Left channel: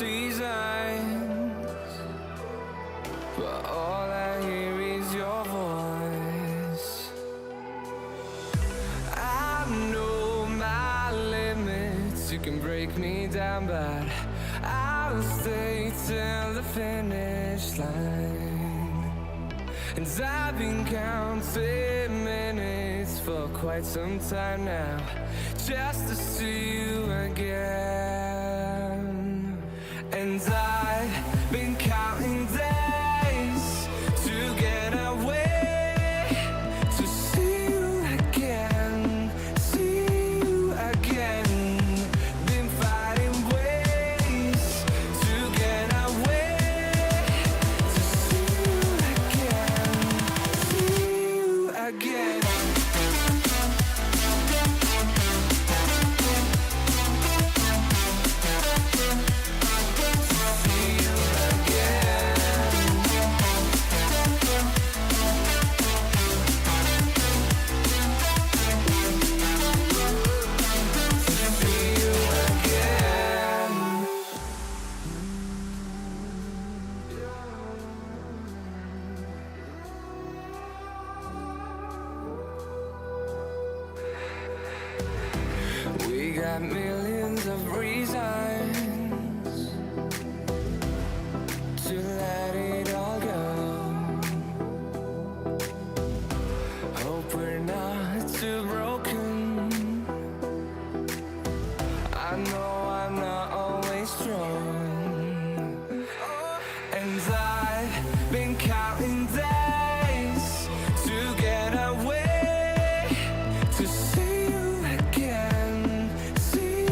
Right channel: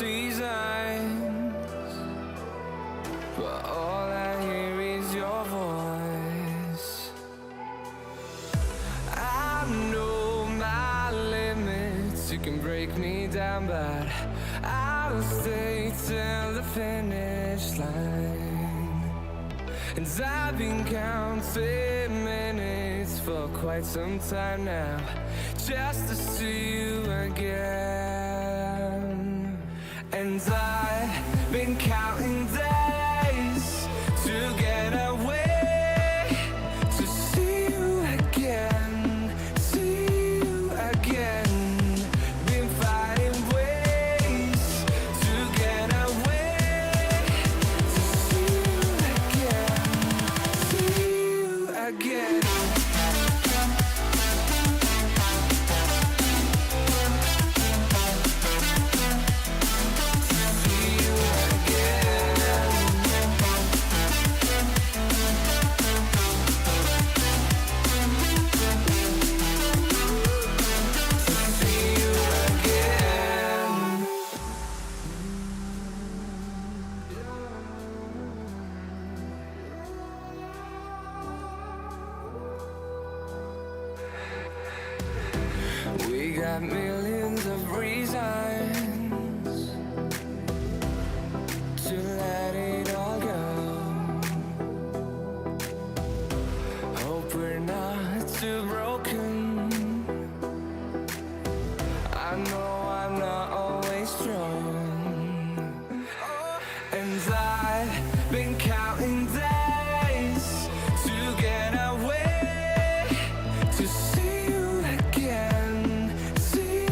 seasons, but all I hear is your voice. I know my limits, you can break me down, but I'll stay till the finish line. And I've been counting minutes for quite some time now, just to see you again. And I've been counting days to get away, to see you again, see you again. Been finding ways to get away, to see you again, see you again. We got millions of reasons to let it all go. Hope we're not too broken. I know I'm not always strong, and I've been counting days to get away, to see you again, see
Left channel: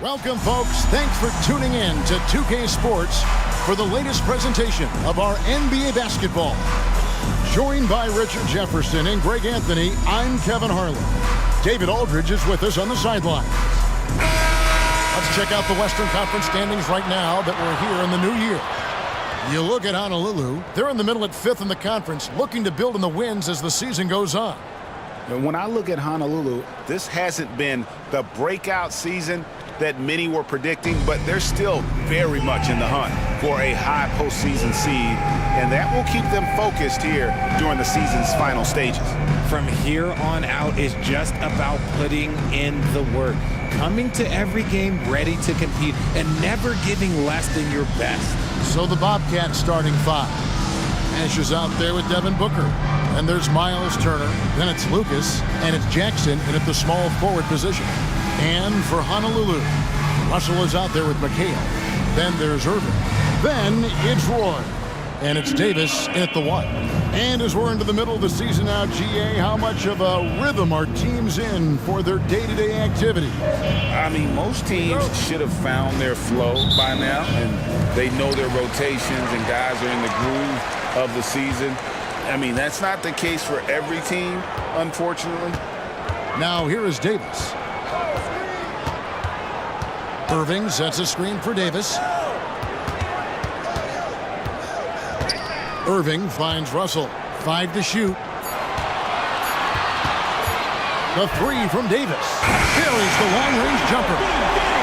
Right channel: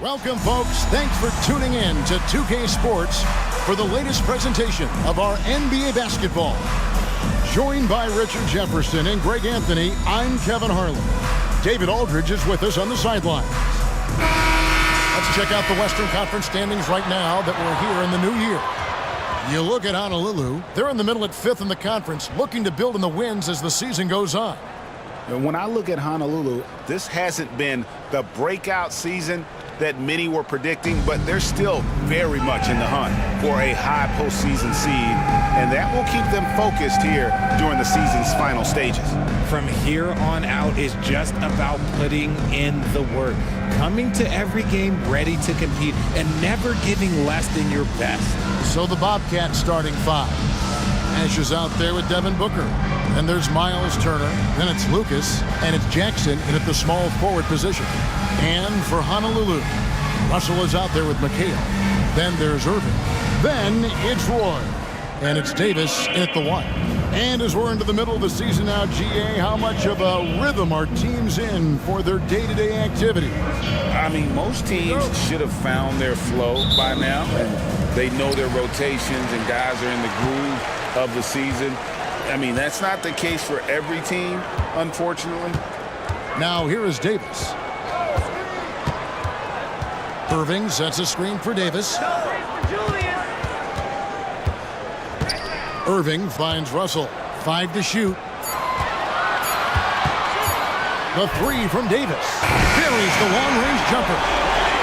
Welcome, folks. Thanks for tuning in to 2K Sports for the latest presentation of our NBA basketball. Joined by Richard Jefferson and Greg Anthony, I'm Kevin Harlan. David Aldridge is with us on the sidelines. Let's check out the Western Conference standings right now that we're here in the new year. You look at Honolulu, they're in the middle at 5th in the conference, looking to build in the wins as the season goes on. When I look at Honolulu, this hasn't been the breakout season that many were predicting, but they're still very much in the hunt for a high postseason seed, and that will keep them focused here during the season's final stages. From here on out is just about putting in the work, coming to every game ready to compete, and never giving less than your best. So the Bobcats starting 5. Ash is out there with Devin Booker. And there's Miles Turner, then it's Lucas, and it's Jackson in at the small forward position. And for Honolulu, Russell is out there with McHale. Then there's Irving. Then it's Roy. And it's Davis in at the 1. And as we're into the middle of the season now, GA, how much of a rhythm are teams in for their day-to-day activity? I mean, most teams should have found their flow by now, and they know their rotations and guys are in the groove of the season. I mean, that's not the case for every team, unfortunately. Now here is Davis. Irving sets a screen for Davis. Irving finds Russell. 5 to shoot. The 3 from Davis. Buries the long-range jumper.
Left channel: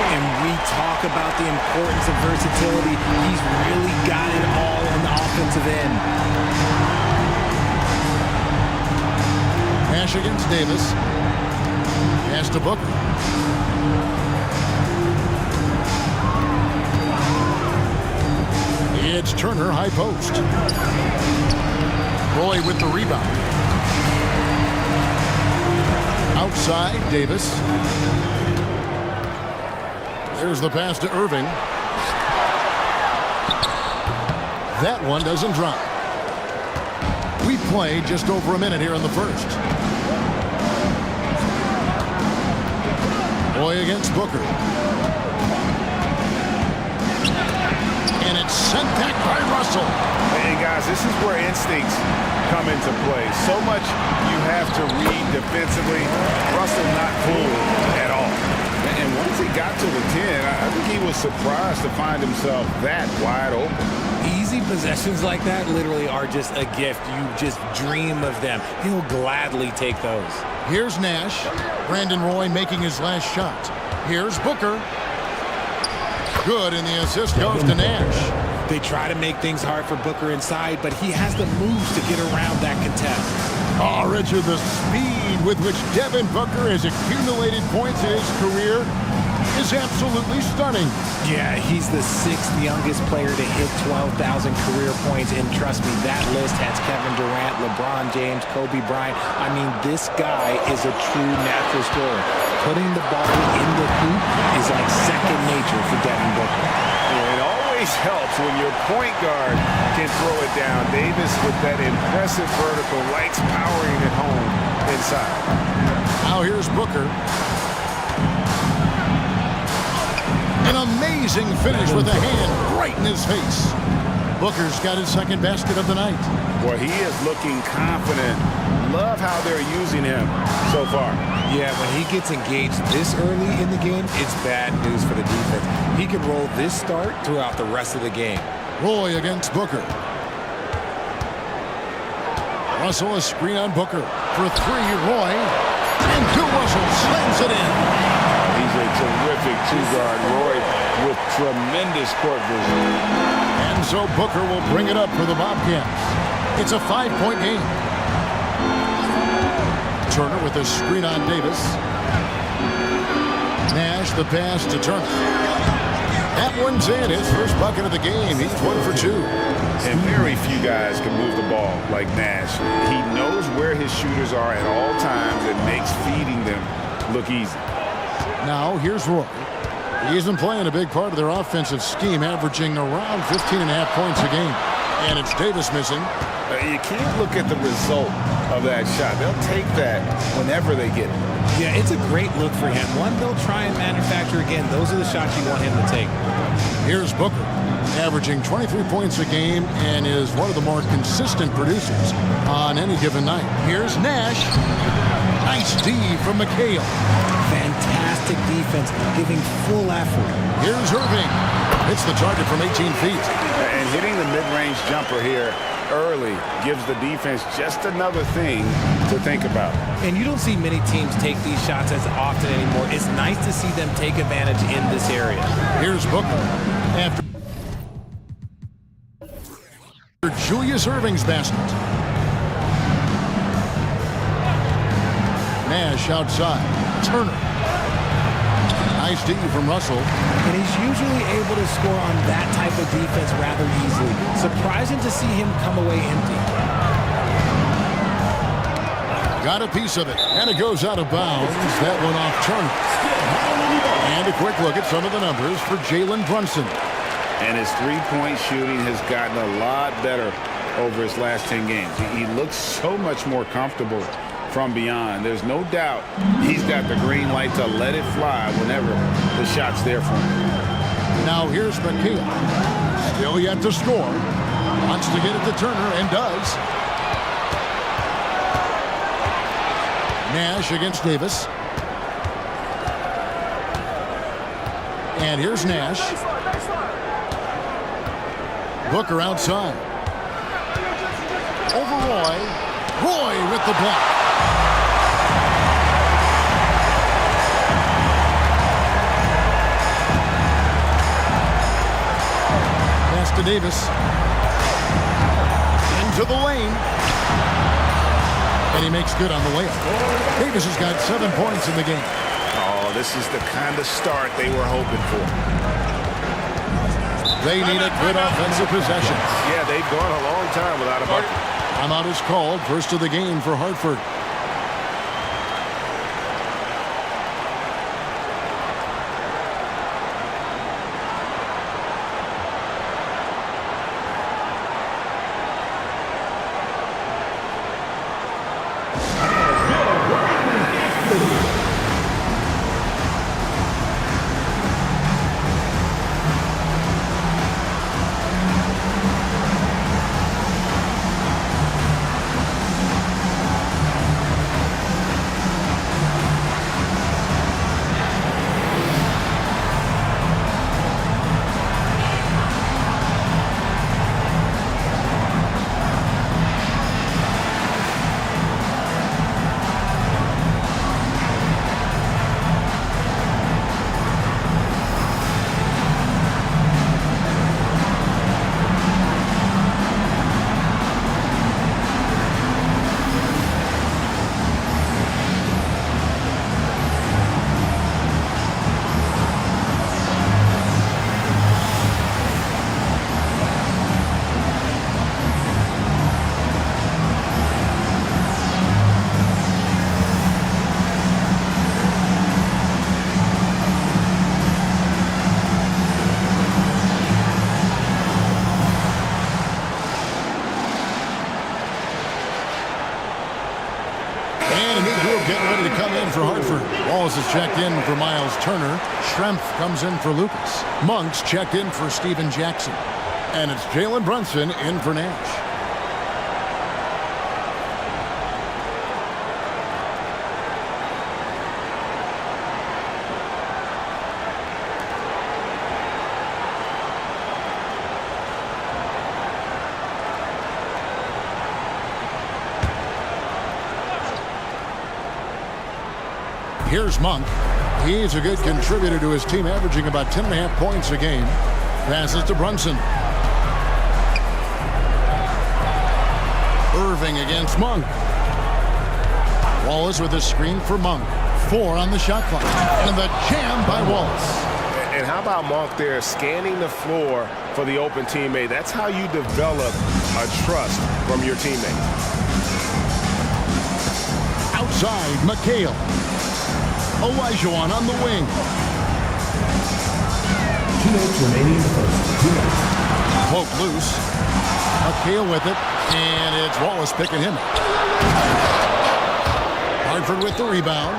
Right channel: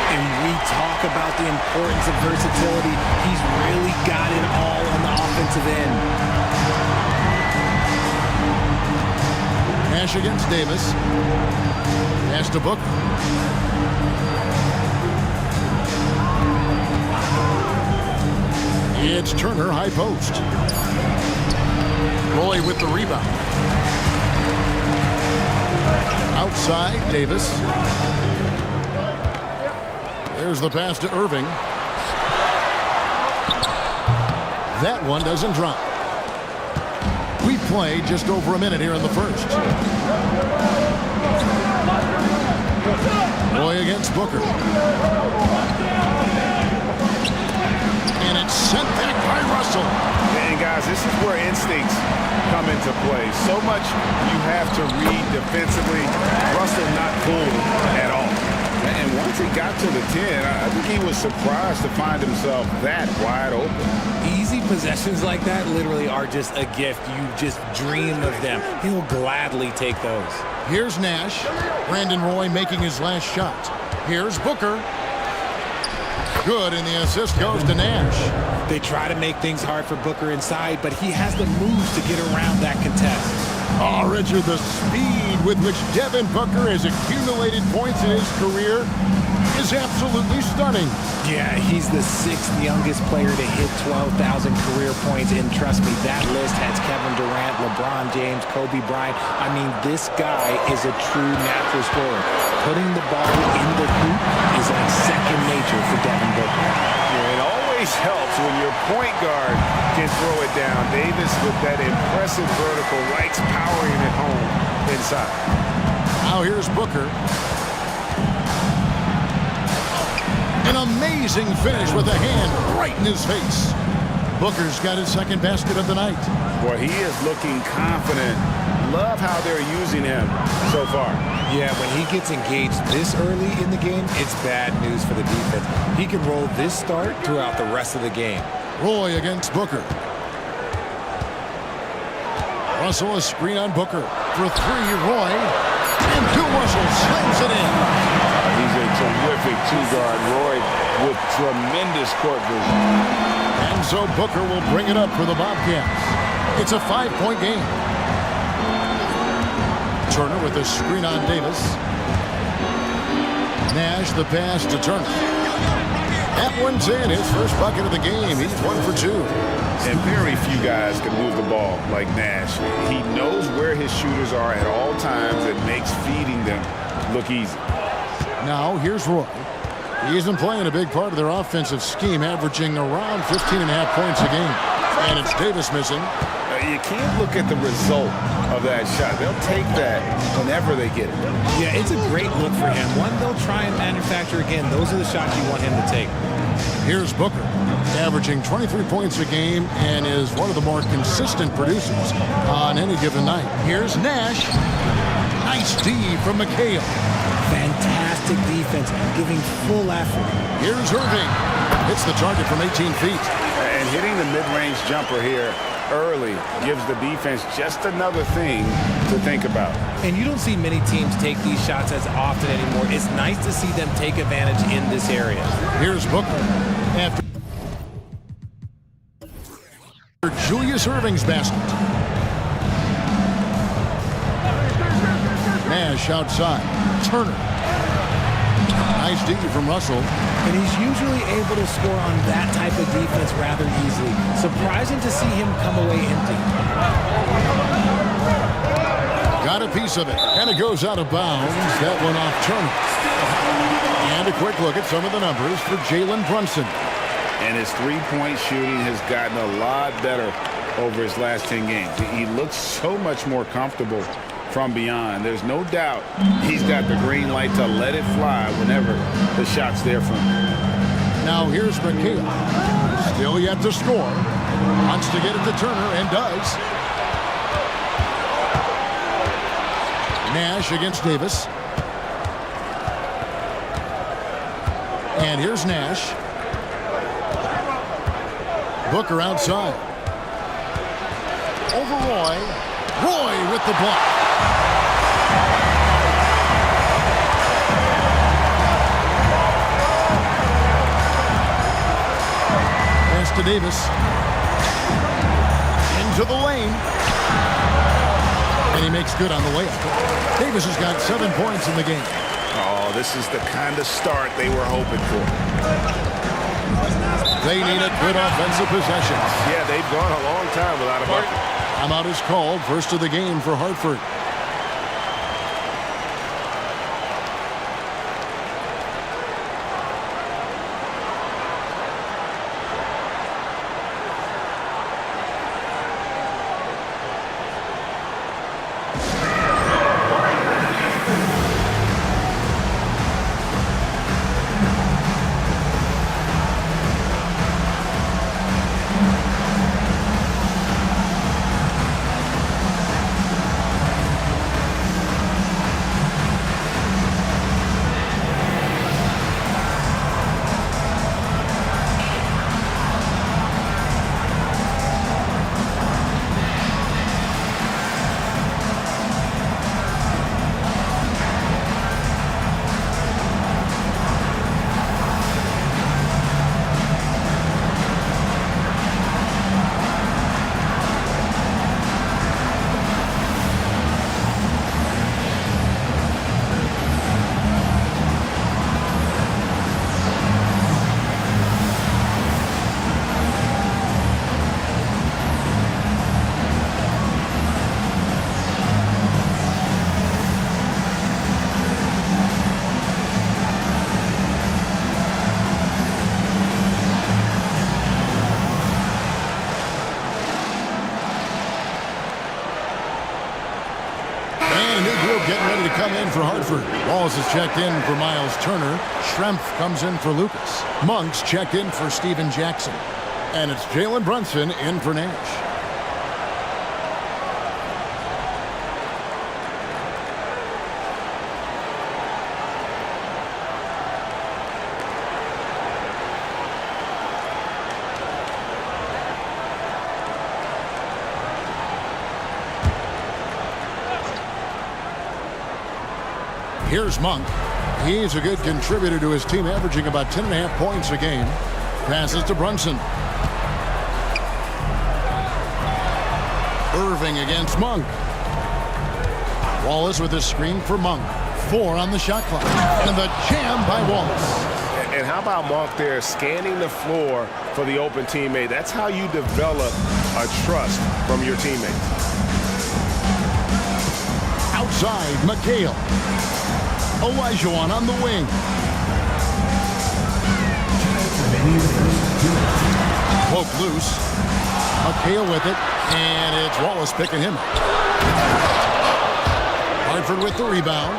And we talk about the importance of versatility. He's really got it all on the offensive end. Nash against Davis. Pass to Booker. It's Turner, high post. Roy with the rebound. Outside, Davis. There's the pass to Irving. That one doesn't drop. We played just over a minute here in the first. Roy against Booker. And it's sent back by Russell. And guys, this is where instincts come into play. So much you have to read defensively. Russell not fooled at all. And once he got to the 10, I think he was surprised to find himself that wide open. Easy possessions like that literally are just a gift. You just dream of them. He'll gladly take those. Here's Nash. Brandon Roy making his last shot. Here's Booker. Good, and the assist goes to Nash. They try to make things hard for Booker inside, but he has the moves to get around that contest. Oh, Richard, the speed with which Devin Booker has accumulated points in his career is absolutely stunning. Yeah, he's the 6th youngest player to hit 12,000 career points, and trust me, that list has Kevin Durant, LeBron James, Kobe Bryant. I mean, this guy is a true natural scorer. Putting the ball in the hoop is like second nature for Devin Booker. Yeah, it always helps when your point guard can throw it down. Davis, with that impressive vertical, likes powering it home inside. Now here's Booker. An amazing finish with a hand right in his face. Booker's got his second basket of the night. Boy, he is looking confident. Love how they're using him so far. Yeah, when he gets engaged this early in the game, it's bad news for the defense. He can roll this start throughout the rest of the game. Roy against Booker. Russell, a screen on Booker. For 3, Roy. And Bill Russell slams it in. He's a terrific 2-guard. Roy with tremendous court vision. And so Booker will bring it up for the Bobcats. It's a 5-point game. Turner with a screen on Davis. Nash the pass to Turner. That one's in, his first bucket of the game. He's 1 for 2. And very few guys can move the ball like Nash. He knows where his shooters are at all times and makes feeding them look easy. Now here's Roy. He isn't playing a big part of their offensive scheme, averaging around 15.5 points a game. And it's Davis missing. You can't look at the result of that shot. They'll take that whenever they get it. Yeah, it's a great look for him. One they'll try and manufacture again. Those are the shots you want him to take. Here's Booker, averaging 23 points a game and is one of the more consistent producers on any given night. Here's Nash. Nice D from McHale. Fantastic defense, giving full effort. Here's Irving. Hits the target from 18 feet. And hitting the mid-range jumper here early gives the defense just another thing to think about. And you don't see many teams take these shots as often anymore. It's nice to see them take advantage in this area. Here's Booker. After Julius Irving's basket. Nash outside. Turner. Nice D from Russell. And he's usually able to score on that type of defense rather easily. Surprising to see him come away empty. Got a piece of it, and it goes out of bounds. That one off Turner. And a quick look at some of the numbers for Jalen Brunson. And his three-point shooting has gotten a lot better over his last 10 games. He looks so much more comfortable from beyond. There's no doubt he's got the green light to let it fly whenever the shot's there for him. Now here's McHale. Still yet to score. Wants to get it to Turner and does. Nash against Davis. And here's Nash. Booker outside. Over Roy. Roy with the block. Pass to Davis. Into the lane. And he makes good on the layup. Davis has got 7 points in the game. Oh, this is the kind of start they were hoping for. They need a good offensive possession. Yeah, they've gone a long time without a bucket. Timeout is called. First of the game for Hartford. And a new group getting ready to come in for Hartford. Wallace has checked in for Miles Turner. Schrempf comes in for Lucas. Monks checked in for Steven Jackson. And it's Jalen Brunson in for Nash. Here's Monk. He's a good contributor to his team, averaging about 10.5 points a game. Passes to Brunson. Irving against Monk. Wallace with a screen for Monk. 4 on the shot clock. And the jam by Wallace. And how about Monk there scanning the floor for the open teammate? That's how you develop a trust from your teammates. Outside, McHale. Olajuwon on the wing. 2 minutes remaining in the first. 2 minutes. Poke loose. McHale with it. And it's Wallace picking him up. Hartford with the rebound.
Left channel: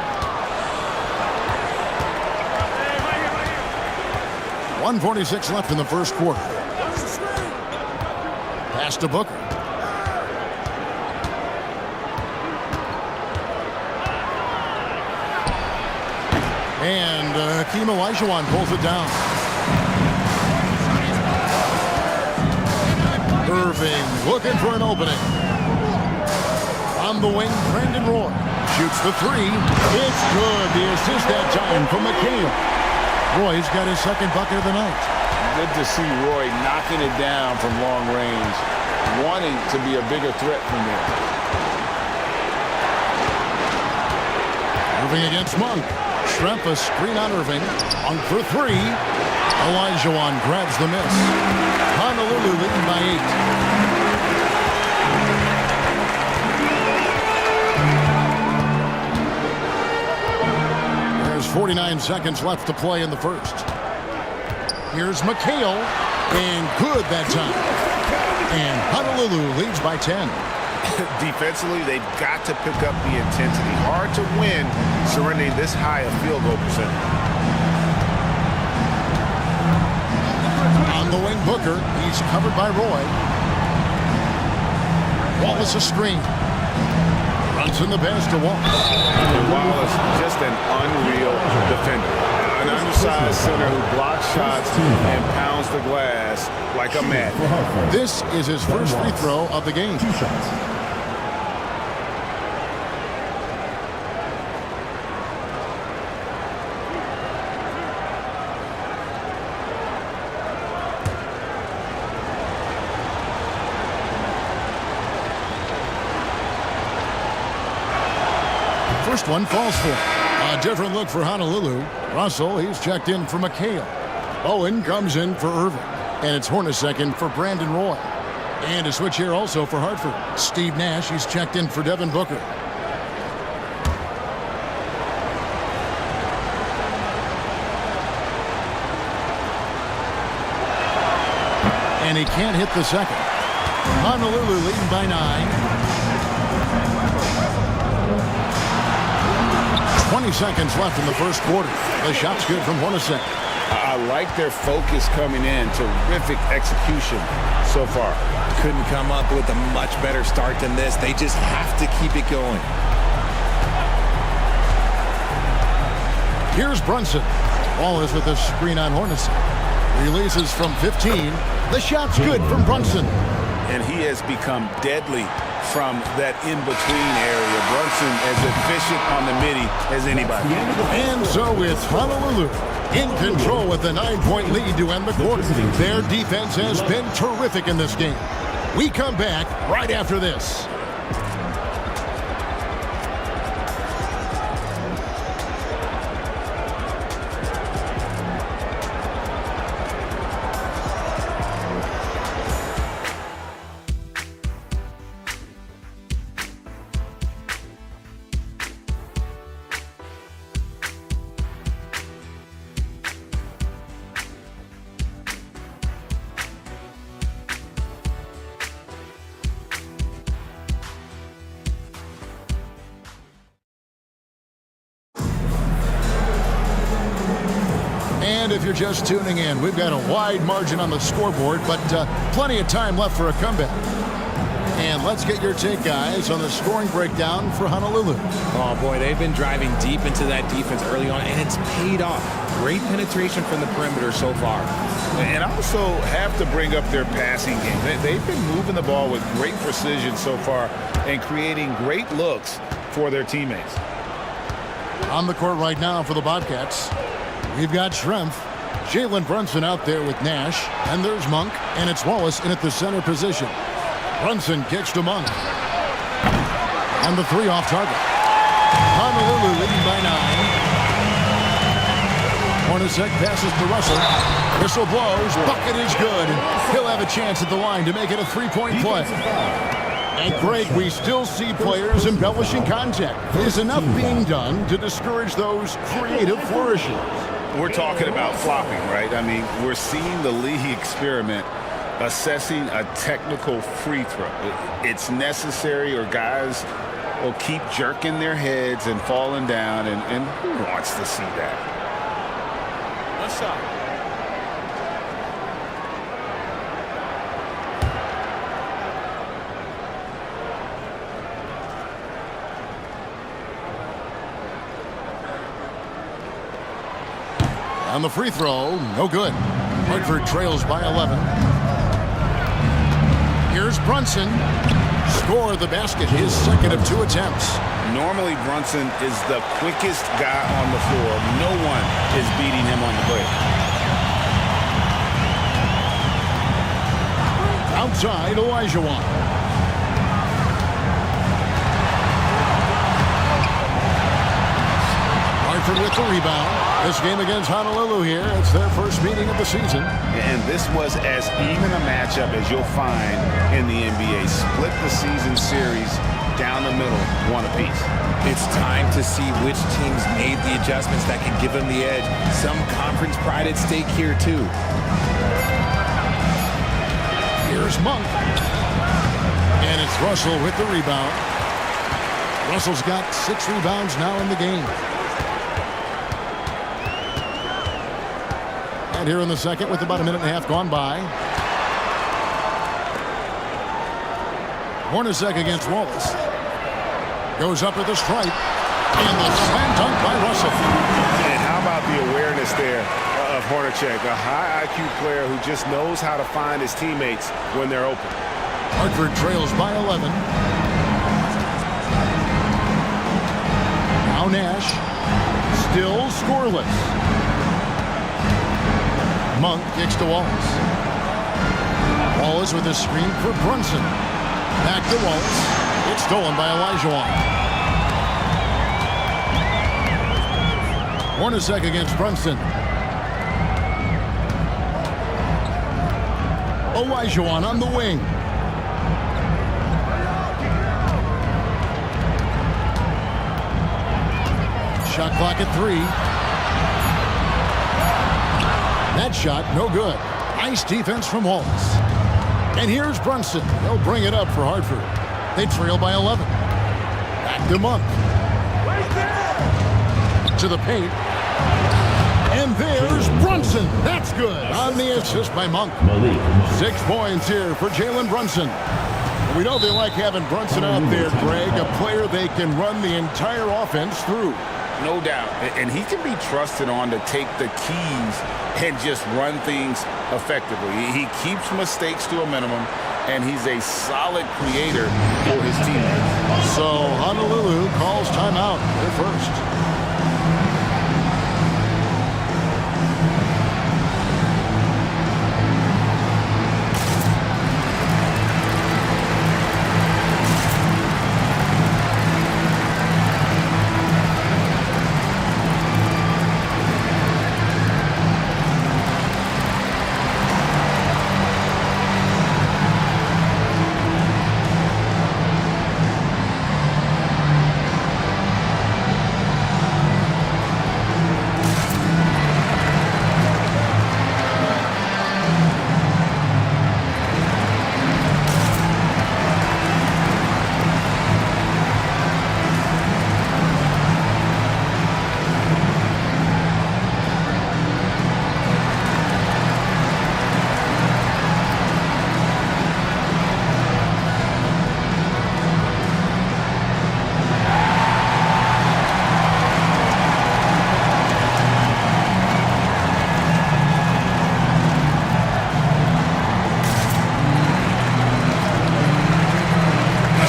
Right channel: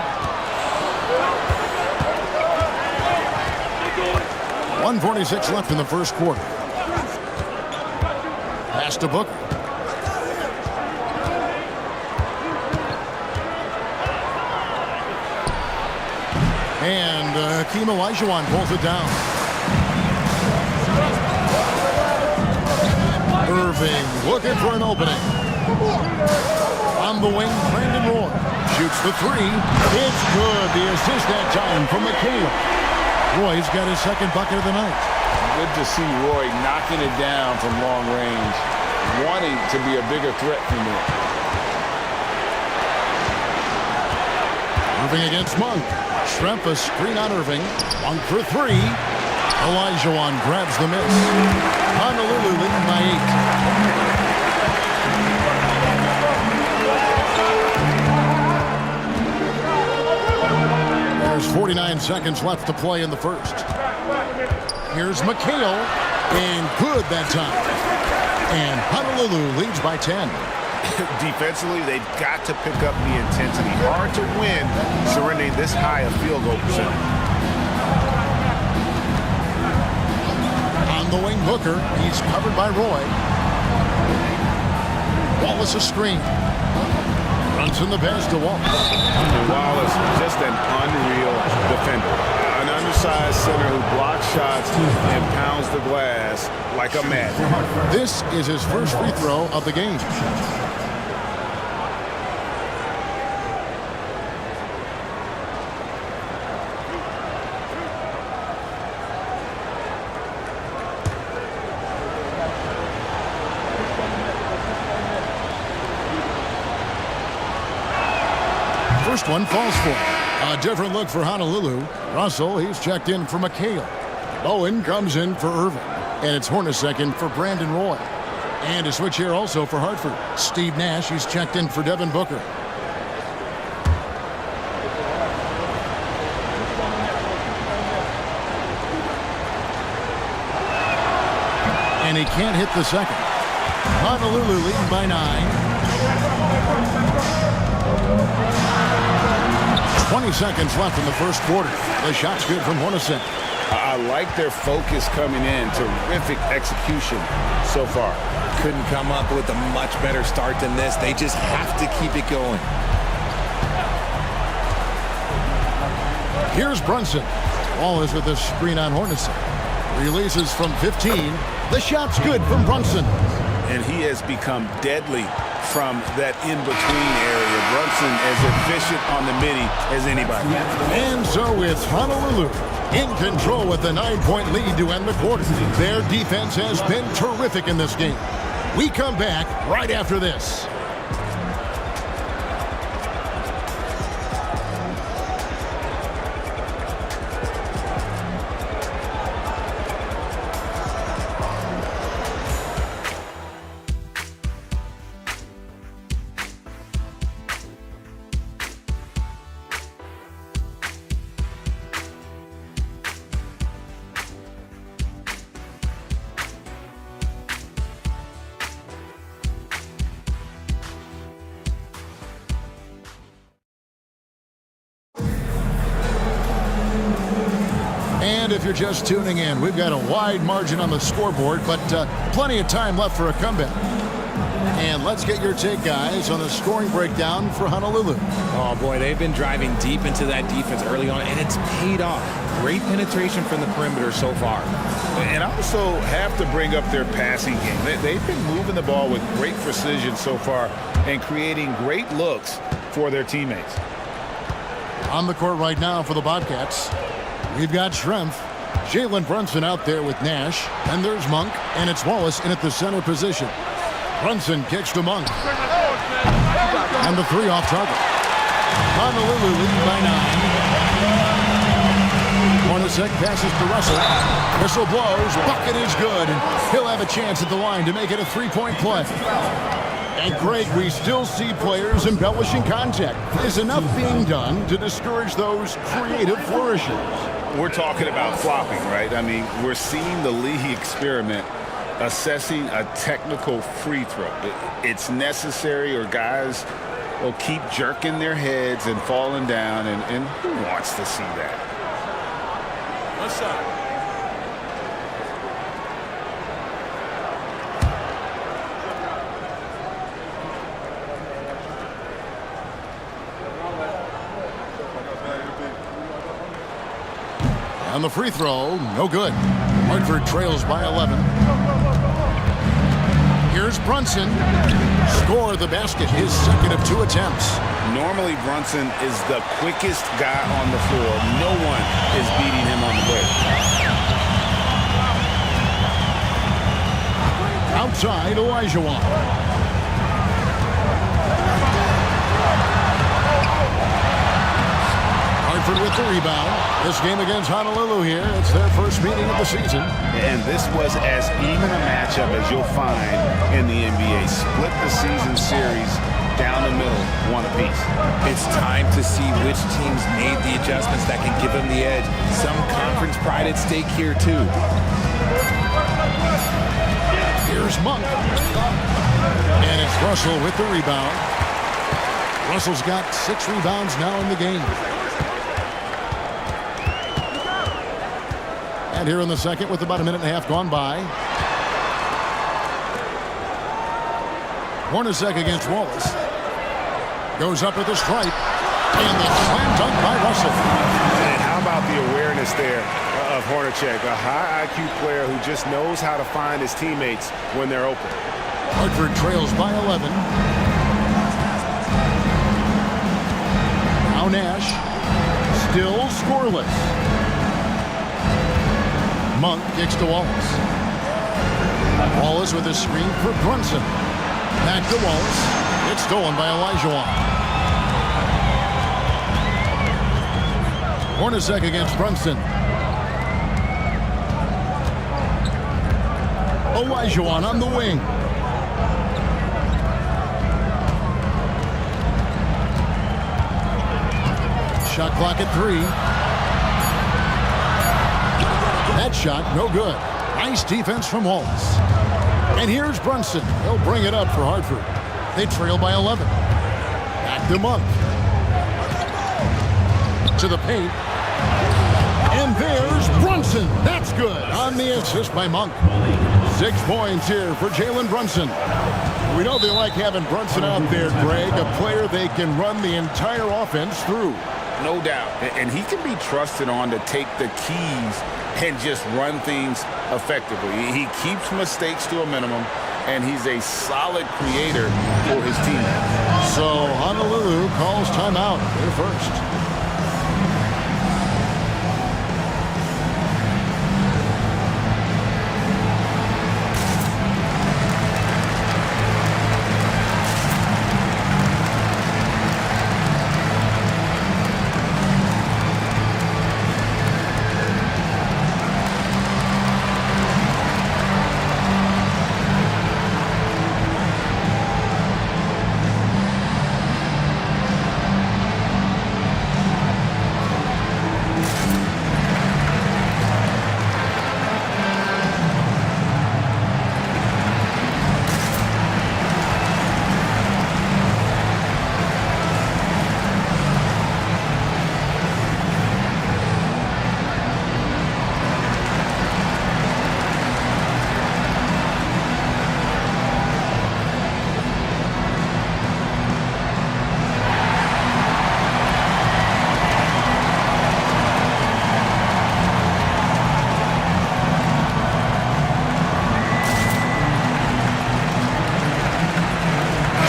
.146 left in the first quarter. Pass to Booker. And Hakeem Olajuwon pulls it down. Irving looking for an opening. On the wing, Brandon Roy shoots the three. It's good. The assist that time from McHale. Roy's got his second bucket of the night. Good to see Roy knocking it down from long range, wanting to be a bigger threat from there. Irving against Monk. Schrempf a screen on Irving. Monk for three. Olajuwon grabs the miss. Honolulu leading by 8. There's 49 seconds left to play in the first. Here's McHale, and good that time. And Honolulu leads by 10. Defensively, they've got to pick up the intensity. Hard to win surrendering this high a field goal percentage. On the wing, Booker. He's covered by Roy. Wallace a screen. Brunson the pass to Wallace. And Wallace, just an unreal defender. An undersized center who blocks shots and pounds the glass like a madman. This is his first free throw of the game. 2 shots. First one falls for him. A different look for Honolulu. Russell, he's checked in for McHale. Bowen comes in for Irving. And it's Hornacek in for Brandon Roy. And a switch here also for Hartford. Steve Nash, he's checked in for Devin Booker. And he can't hit the second. Honolulu leading by 9. 20 seconds left in the first quarter. The shot's good from Hornacek. I like their focus coming in. Terrific execution so far. Couldn't come up with a much better start than this. They just have to keep it going. Here's Brunson. Wallace with a screen on Hornacek. Releases from 15. The shot's good from Brunson. And he has become deadly from that in-between area. Brunson as efficient on the midi as anybody. And so it's Honolulu in control with a 9-point lead to end the quarter. Their defense has been terrific in this game. We come back right after this. And if you're just tuning in, we've got a wide margin on the scoreboard, but plenty of time left for a comeback. And let's get your take, guys, on the scoring breakdown for Honolulu. Oh, boy, they've been driving deep into that defense early on, and it's paid off. Great penetration from the perimeter so far. And I also have to bring up their passing game. They've been moving the ball with great precision so far and creating great looks for their teammates. On the court right now for the Bobcats, we've got Schrempf, Jalen Brunson out there with Nash, and there's Monk, and it's Wallace in at the center position. Brunson kicks to Monk. And the three off target. Honolulu leading by 9. Hornacek passes to Russell. Whistle blows. Bucket is good. And he'll have a chance at the line to make it a three-point play. And Greg, we still see players embellishing contact. Is enough being done to discourage those creative flourishes? We're talking about flopping, right? I mean, we're seeing the league experiment assessing a technical free throw. It's necessary, or guys will keep jerking their heads and falling down, and who wants to see that? One shot. On the free throw, no good. Hartford trails by 11. Here's Brunson. Score the basket, his second of 2 attempts. Normally, Brunson is the quickest guy on the floor. No one is beating him on the break. Outside, Olajuwon. Hartford with the rebound. This game against Honolulu here, it's their first meeting of the season. And this was as even a matchup as you'll find in the NBA. Split the season series down the middle, one apiece. It's time to see which teams made the adjustments that can give them the edge. Some conference pride at stake here, too. Here's Monk. And it's Russell with the rebound. Russell's got 6 rebounds now in the game. And here in the second with about a minute and a half gone by. Hornacek against Wallace. Goes up at the stripe. And the slam dunk by Russell. And how about the awareness there of Hornacek, a high IQ player who just knows how to find his teammates when they're open. Hartford trails by 11. Now Nash. Still scoreless. Monk kicks to Wallace. Wallace with a screen for Brunson. Back to Wallace. It's stolen by Olajuwon. Hornacek against Brunson. Olajuwon on the wing. Shot clock at 3. That shot, no good. Nice defense from Wallace. And here's Brunson. He'll bring it up for Hartford. They trail by 11. Back to Monk. To the paint. And there's Brunson. That's good on the assist by Monk. 6 points here for Jalen Brunson. We know they like having Brunson out there, Greg, a player they can run the entire offense through. No doubt. And he can be trusted on to take the keys and just run things effectively. He keeps mistakes to a minimum, and he's a solid creator for his teammates. So Honolulu calls timeout. They're first.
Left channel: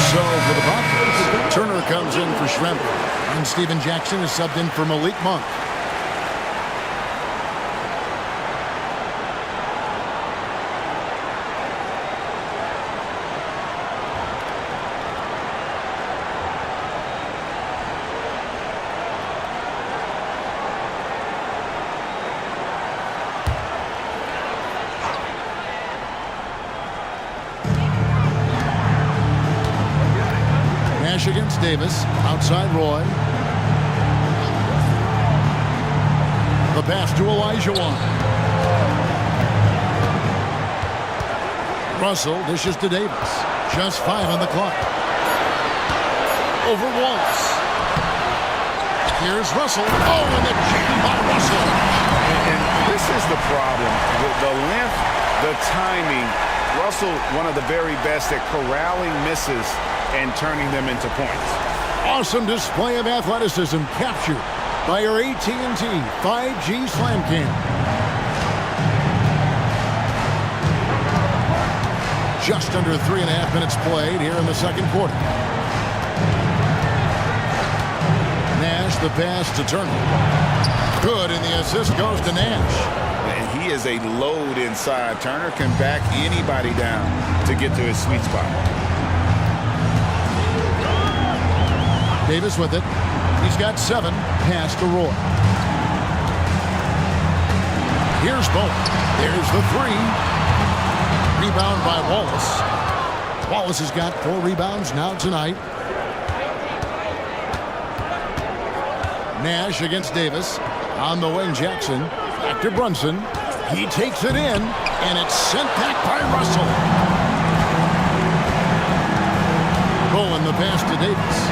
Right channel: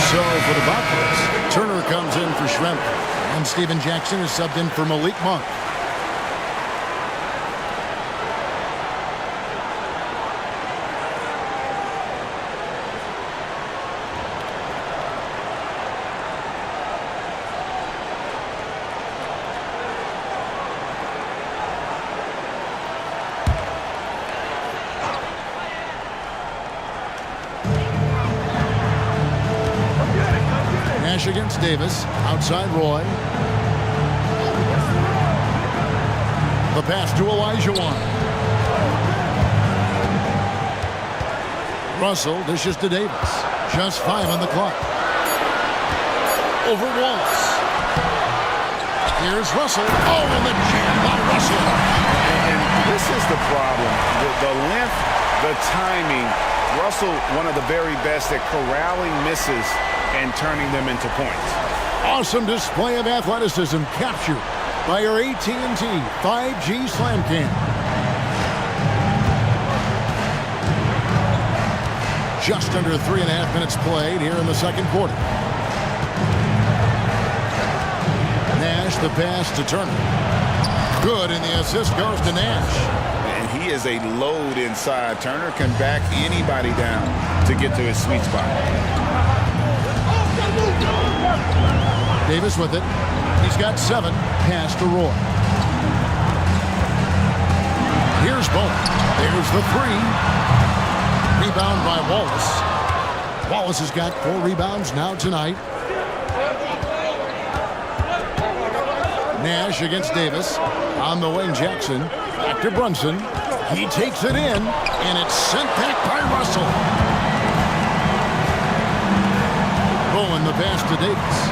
So for the Buckeyes, Turner comes in for Schroeder, and Steven Jackson is subbed in for Malik Monk. Nash against Davis. Outside Roy. The pass to Olajuwon. Russell dishes to Davis. Just 5 on the clock. over Wallace. Here's Russell. Oh, and the jam by Russell. And this is the problem. The length, the timing. Russell, one of the very best at corralling misses and turning them into points. Awesome display of athleticism captured by your AT&T 5G Slam Cam. Just under 3.5 minutes played here in the second quarter. Nash, the pass to Turner. Good, and the assist goes to Nash. And he is a load inside. Turner can back anybody down to get to his sweet spot. Davis with it. He's got 7. Pass to Roy. Here's Bowen. There's the 3. Rebound by Wallace. Wallace has got 4 rebounds now tonight. Nash against Davis. On the wing, Jackson. Back to Brunson. He takes it in, and it's sent back by Russell. Bowen, the pass to Davis.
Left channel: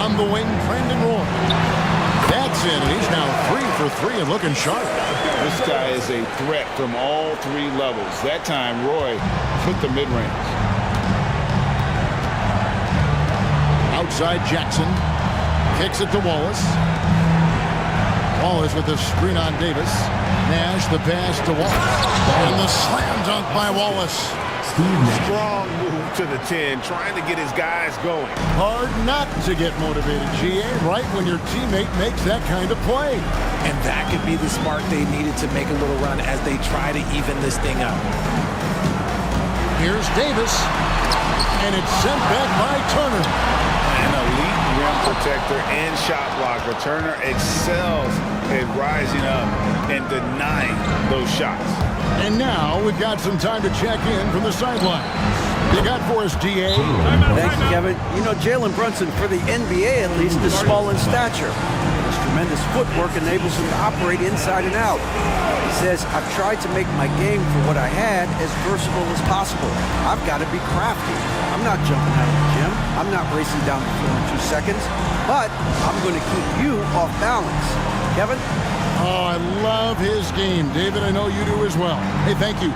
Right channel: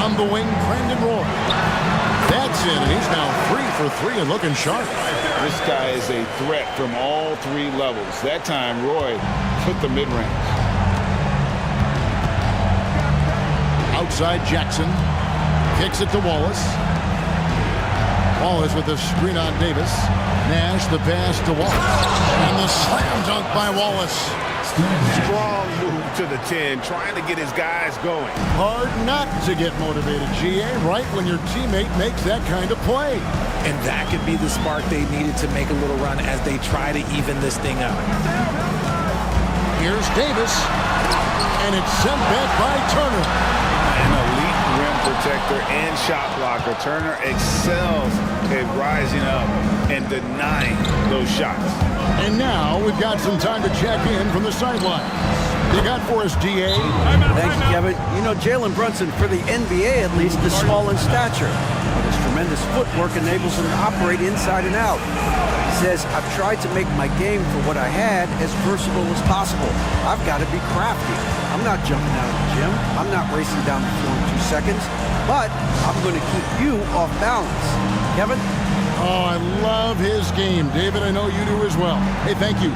On the wing, Brandon Roy. That's in, and he's now 3 for 3 and looking sharp. This guy is a threat from all 3 levels. That time, Roy put the mid-range. Outside Jackson. Kicks it to Wallace. Wallace with the screen on Davis. Nash, the pass to Wallace. And the slam dunk by Wallace. Strong move to the 10, trying to get his guys going. Hard not to get motivated, GA, right when your teammate makes that kind of play. And that could be the spark they needed to make a little run as they try to even this thing out. Here's Davis. And it's sent back by Turner. An elite rim protector and shot blocker. Turner excels at rising up and denying those shots. And now we've got some time to check in from the sideline. You got for us, DA? Thank you, Kevin. You know, Jalen Brunson, for the NBA at least, is small in stature, but his tremendous footwork enables him to operate inside and out. He says, I've tried to make my game for what I had as versatile as possible. I've got to be crafty. I'm not jumping out of the gym. I'm not racing down the floor in 2 seconds, but I'm going to keep you off balance. Kevin? Oh, I love his game. David, I know you do as well. Hey, thank you.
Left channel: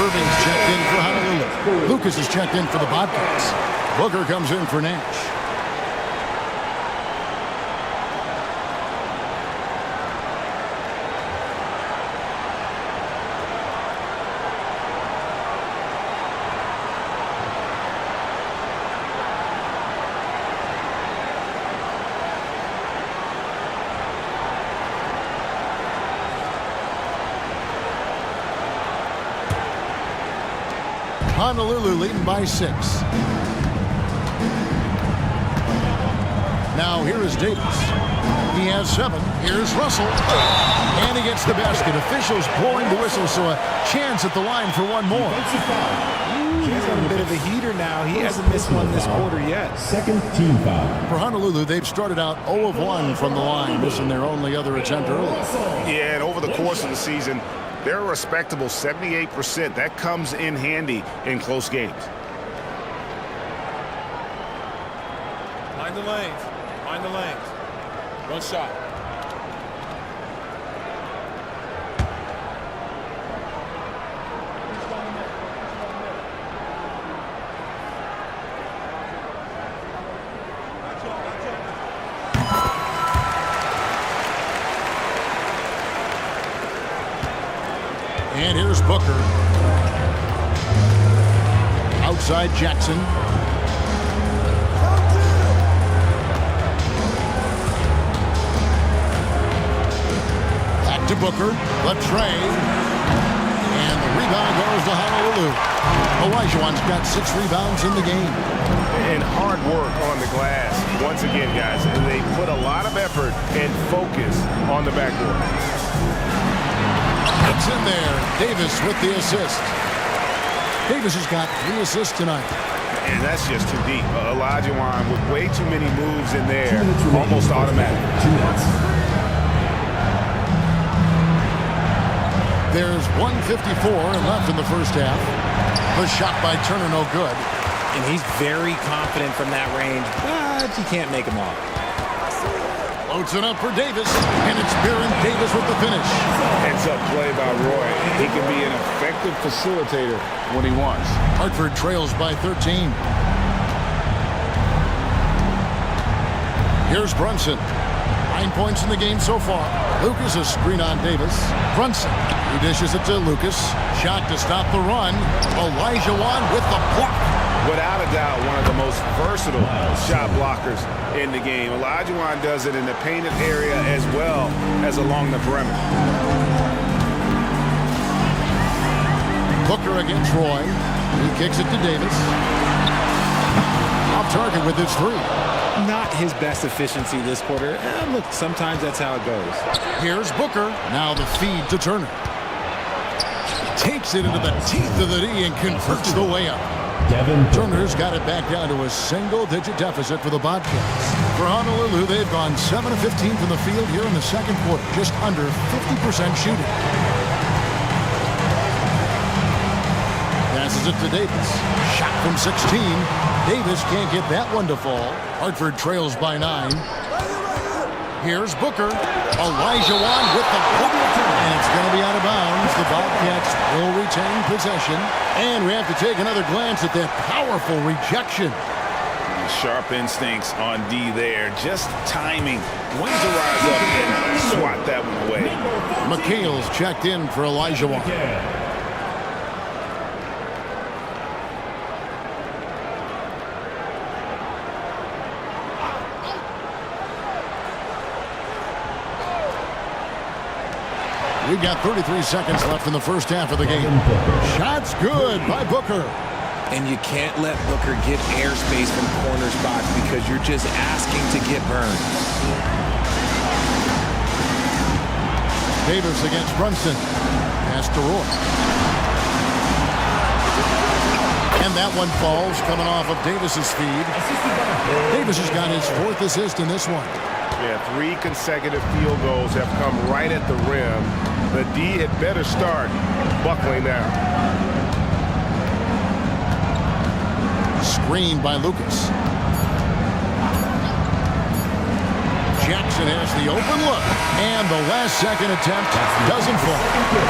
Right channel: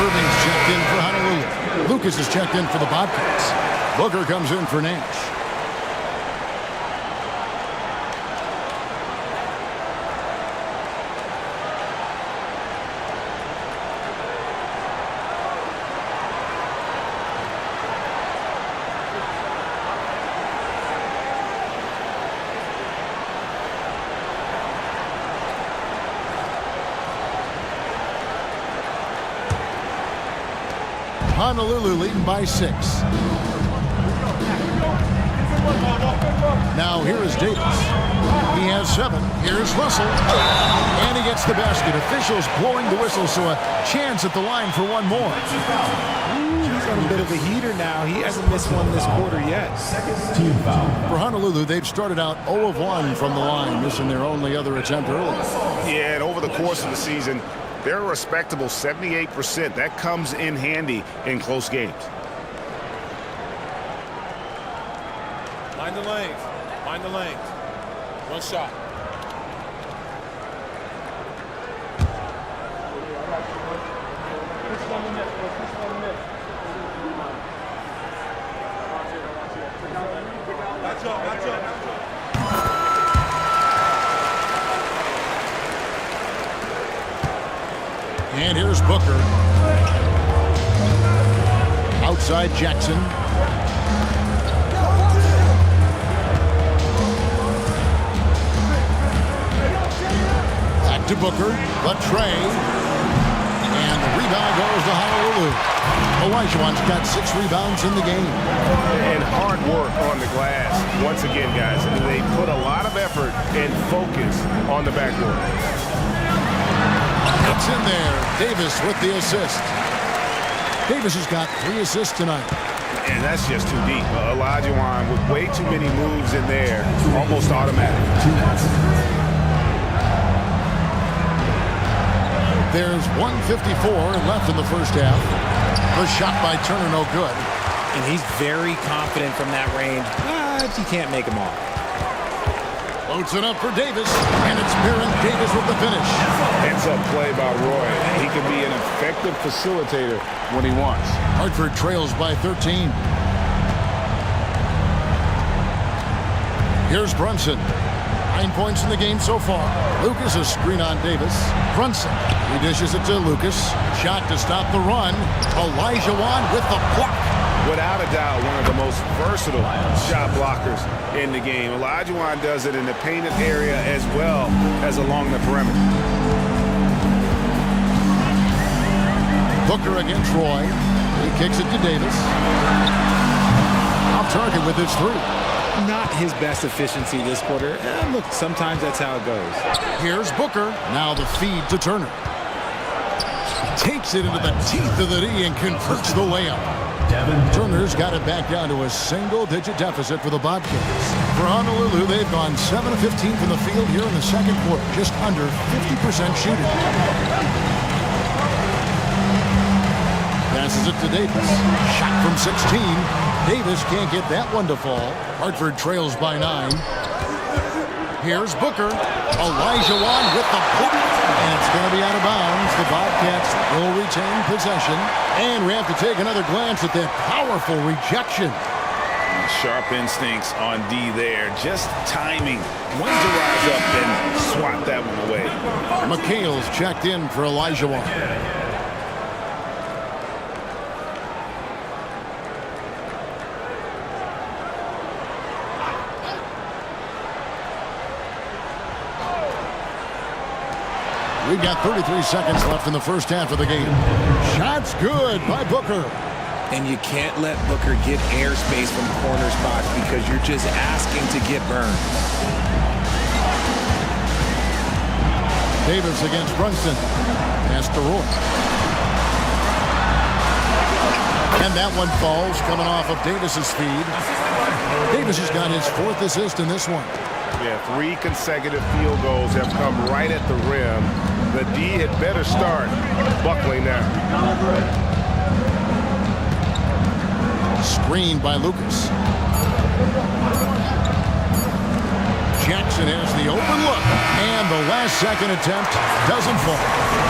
Irving's checked in for Honolulu. Lucas is checked in for the Bobcats. Booker comes in for Nash. Honolulu leading by 6. Now here is Davis. He has 7. Here's Russell. And he gets the basket. Officials blowing the whistle, so a chance at the line for one more. He's on a bit of a heater now. He hasn't missed one this quarter yet. Second team foul. For Honolulu, they've started out 0 of 1 from the line, missing their only other attempt early. Yeah, and over the course of the season, they're a respectable 78%. That comes in handy in close games. Mind the lanes. Mind the lanes. One shot. And here's Booker. Outside Jackson. Back to Booker. The tray. And the rebound goes to Honolulu. Olajuwon's got 6 rebounds in the game. And hard work on the glass. Once again, guys, they put a lot of effort and focus on the backboard. It's in there. Davis with the assist. Davis has got 3 assists tonight. And that's just too deep. Olajuwon with way too many moves in there, almost automatic. 2 minutes. There's 1:54 left in the first half. The shot by Turner no good. And he's very confident from that range, but he can't make him off. Floats it up for Davis, and it's Baron Davis with the finish. Heads up play by Roy. He can be an effective facilitator when he wants. Hartford trails by 13. Here's Brunson. 9 points in the game so far. Lucas a screen on Davis. Brunson. He dishes it to Lucas. Shot to stop the run. Olajuwon with the block. Without a doubt, one of the most versatile shot blockers in the game. Olajuwon does it in the painted area as well as along the perimeter. Booker against Roy. He kicks it to Davis. Off target with his 3. Not his best efficiency this quarter. Look, sometimes that's how it goes. Here's Booker. Now the feed to Turner. Takes it into the teeth of the D and converts the layup. Turner's got it back down to a single-digit deficit for the Bobcats. For Honolulu, they've gone 7 of 15 from the field here in the second quarter, just under 50% shooting. Passes it to Davis. Shot from 16. Davis can't get that one to fall. Hartford trails by 9. Here's Booker. Olajuwon with the block. And it's going to be out of bounds. The Bobcats will retain possession. And we have to take another glance at that powerful rejection. Sharp instincts on D there. Just timing when to rise up and swat that one away. McHale's checked in for Olajuwon. We've got 33 seconds left in the first half of the game. Shots good by Booker. And you can't let Booker get airspace from corner spots because you're just asking to get burned. Davis against Brunson. Pass to Roy. And that one falls coming off of Davis's feed. Davis has got his 4th assist in this one. Yeah, 3 consecutive field goals have come right at the rim. The D had better start buckling now. Screened by Lucas. Jackson has the open look. And the last second attempt doesn't fall.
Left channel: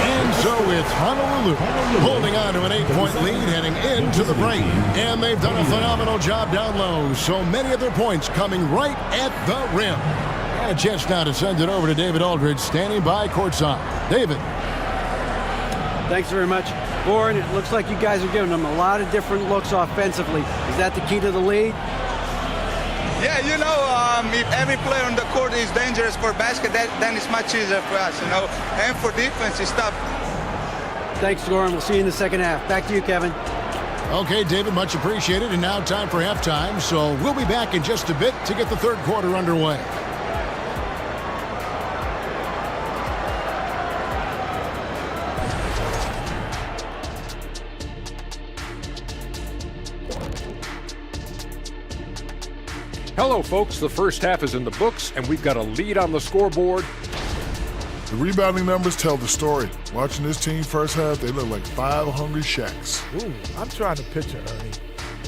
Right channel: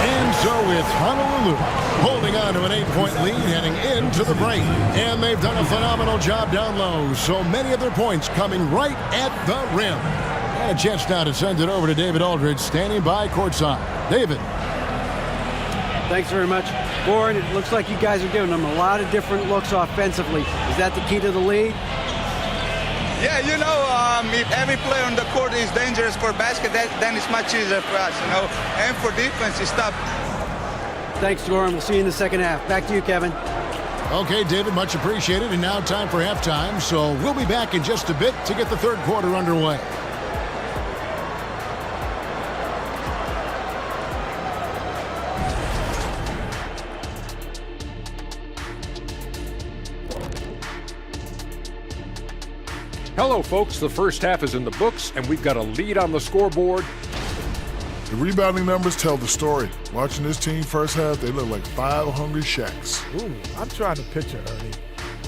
And so it's Honolulu holding on to an 8-point lead heading into the break. And they've done a phenomenal job down low. So many of their points coming right at the rim. And a chance now to send it over to David Aldridge standing by courtside. David. Thanks very much. Warren, it looks like you guys are giving them a lot of different looks offensively. Is that the key to the lead? Yeah, if every player on the court is dangerous for basket, then it's much easier for us, And for defense, it's tough. Thanks, Warren. We'll see you in the second half. Back to you, Kevin. Okay, David, much appreciated. And now time for halftime. So we'll be back in just a bit to get the third quarter underway. Hello, folks. The first half is in the books, and we've got a lead on the scoreboard. The rebounding numbers tell the story. Watching this team first half, they look like 5 hungry Shaqs. Ooh, I'm trying to picture, Ernie.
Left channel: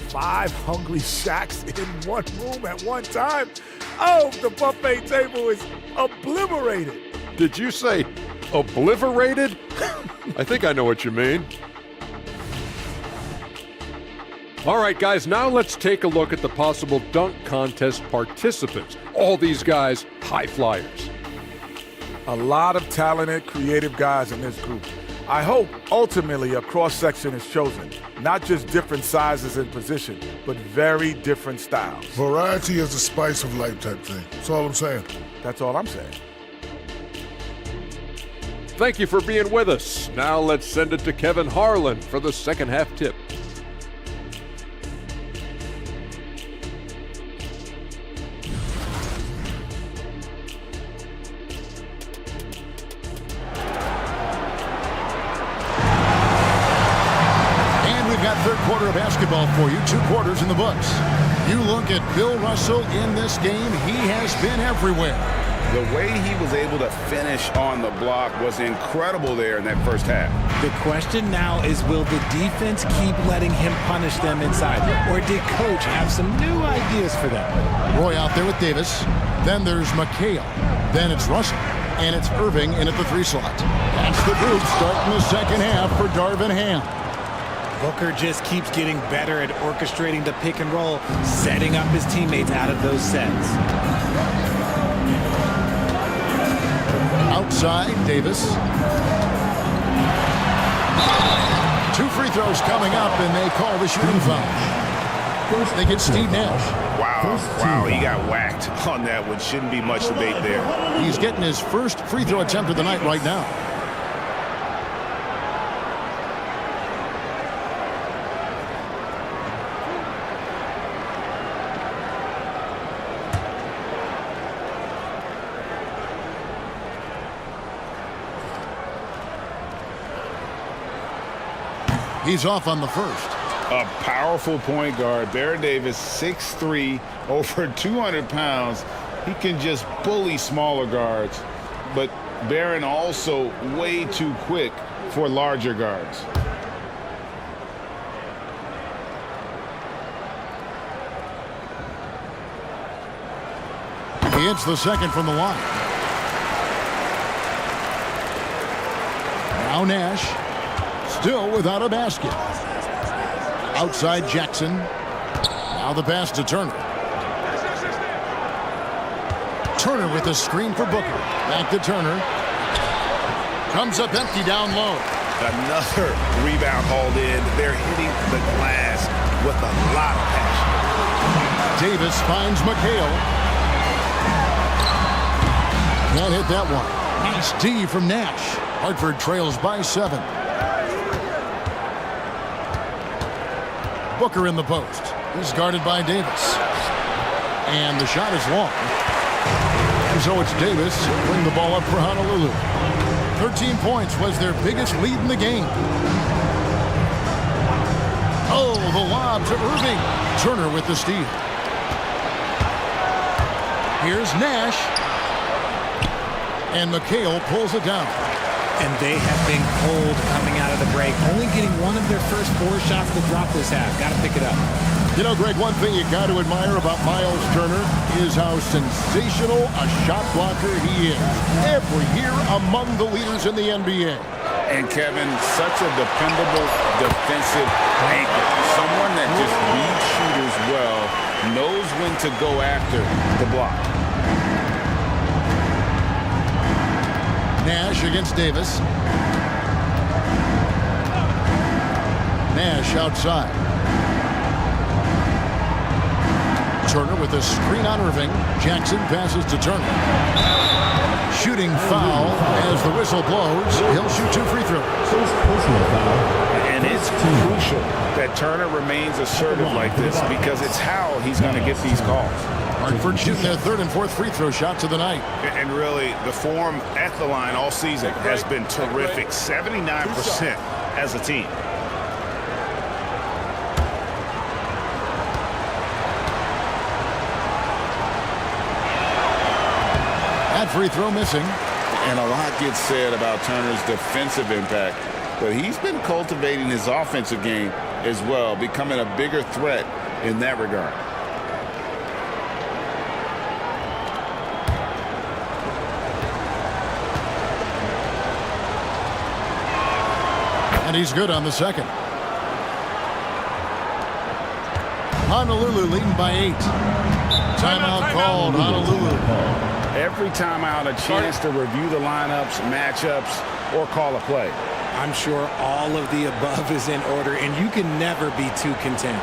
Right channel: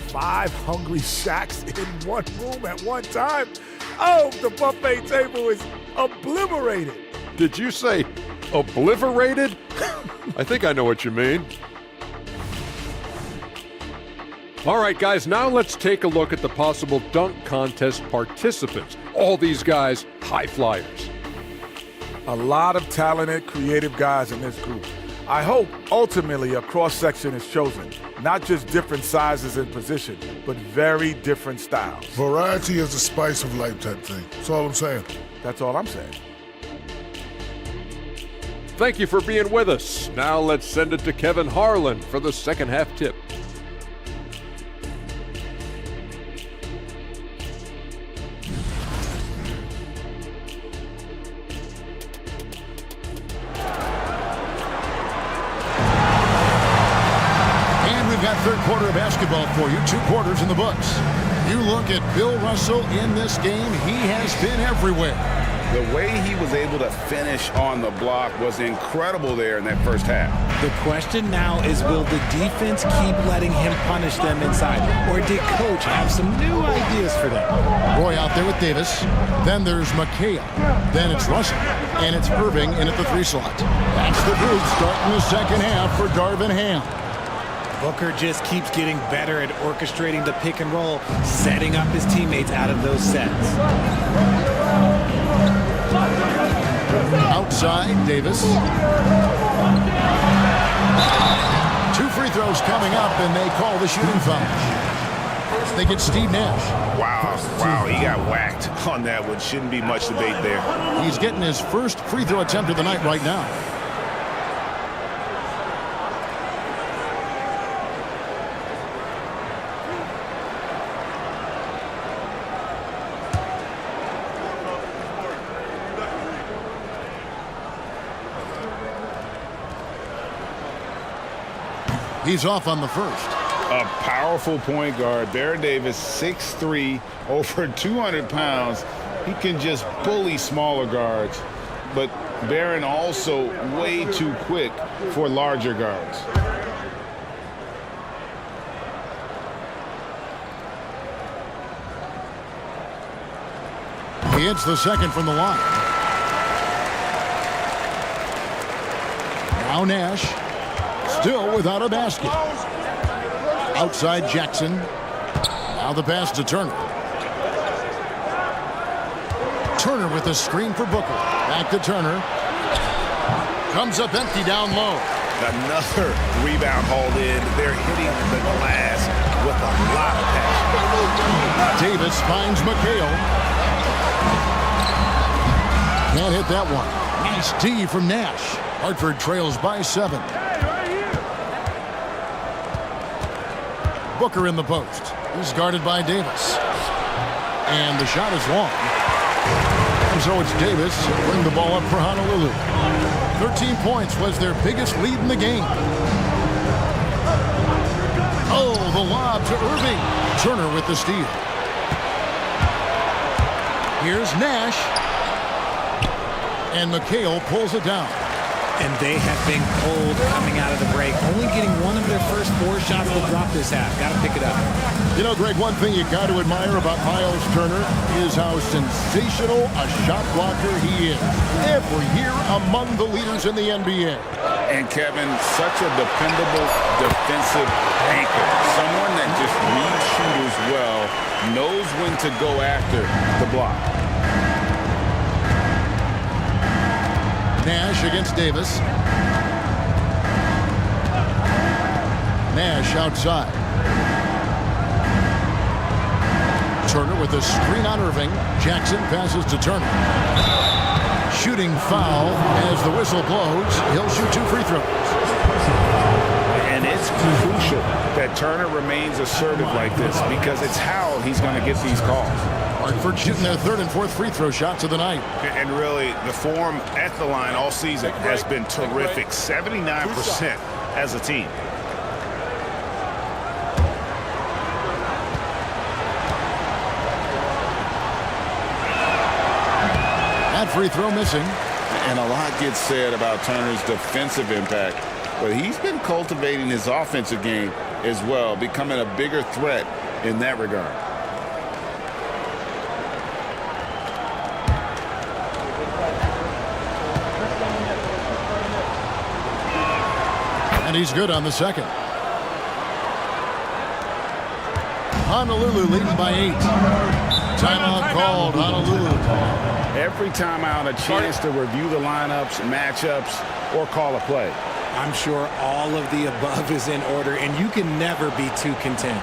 5 hungry Shaqs in one room at one time. Oh, the buffet table is obliterated. Did you say obliterated? I think I know what you mean. All right, guys, now let's take a look at the possible dunk contest participants. All these guys, high flyers. A lot of talented, creative guys in this group. I hope ultimately a cross-section is chosen. Not just different sizes and position, but very different styles. Variety is the spice of life type thing. That's all I'm saying. That's all I'm saying. Thank you for being with us. Now let's send it to Kevin Harlan for the second half tip. We've got third quarter of basketball for you, 2 quarters in the books. You look at Bill Russell in this game, he has been everywhere. The way he was able to finish on the block was incredible there in that first half. The question now is, will the defense keep letting him punish them inside? Or did Coach have some new ideas for them? Roy out there with Davis. Then there's McHale. Then it's Russell. And it's Irving in at the 3 slot. That's the group starting the second half for Darvin Ham. Booker just keeps getting better at orchestrating the pick and roll, setting up his teammates out of those sets. Outside, Davis. 2 free throws coming up, and they call the shooting foul. They get Steve Nash. Wow, he got whacked on that one. Shouldn't be much debate there. He's getting his first free throw attempt of the night right now. He's off on the first. A powerful point guard. Baron Davis, 6'3", over 200 pounds. He can just bully smaller guards. But Baron also way too quick for larger guards. He hits the second from the line. Now Nash. Still without a basket. Outside Jackson. Now the pass to Turner. Turner with a screen for Booker. Back to Turner. Comes up empty down low. Another rebound hauled in. They're hitting the glass with a lot of passion. Davis finds McHale. Can't hit that one. Nice D from Nash. Hartford trails by 7. Booker in the post. He's guarded by Davis. And the shot is long. And so it's Davis. Bring the ball up for Honolulu. 13 points was their biggest lead in the game. Oh, the lob to Irving. Turner with the steal. Here's Nash. And McHale pulls it down. And they have been cold coming out of the break, only getting one of their first 4 shots to drop this half. Got to pick it up. You know, Greg, one thing you got to admire about Miles Turner is how sensational a shot blocker he is. Every year among the leaders in the NBA. And Kevin, such a dependable defensive anchor. Someone that just reads shooters well, knows when to go after the block. Nash against Davis. Nash outside. Turner with a screen on Irving. Jackson passes to Turner. Shooting foul as the whistle blows. He'll shoot 2 free throws. And it's crucial that Turner remains assertive like this because it's how he's going to get these calls. Hartford shooting their 3rd and 4th free throw shots of the night. And really, the form at the line all season has been terrific. 79% as a team. That free throw missing. And a lot gets said about Turner's defensive impact, but he's been cultivating his offensive game as well, becoming a bigger threat in that regard. And he's good on the second. Honolulu leading by 8. Timeout called, Honolulu. Every timeout, a chance to review the lineups, matchups, or call a play. I'm sure all of the above is in order, and you can never be too content.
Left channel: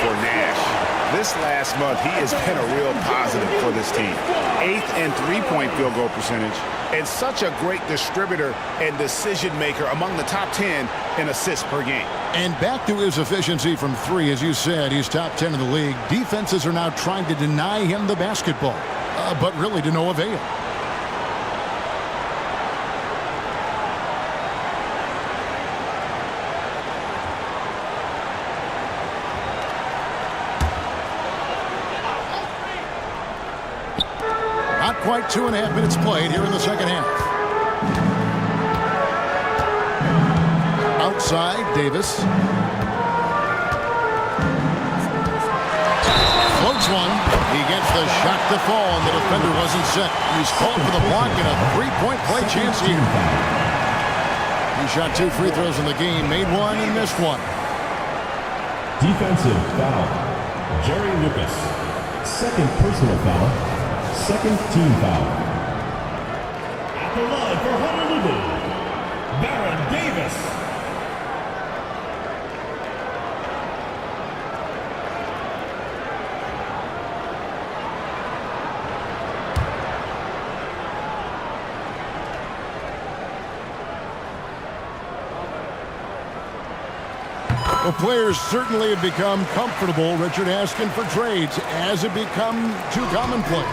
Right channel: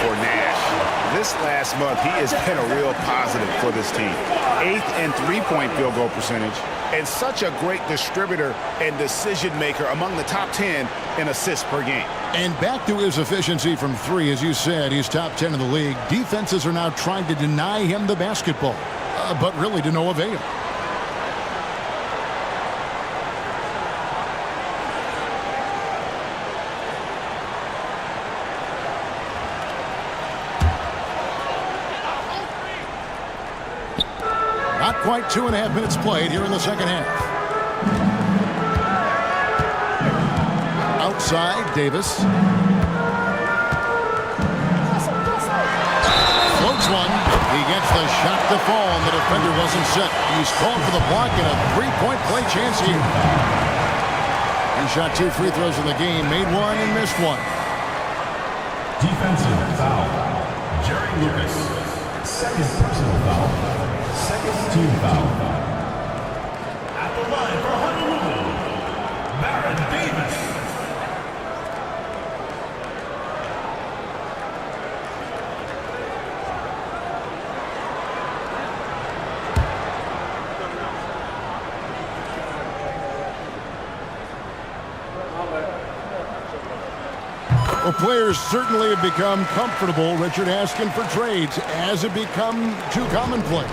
For Nash. This last month, he has been a real positive for this team. 8th in three-point field goal percentage, and such a great distributor and decision maker among the top 10 in assists per game. And back to his efficiency from 3, as you said, he's top 10 in the league. Defenses are now trying to deny him the basketball, but really to no avail. Not quite 2.5 minutes played here in the second half. Outside, Davis. Floats one. He gets the shot to fall, and the defender wasn't set. He's called for the block and a three-point play chance here. He shot 2 free throws in the game, made 1 and missed 1. Defensive foul. Jerry Lucas. Second personal foul. Second team foul. At the line for Honolulu, Baron Davis. Well, players certainly have become comfortable, Richard, asking for trades. Has it become too commonplace?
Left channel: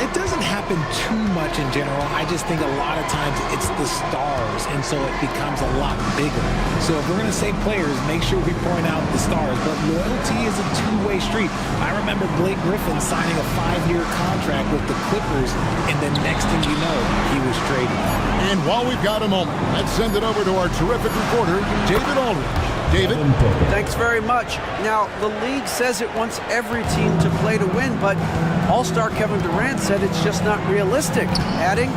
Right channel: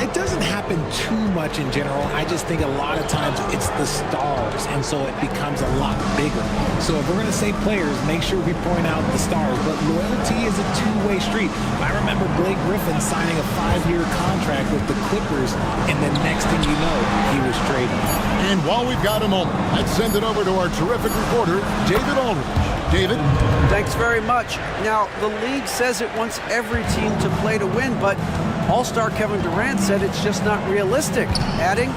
It doesn't happen too much in general. I just think a lot of times it's the stars, and so it becomes a lot bigger. So if we're going to say players, make sure we point out the stars. But loyalty is a two-way street. I remember Blake Griffin signing a 5-year contract with the Clippers, and the next thing you know, he was traded. And while we've got a moment, let's send it over to our terrific reporter, David Aldridge. David? Thanks very much. Now, the league says it wants every team to play to win, but All-Star Kevin Durant said it's just not realistic, adding,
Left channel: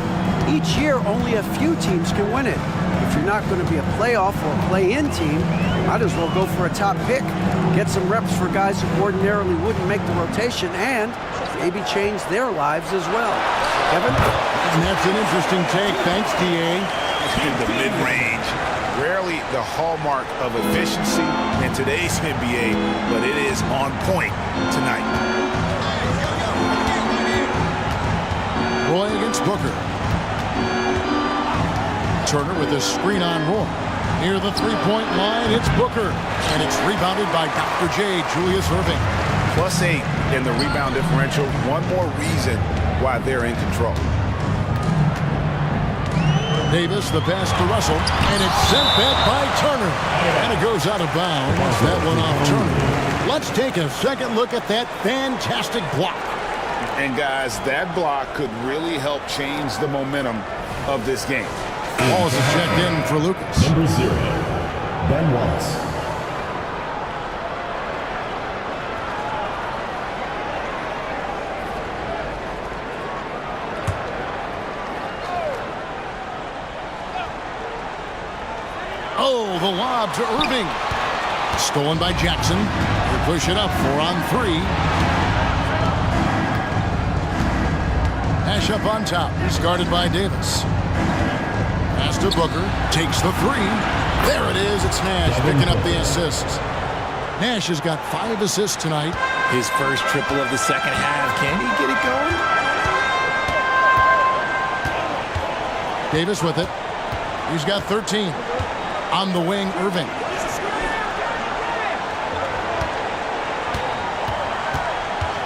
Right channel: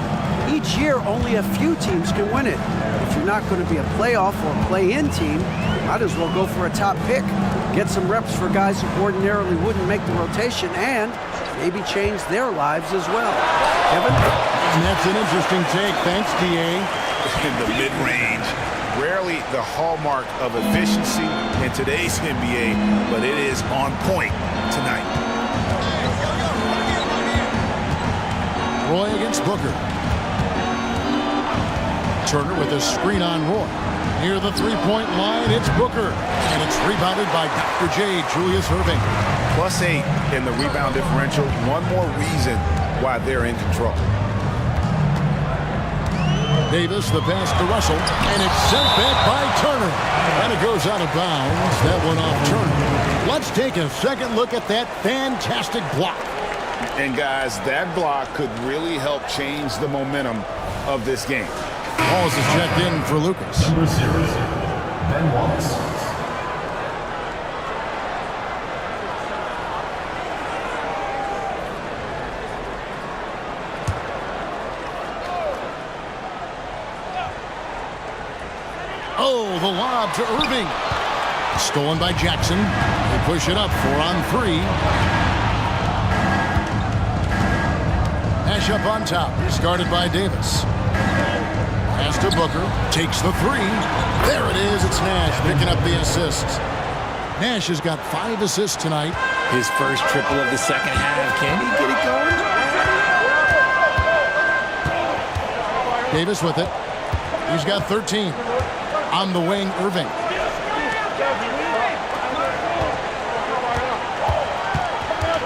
each year only a few teams can win it. If you're not going to be a playoff or play-in team, might as well go for a top pick. Get some reps for guys who ordinarily wouldn't make the rotation and maybe change their lives as well. Kevin? And that's an interesting take. Thanks, DA. In the mid-range. Rarely the hallmark of efficiency in today's NBA, but it is on point tonight. Roy against Booker. Turner with a screen on Roy. Near the three-point line, it's Booker. And it's rebounded by Dr. J, Julius Erving. +8 in the rebound differential. One more reason why they're in control. Davis, the pass to Russell, and it's sent back by Turner. And it goes out of bounds. That one off Turner. Let's take a second look at that fantastic block. And guys, that block could really help change the momentum of this game. Wallace is checked in for Lucas. Number 0, Ben Wallace. Oh, the lob to Irving. Stolen by Jackson. They push it up 4 on 3. Nash up on top. He's guarded by Davis. Pass to Booker. Takes the 3. There it is. It's Nash picking up the assist. Nash has got 5 assists tonight. His first triple of the second half. Can he get it going? Davis with it. He's got 13. On the wing, Irving.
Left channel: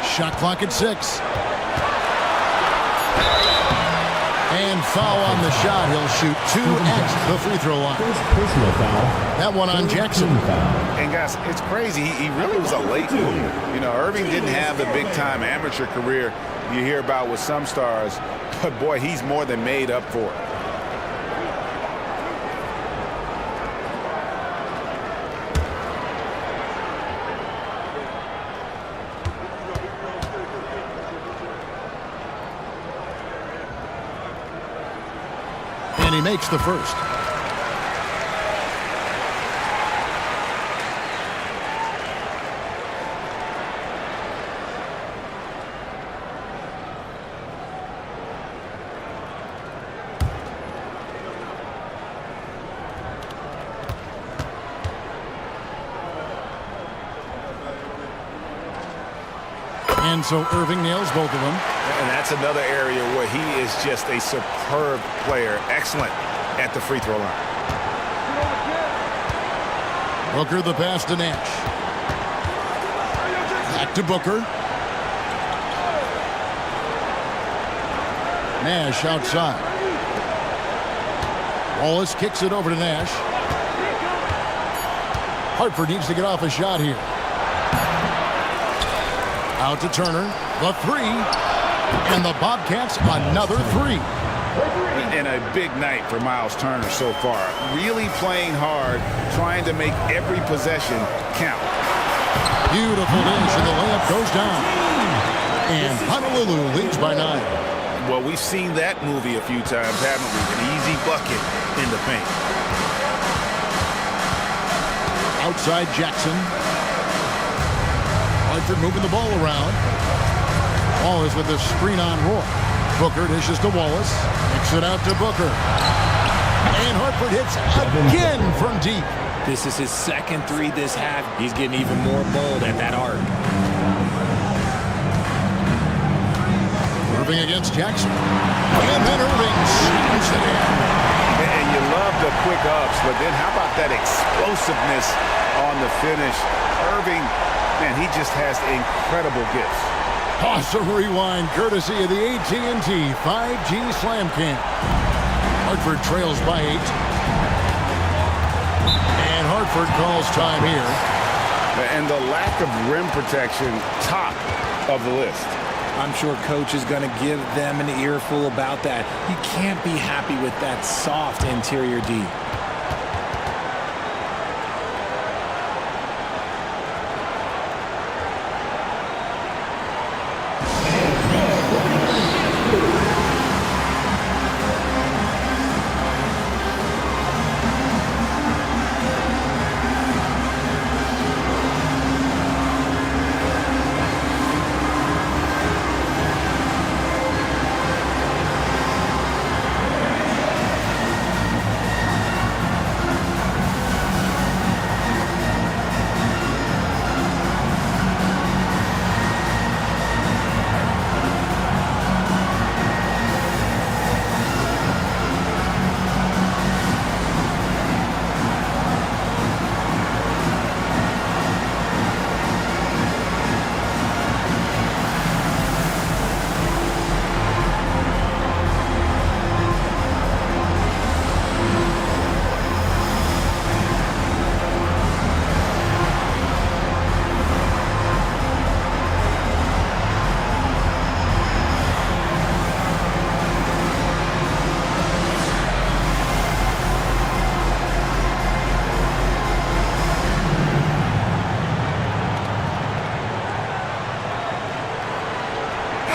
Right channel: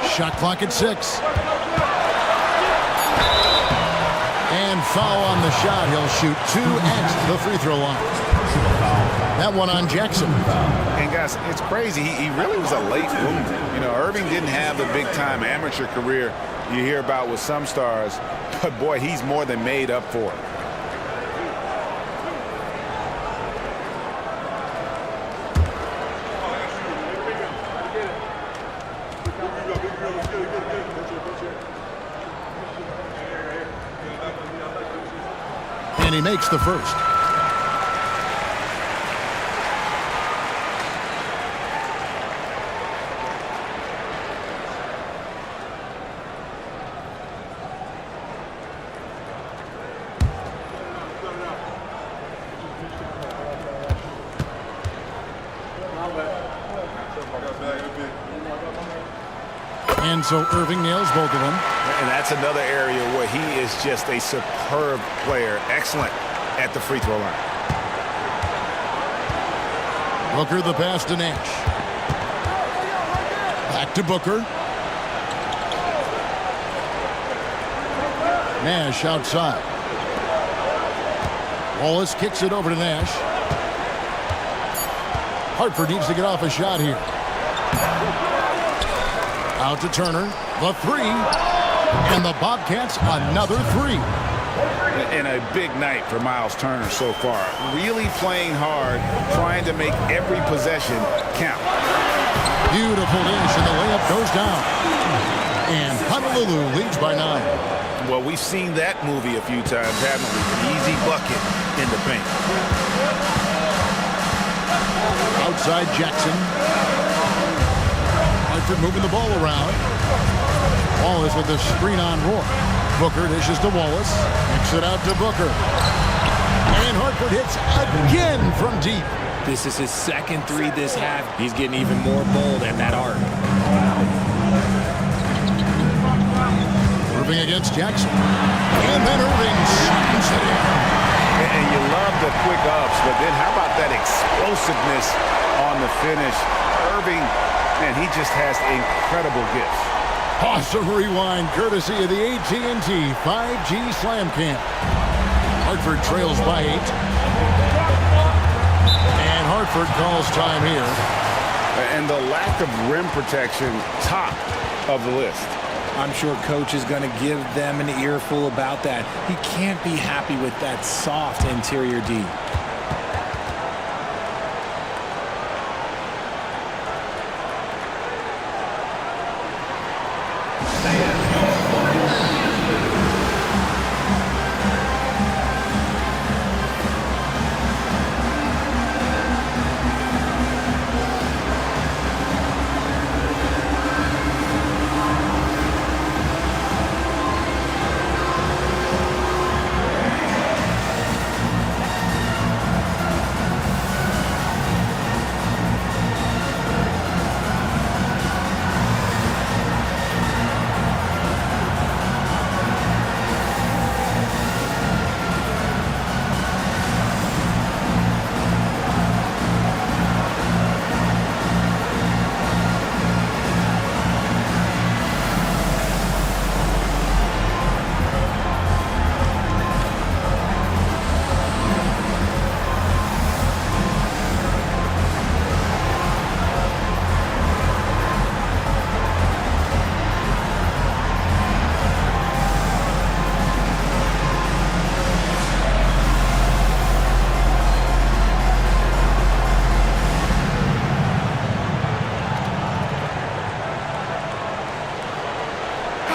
Shot clock at 6. And foul on the shot. He'll shoot 2 at the free throw line. Personal foul. That one on Jackson. And guys, it's crazy. He really was a late bloomer. You know, Irving didn't have the big-time amateur career you hear about with some stars, but boy, he's more than made up for it. And he makes the first. And so Irving nails both of them. And that's another area where he is just a superb player. Excellent at the free throw line. Booker the pass to Nash. Back to Booker. Nash outside. Wallace kicks it over to Nash. Hartford needs to get off a shot here. Out to Turner, the 3, and the Bobcats another 3. And a big night for Miles Turner so far. Really playing hard, trying to make every possession count. Beautiful dish, and the layup goes down. And Honolulu leads by 9. Well, we've seen that movie a few times, haven't we? An easy bucket in the paint. Outside Jackson. Hartford moving the ball around. Wallace with the screen on Roy. Booker dishes to Wallace. Kicks it out to Booker. And Hartford hits again from deep. This is his second 3 this half. He's getting even more bold at that arc. Irving against Jackson. And then Irving slams it in. And you love the quick ups, but then how about that explosiveness on the finish? Irving, man, he just has incredible gifts. Awesome rewind courtesy of the AT&T 5G Slam Cam. Hartford trails by 8. And Hartford calls time here. And the lack of rim protection, top of the list. I'm sure coach is going to give them an earful about that. He can't be happy with that soft interior D.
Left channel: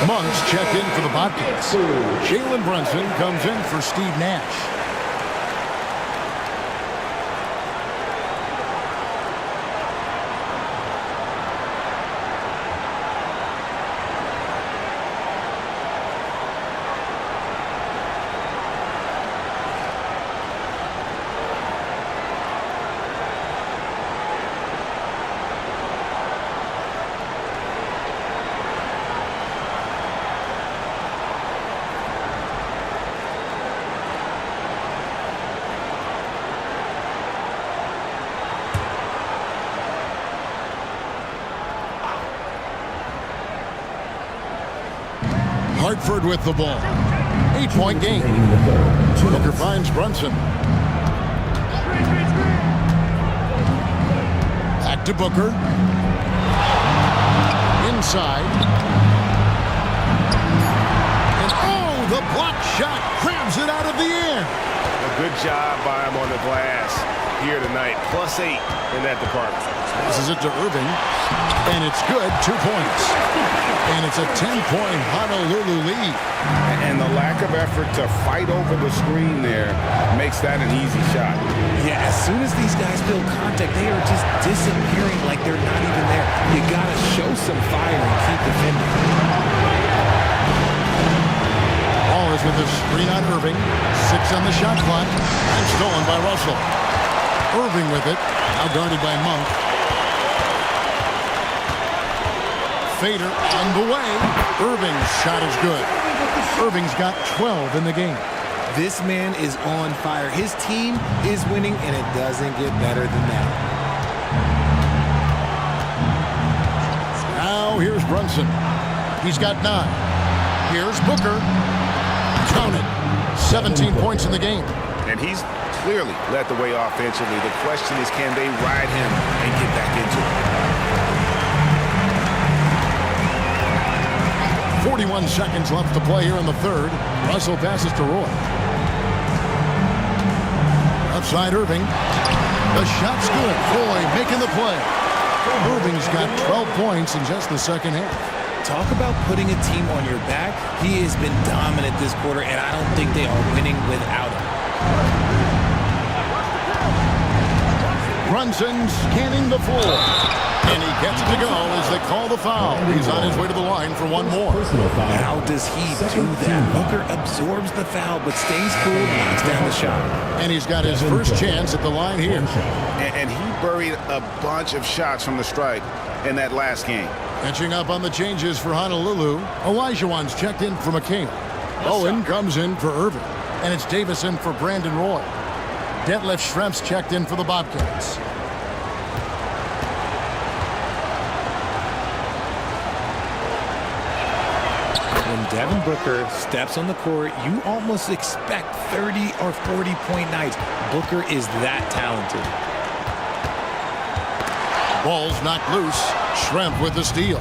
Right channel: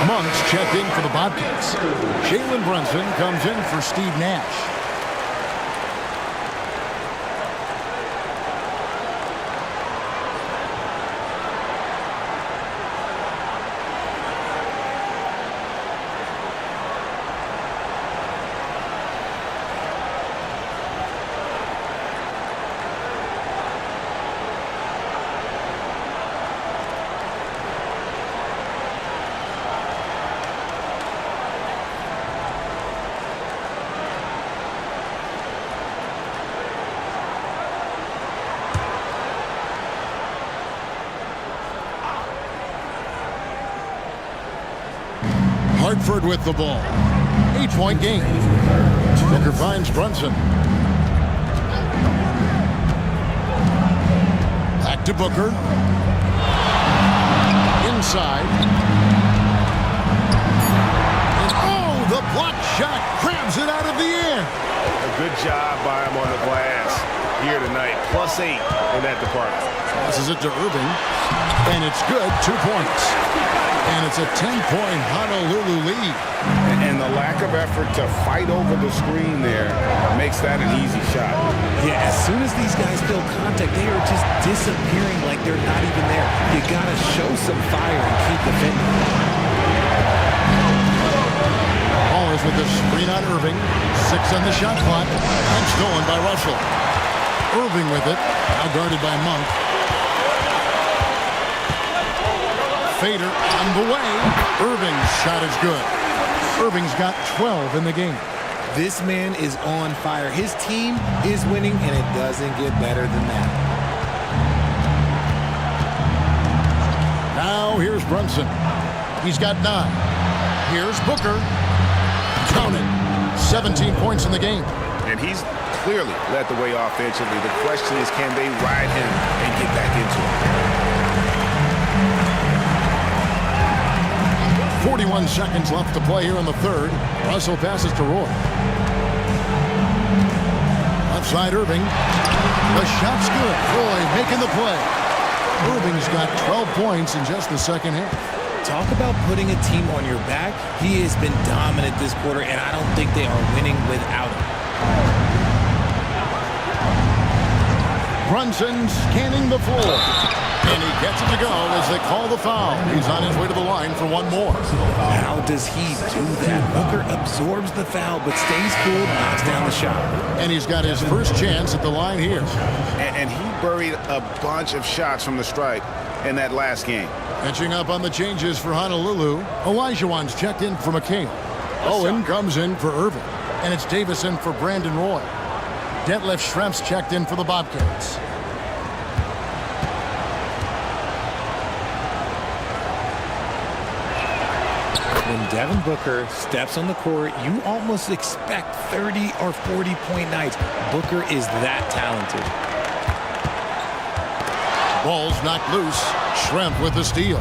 Monks checked in for the Bobcats. Jalen Brunson comes in for Steve Nash. Hartford with the ball. 8-point game. Booker finds Brunson. Back to Booker. Inside. And oh, the block shot grabs it out of the air. A good job by him on the glass here tonight. +8 in that department. Passes it to Irving. And it's good. 2 points. And it's a 10-point Honolulu lead. And the lack of effort to fight over the screen there makes that an easy shot. Yeah, as soon as these guys feel contact, they are just disappearing like they're not even there. You got to show some fire and keep defending. Ball is with the screen on Irving. 6 on the shot clock. And stolen by Russell. Irving with it. Now guarded by Monk. Fader on the way. Irving's shot is good. Irving's got 12 in the game. This man is on fire. His team is winning, and it doesn't get better than that. Now here's Brunson. He's got 9. Here's Booker. Count it. 17 points in the game. And he's clearly led the way offensively. The question is, can they ride him and get back into it? 41 seconds left to play here in the third. Russell passes to Roy. Outside Irving. The shot's good. Roy making the play. Irving's got 12 points in just the second half. Talk about putting a team on your back. He has been dominant this quarter, and I don't think they are winning without him. Brunson scanning the floor. And he gets it to go as they call the foul. He's on his way to the line for one more. How does he do that? Booker absorbs the foul but stays cool, knocks down the shot. And he's got his first chance at the line here. And he buried a bunch of shots from the stripe in that last game. Catching up on the changes for Honolulu. Olajuwon's checked in for McHale. Owen comes in for Irving. And it's Davison for Brandon Roy. Detlef Schrempf's checked in for the Bobcats. When Devin Booker steps on the court, you almost expect 30 or 40-point nights. Booker is that talented. Ball's knocked loose. Schrempf with the steal.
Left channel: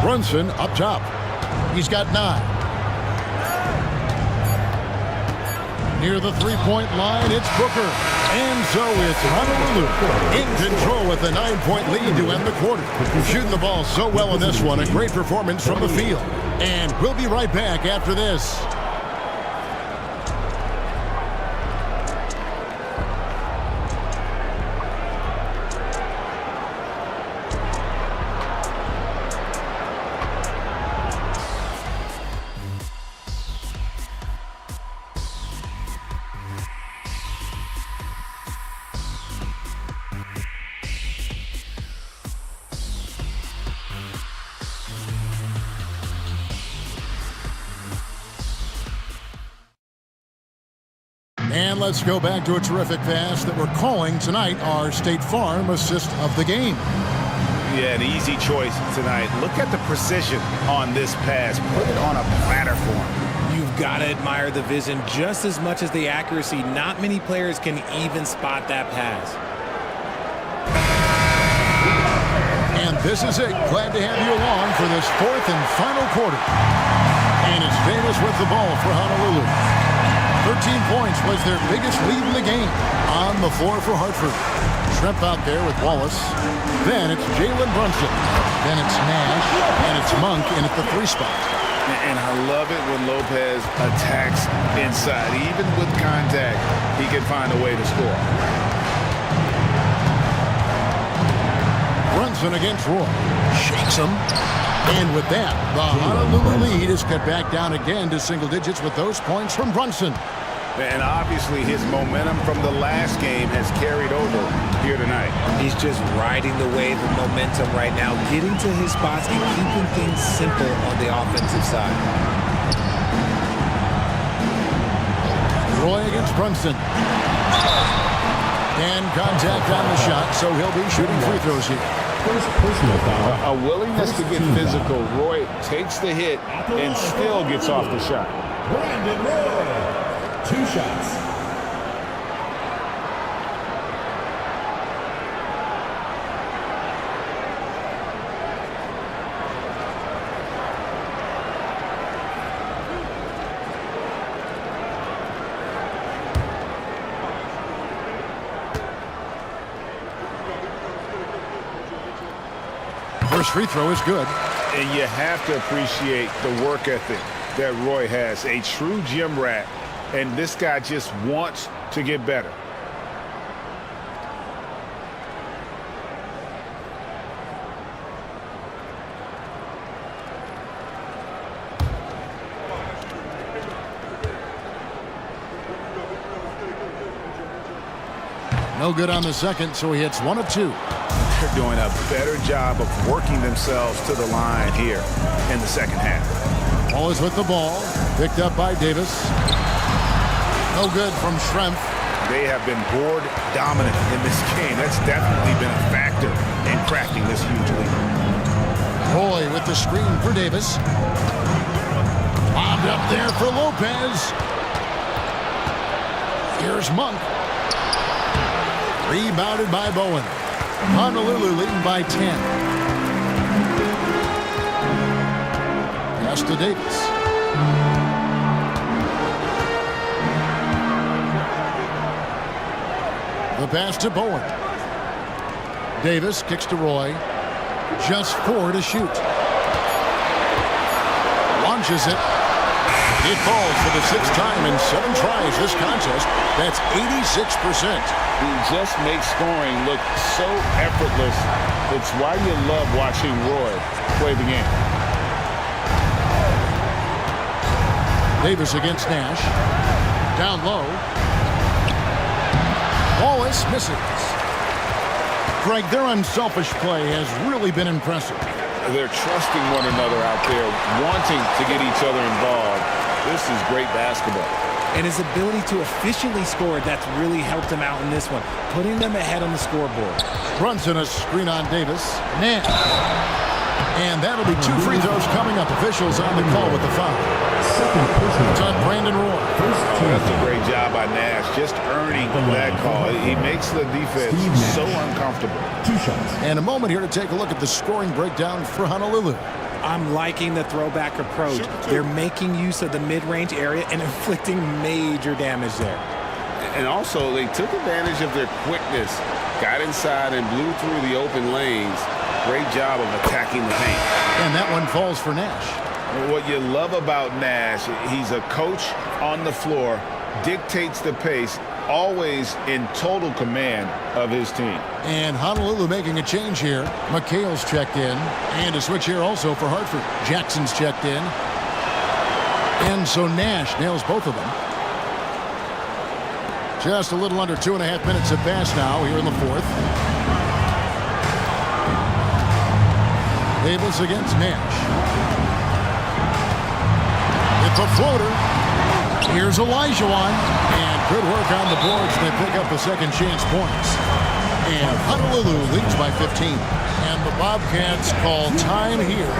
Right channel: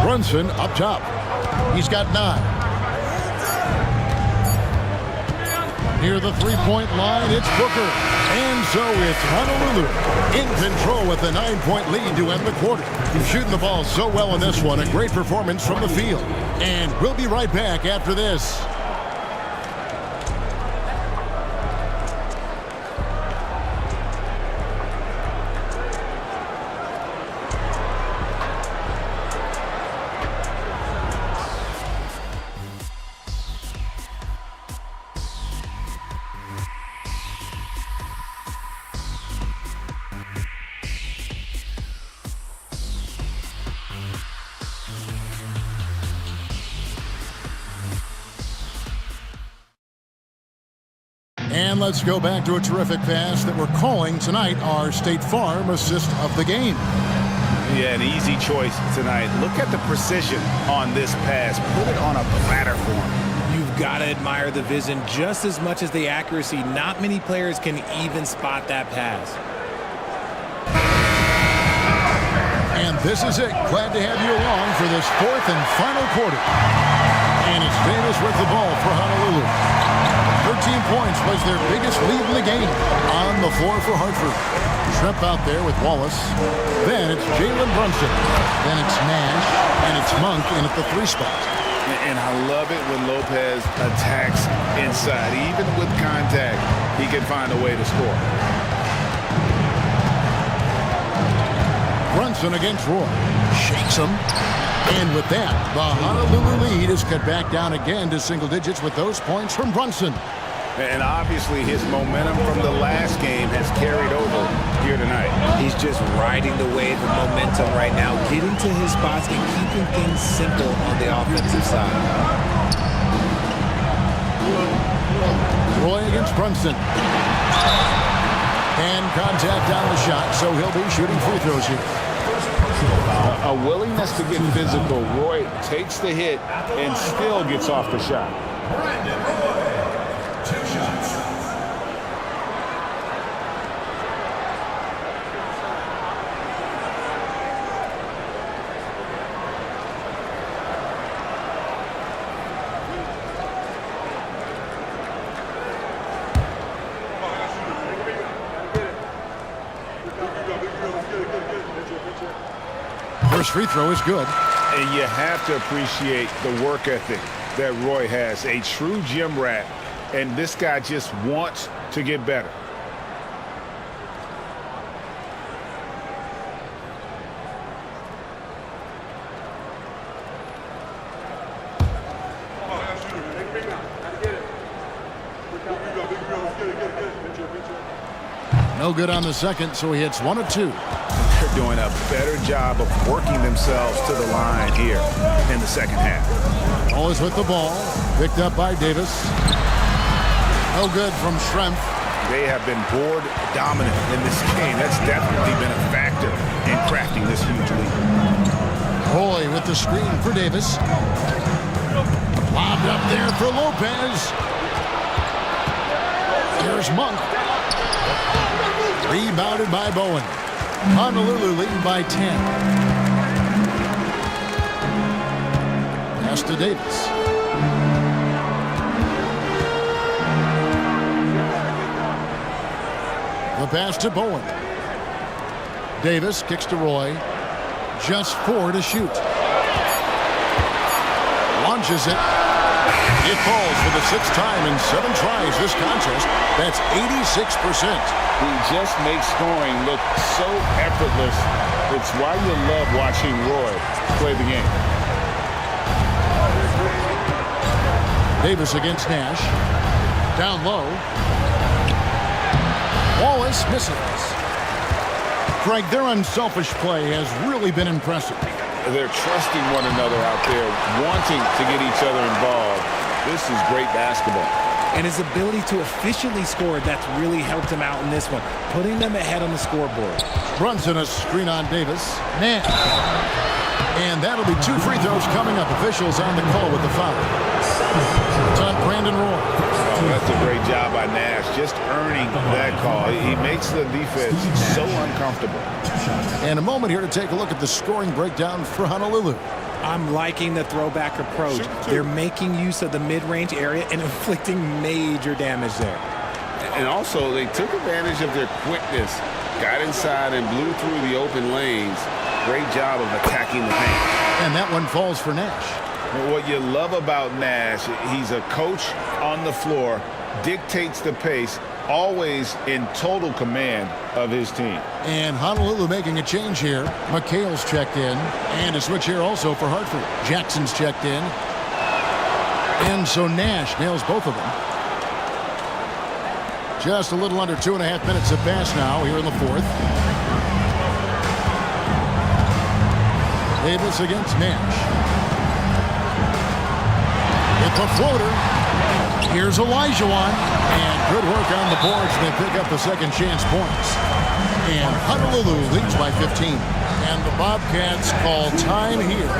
Brunson up top. He's got 9. Near the three-point line, it's Booker. And so it's Honolulu in control with a 9-point lead to end the quarter. Shooting the ball so well in this one. A great performance from the field. And we'll be right back after this. And let's go back to a terrific pass that we're calling tonight our State Farm assist of the game. Yeah, an easy choice tonight. Look at the precision on this pass. Put it on a platter for him. You've got to admire the vision just as much as the accuracy. Not many players can even spot that pass. And this is it. Glad to have you along for this fourth and final quarter. And it's Davis with the ball for Honolulu. 13 points was their biggest lead in the game. On the floor for Hartford. Schrempf out there with Wallace. Then it's Jalen Brunson. Then it's Nash. And it's Monk in at the 3 spot. And I love it when Lopez attacks inside. Even with contact, he can find a way to score. Brunson against Roy. Shakes him. And with that, the Honolulu lead is cut back down again to single digits with those points from Brunson. And obviously his momentum from the last game has carried over here tonight. He's just riding the wave of momentum right now, getting to his spots and keeping things simple on the offensive side. Roy against Brunson. And contact on the shot, so he'll be shooting free throws here. First personal foul. A willingness to get physical. Roy takes the hit and still gets off the shot. Brandon Roy, 2 shots. First free throw is good. And you have to appreciate the work ethic that Roy has. A true gym rat. And this guy just wants to get better. No good on the second, so he hits 1 of 2. They're doing a better job of working themselves to the line here in the second half. Always with the ball. Picked up by Davis. No good from Schrempf. They have been board dominant in this game. That's definitely been a factor in crafting this huge lead. Roy with the screen for Davis. Lobbed up there for Lopez. Here's Monk. Rebounded by Bowen. Honolulu leading by 10. Pass to Davis. The pass to Bowen. Davis kicks to Roy. Just 4 to shoot. Launches it. It falls for the 6th time in 7 tries this contest. That's 86%. He just makes scoring look so effortless. It's why you love watching Roy play the game. Davis against Nash. Down low. Wallace misses. Greg, their unselfish play has really been impressive. They're trusting one another out there, wanting to get each other involved. This is great basketball. And his ability to efficiently score, that's really helped him out in this one, putting them ahead on the scoreboard. Brunson a screen on Davis. Nash. And that'll be 2 free throws coming up. Officials on the call with the foul. It's on Brandon Roy. Oh, that's a great job by Nash, just earning that call. He makes the defense so uncomfortable. 2 shots. And a moment here to take a look at the scoring breakdown for Honolulu. I'm liking the throwback approach. They're making use of the mid-range area and inflicting major damage there. And also, they took advantage of their quickness, got inside and blew through the open lanes. Great job of attacking the paint. And that one falls for Nash. What you love about Nash, he's a coach on the floor, dictates the pace, always in total command of his team. And Honolulu making a change here. McHale's checked in. And a switch here also for Hartford. Jackson's checked in. And so Nash nails both of them. Just a little under 2.5 minutes have passed now here in the 4th. Davis against Nash. With the floater. Here's Olajuwon. And good work on the boards. They pick up the second chance points. And Honolulu leads by 15. And the Bobcats call time here.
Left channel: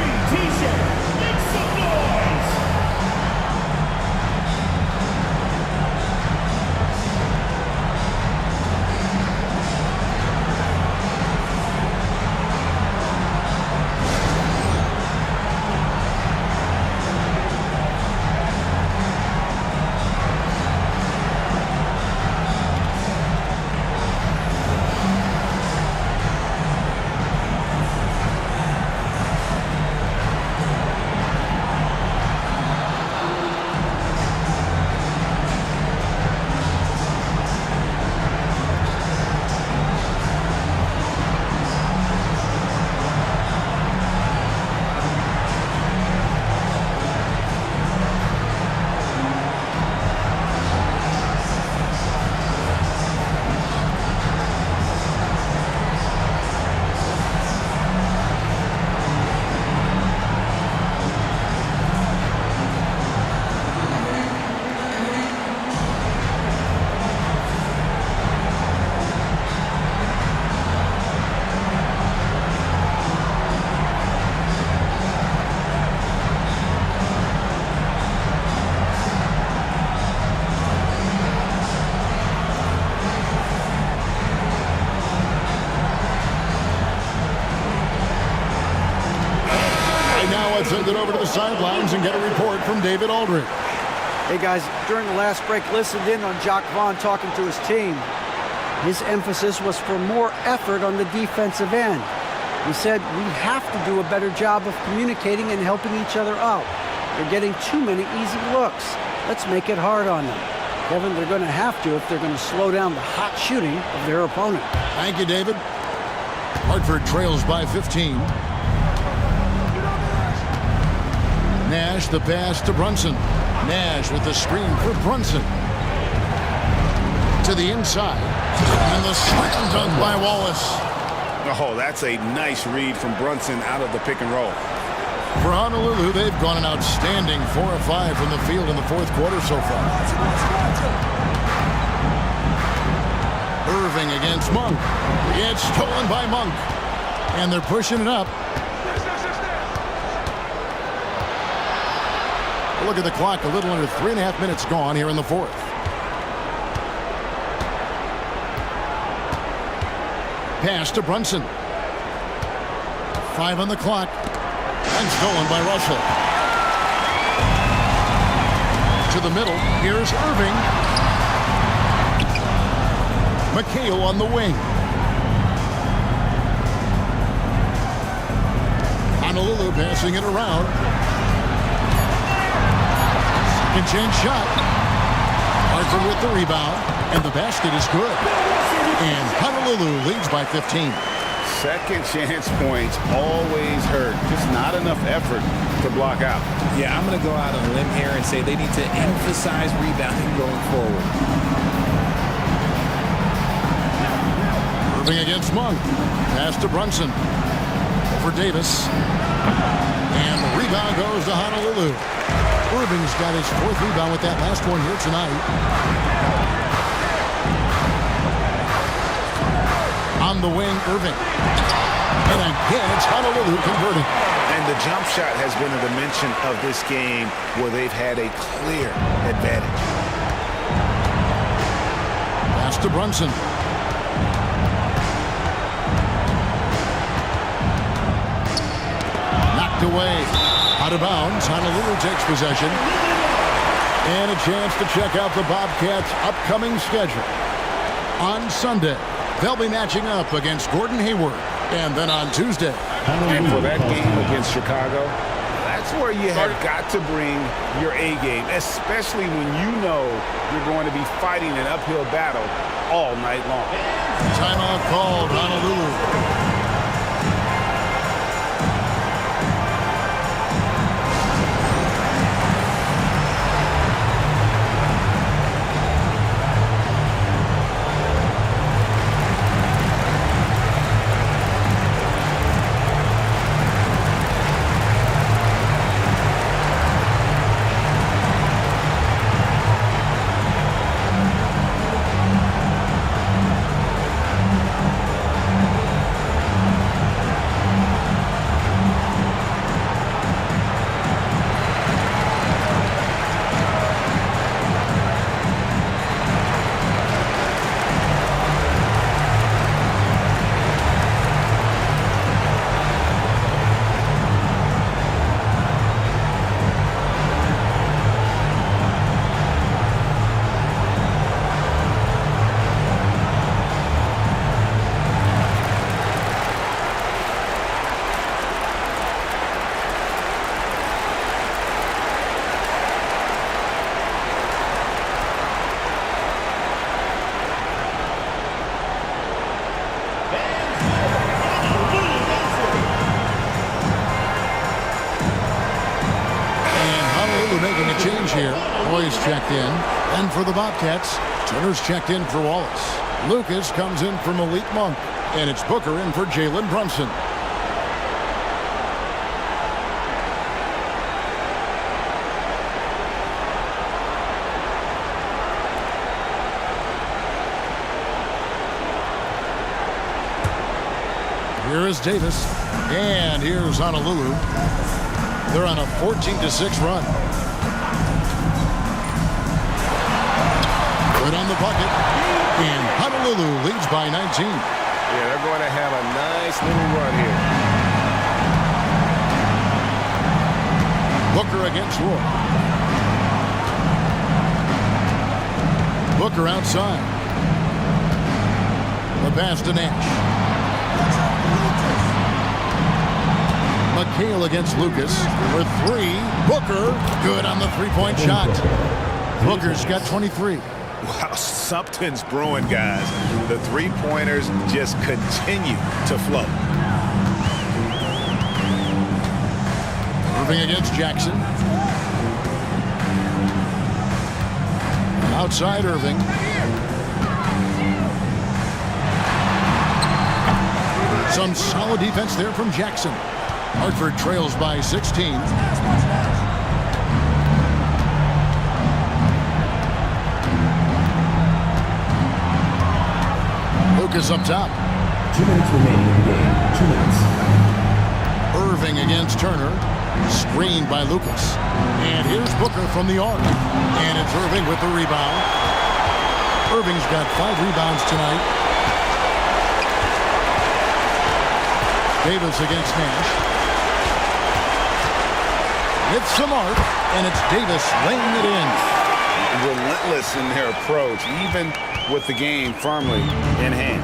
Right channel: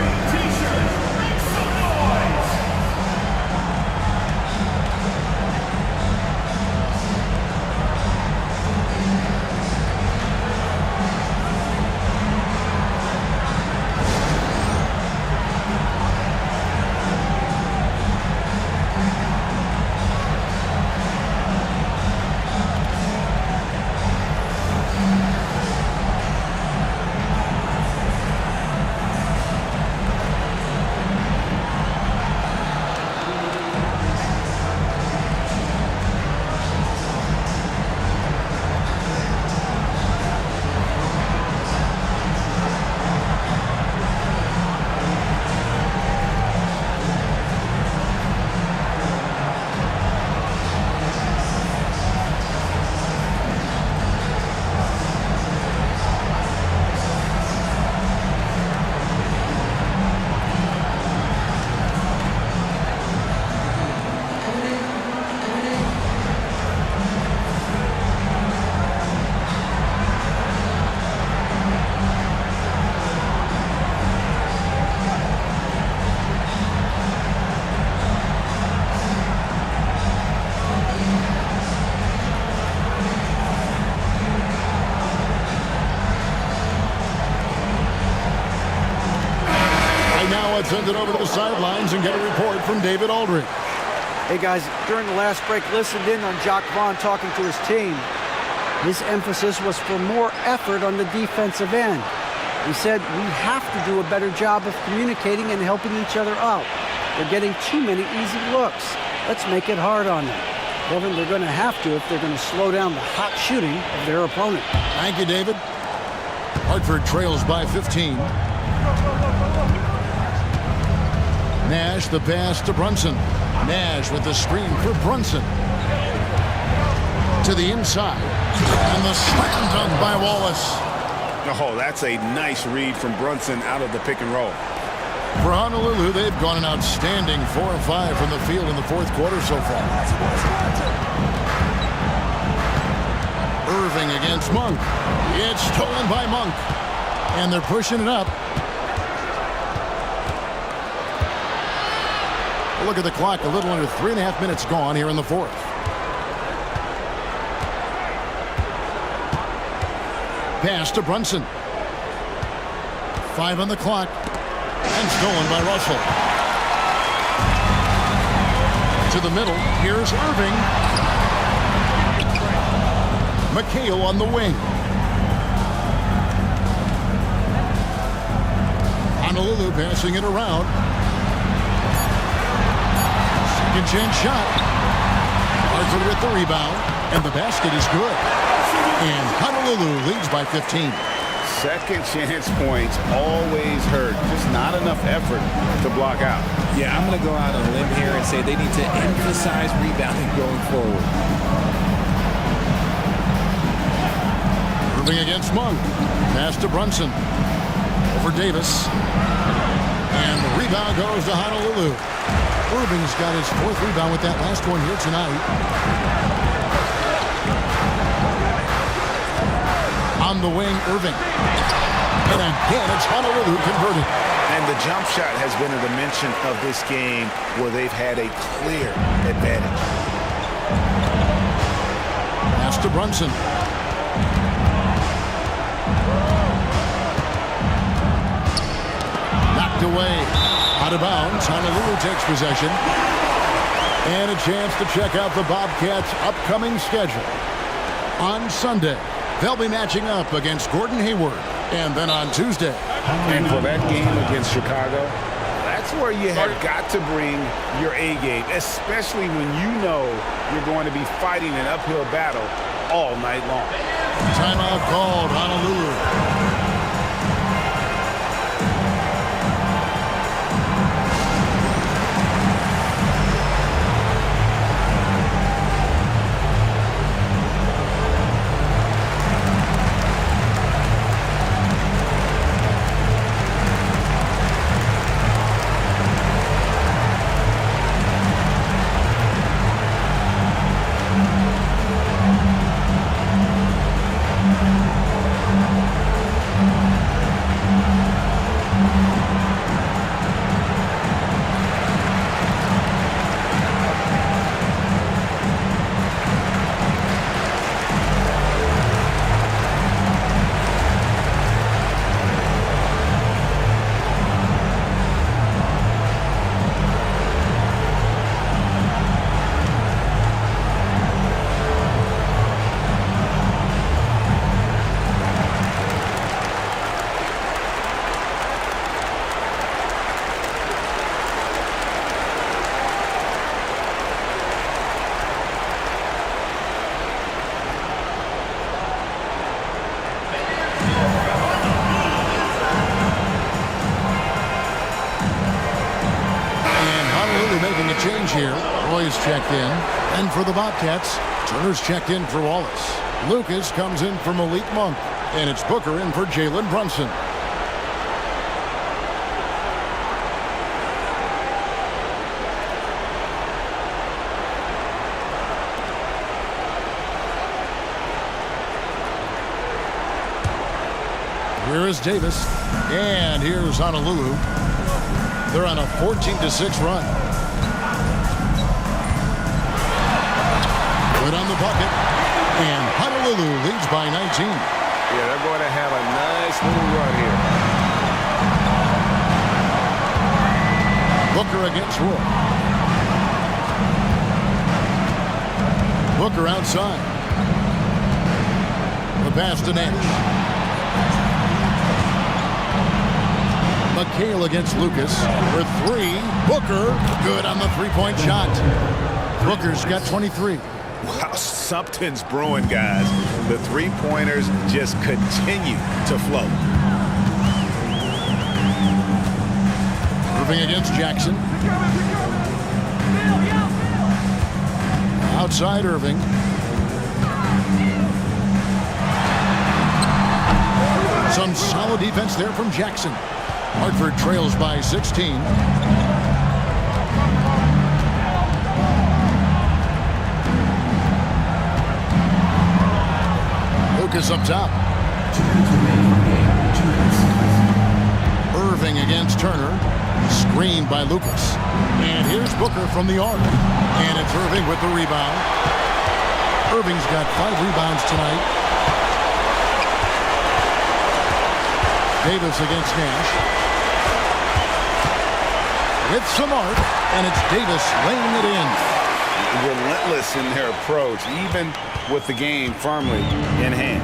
Now let's send it over to the sidelines and get a report from David Aldridge. Hey guys, during the last break, listened in on Jacques Vaughn talking to his team. His emphasis was for more effort on the defensive end. He said, we have to do a better job of communicating and helping each other out. They're getting too many easy looks. Let's make it hard on them. Kevin, they're going to have to if they're going to slow down the hot shooting of their opponent. Thank you, David. Hartford trails by 15. Nash, the pass to Brunson. Nash with the screen for Brunson. To the inside. And the slam dunk by Wallace. Oh, that's a nice read from Brunson out of the pick and roll. For Honolulu, they've gone an outstanding 4 of 5 from the field in the fourth quarter so far. Irving against Monk. It's stolen by Monk. And they're pushing it up. Look at the clock, a little under 3.5 minutes gone here in the fourth. Pass to Brunson. 5 on the clock. And stolen by Russell. To the middle, here's Irving. McHale on the wing. Honolulu passing it around. Second chance shot. Hartford with the rebound. And the basket is good. And Honolulu leads by 15. Second chance points always hurt. Just not enough effort to block out. Yeah, I'm going to go out on a limb here and say they need to emphasize rebounding going forward. Irving against Monk. Pass to Brunson. Over Davis. And the rebound goes to Honolulu. Irving's got his 4th rebound with that last one here tonight. On the wing, Irving. And again, it's Honolulu converting. And the jump shot has been a dimension of this game where they've had a clear advantage. Pass to Brunson. Knocked away. Out of bounds. Honolulu takes possession. And a chance to check out the Bobcats' upcoming schedule. On Sunday, they'll be matching up against Gordon Hayward. And then on Tuesday. And for that game against Chicago, that's where you have got to bring your A game, especially when you know you're going to be fighting an uphill battle all night long. Timeout called, Honolulu. Making a change here. Roy's checked in. And for the Bobcats, Turner's checked in for Wallace. Lucas comes in for Malik Monk. And it's Booker in for Jalen Brunson. Here is Davis. And here's Honolulu. They're on a 14-6 run. Good on the bucket. And Honolulu leads by 19. Yeah, they're going to have a nice little run here. Booker against Roy. Booker outside. The pass to Nash. McHale against Lucas for three. Booker, good on the three-point shot. Booker's got 23. Wow, something's brewing, guys. The three-pointers just continue to flow. Irving against Jackson. Outside Irving. Some solid defense there from Jackson. Hartford trails by 16. Lucas up top. 2 minutes remaining in the game. 2 minutes. Irving against Turner. Screened by Lucas. And here's Booker from the arc. And it's Irving with the rebound. Irving's got 5 rebounds tonight. Davis against Nash. With some arc, and it's Davis laying it in. Relentless in their approach, even with the game firmly in hand.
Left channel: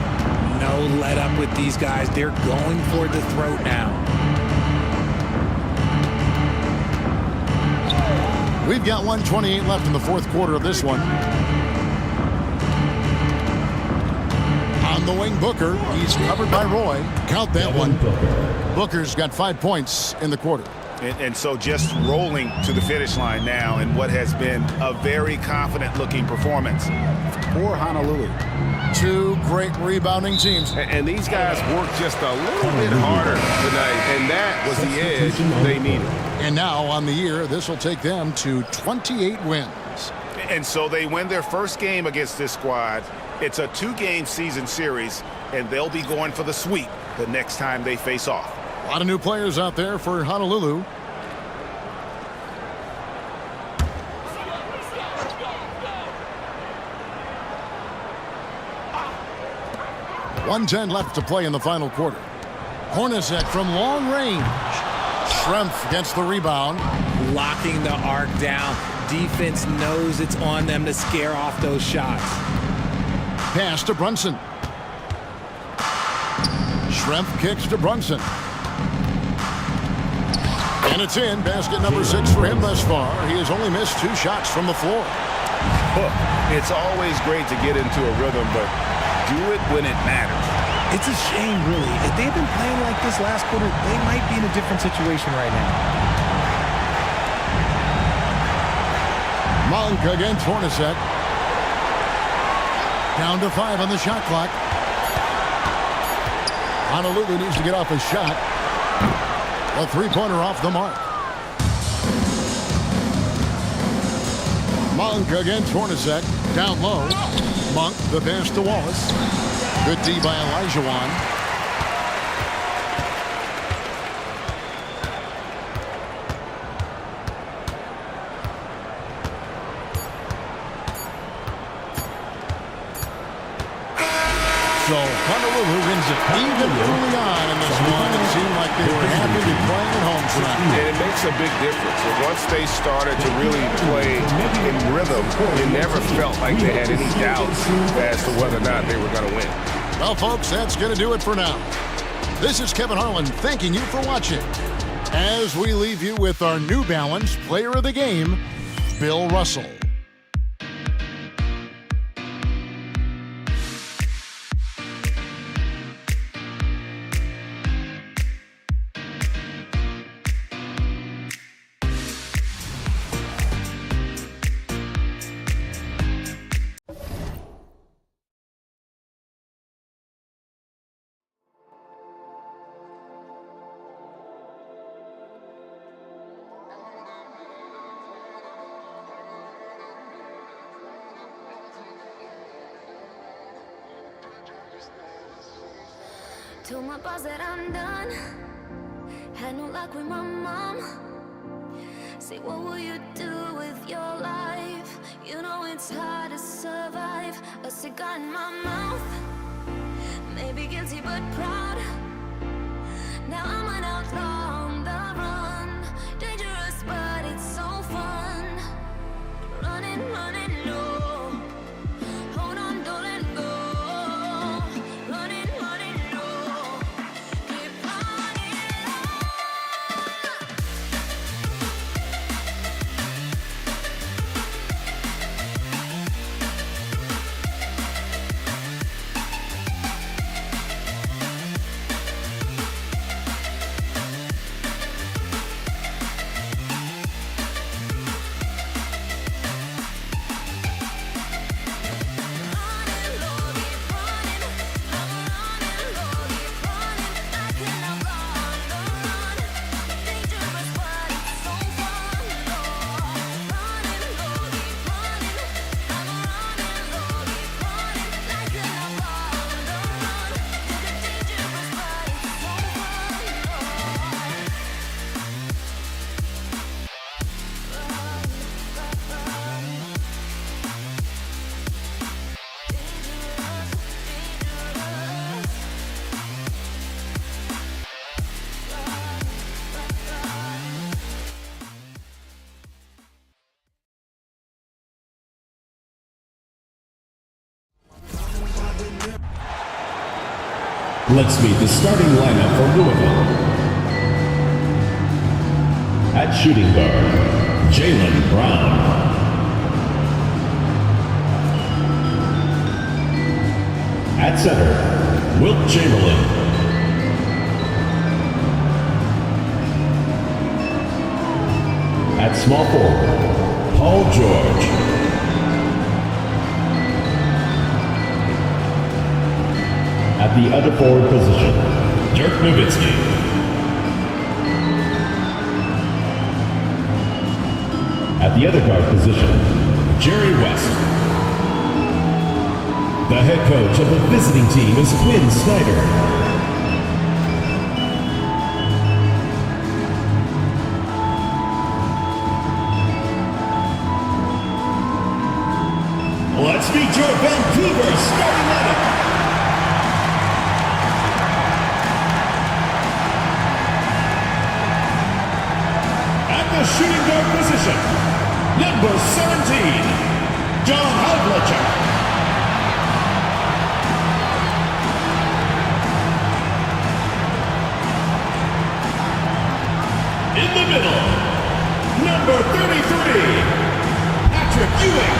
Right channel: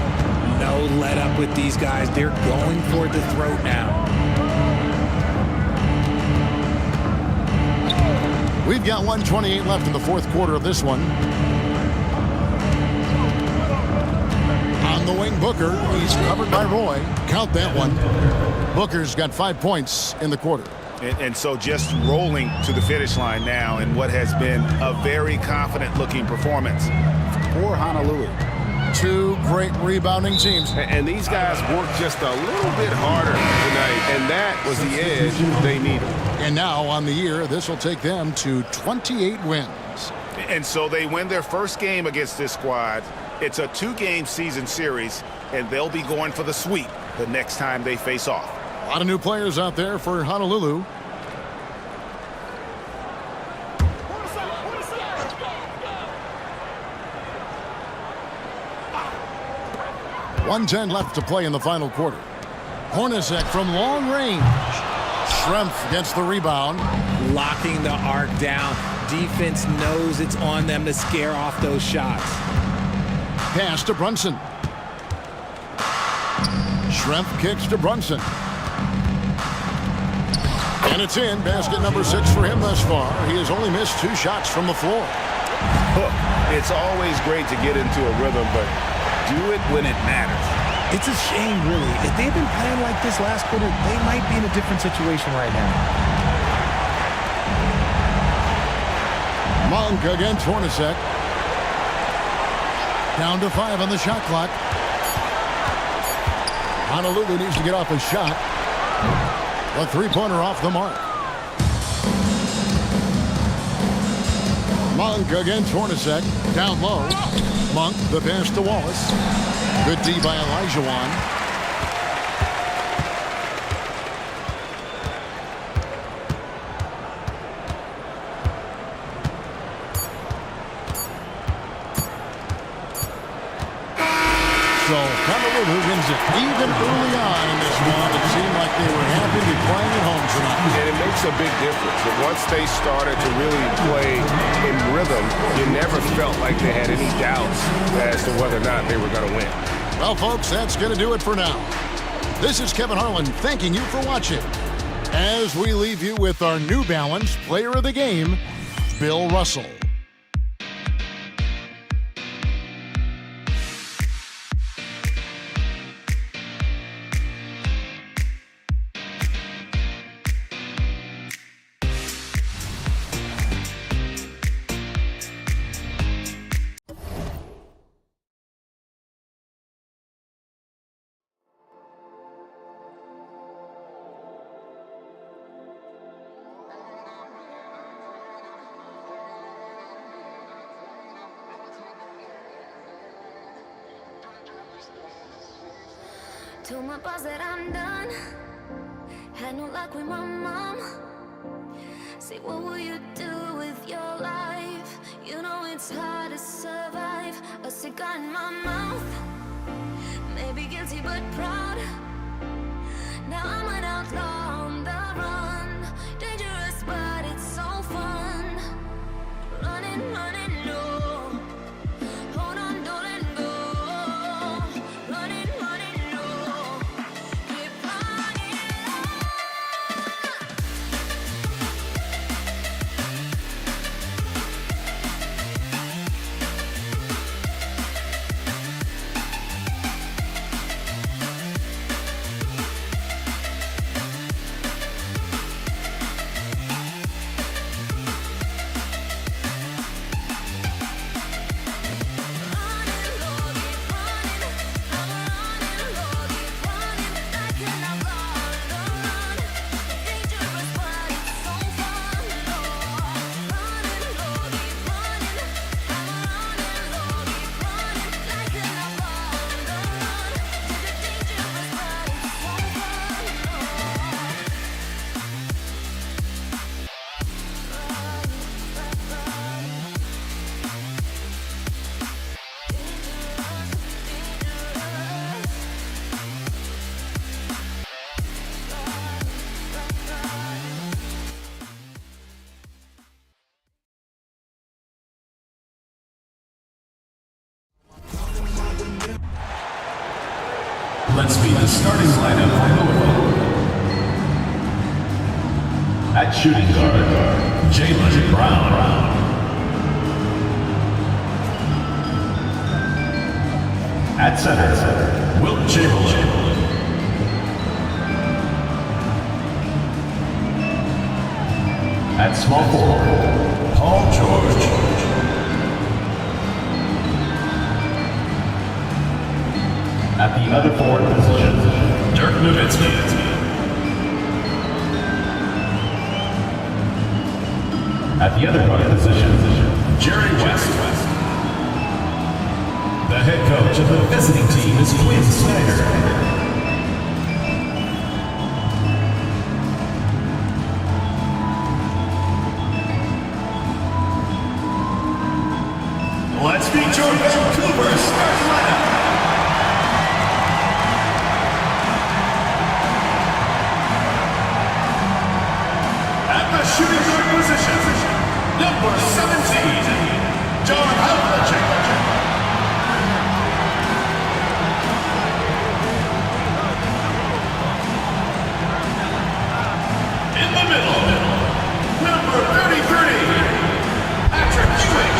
No let up with these guys. They're going for the throat now. We've got 1:28 left in the fourth quarter of this one. On the wing, Booker. He's covered by Roy. Count that one. Booker's got 5 points in the quarter. And so just rolling to the finish line now in what has been a very confident-looking performance for Honolulu. 2 great rebounding teams. And these guys worked just a little bit harder tonight, and that was the edge they needed. And now on the year, this will take them to 28 wins. And so they win their first game against this squad. It's a 2-game season series, and they'll be going for the sweep the next time they face off. A lot of new players out there for Honolulu. .110 left to play in the final quarter. Hornacek from long range. Schrempf gets the rebound. Locking the arc down. Defense knows it's on them to scare off those shots. Pass to Brunson. Schrempf kicks to Brunson. And it's in. Basket number 6 for him thus far. He has only missed 2 shots from the floor. It's always great to get into a rhythm, but do it when it matters. It's a shame, really. If they had been playing like this last quarter, they might be in a different situation right now. Monk against Hornacek. Down to 5 on the shot clock. Honolulu needs to get off a shot. A 3-pointer off the mark. Monk against Hornacek. Down low. Monk, the pass to Wallace. Good D by Elijah. So Honolulu wins it. Even early on in this one, it seemed like they were happy to be playing at home tonight. And it makes a big difference. And once they started to really play in rhythm, you never felt like they had any doubts as to whether or not they were going to win. Well, folks, that's going to do it for now. This is Kevin Harlan thanking you for watching. As we leave you with our New Balance Player of the Game, Bill Russell. Told my boss that I'm done. Had no luck with my mom. Say, what will you do with your life? You know it's hard to survive. A cigar in my mouth. Maybe guilty but proud. Now I'm an outlaw on the run. Dangerous but Let's meet the starting lineup for Louisville. At shooting guard, Jaylen Brown. At center, Wilt Chamberlain. At small forward, Paul George. At the other forward position, Dirk Nowitzki. At the other guard position, Jerry West. The head coach of the visiting team is Quinn Snyder. Let's meet your Vancouver starting lineup. At the shooting guard position, number 17, John Havlicek. In the middle, number 33, Patrick Ewing.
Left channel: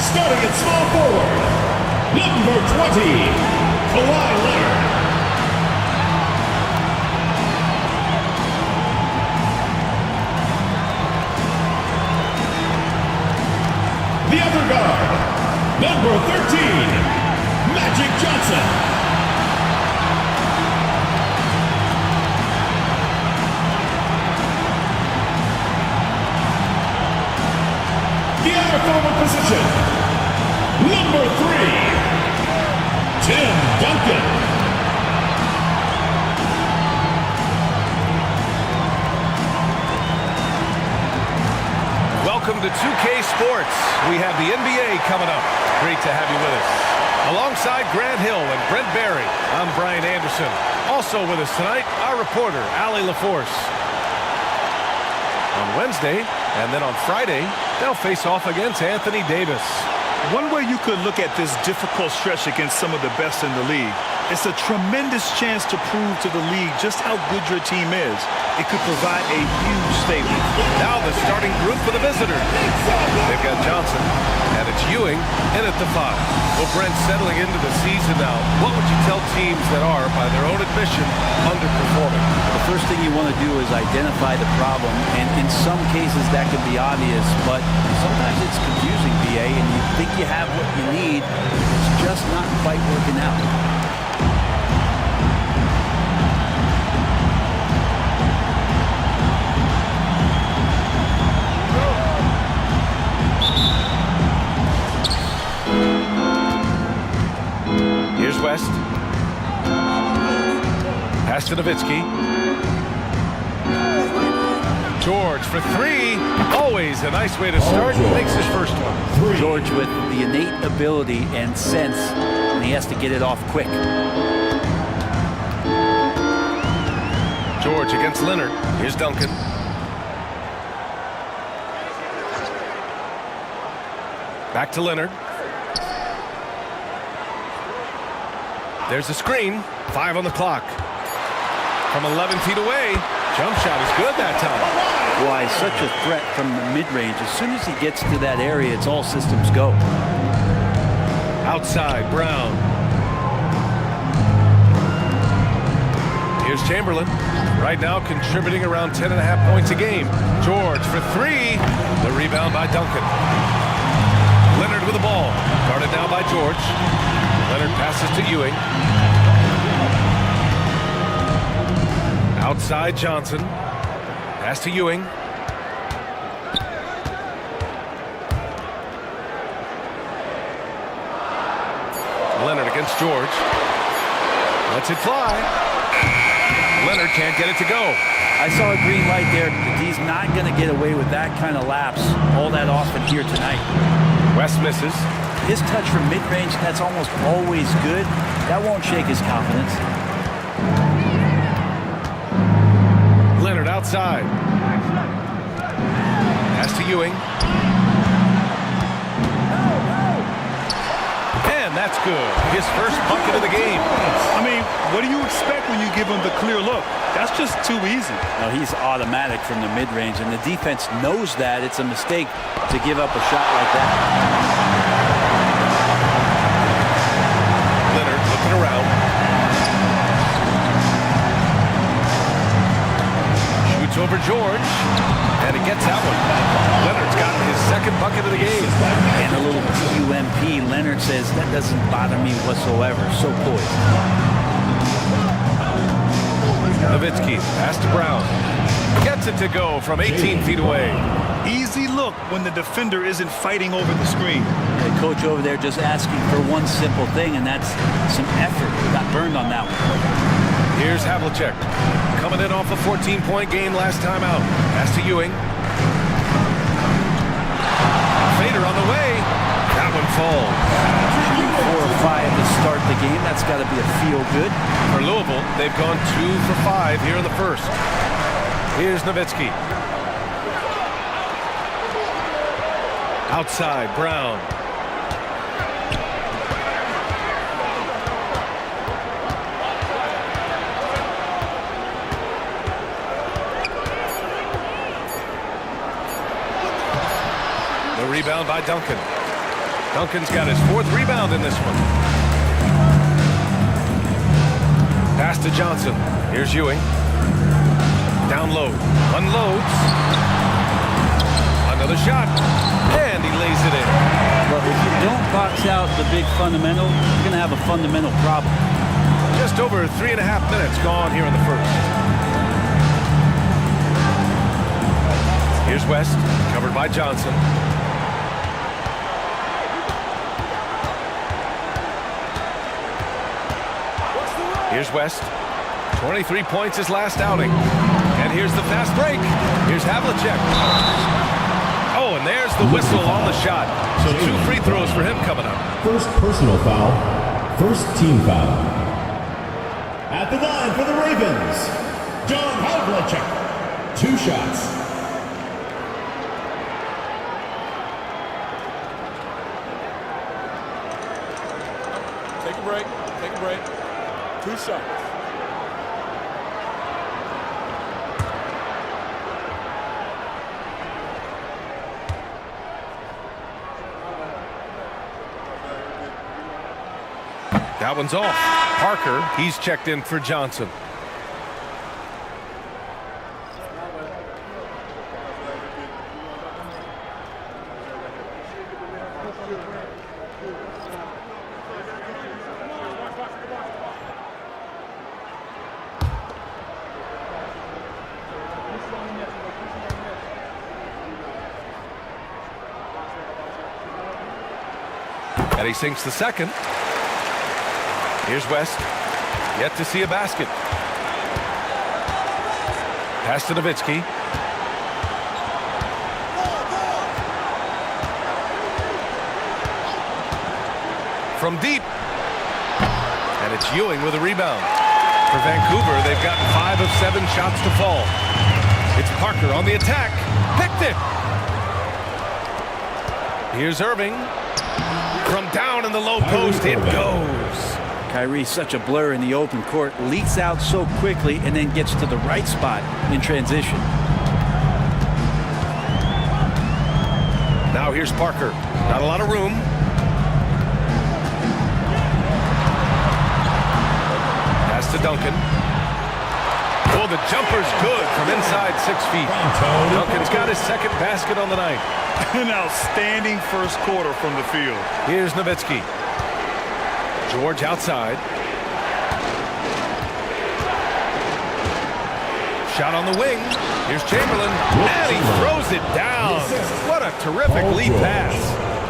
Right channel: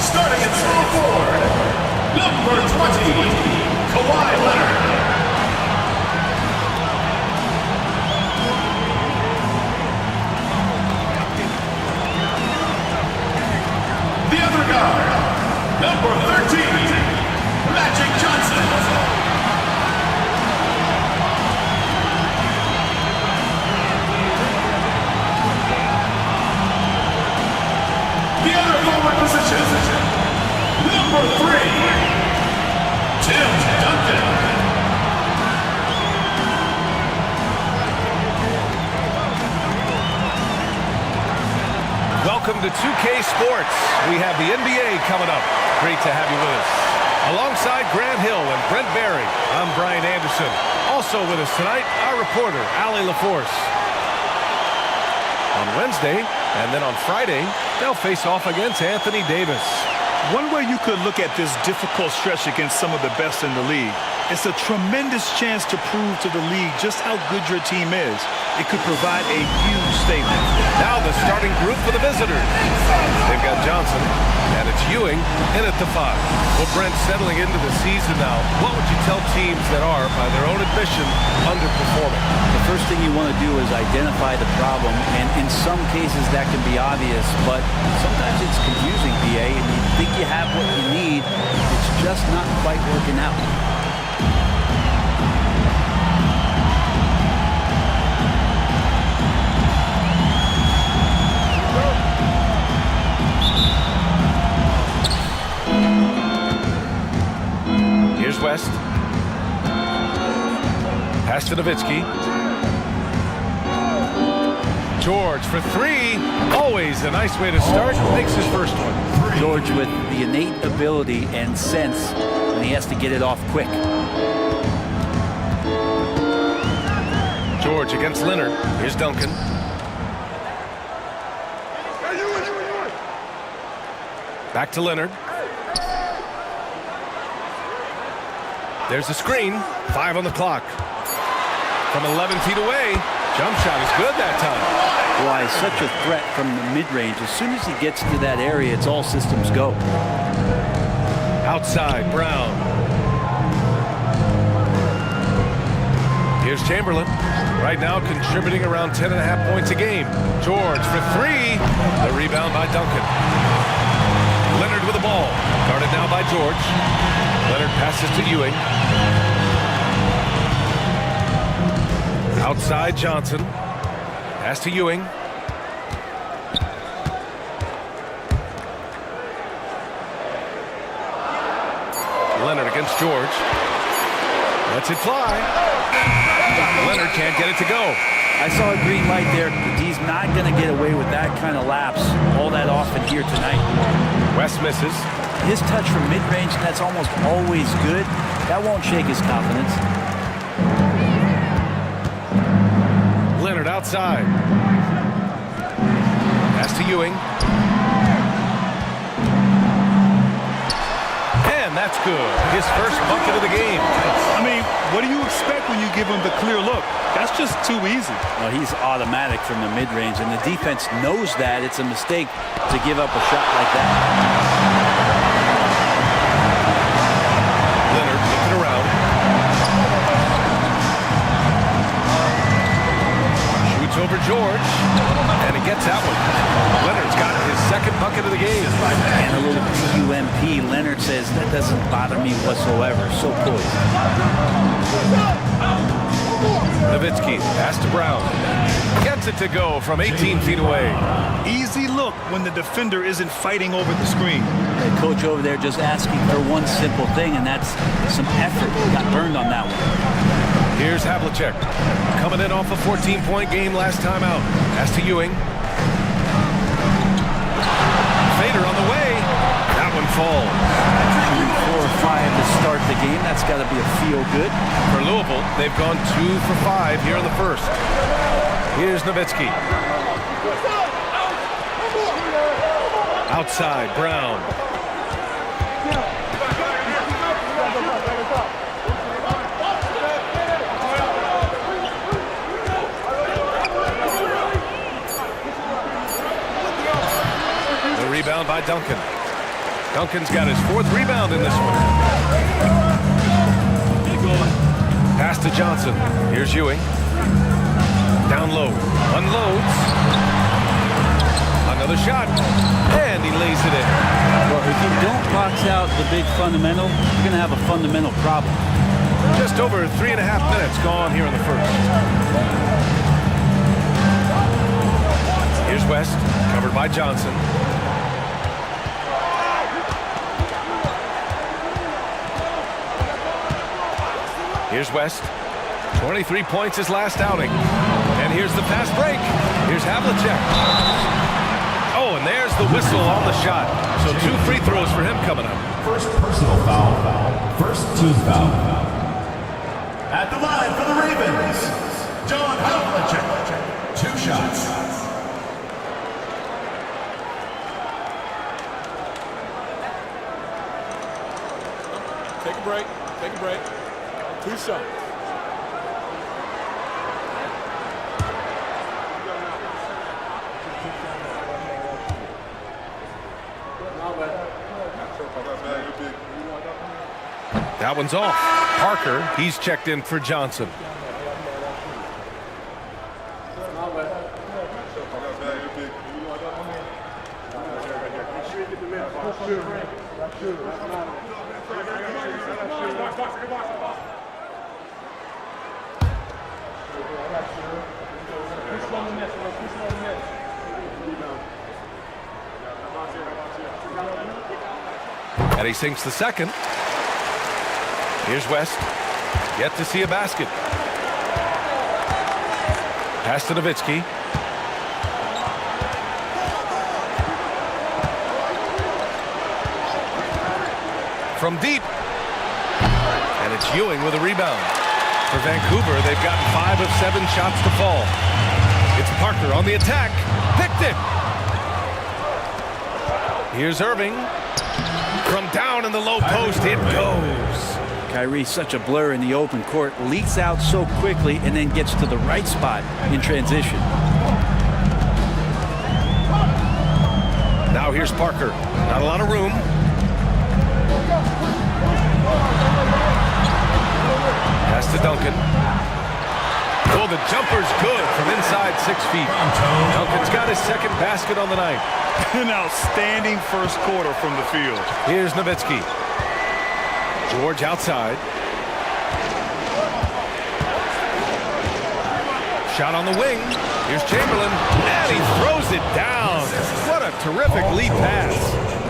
Starting at small forward, number 20, Kawhi Leonard. The other guard, number 13, Magic Johnson. The other forward position, number 3, Tim Duncan. Welcome to 2K Sports. We have the NBA coming up. Great to have you with us. Alongside Grant Hill and Brent Barry, I'm Brian Anderson. Also with us tonight, our reporter, Allie LaForce. On Wednesday, and then on Friday, they'll face off against Anthony Davis. One way you could look at this difficult stretch against some of the best in the league, it's a tremendous chance to prove to the league just how good your team is. It could provide a huge statement. Now the starting group for the visitors. They've got Johnson, and it's Ewing in at the 5. Well, Brent, settling into the season now, what would you tell teams that are, by their own admission, underperforming? The first thing you want to do is identify the problem, and in some cases that can be obvious, but sometimes it's confusing, BA, and you think you have what you need, it's just not quite working out. Here's West. Pass to Nowitzki. George for 3. Always a nice way to start. Makes his first one. George with the innate ability and sense when he has to get it off quick. George against Leonard. Here's Duncan. Back to Leonard. There's a screen. 5 on the clock. From 11 feet away. Jump shot is good that time. Why, such a threat from the mid-range. As soon as he gets to that area, it's all systems go. Outside, Brown. Here's Chamberlain. Right now contributing around 10.5 points a game. George for 3. The rebound by Duncan. Leonard with the ball. Guarded now by George. Leonard passes to Ewing. Outside Johnson. Pass to Ewing. Leonard against George. Lets it fly. Leonard can't get it to go. I saw a green light there. The D's not going to get away with that kind of lapse all that often here tonight. West misses. His touch from mid-range, that's almost always good. That won't shake his confidence. Leonard outside. Pass to Ewing. And that's good. His first bucket of the game. I mean, what do you expect when you give him the clear look? That's just too easy. No, he's automatic from the mid-range, and the defense knows that it's a mistake to give up a shot like that. Leonard looking around. Shoots over George, and he gets that one. Leonard's got his second bucket of the game. And a little PUMP. Leonard says, that doesn't bother me whatsoever. So poised. Nowitzki, pass to Brown. Gets it to go from 18 feet away. Easy look when the defender isn't fighting over the screen. The coach over there just asking for one simple thing, and that's some effort. Got burned on that one. Here's Havlicek. Coming in off a 14-point game last time out. Pass to Ewing. Fader on the way. That one falls. Shooting 4 or 5 to start the game. That's got to be a feel-good. For Louisville, they've gone 2 for 5 here in the first. Here's Nowitzki. Outside, Brown. The rebound by Duncan. Duncan's got his 4th rebound in this one. Pass to Johnson. Here's Ewing. Down low. Unloads. Another shot. And he lays it in. Well, if you don't box out the big fundamental, you're going to have a fundamental problem. Just over 3.5 minutes gone here in the first. Here's West. Covered by Johnson. Here's West. 23 points his last outing. And here's the fast break. Here's Havlicek. Oh, and there's the whistle on the shot. So 2 free throws for him coming up. First personal foul. First team foul. At the line for the Ravens, John Havlicek. 2 shots. Take a break. Take a break. 2 shots. That one's off. Parker, he's checked in for Johnson. And he sinks the second. Here's West. Yet to see a basket. Pass to Nowitzki. From deep. And it's Ewing with a rebound. For Vancouver, they've gotten 5 of 7 shots to fall. It's Parker on the attack. Picked it. Here's Irving. From down in the low post, it goes. Kyrie, such a blur in the open court, leaks out so quickly and then gets to the right spot in transition. Now here's Parker. Not a lot of room. Pass to Duncan. Oh, the jumper's good from inside 6 feet. Duncan's got his second basket on the night. An outstanding first quarter from the field. Here's Nowitzki. George outside. Shot on the wing. Here's Chamberlain. And he throws it down. What a terrific lead pass.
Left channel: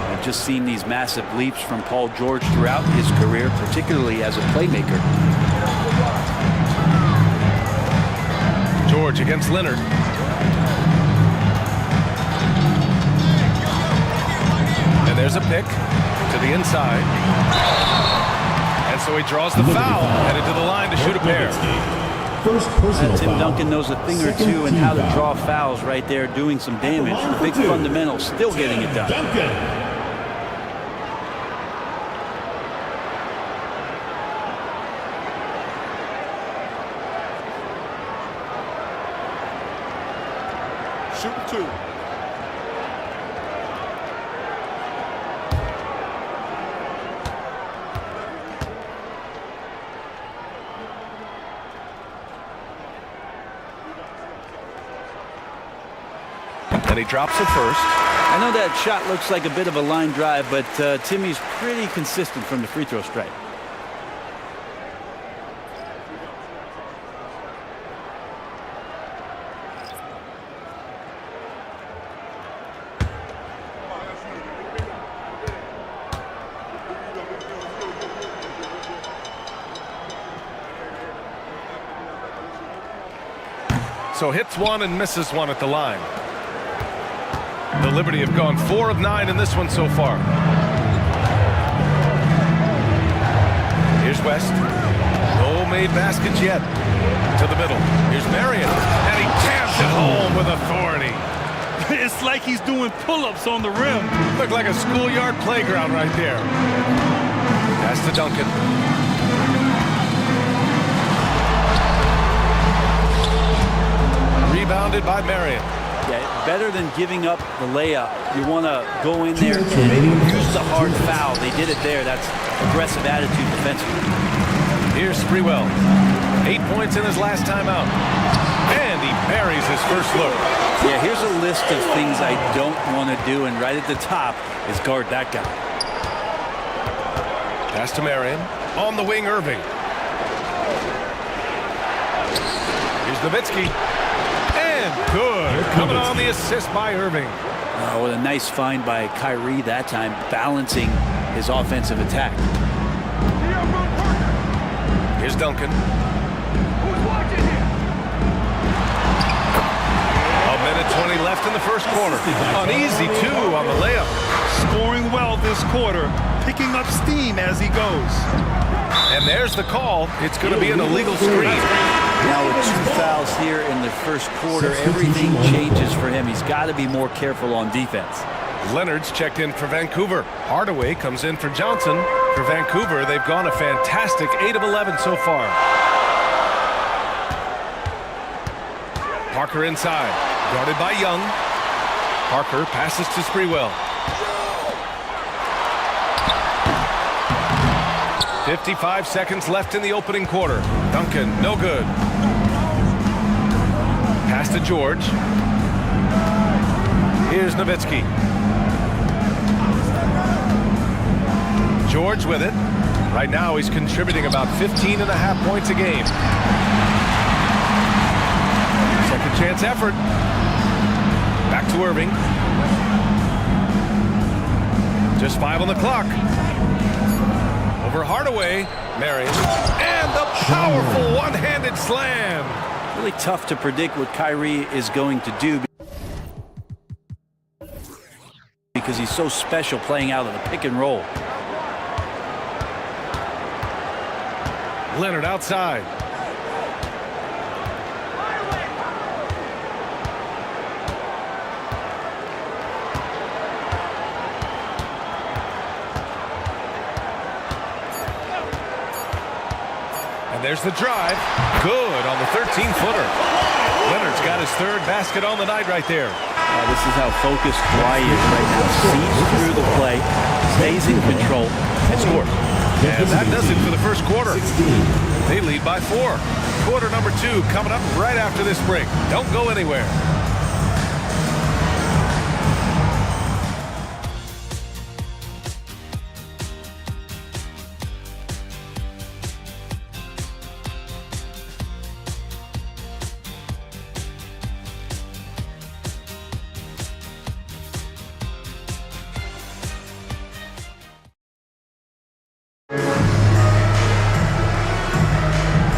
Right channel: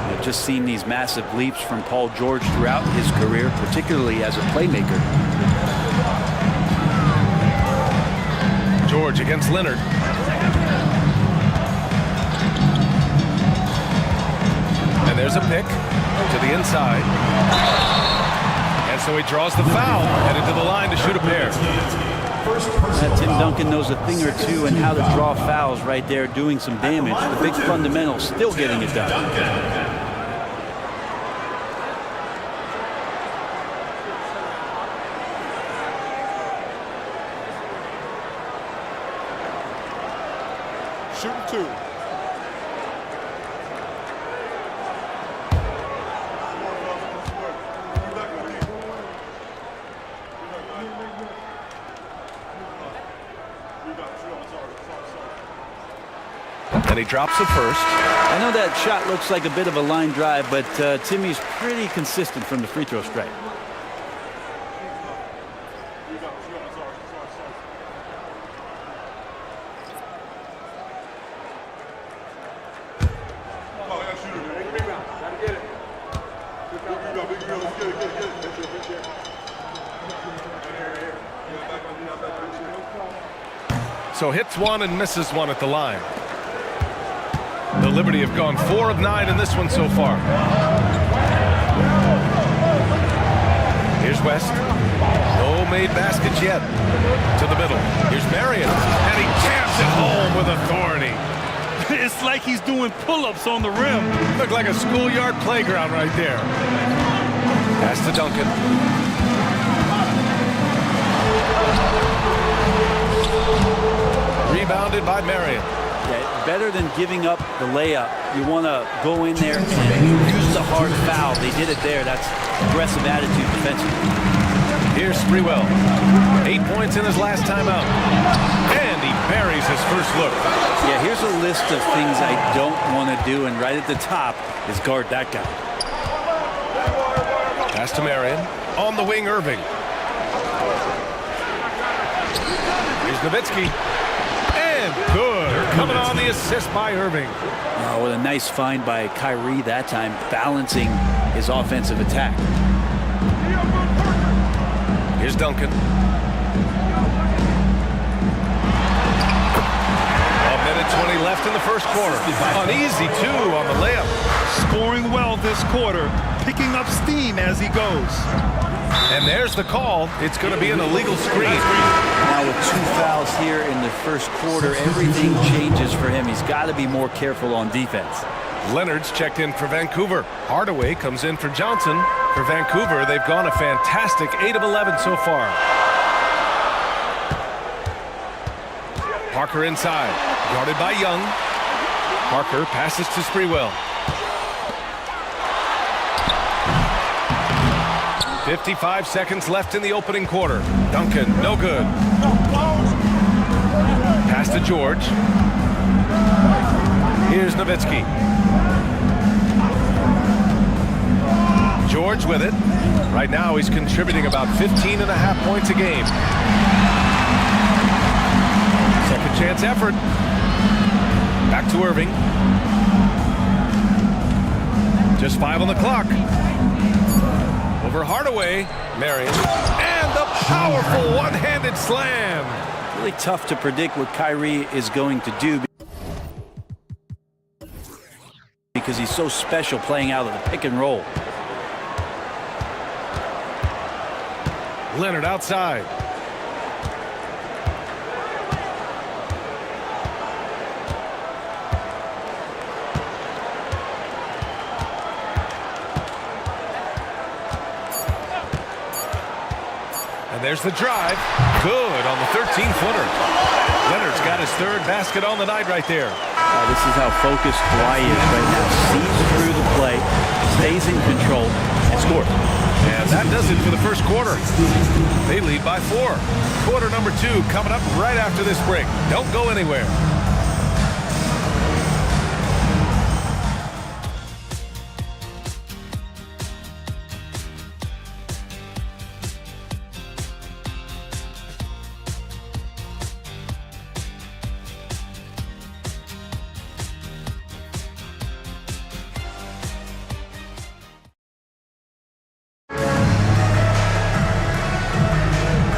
I've just seen these massive leaps from Paul George throughout his career, particularly as a playmaker. George against Leonard. And there's a pick to the inside. And so he draws the foul, headed to the line to shoot a pair. First personal Tim foul. Duncan knows a thing or two and how to draw fouls right there, doing some damage. The big fundamentals still getting it done. Duncan. Shooting 2. And he drops it first. I know that shot looks like a bit of a line drive, but Timmy's pretty consistent from the free throw stripe. So hits one and misses one at the line. The Liberty have gone 4 of 9 in this one so far. Here's West. No made baskets yet. To the middle. Here's Marion. And he jams it home with authority. It's like he's doing pull-ups on the rim. Looked like a schoolyard playground right there. Pass to Duncan. Rebounded by Marion. Yeah, better than giving up the layup. You want to go in there and use the hard foul. They did it there. That's aggressive attitude defensively. Here's Sprewell. 8 points in his last time out. And he buries his first look. Yeah, here's a list of things I don't want to do, and right at the top is guard that guy. Pass to Marion. On the wing, Irving. Here's Nowitzki. And good. Coming on the assist by Irving. Oh, what a nice find by Kyrie that time, balancing his offensive attack. Here's Duncan. A minute 20 left in the first quarter. Uneasy, too, on the layup. Scoring well this quarter, picking up steam as he goes. And there's the call. It's going to be an illegal screen. Now with 2 fouls here in the first quarter, everything changes for him. He's got to be more careful on defense. Leonard's checked in for Vancouver. Hardaway comes in for Johnson. For Vancouver, they've gone a fantastic 8 of 11 so far. Parker inside, guarded by Young. Parker passes to Sprewell. 55 seconds left in the opening quarter. Duncan, no good. Pass to George. Here's Nowitzki. George with it. Right now he's contributing about 15.5 points a game. Second chance effort. Back to Irving. Just 5 on the clock. Over Hardaway, Marion, and the powerful one-handed slam. Really tough to predict what Kyrie is going to do because he's so special playing out of the pick and roll. Leonard outside. And there's the drive. Good on the 13-footer. Leonard's got his 3rd basket on the night right there. This is how focused Kawhi is right now. Sees through the play, stays in control, and scores. And that does it for the first quarter. They lead by 4. Quarter number 2 coming up right after this break. Don't go anywhere.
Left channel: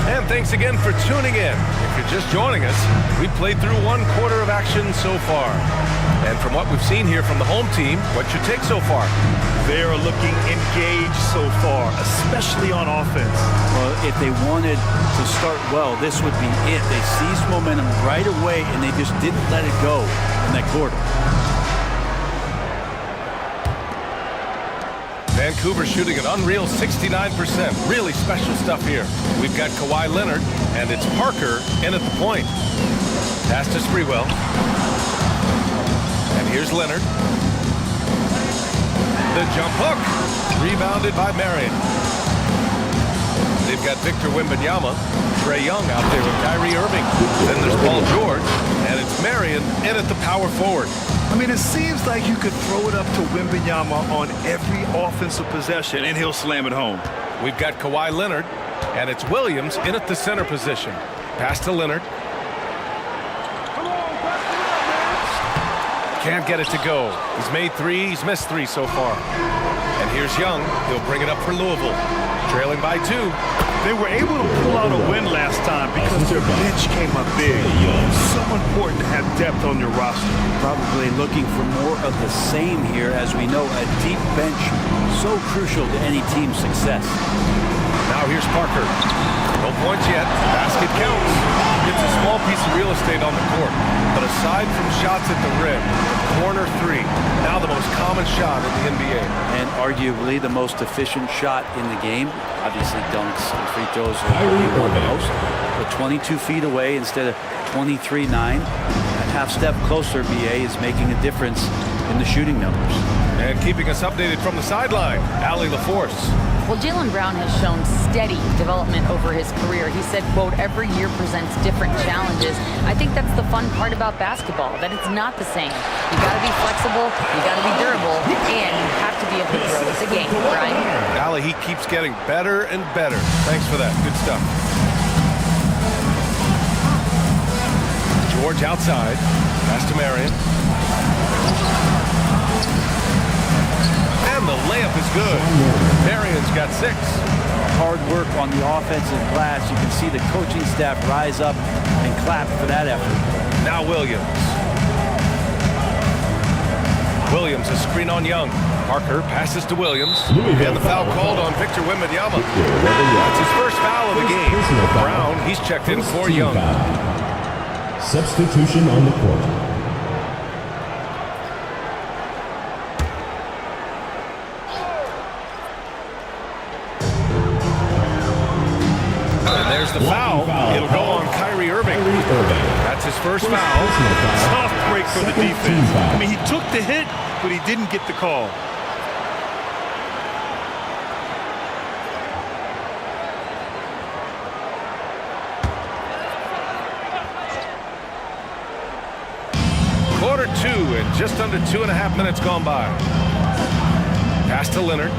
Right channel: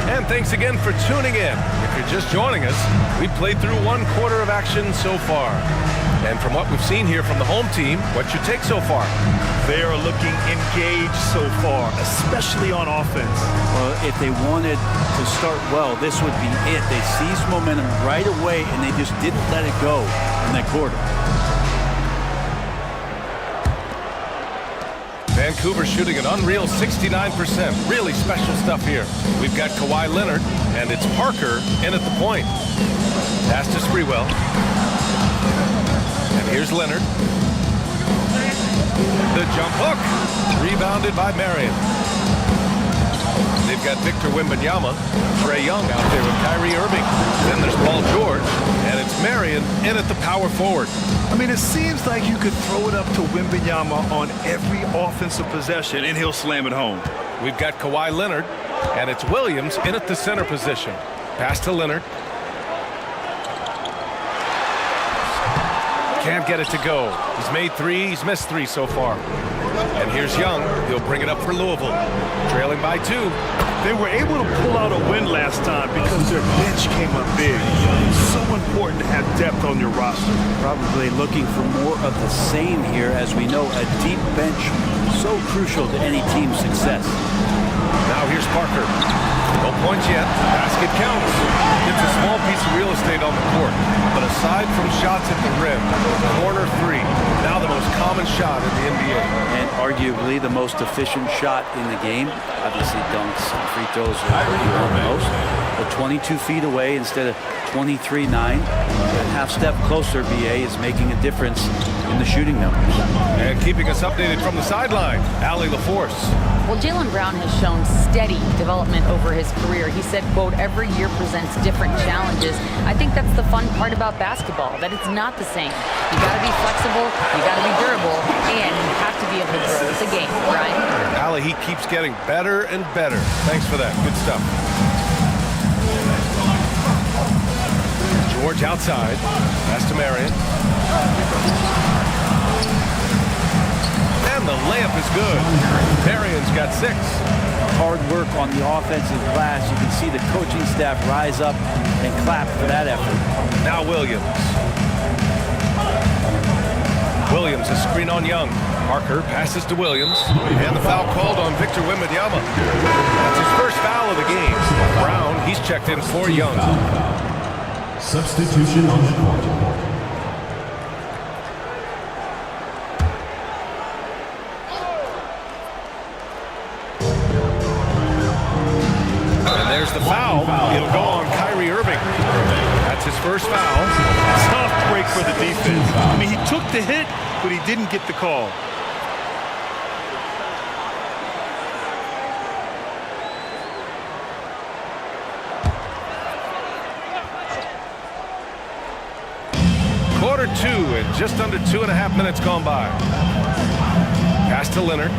And thanks again for tuning in. If you're just joining us, we played through 1 quarter of action so far. And from what we've seen here from the home team, what's your take so far? They are looking engaged so far, especially on offense. Well, if they wanted to start well, this would be it. They seized momentum right away, and they just didn't let it go in that quarter. Vancouver shooting an unreal 69%. Really special stuff here. We've got Kawhi Leonard, and it's Parker in at the point. Pass to Sprewell. And here's Leonard. The jump hook. Rebounded by Marion. They've got Victor Wembanyama, Trae Young out there with Kyrie Irving. Then there's Paul George, and it's Marion in at the power forward. I mean, it seems like you could throw it up to Wembanyama on every offensive possession, and he'll slam it home. We've got Kawhi Leonard, and it's Williams in at the center position. Pass to Leonard. Can't get it to go. He's made 3, he's missed 3 so far. And here's Young. He'll bring it up for Louisville. Trailing by 2. They were able to pull out a win last time because their bench came up big. It's so important to have depth on your roster. Probably looking for more of the same here. As we know, a deep bench so crucial to any team's success. Now here's Parker. No points yet. Basket counts. It's a small piece of real estate on the court. But aside from shots at the rim, corner 3, now the most common shot in the NBA. And arguably the most efficient shot in the game. Obviously dunks and free throws are what he won the most. But 22 feet away instead of 23-9. That half step closer, BA, is making a difference in the shooting numbers. And keeping us updated from the sideline, Allie LaForce. Well, Jaylen Brown has shown steady development over his career. He said, quote, every year presents different challenges. I think that's the fun part about basketball, that it's not the same. You got to be flexible, you got to be durable, and you have to be able to grow with the game, Brian. Allie, he keeps getting better and better. Thanks for that. Good stuff. George outside. Pass to Marion. And the layup is good. Marion's got 6. Hard work on the offensive glass. You can see the coaching staff rise up and clap for that effort. Now Williams. Williams, a screen on Young. Parker passes to Williams. And the foul called on Victor Wembanyama. That's his first foul of the game. Brown, he's checked in for Young. Substitution on the court. And there's the foul. It'll go on Kyrie Irving. That's his first foul. Tough break for the defense. I mean, he took the hit, but he didn't get the call. Quarter 2 and just under 2.5 minutes gone by. Pass to Leonard.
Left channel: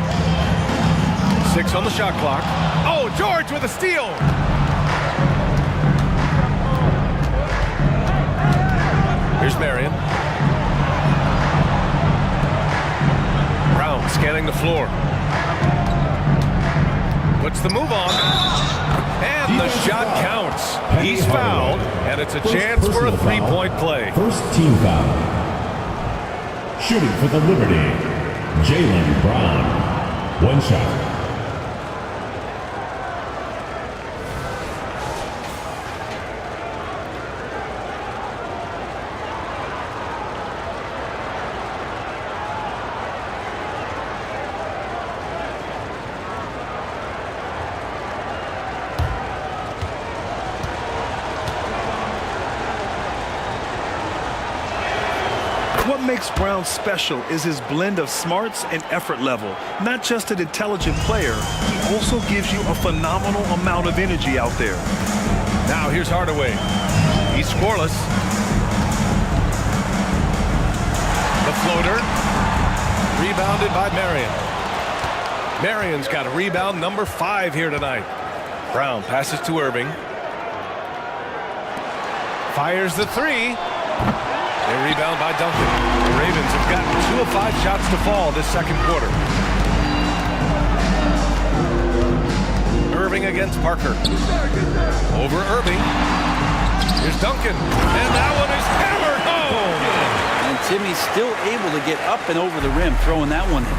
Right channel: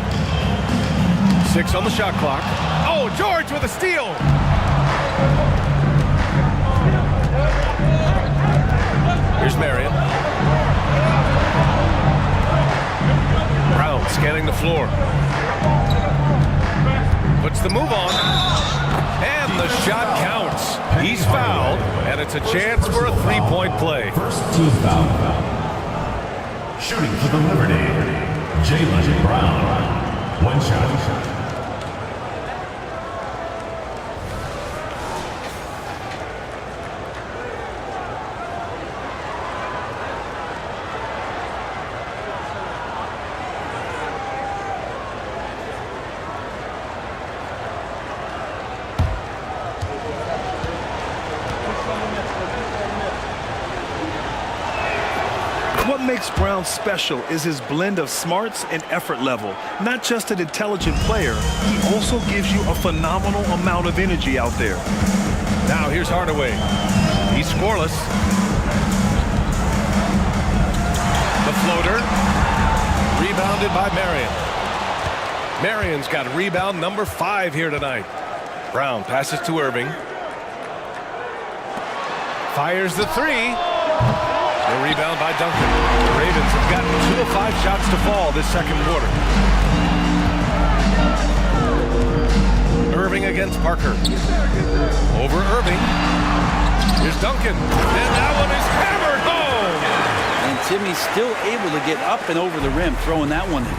6 on the shot clock. Oh, George with a steal. Here's Marion. Brown scanning the floor. Puts the move on. And the shot counts. He's fouled, and it's a chance for a 3-point play. First team foul. Shooting for the Liberty, Jaylen Brown. 1 shot. What makes Brown special is his blend of smarts and effort level. Not just an intelligent player, he also gives you a phenomenal amount of energy out there. Now here's Hardaway. He's scoreless. The floater. Rebounded by Marion. Marion's got rebound number 5 here tonight. Brown passes to Irving. Fires the 3. A rebound by Duncan. The Ravens have gotten 2 of 5 shots to fall this second quarter. Irving against Parker. Over Irving. Here's Duncan. And that one is hammered home. And Timmy's still able to get up and over the rim, throwing that one in.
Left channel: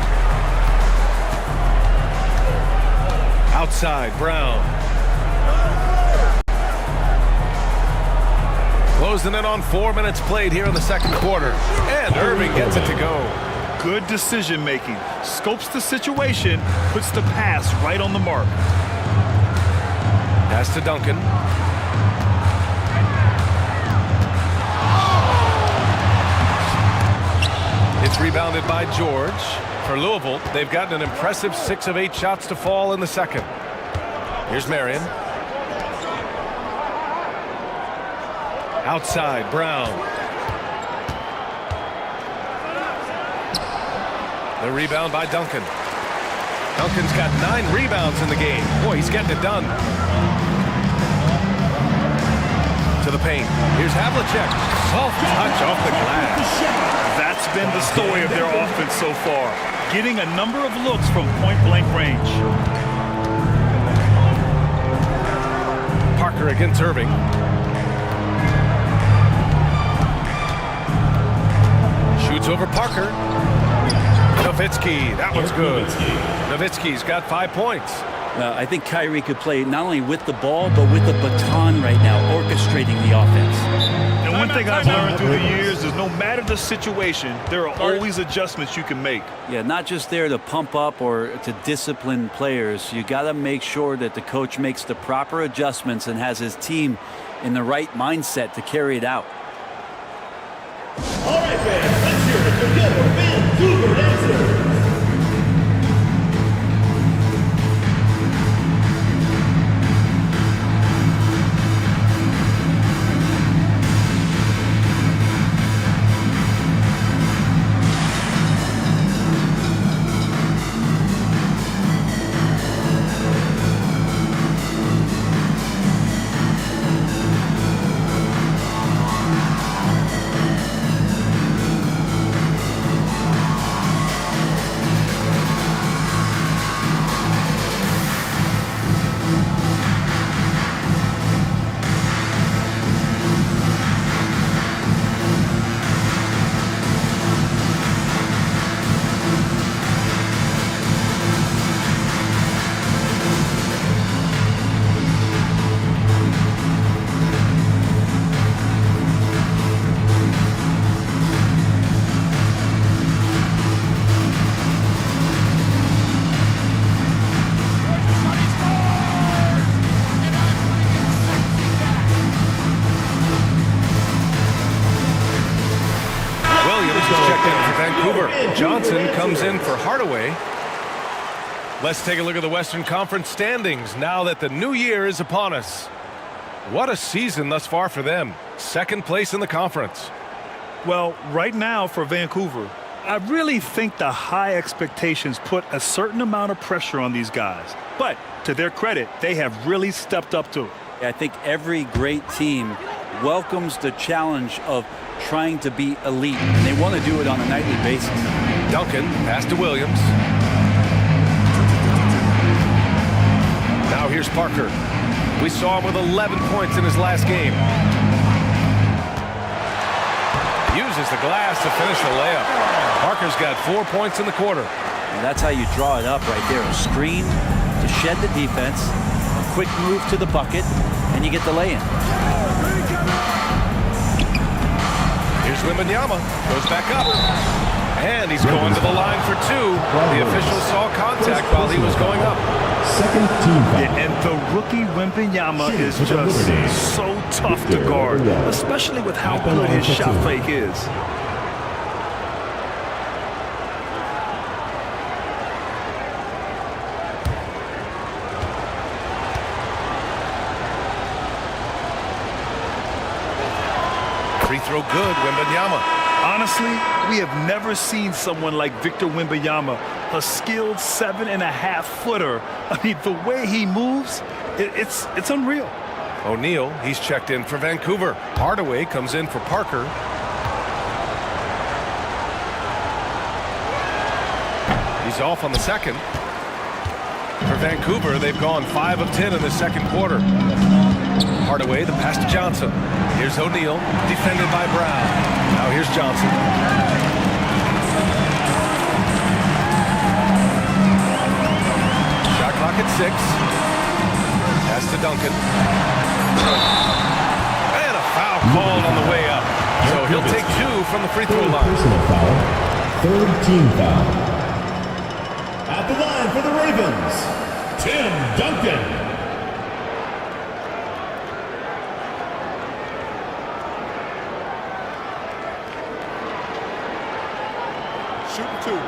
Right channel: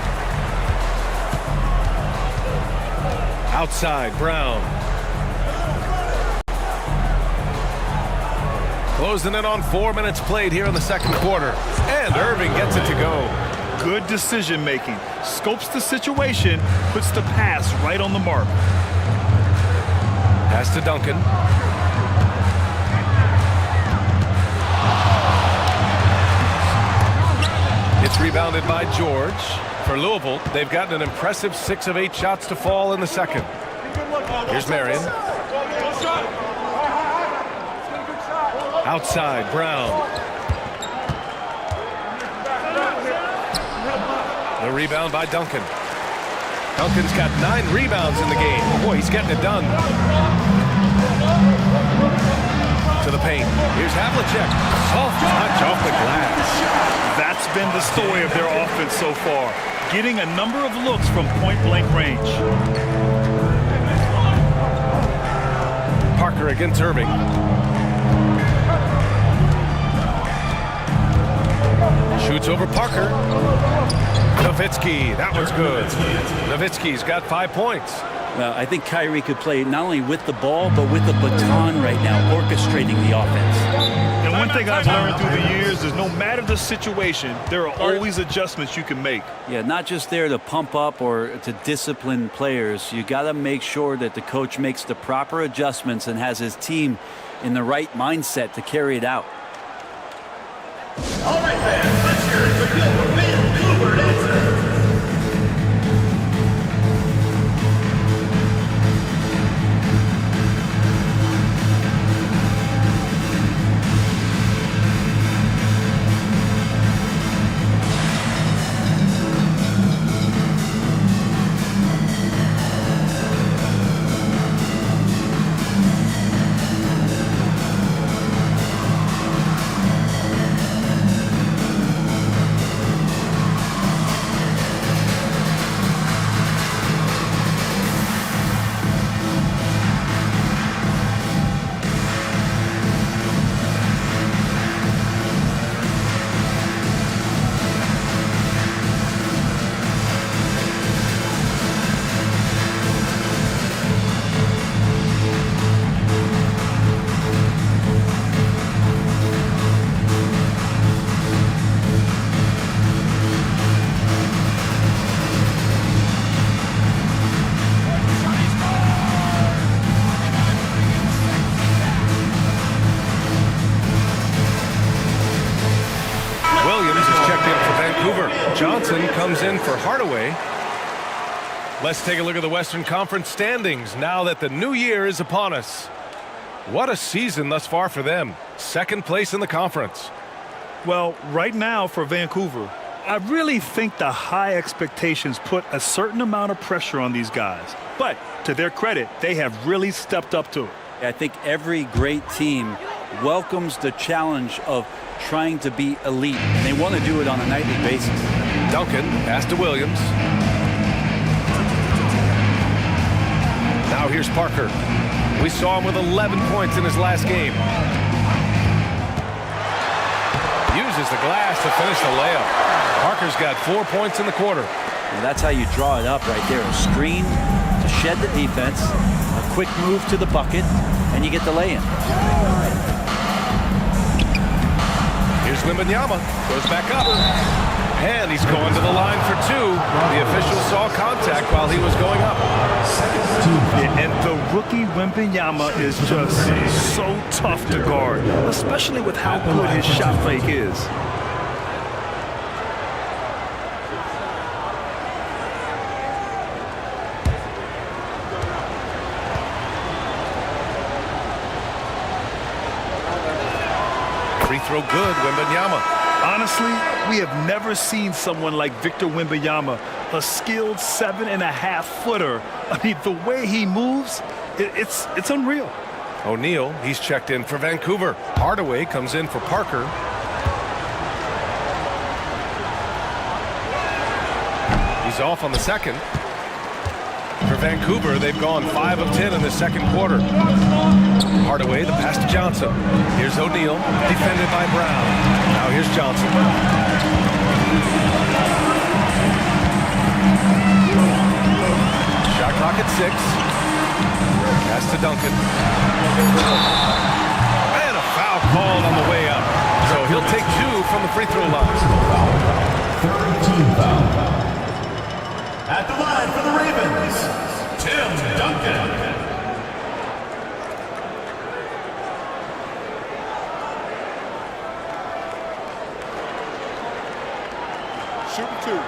Outside, Brown. Closing in on 4 minutes played here in the second quarter. And Irving gets it to go. Good decision making. Scopes the situation, puts the pass right on the mark. Pass to Duncan. It's rebounded by George. For Louisville, they've gotten an impressive 6 of 8 shots to fall in the second. Here's Marion. Outside, Brown. The rebound by Duncan. Duncan's got 9 rebounds in the game. Boy, he's getting it done. To the paint. Here's Havlicek. Soft touch off the glass. That's been the story of their offense so far. Getting a number of looks from point-blank range. Parker against Irving. Shoots over Parker. Nowitzki, that one's good. Nowitzki's got 5 points. Well, I think Kyrie could play not only with the ball, but with the baton right now, orchestrating the offense. And one thing I've learned through the years is no matter the situation, there are always adjustments you can make. Yeah, not just there to pump up or to discipline players. You got to make sure that the coach makes the proper adjustments and has his team in the right mindset to carry it out. All right, fans, let's hear it for your Vancouver dancer. Johnson comes in for Hardaway. Let's take a look at the Western Conference standings now that the new year is upon us. What a season thus far for them. Second place in the conference. Well, right now for Vancouver, I really think the high expectations put a certain amount of pressure on these guys. But to their credit, they have really stepped up to it. I think every great team welcomes the challenge of trying to be elite, and they want to do it on a nightly basis. Duncan, pass to Williams. Now here's Parker. We saw him with 11 points in his last game. Uses the glass to finish the layup. Parker's got 4 points in the quarter. Well, that's how you draw it up right there. A screen to shed the defense, a quick move to the bucket, and you get the lay-in. Here's Wembanyama. Goes back up. And he's going to the line for 2. The official saw contact while he was going up. Second team foul. Yeah, and the rookie Wembanyama is just so tough to guard, especially with how good his shot fake is. Free throw good, Wembanyama. Honestly, we have never seen someone like Victor Wembanyama, a skilled 7.5-footer. I mean, the way he moves, it's unreal. O'Neal, he's checked in for Vancouver. Hardaway comes in for Parker. He's off on the second. For Vancouver, they've gone 5 of 10 in the second quarter. Hardaway, the pass to Johnson. Here's O'Neal, defended by Brown. Now here's Johnson. Shot clock at 6. Pass to Duncan. And a foul called on the way up. So he'll take 2 from the free throw line. Personal foul. Third team foul. At the line for the Ravens, Tim Duncan. Shooting 2.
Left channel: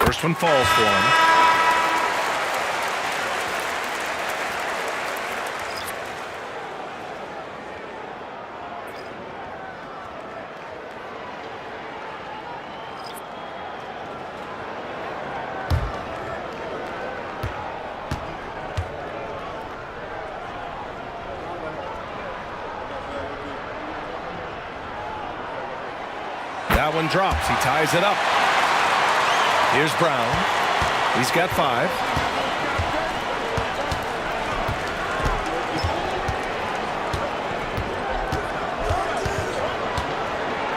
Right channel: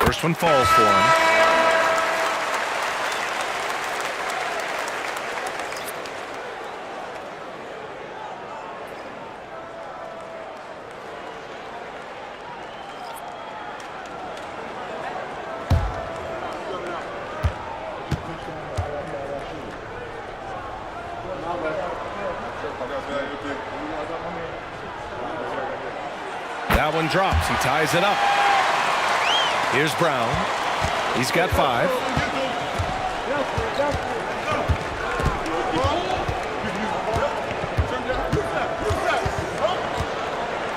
First one falls for him. That one drops. He ties it up. Here's Brown. He's got 5.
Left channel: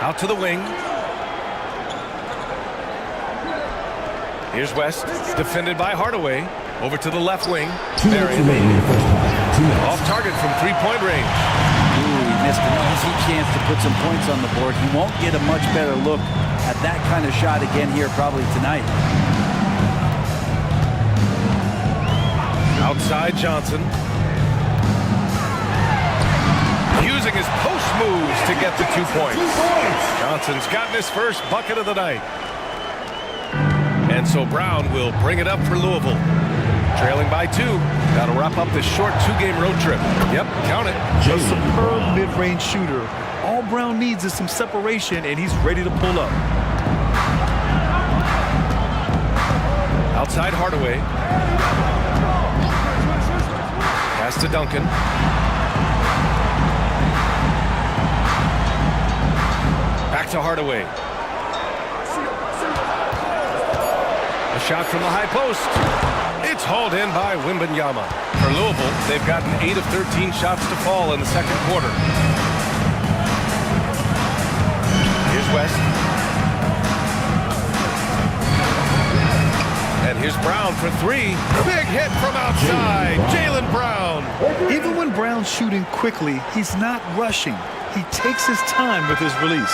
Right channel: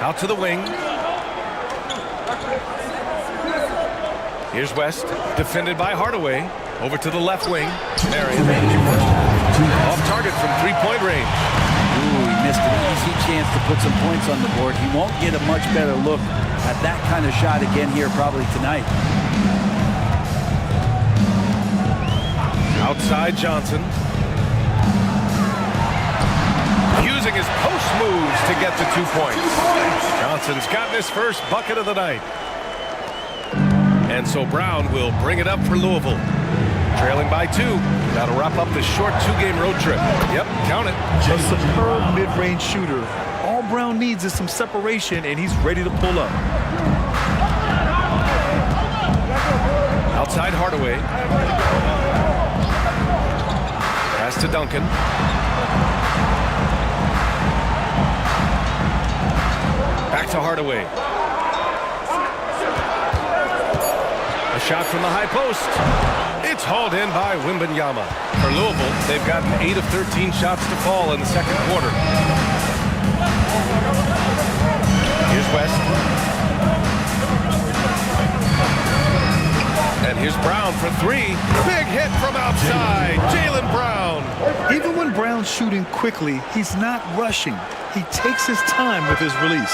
Out to the wing. Here's West, defended by Hardaway. Over to the left wing. Marion. Off target from 3-point range. Ooh, he missed an easy chance to put some points on the board. He won't get a much better look at that kind of shot again here probably tonight. Outside Johnson. Using his post moves to get the 2 points. Johnson's gotten his first bucket of the night. And so Brown will bring it up for Louisville. Trailing by 2. That'll wrap up this short 2-game road trip. Yep, count it. A superb mid-range shooter. All Brown needs is some separation, and he's ready to pull up. Outside Hardaway. Pass to Duncan. Back to Hardaway. A shot from the high post. It's hauled in by Wembanyama. For Louisville, they've gotten 8 of 13 shots to fall in the second quarter. Here's West. And here's Brown for 3. Big hit from outside. Jaylen Brown. Even when Brown's shooting quickly, he's not rushing. He takes his time with his release.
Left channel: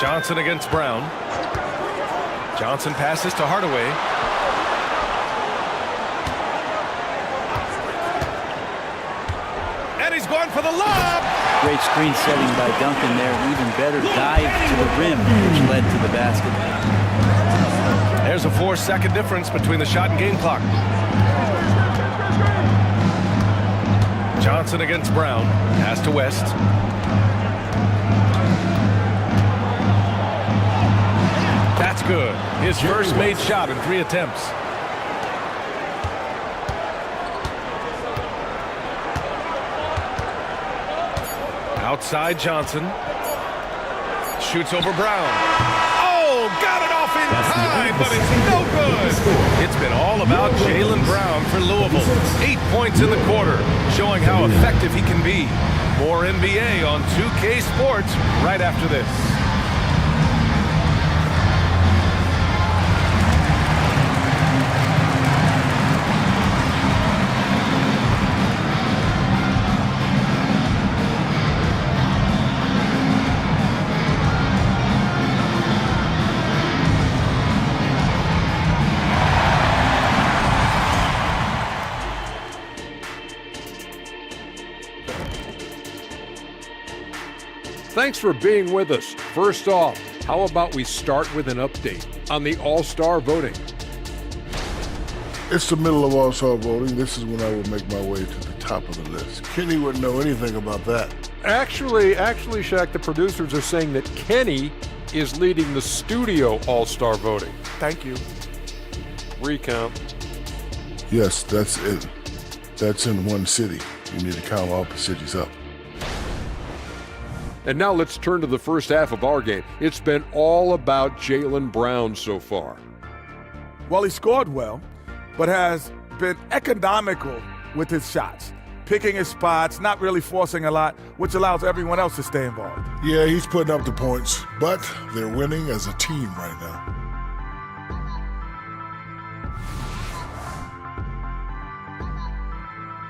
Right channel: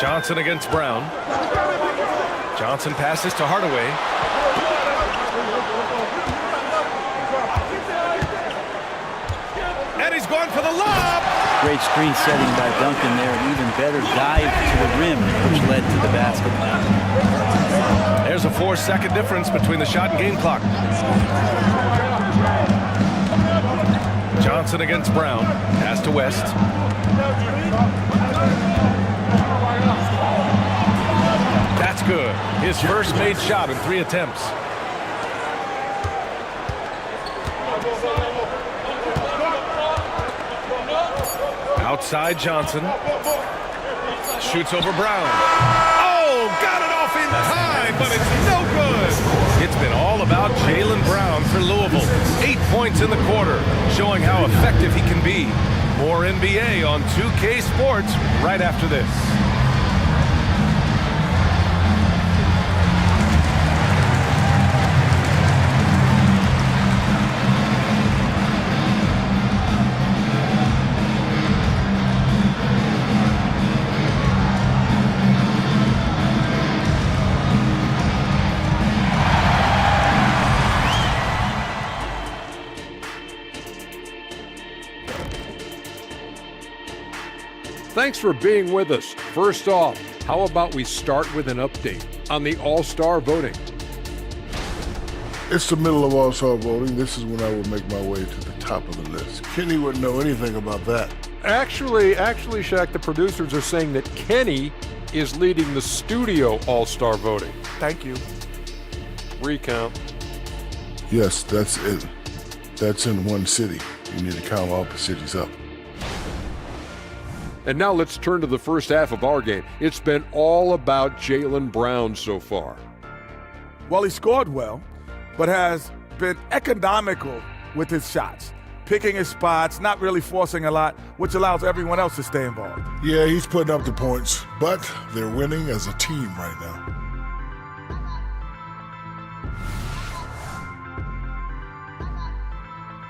Johnson against Brown. Johnson passes to Hardaway. And he's going for the lob. Great screen setting by Duncan there, and even better dive to the rim, which led to the basket. There's a 4-second difference between the shot and game clock. Johnson against Brown. Pass to West. That's good. His first made shot in 3 attempts. Outside Johnson. Shoots over Brown. Oh, got it off in time, but it's no good. It's been all about Jaylen Brown for Louisville. 8 points in the quarter, showing how effective he can be. More NBA on 2K Sports right after this. Thanks for being with us. First off, how about we start with an update on the All-Star voting? It's the middle of All-Star voting. This is when I will make my way to the top of the list. Kenny wouldn't know anything about that. Actually, Shaq, the producers are saying that Kenny is leading the studio All-Star voting. Thank you. Recount. Yes, that's it. That's in one city. You need to count all the cities up. And now let's turn to the first half of our game. It's been all about Jaylen Brown so far. Well, he scored well, but has been economical with his shots, picking his spots, not really forcing a lot, which allows everyone else to stay involved. Yeah, he's putting up the points, but they're winning as a team right now.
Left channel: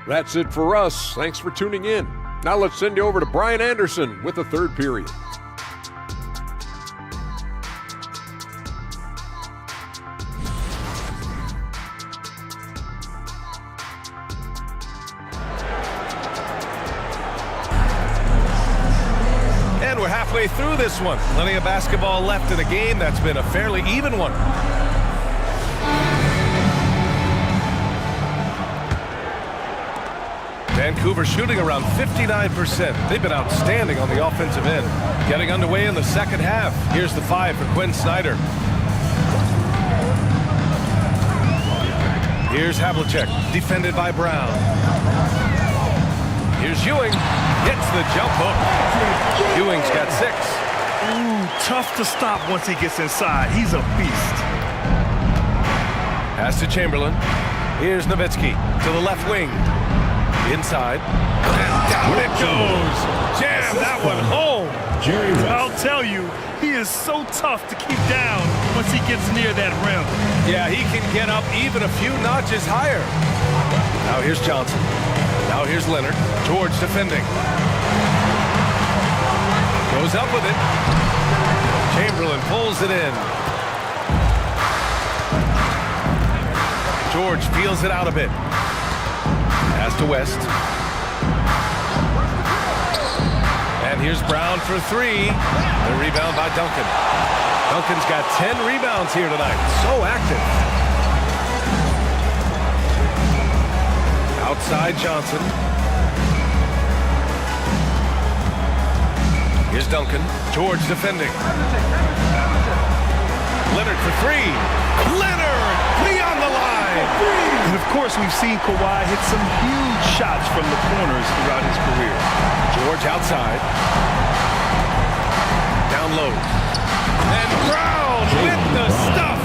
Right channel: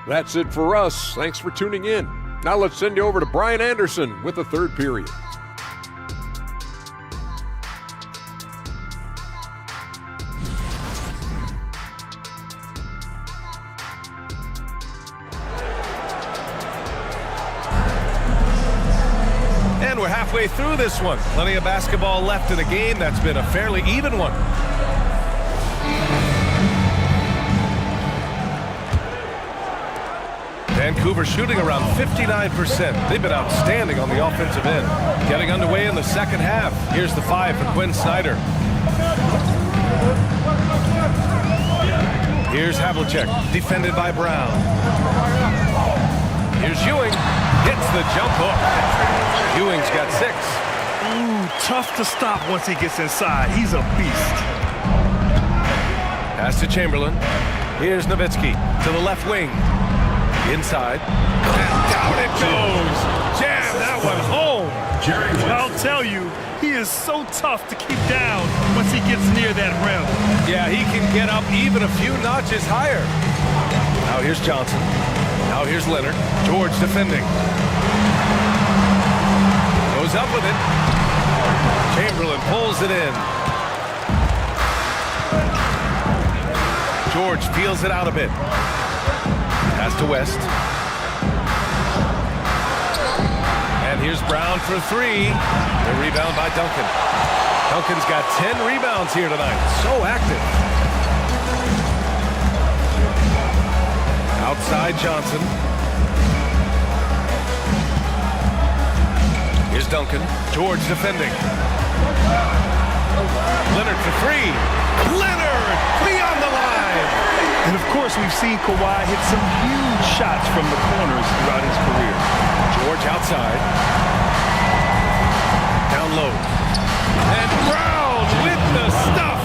That's it for us. Thanks for tuning in. Now let's send you over to Brian Anderson with the third period. And we're halfway through this one. Plenty of basketball left in a game that's been a fairly even one. Vancouver shooting around 59%. They've been outstanding on the offensive end. Getting underway in the second half. Here's the 5 for Quinn Snyder. Here's Havlicek, defended by Brown. Here's Ewing, hits the jump hook. Ewing's got 6. Ooh, tough to stop once he gets inside. He's a beast. Pass to Chamberlain. Here's Nowitzki to the left wing. Inside. And down it goes. Jam that one home. I'll tell you, he is so tough to keep down once he gets near that rim. Yeah, he can get up even a few notches higher. Now here's Johnson. Now here's Leonard. George defending. Goes up with it. Chamberlain pulls it in. George feels it out a bit. Pass to West. And here's Brown for 3. The rebound by Duncan. Duncan's got 10 rebounds here tonight. So active. Outside Johnson. Here's Duncan. George defending. Leonard for 3. Leonard beyond the line. And of course, we've seen Kawhi hit some huge shots from the corners throughout his career. George outside. Down low. And Brown with the stuff.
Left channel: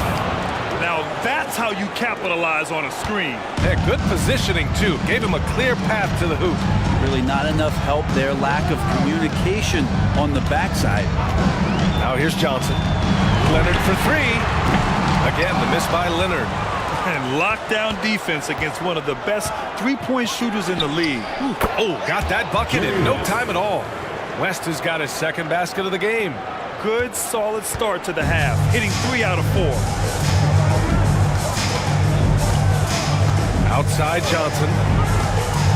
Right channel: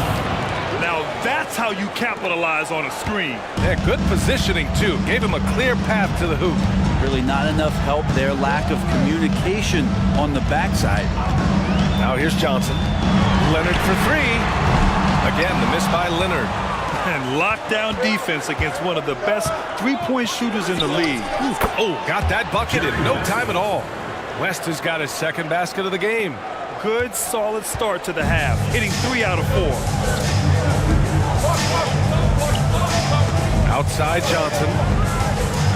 Now that's how you capitalize on a screen. Yeah, good positioning, too. Gave him a clear path to the hoop. Really not enough help there. Lack of communication on the backside. Now here's Johnson. Leonard for 3. Again, the miss by Leonard. And lockdown defense against one of the best three-point shooters in the league. Ooh. Oh, got that bucket in no time at all. West has got his second basket of the game. Good, solid start to the half, hitting 3 out of 4. Outside Johnson.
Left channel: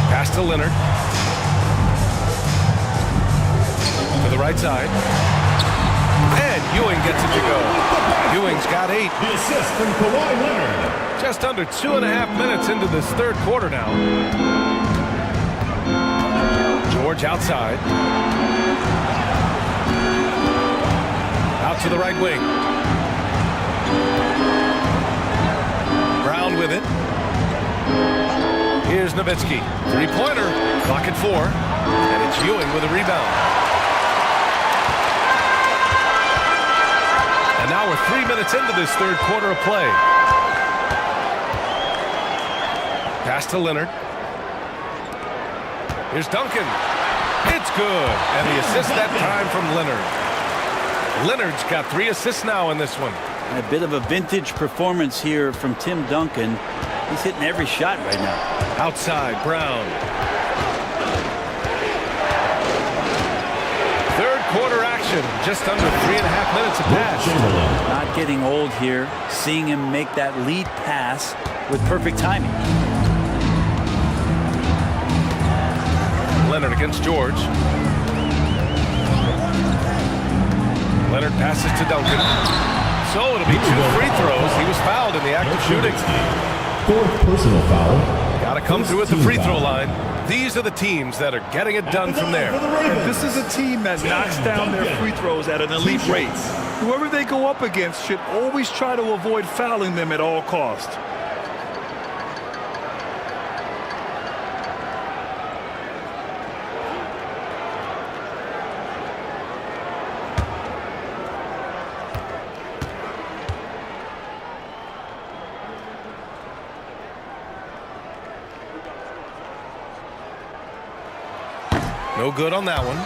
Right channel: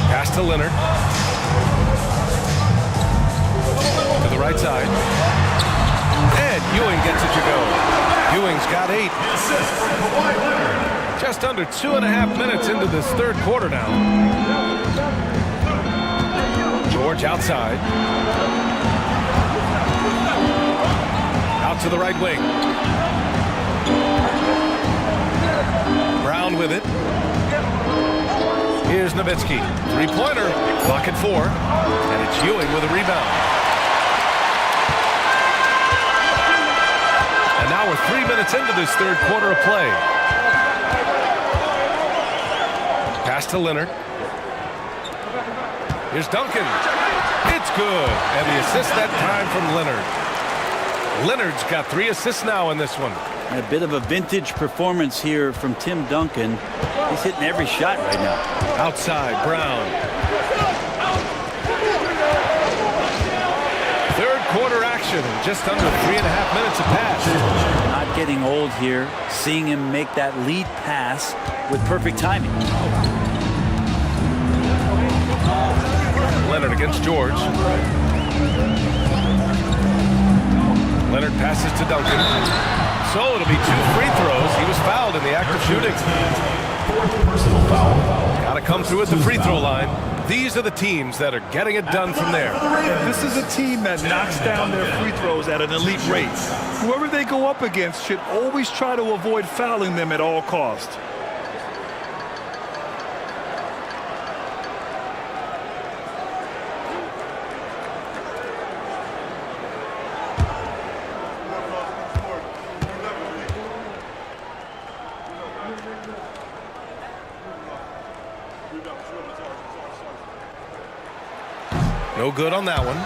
Pass to Leonard. To the right side. And Ewing gets it to go. Ewing's got 8. The assist from Kawhi Leonard. Just under 2.5 minutes into this third quarter now. George outside. Out to the right wing. Brown with it. Here's Nowitzki. 3-pointer. Clock at 4. And it's Ewing with a rebound. And now we're 3 minutes into this third quarter of play. Pass to Leonard. Here's Duncan. It's good. And the assist that time from Leonard. Leonard's got 3 assists now in this one. A bit of a vintage performance here from Tim Duncan. He's hitting every shot right now. Outside, Brown. Third quarter action. Just under 3.5 minutes of pass. Not getting old here. Seeing him make that lead pass with perfect timing. Leonard against George. Leonard passes to Duncan. So it'll be 2 free throws. He was fouled in the act of shooting. 4th personal foul. Got to come through at the free throw line. These are the teams that are getting it done from there. And this is a team that knocks down their free throws at an elite rate. Whoever they go up against should always try to avoid fouling them at all costs. No good on that one.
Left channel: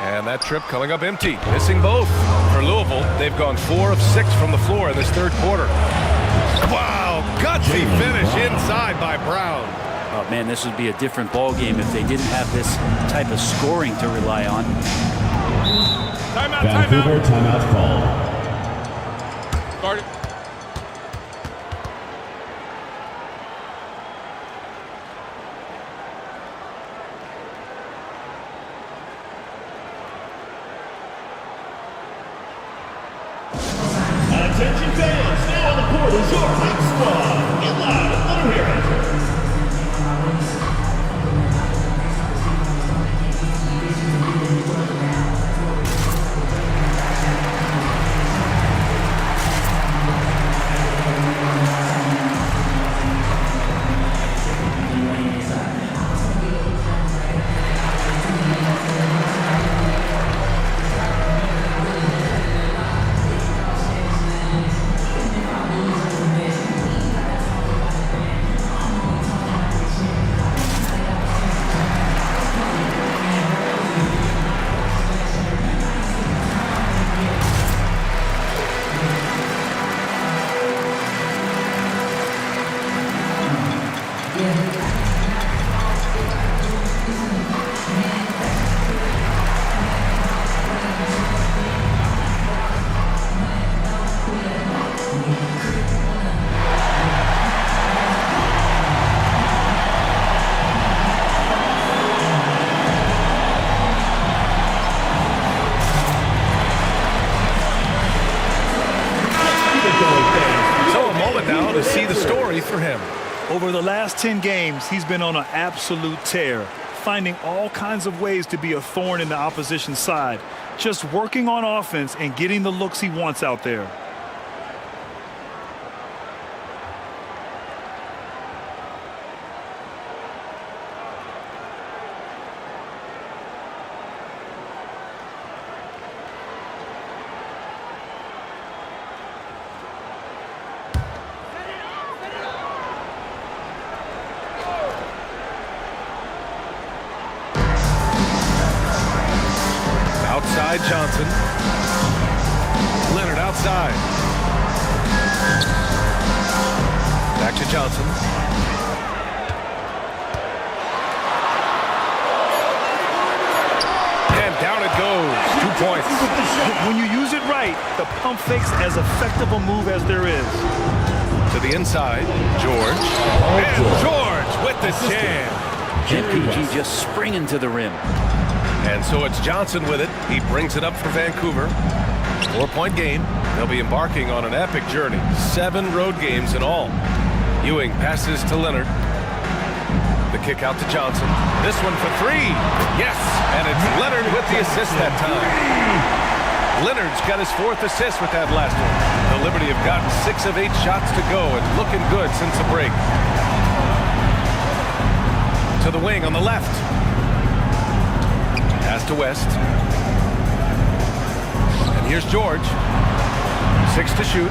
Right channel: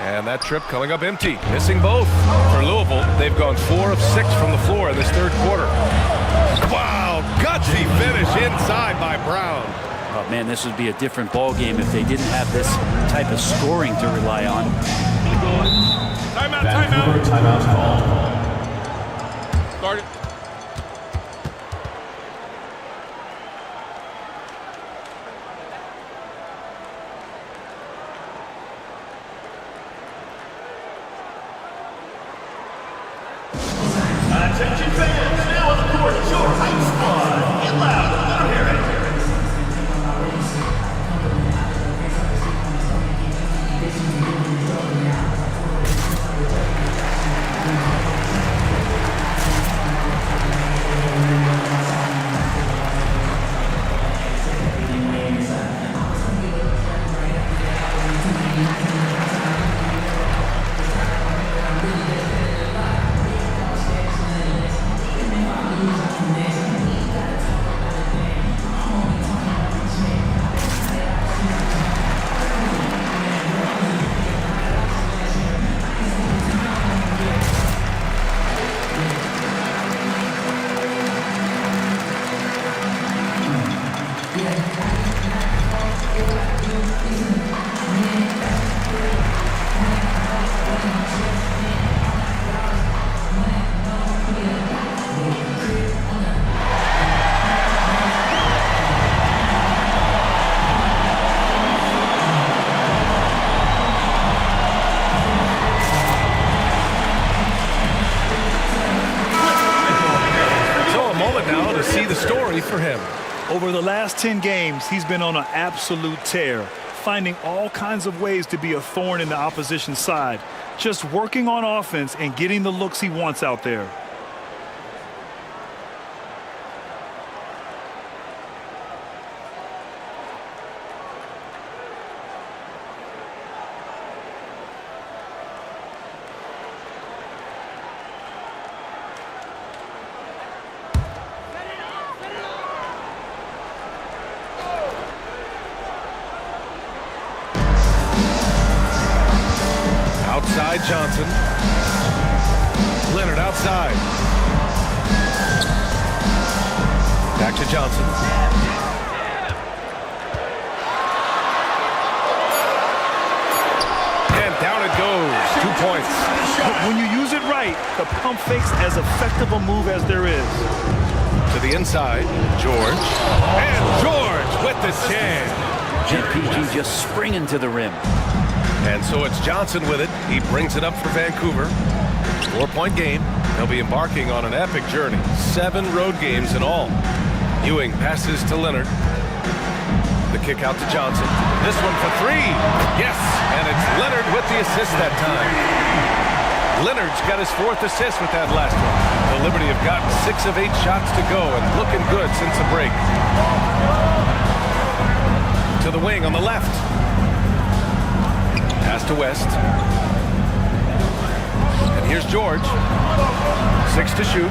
And that trip coming up empty. Missing both for Louisville. They've gone 4 of 6 from the floor in this third quarter. Wow, gutsy finish inside by Brown. Oh, man, this would be a different ball game if they didn't have this type of scoring to rely on. Timeout, Vancouver, timeout called. Start it. Attention fans, now on the court is your hype squad. Get loud, let them hear it. Now to see the story for him. Over the last 10 games, he's been on an absolute tear, finding all kinds of ways to be a thorn in the opposition's side, just working on offense and getting the looks he wants out there. Outside Johnson. Leonard outside. Back to Johnson. And down it goes. 2 points. When you use it right, the pump fake's as effective a move as there is. To the inside, George. And George with the jam. MPG just springing to the rim. And so it's Johnson with it. He brings it up for Vancouver. 4-point game. They'll be embarking on an epic journey. 7 road games in all. Ewing passes to Leonard. The kick out to Johnson. This one for 3. Yes, and it's Leonard with the assist that time. Leonard's got his 4th assist with that last one. The Liberty have gotten 6 of 8 shots to go and looking good since the break. To the wing on the left. Pass to West. And here's George. 6 to shoot.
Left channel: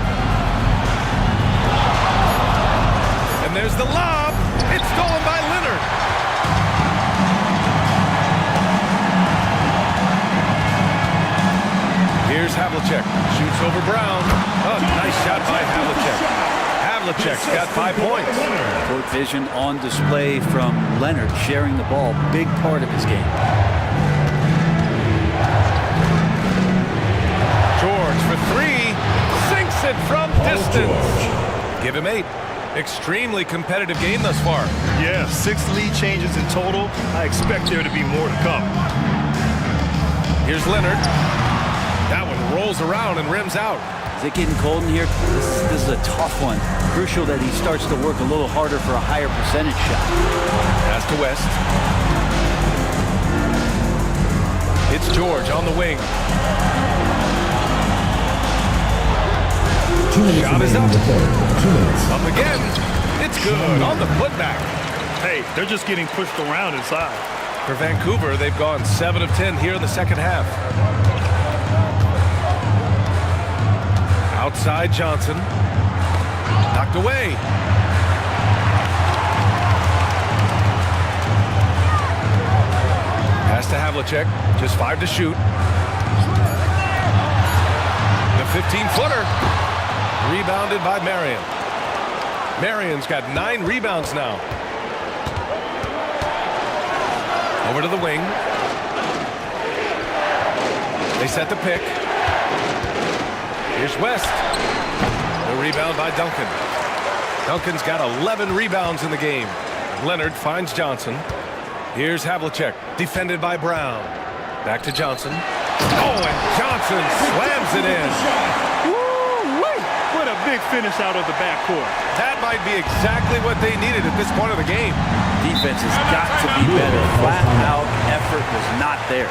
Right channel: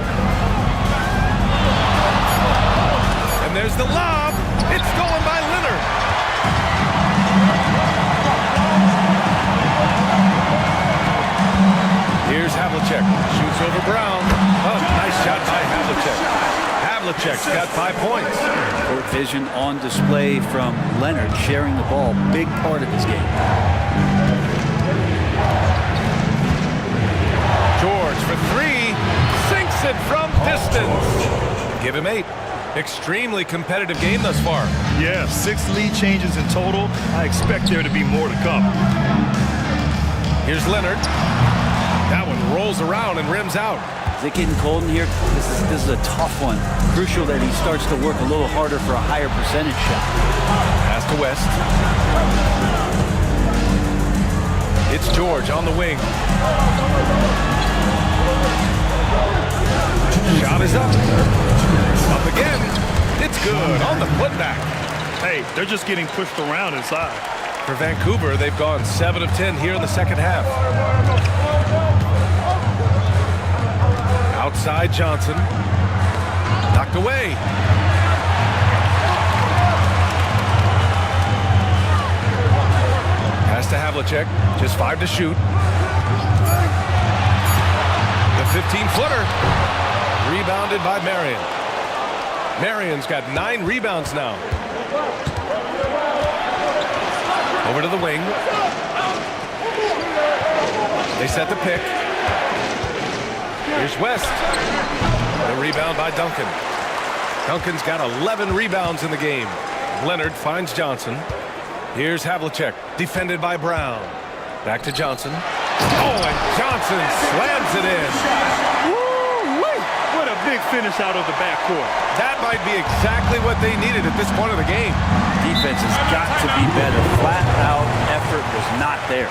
And there's the lob. It's stolen by Leonard. Here's Havlicek. Shoots over Brown. Oh, nice shot by Havlicek. Havlicek's got 5 points. Court vision on display from Leonard, sharing the ball. Big part of his game. George for 3, sinks it from distance. Give him 8. Extremely competitive game thus far. Yeah, 6 lead changes in total. I expect there to be more to come. Here's Leonard. That one rolls around and rims out. Is it getting cold in here? This is a tough one. Crucial that he starts to work a little harder for a higher percentage shot. Pass to West. It's George on the wing. Shot is up. Up again. It's good on the putback. Hey, they're just getting pushed around inside. For Vancouver, they've gone 7 of 10 here in the second half. Outside Johnson. Knocked away. Pass to Havlicek. Just 5 to shoot. The 15-footer. Rebounded by Marion. Marion's got 9 rebounds now. Over to the wing. They set the pick. Here's West. The rebound by Duncan. Duncan's got 11 rebounds in the game. Leonard finds Johnson. Here's Havlicek, defended by Brown. Back to Johnson. Oh, and Johnson slams it in. Woo-wee! What a big finish out of the backcourt. That might be exactly what they needed at this point of the game. Defense has got to be better. Flat out effort was not there.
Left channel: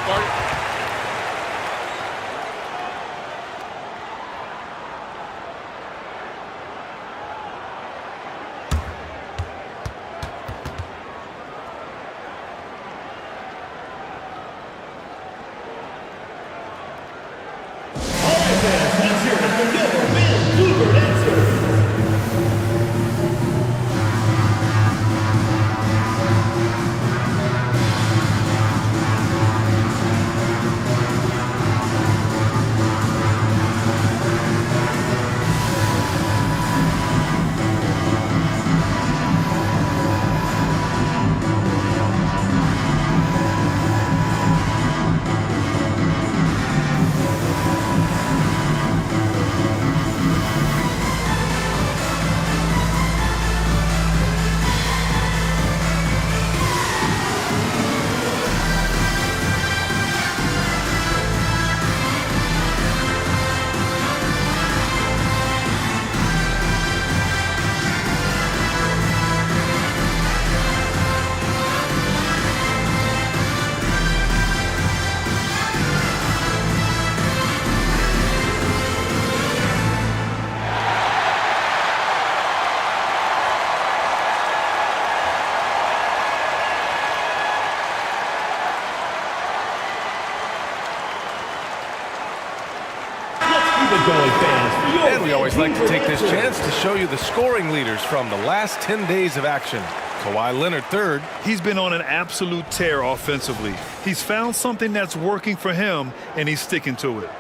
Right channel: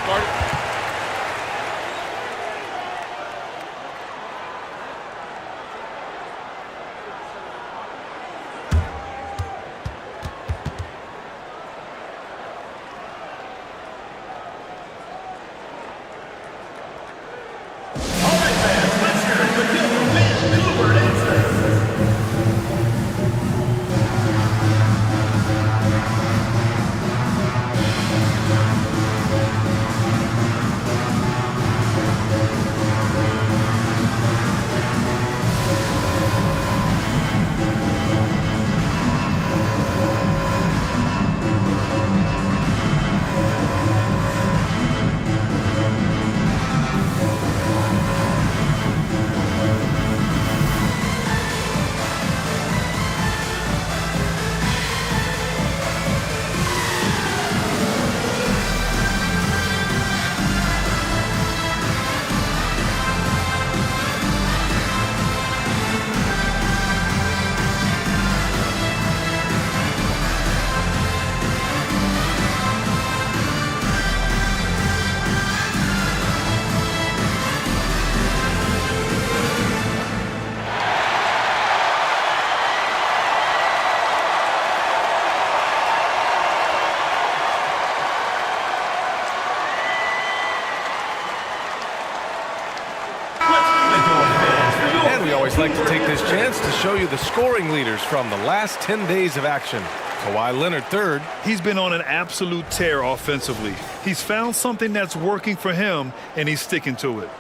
And we always like to take this chance to show you the scoring leaders from the last 10 days of action. Kawhi Leonard third. He's been on an absolute tear offensively. He's found something that's working for him, and he's sticking to it.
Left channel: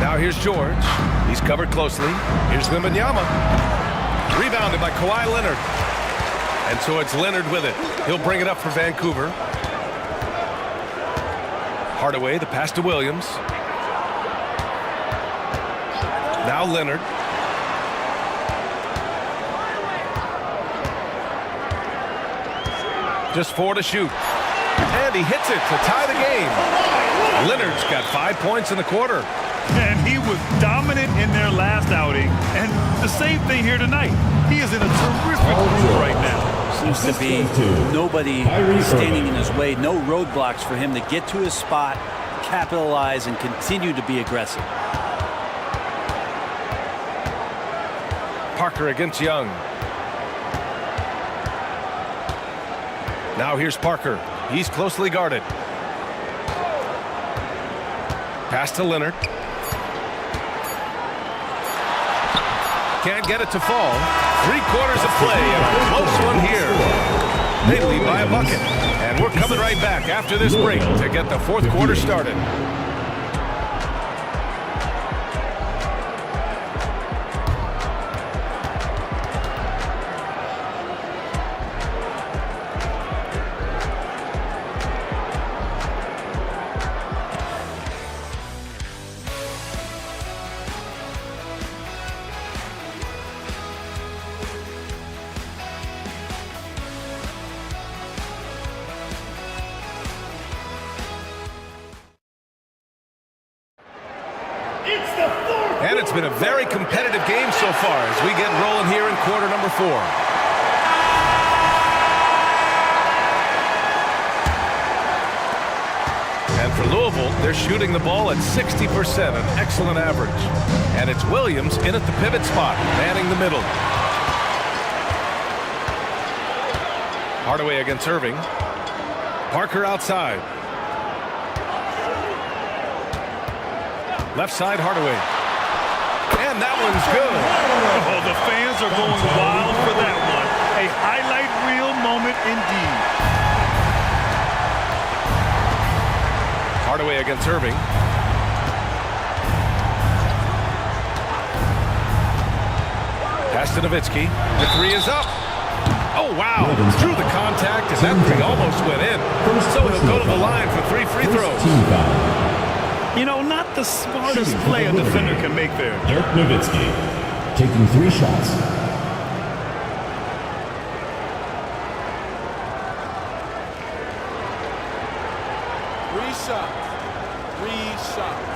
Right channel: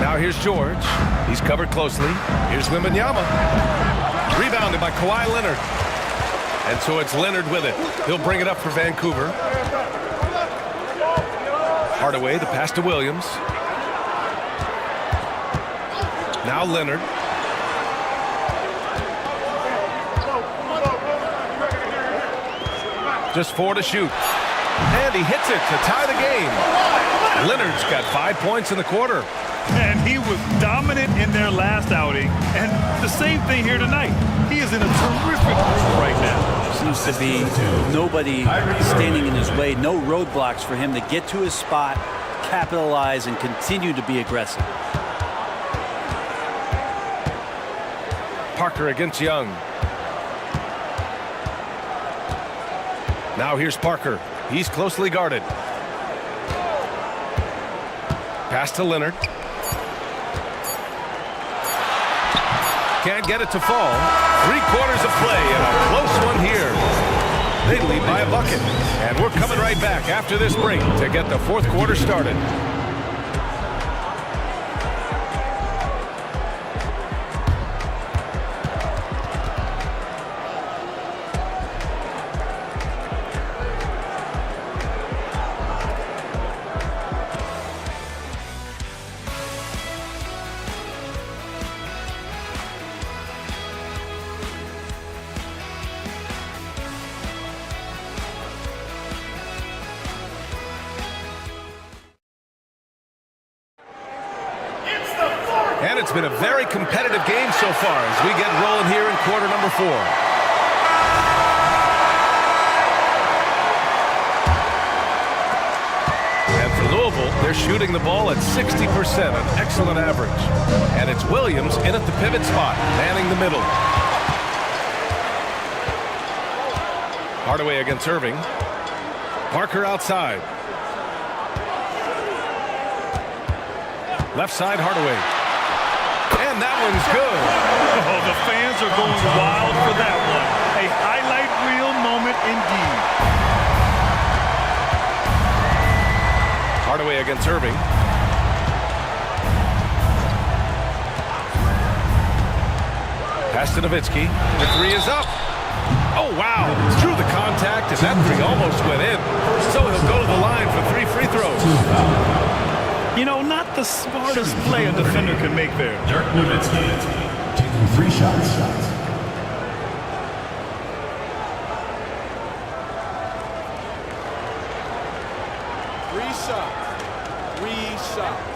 Now here's George. He's covered closely. Here's Wembanyama. Rebounded by Kawhi Leonard. And so it's Leonard with it. He'll bring it up for Vancouver. Hardaway, the pass to Williams. Now Leonard. Just 4 to shoot. And he hits it to tie the game. Leonard's got 5 points in the quarter. And he was dominant in their last outing. And the same thing here tonight. He is in a terrific mood right now. Seems to be nobody standing in his way. No roadblocks for him to get to his spot, capitalize, and continue to be aggressive. Parker against Young. Now here's Parker. He's closely guarded. Pass to Leonard. Can't get it to fall. 3/4 of play and a close one here. They lead by a bucket. And we're coming right back after this break to get the fourth quarter started. And it's been a very competitive game so far as we get rolling here in quarter number 4. And for Louisville, they're shooting the ball at 60%, an excellent average. And it's Williams in at the pivot spot, manning the middle. Hardaway against Irving. Parker outside. Left side, Hardaway. And that one's good. Oh, the fans are going wild for that one. A highlight reel moment indeed. Hardaway against Irving. Pass to Nowitzki. The three is up. Oh, wow. Drew the contact, and that three almost went in. So he'll go to the line for 3 free throws. You know, not the smartest play a defender can make there. Dirk Nowitzki taking 3 shots. Three shots.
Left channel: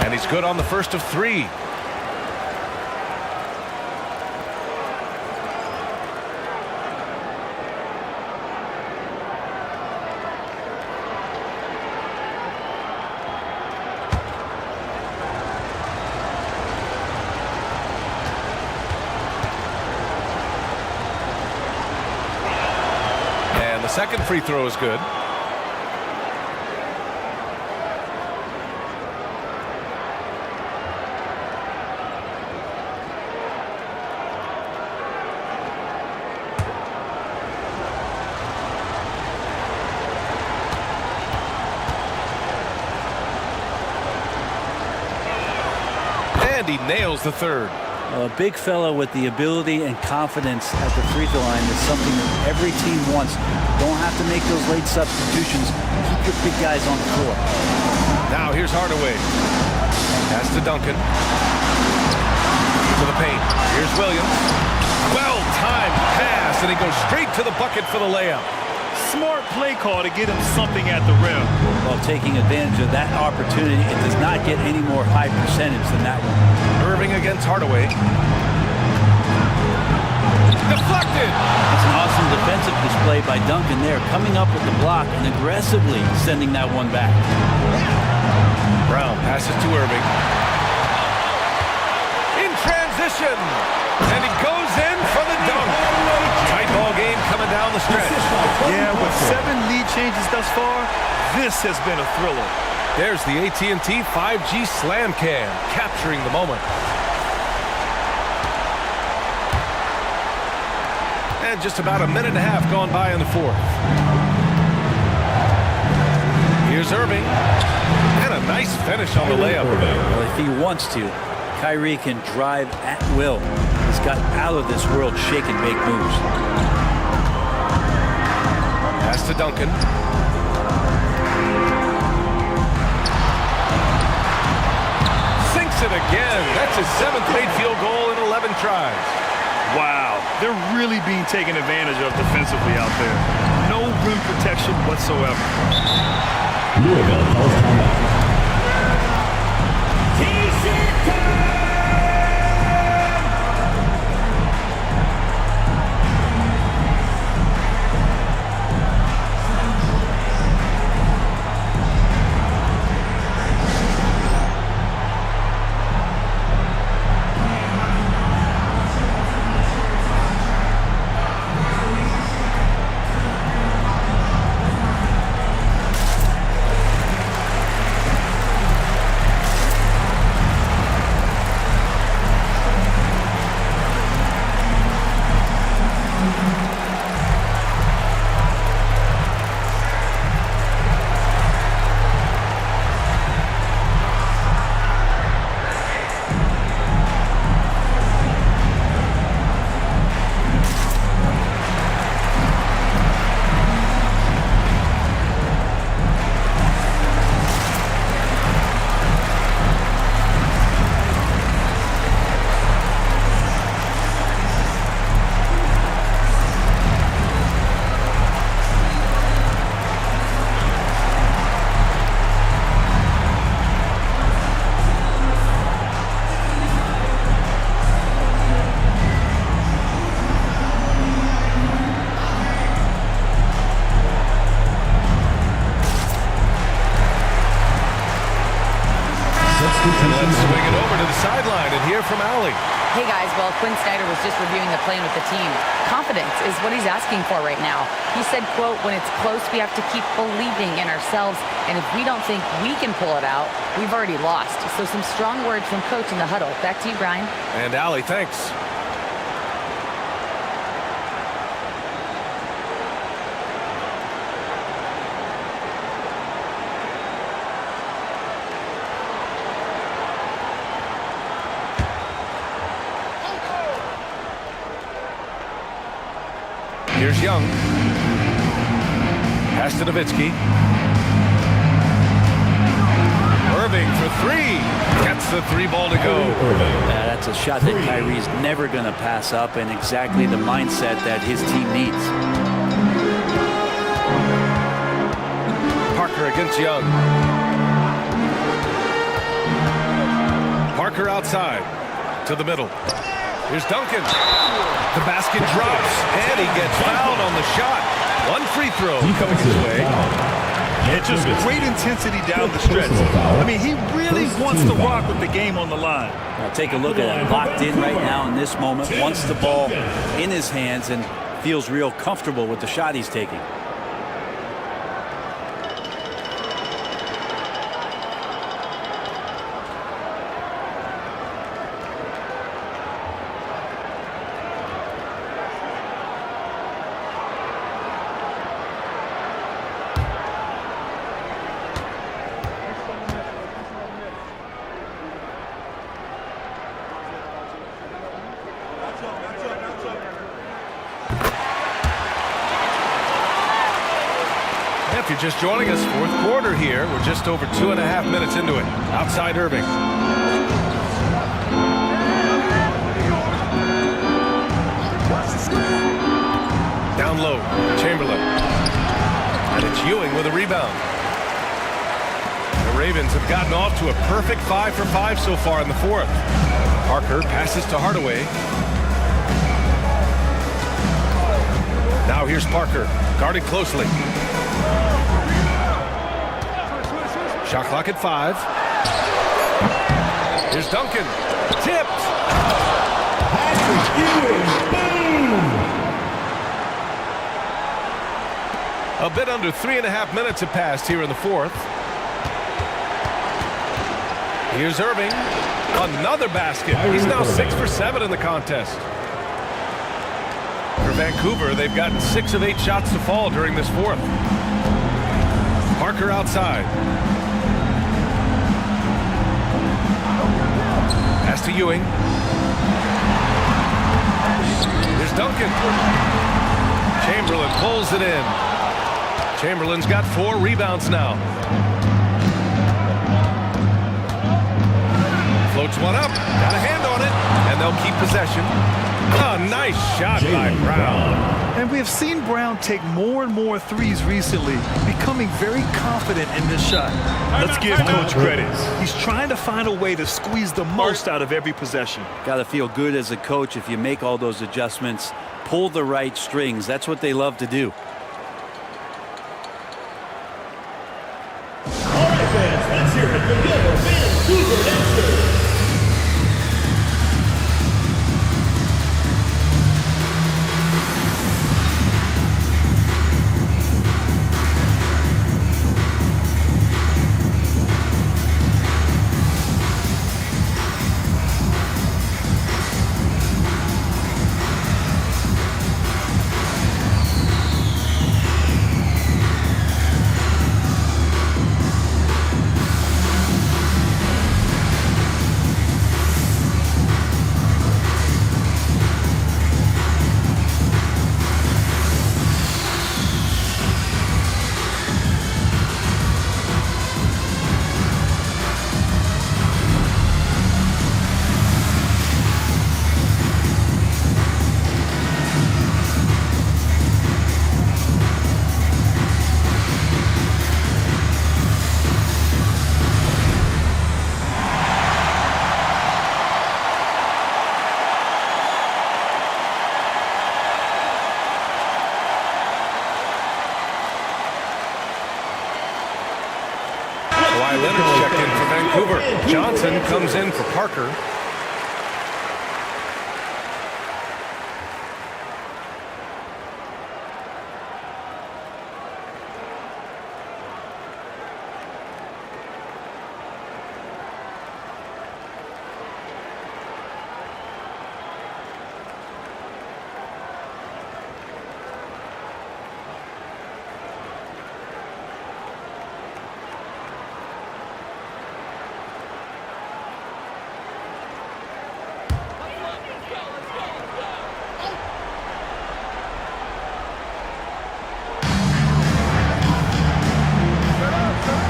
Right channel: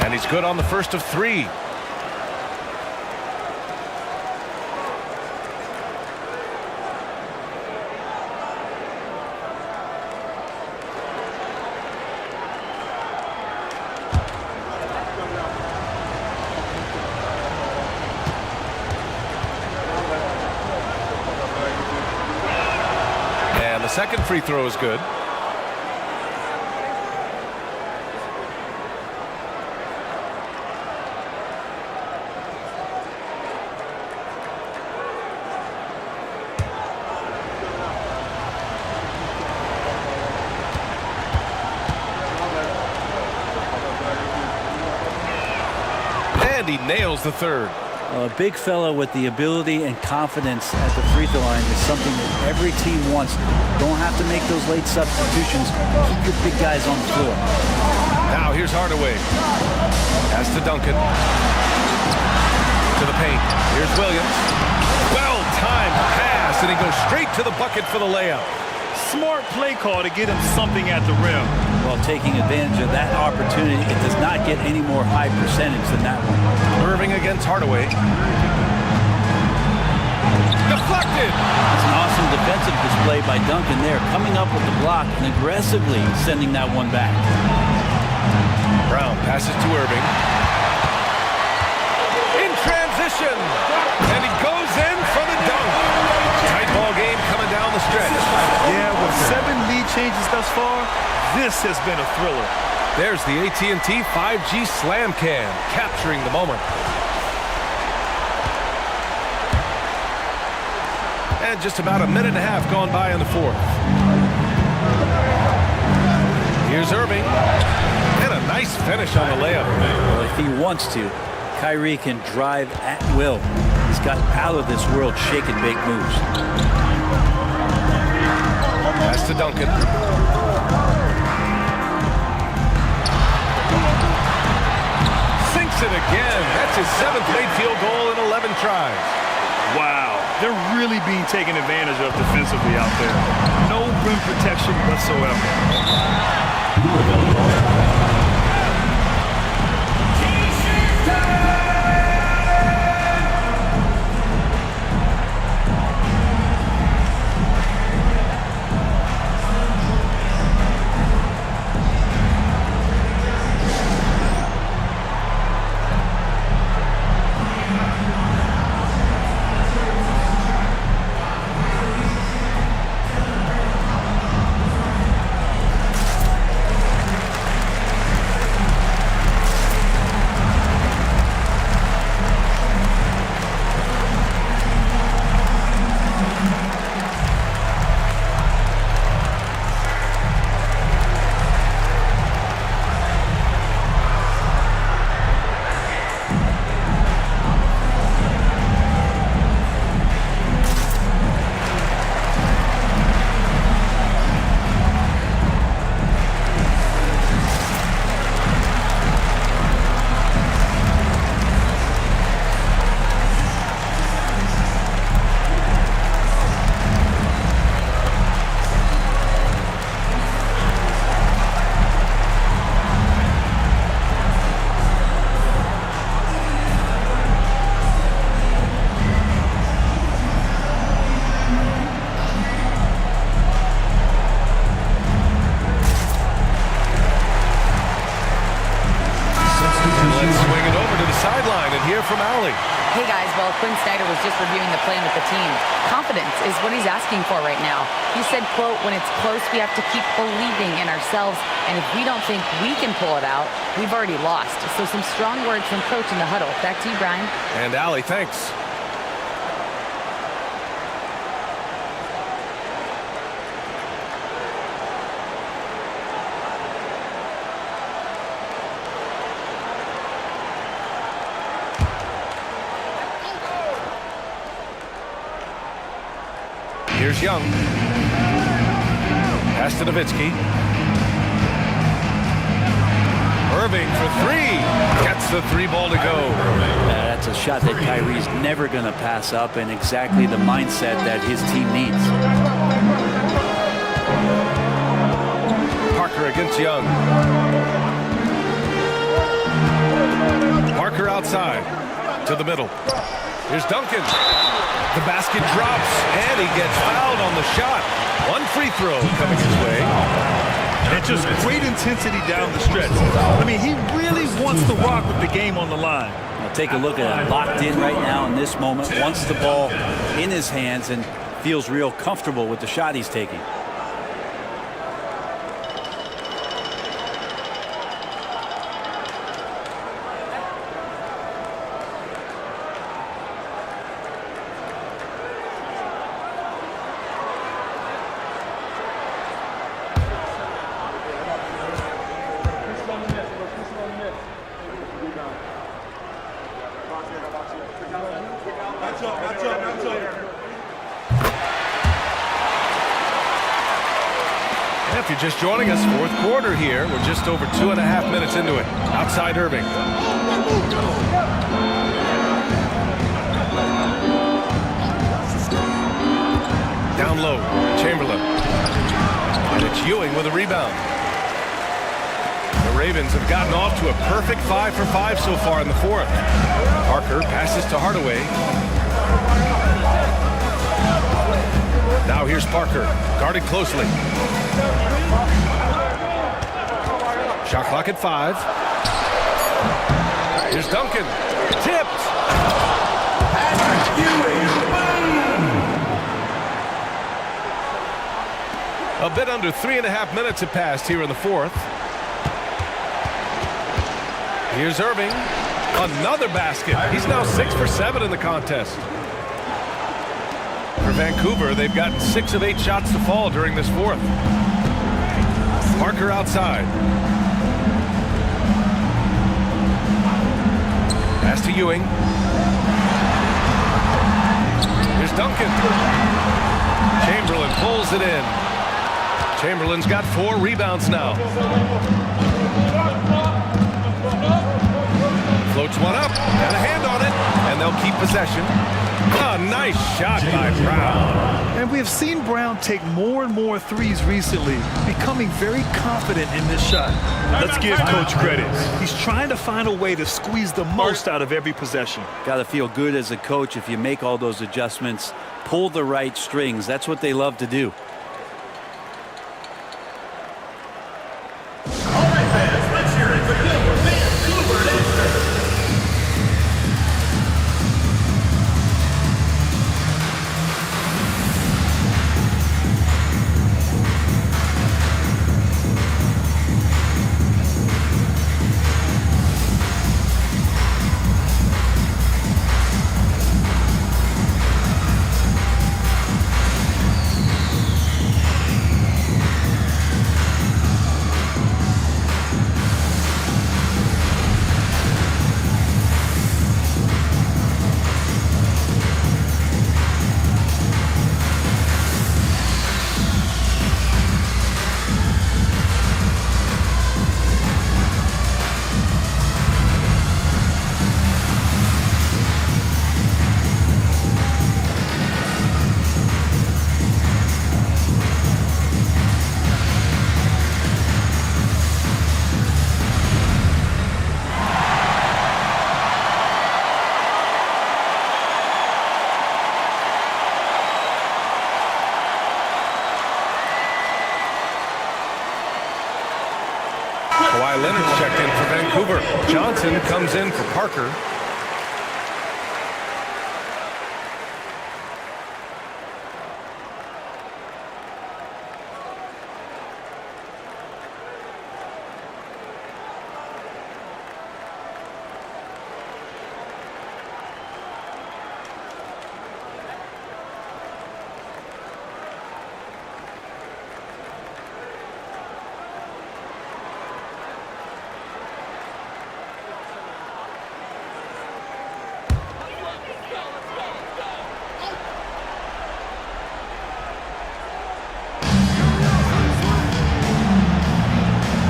And he's good on the first of 3. And the second free throw is good. And he nails the third. A big fella with the ability and confidence at the free throw line is something that every team wants. Don't have to make those late substitutions. Keep your big guys on the floor. Now here's Hardaway. Pass to Duncan. To the paint. Here's Williams. Well-timed pass, and he goes straight to the bucket for the layup. Smart play call to get him something at the rim. While taking advantage of that opportunity, it does not get any more high percentage than that one. Irving against Hardaway. Deflected. That's an awesome defensive display by Duncan there, coming up with the block and aggressively sending that one back. Brown passes to Irving. In transition. And he goes in for the dunk. Tight ball game coming down the stretch. Yeah, with 7 lead changes thus far, this has been a thriller. There's the AT&T 5G Slam Cam, capturing the moment. And just about a minute and a half gone by in the fourth. Here's Irving. And a nice finish on the layup. Well, if he wants to, Kyrie can drive at will. He's got out-of-this-world shake-and-bake moves. Pass to Duncan. Sinks it again. That's his 7th made field goal in 11 tries. Wow, they're really being taken advantage of defensively out there. No rim protection whatsoever. Louisville calls timeout. sideline and hear from Allie. Hey guys, well, Quinn Snyder was just reviewing the plan with the team. Confidence is what he's asking for right now. He said, quote, when it's close, we have to keep believing in ourselves. And if we don't think we can pull it out, we've already lost. So some strong words from coach in the huddle. Back to you, Brian. And Allie, thanks. Here's Young. Pass to Nowitzki. Irving for three. Gets the three ball to go. That's a shot that Kyrie's never going to pass up, and exactly the mindset that his team needs. Parker against Young. Parker outside to the middle. Here's Duncan. The basket drops, and he gets fouled on the shot. One free throw coming his way. And just great intensity down the stretch. I mean, he really wants to rock with the game on the line. Now take a look at it. Locked in right now in this moment. Wants the ball in his hands and feels real comfortable with the shot he's taking. If you're just joining us, fourth quarter here. We're just over 2.5 minutes into it. Outside Irving. Down low, Chamberlain. And it's Ewing with a rebound. The Ravens have gotten off to a perfect 5 for 5 so far in the fourth. Parker passes to Hardaway. Now here's Parker, guarded closely. Shot clock at 5. Here's Duncan. Tipped. Patrick Ewing. Boom. A bit under 3.5 minutes have passed here in the fourth. Here's Irving. Another basket. He's now 6 for 7 in the contest. For Vancouver, they've gotten 6 of 8 shots to fall during this fourth. Parker outside. Pass to Ewing. Here's Duncan. Chamberlain pulls it in. Chamberlain's got 4 rebounds now. Floats one up. Got a hand on it. And they'll keep possession. A nice shot by Brown. And we have seen Brown take more and more threes recently, becoming very confident in this shot. Let's give Coach credit. He's trying to find a way to squeeze the most out of every possession. Got to feel good as a coach if you make all those adjustments, pull the right strings. That's what they love to do. All right, fans, let's hear it for your Vancouver Dexter. Kawhi Leonard's checked in for Vancouver. Johnson comes in for Parker.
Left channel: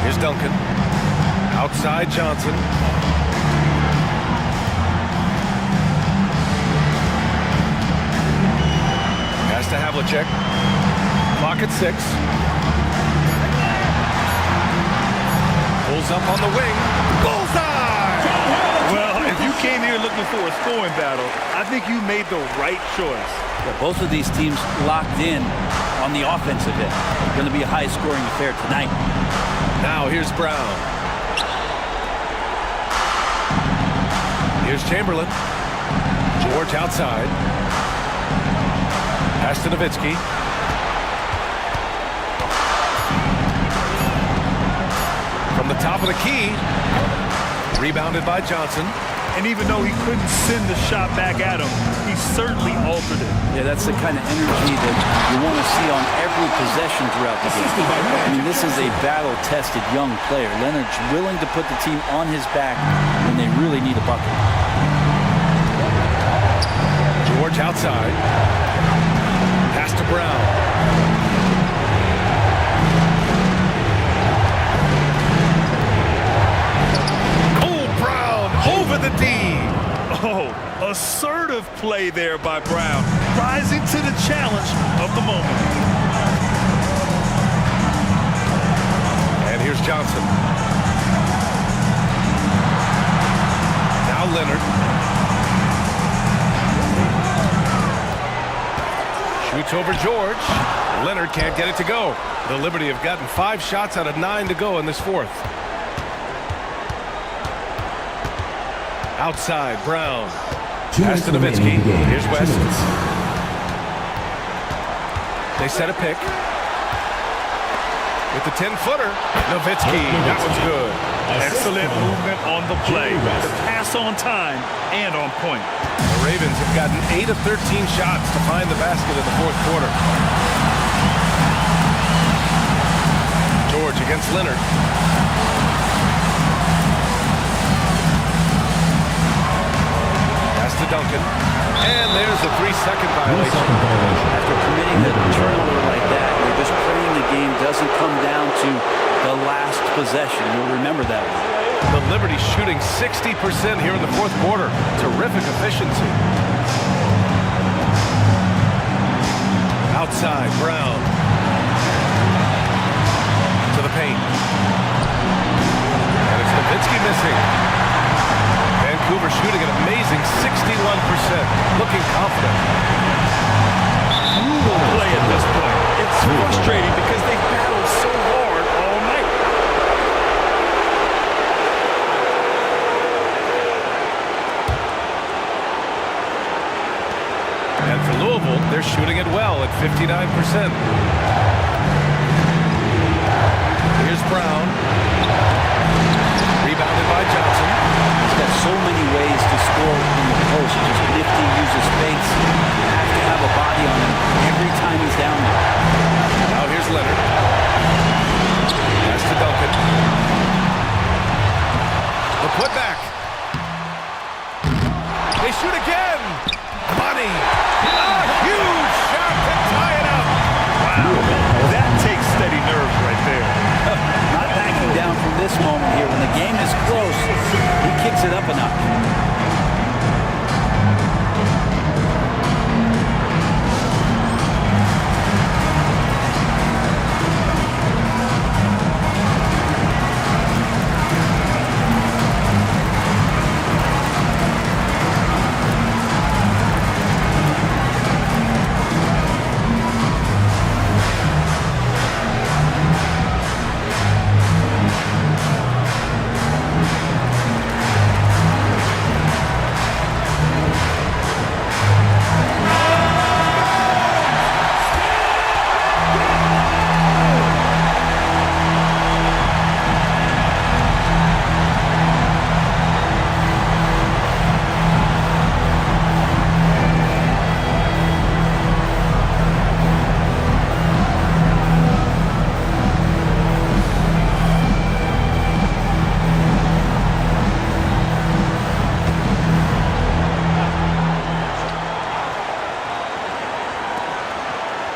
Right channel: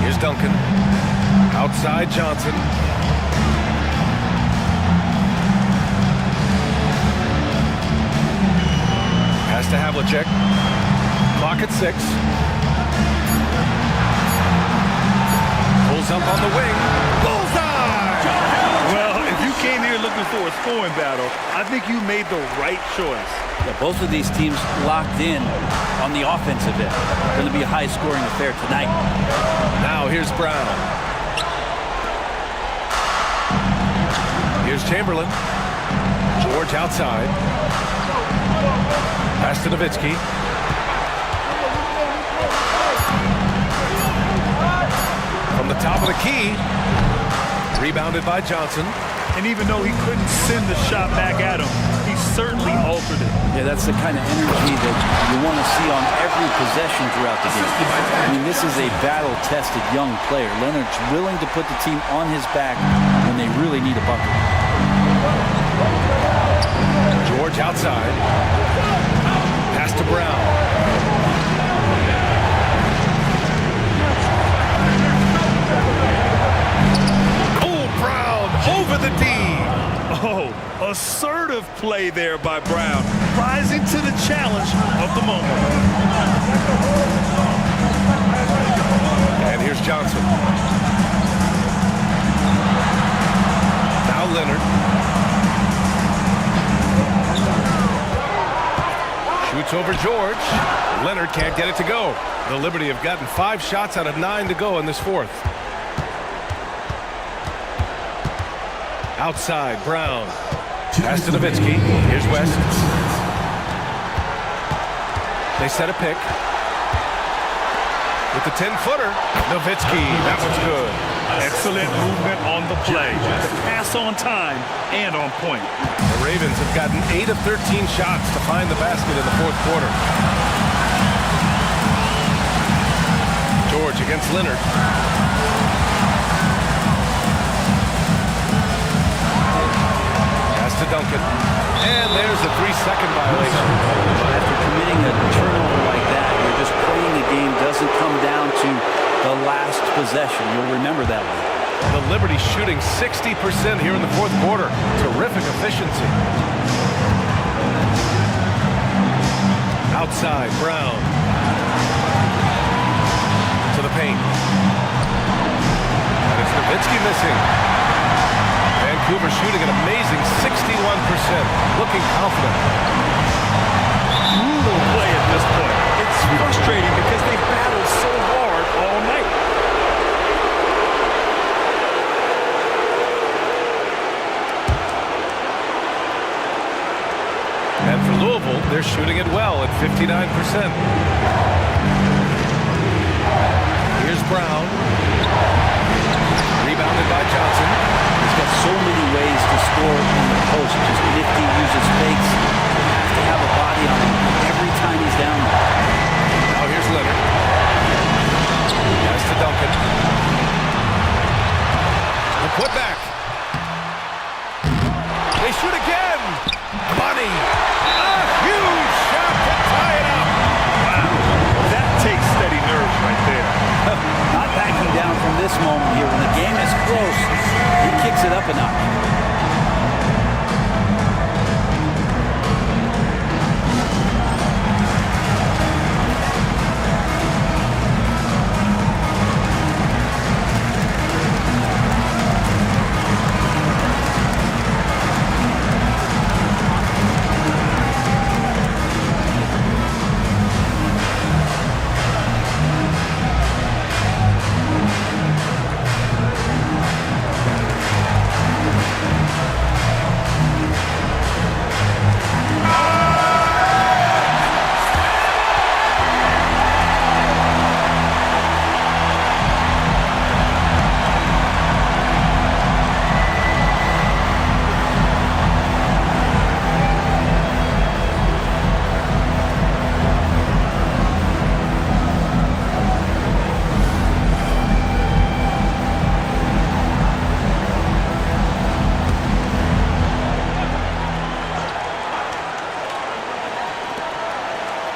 Here's Duncan. Outside Johnson. Pass to Havlicek. Clock at 6. Pulls up on the wing. Bullseye! Well, if you came here looking for a scoring battle, I think you made the right choice. Yeah, both of these teams locked in on the offensive end. Going to be a high-scoring affair tonight. Now here's Brown. Here's Chamberlain. George outside. Pass to Nowitzki. From the top of the key. Rebounded by Johnson. And even though he couldn't send the shot back at him, he certainly altered it. Yeah, that's the kind of energy that you want to see on every possession throughout the game. I mean, this is a battle-tested young player. Leonard's willing to put the team on his back when they really need a bucket. George outside. Pass to Brown. Brown over the D. Oh, assertive play there by Brown, rising to the challenge of the moment. And here's Johnson. Now Leonard. Shoots over George. Leonard can't get it to go. The Liberty have gotten 5 shots out of 9 to go in this fourth. Outside, Brown. Pass to Nowitzki. Here's West. They set a pick. With the 10-footer, Nowitzki. That one's good. Excellent movement on the play. The pass on time and on point. The Ravens have gotten 8 of 13 shots to find the basket in the fourth quarter. George against Leonard. To Duncan, and there's a 3-second violation. After committing a turnover like that, you're just praying the game doesn't come down to the last possession. You'll remember that one. The Liberty shooting 60% here in the fourth quarter. Terrific efficiency. Outside, Brown. To the paint. And it's Nowitzki missing. Vancouver shooting an amazing 61%, looking confident. Brutal play at this point. It's frustrating because they've battled so hard all night. And for Louisville, they're shooting it well at 59%. Here's Brown. Rebounded by Johnson. He's got so many ways to score in the post. Just nifty, uses fakes. You have to have a body on him every time he's down there. Now here's Leonard. Pass to Duncan. The putback. They shoot again. Bunny. A huge shot to tie it up. Wow. That takes steady nerves right there. Not backing down from this moment here. When the game is close, he kicks it up a notch.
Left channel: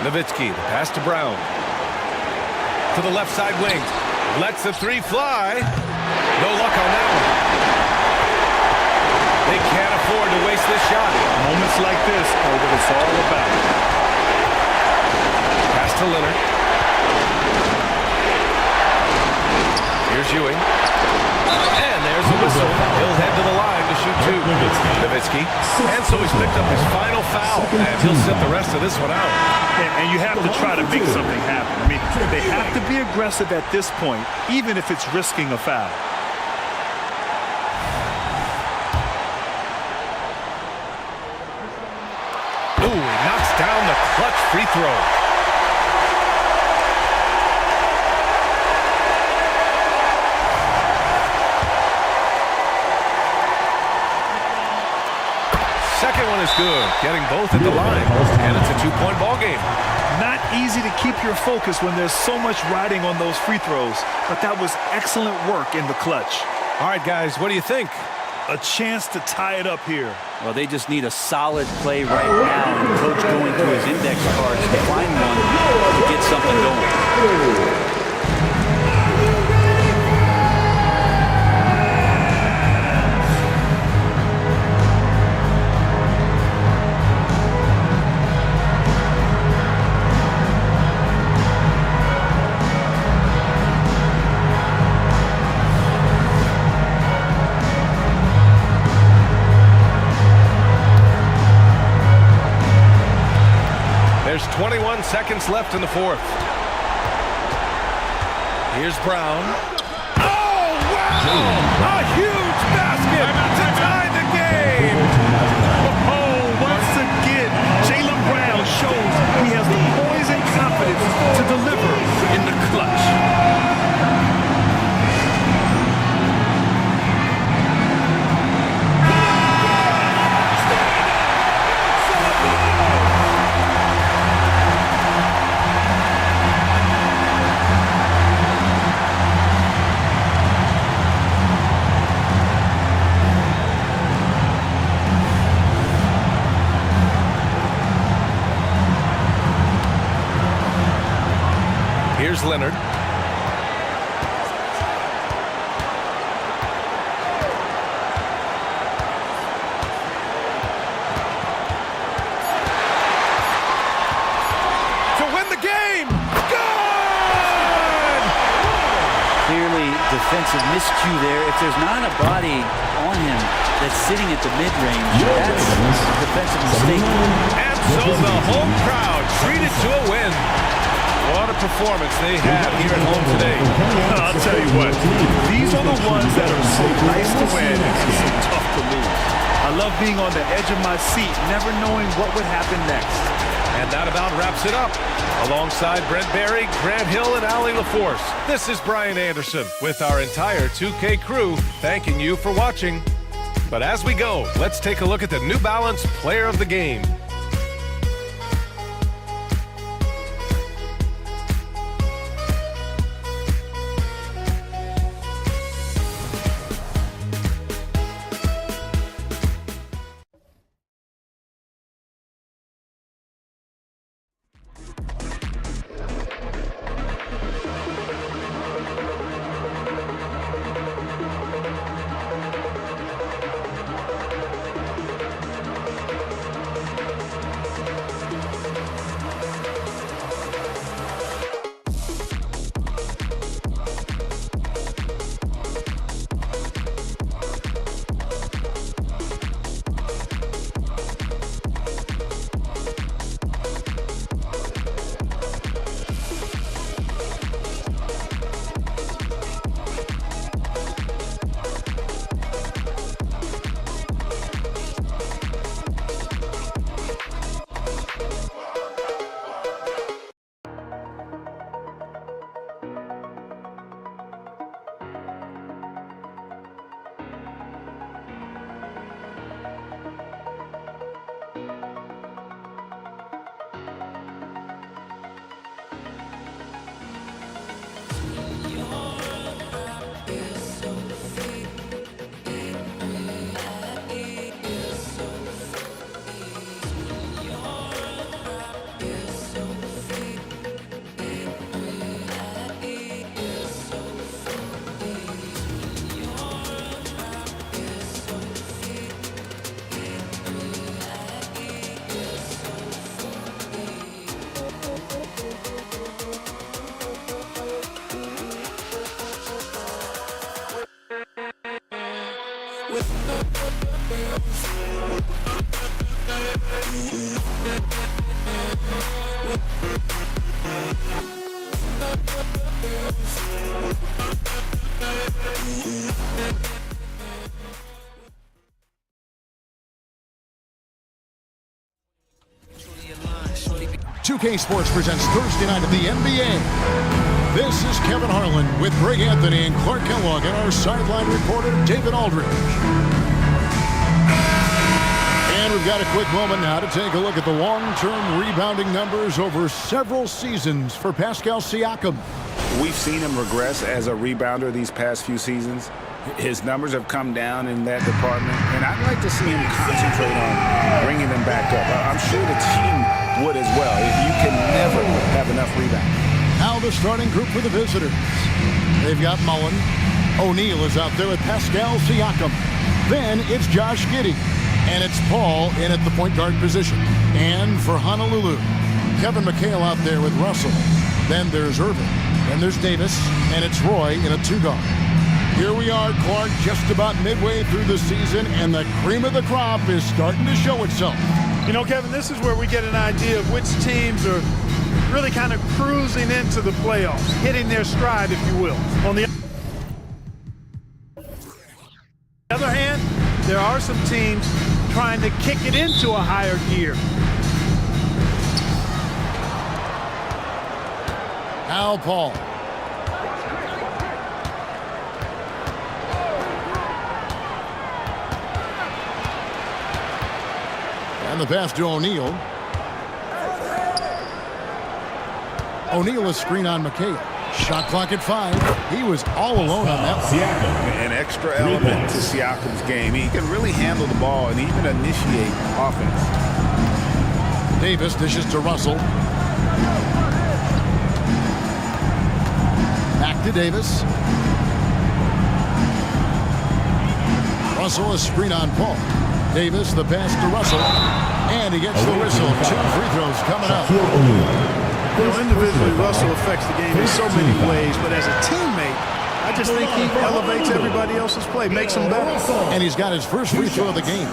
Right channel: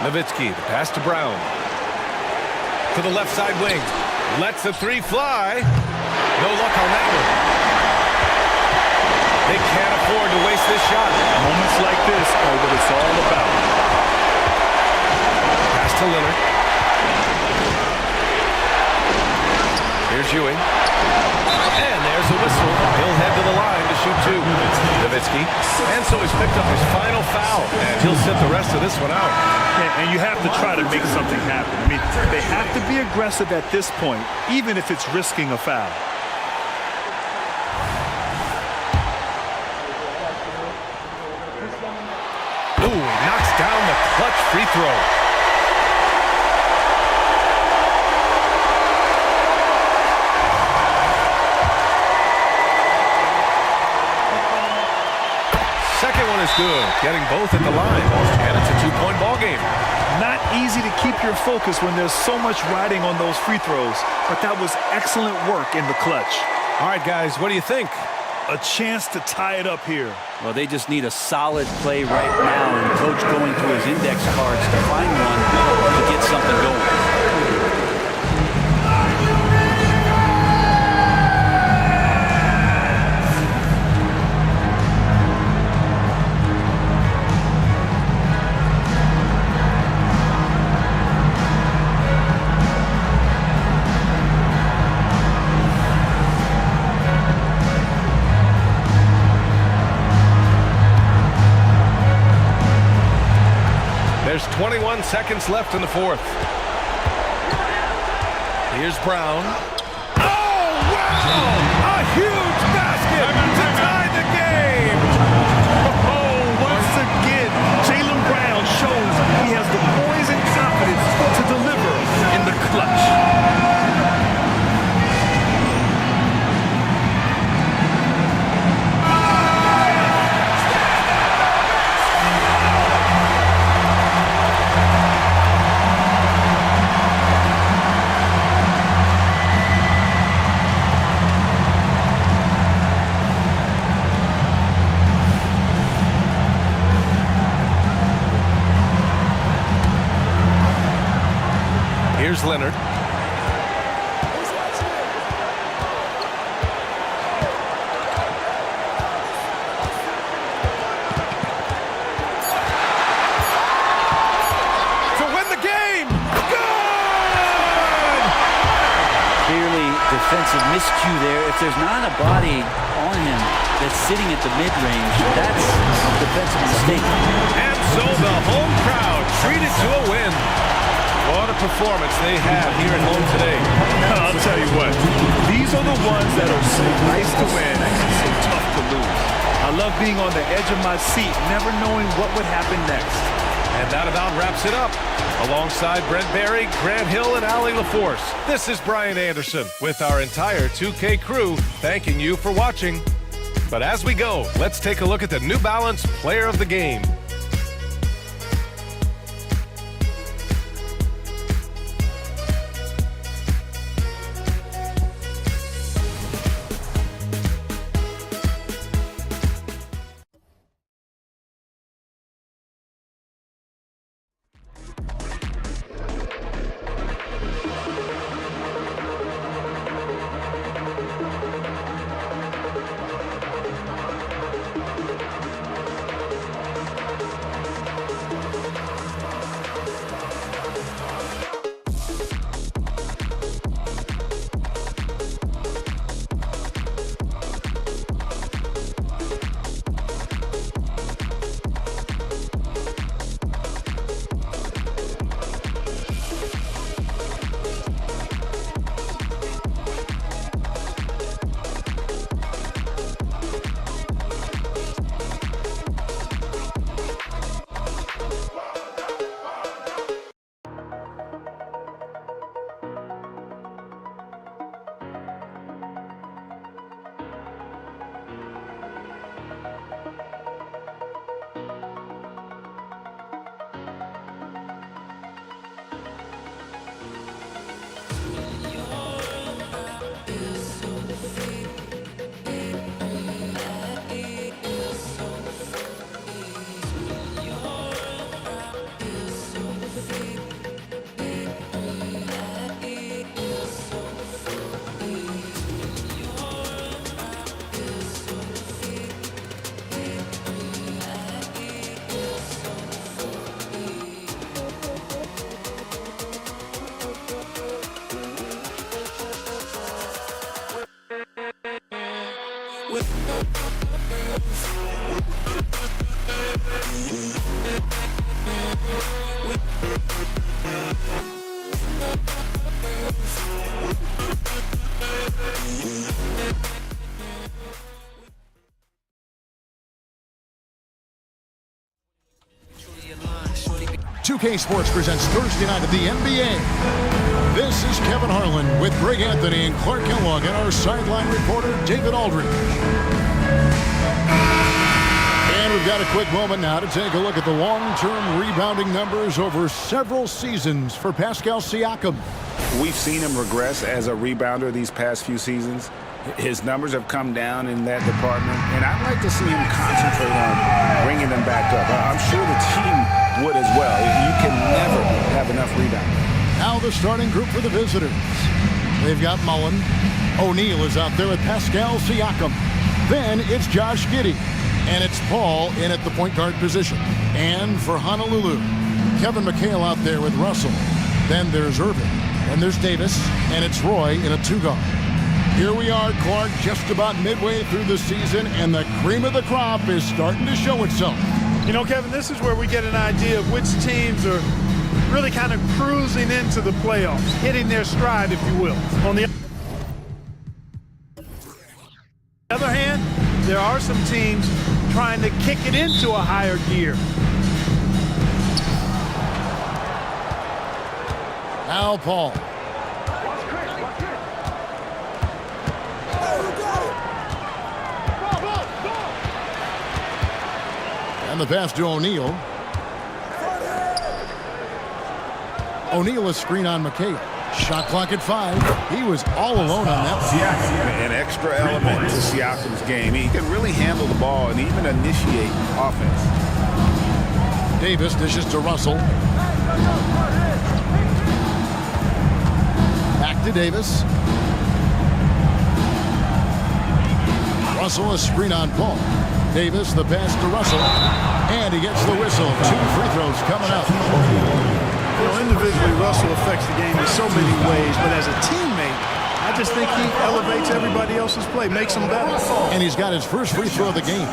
Nowitzki, the pass to Brown. To the left side wing. Lets the three fly. No luck on that one. They can't afford to waste this shot. Moments like this are what it's all about. Pass to Leonard. Here's Ewing. And there's a whistle. He'll head to the line to shoot two. Nowitzki. And so he's picked up his final foul. And he'll sit the rest of this one out. And you have to try to make something happen. I mean, they have to be aggressive at this point, even if it's risking a foul. Ooh, he knocks down the clutch free throw. Second one is good, getting both at the line, and it's a two-point ball game. Not easy to keep your focus when there's so much riding on those free throws, but that was excellent work in the clutch. All right, guys, what do you think? A chance to tie it up here. Well, they just need a solid play right now, and coach going through his index cards to find one to get something going. There's 21 seconds left in the fourth. Here's Brown. Oh, wow! A huge basket to tie the game! Oh, once again, Jaylen Brown shows he has the poise and confidence to deliver in the clutch. Here's Leonard. To win the game! Good! Clearly defensive miscue there. If there's not a body on him that's sitting at the mid-range, that's a defensive mistake. And so the home crowd treated to a win. What a performance they had here at home today. I'll tell you what, these are the ones that are so nice to win and so tough to lose. I love being on the edge of my seat, never knowing what would happen next. And that about wraps it up. Alongside Brent Barry, Grant Hill, and Allie LaForce, this is Brian Anderson with our entire 2K crew thanking you for watching. But as we go, let's take a look at the New Balance Player of the Game. 2K Sports presents Thursday night of the NBA. This is Kevin Harlan with Greg Anthony and Clark Kellogg and our sideline reporter, David Aldridge. And we've got a quick moment now to take a look at the long-term rebounding numbers over several seasons for Pascal Siakam. We've seen him regress as a rebounder these past few seasons. His numbers have come down in that department, and I'd like to see him concentrate on bringing them back up. I'm sure the team would as well. You can never have enough rebounding. Now the starting group for the visitors. They've got Mullen. O'Neal is out there with Pascal Siakam. Then it's Josh Giddey. And it's Paul in at the point guard position. And for Honolulu, Kevin McHale out there with Russell. Then there's Irving. Then there's Davis. And it's Roy in a two-guard. Here we are, Clark, just about midway through the season, and the cream of the crop is starting to show itself. You know, Kevin, this is where we get an idea of which teams are really kind of cruising into the playoffs, hitting their stride, if you will. On the other hand, there are some teams trying to kick it into a higher gear. Now Paul. And the pass to O'Neal. O'Neal is screen on McHale. Shot clock at 5. He was all alone on that one. An extra element to Siakam's game. He can really handle the ball and even initiate offense. Davis dishes to Russell. Back to Davis. Russell is screen on Paul. Davis, the pass to Russell, and he gets the whistle. 2 free throws coming up. You know, individually, Russell affects the game in so many ways, but as a teammate, I just think he elevates everybody else's play, makes them better. And he's got his first free throw of the game.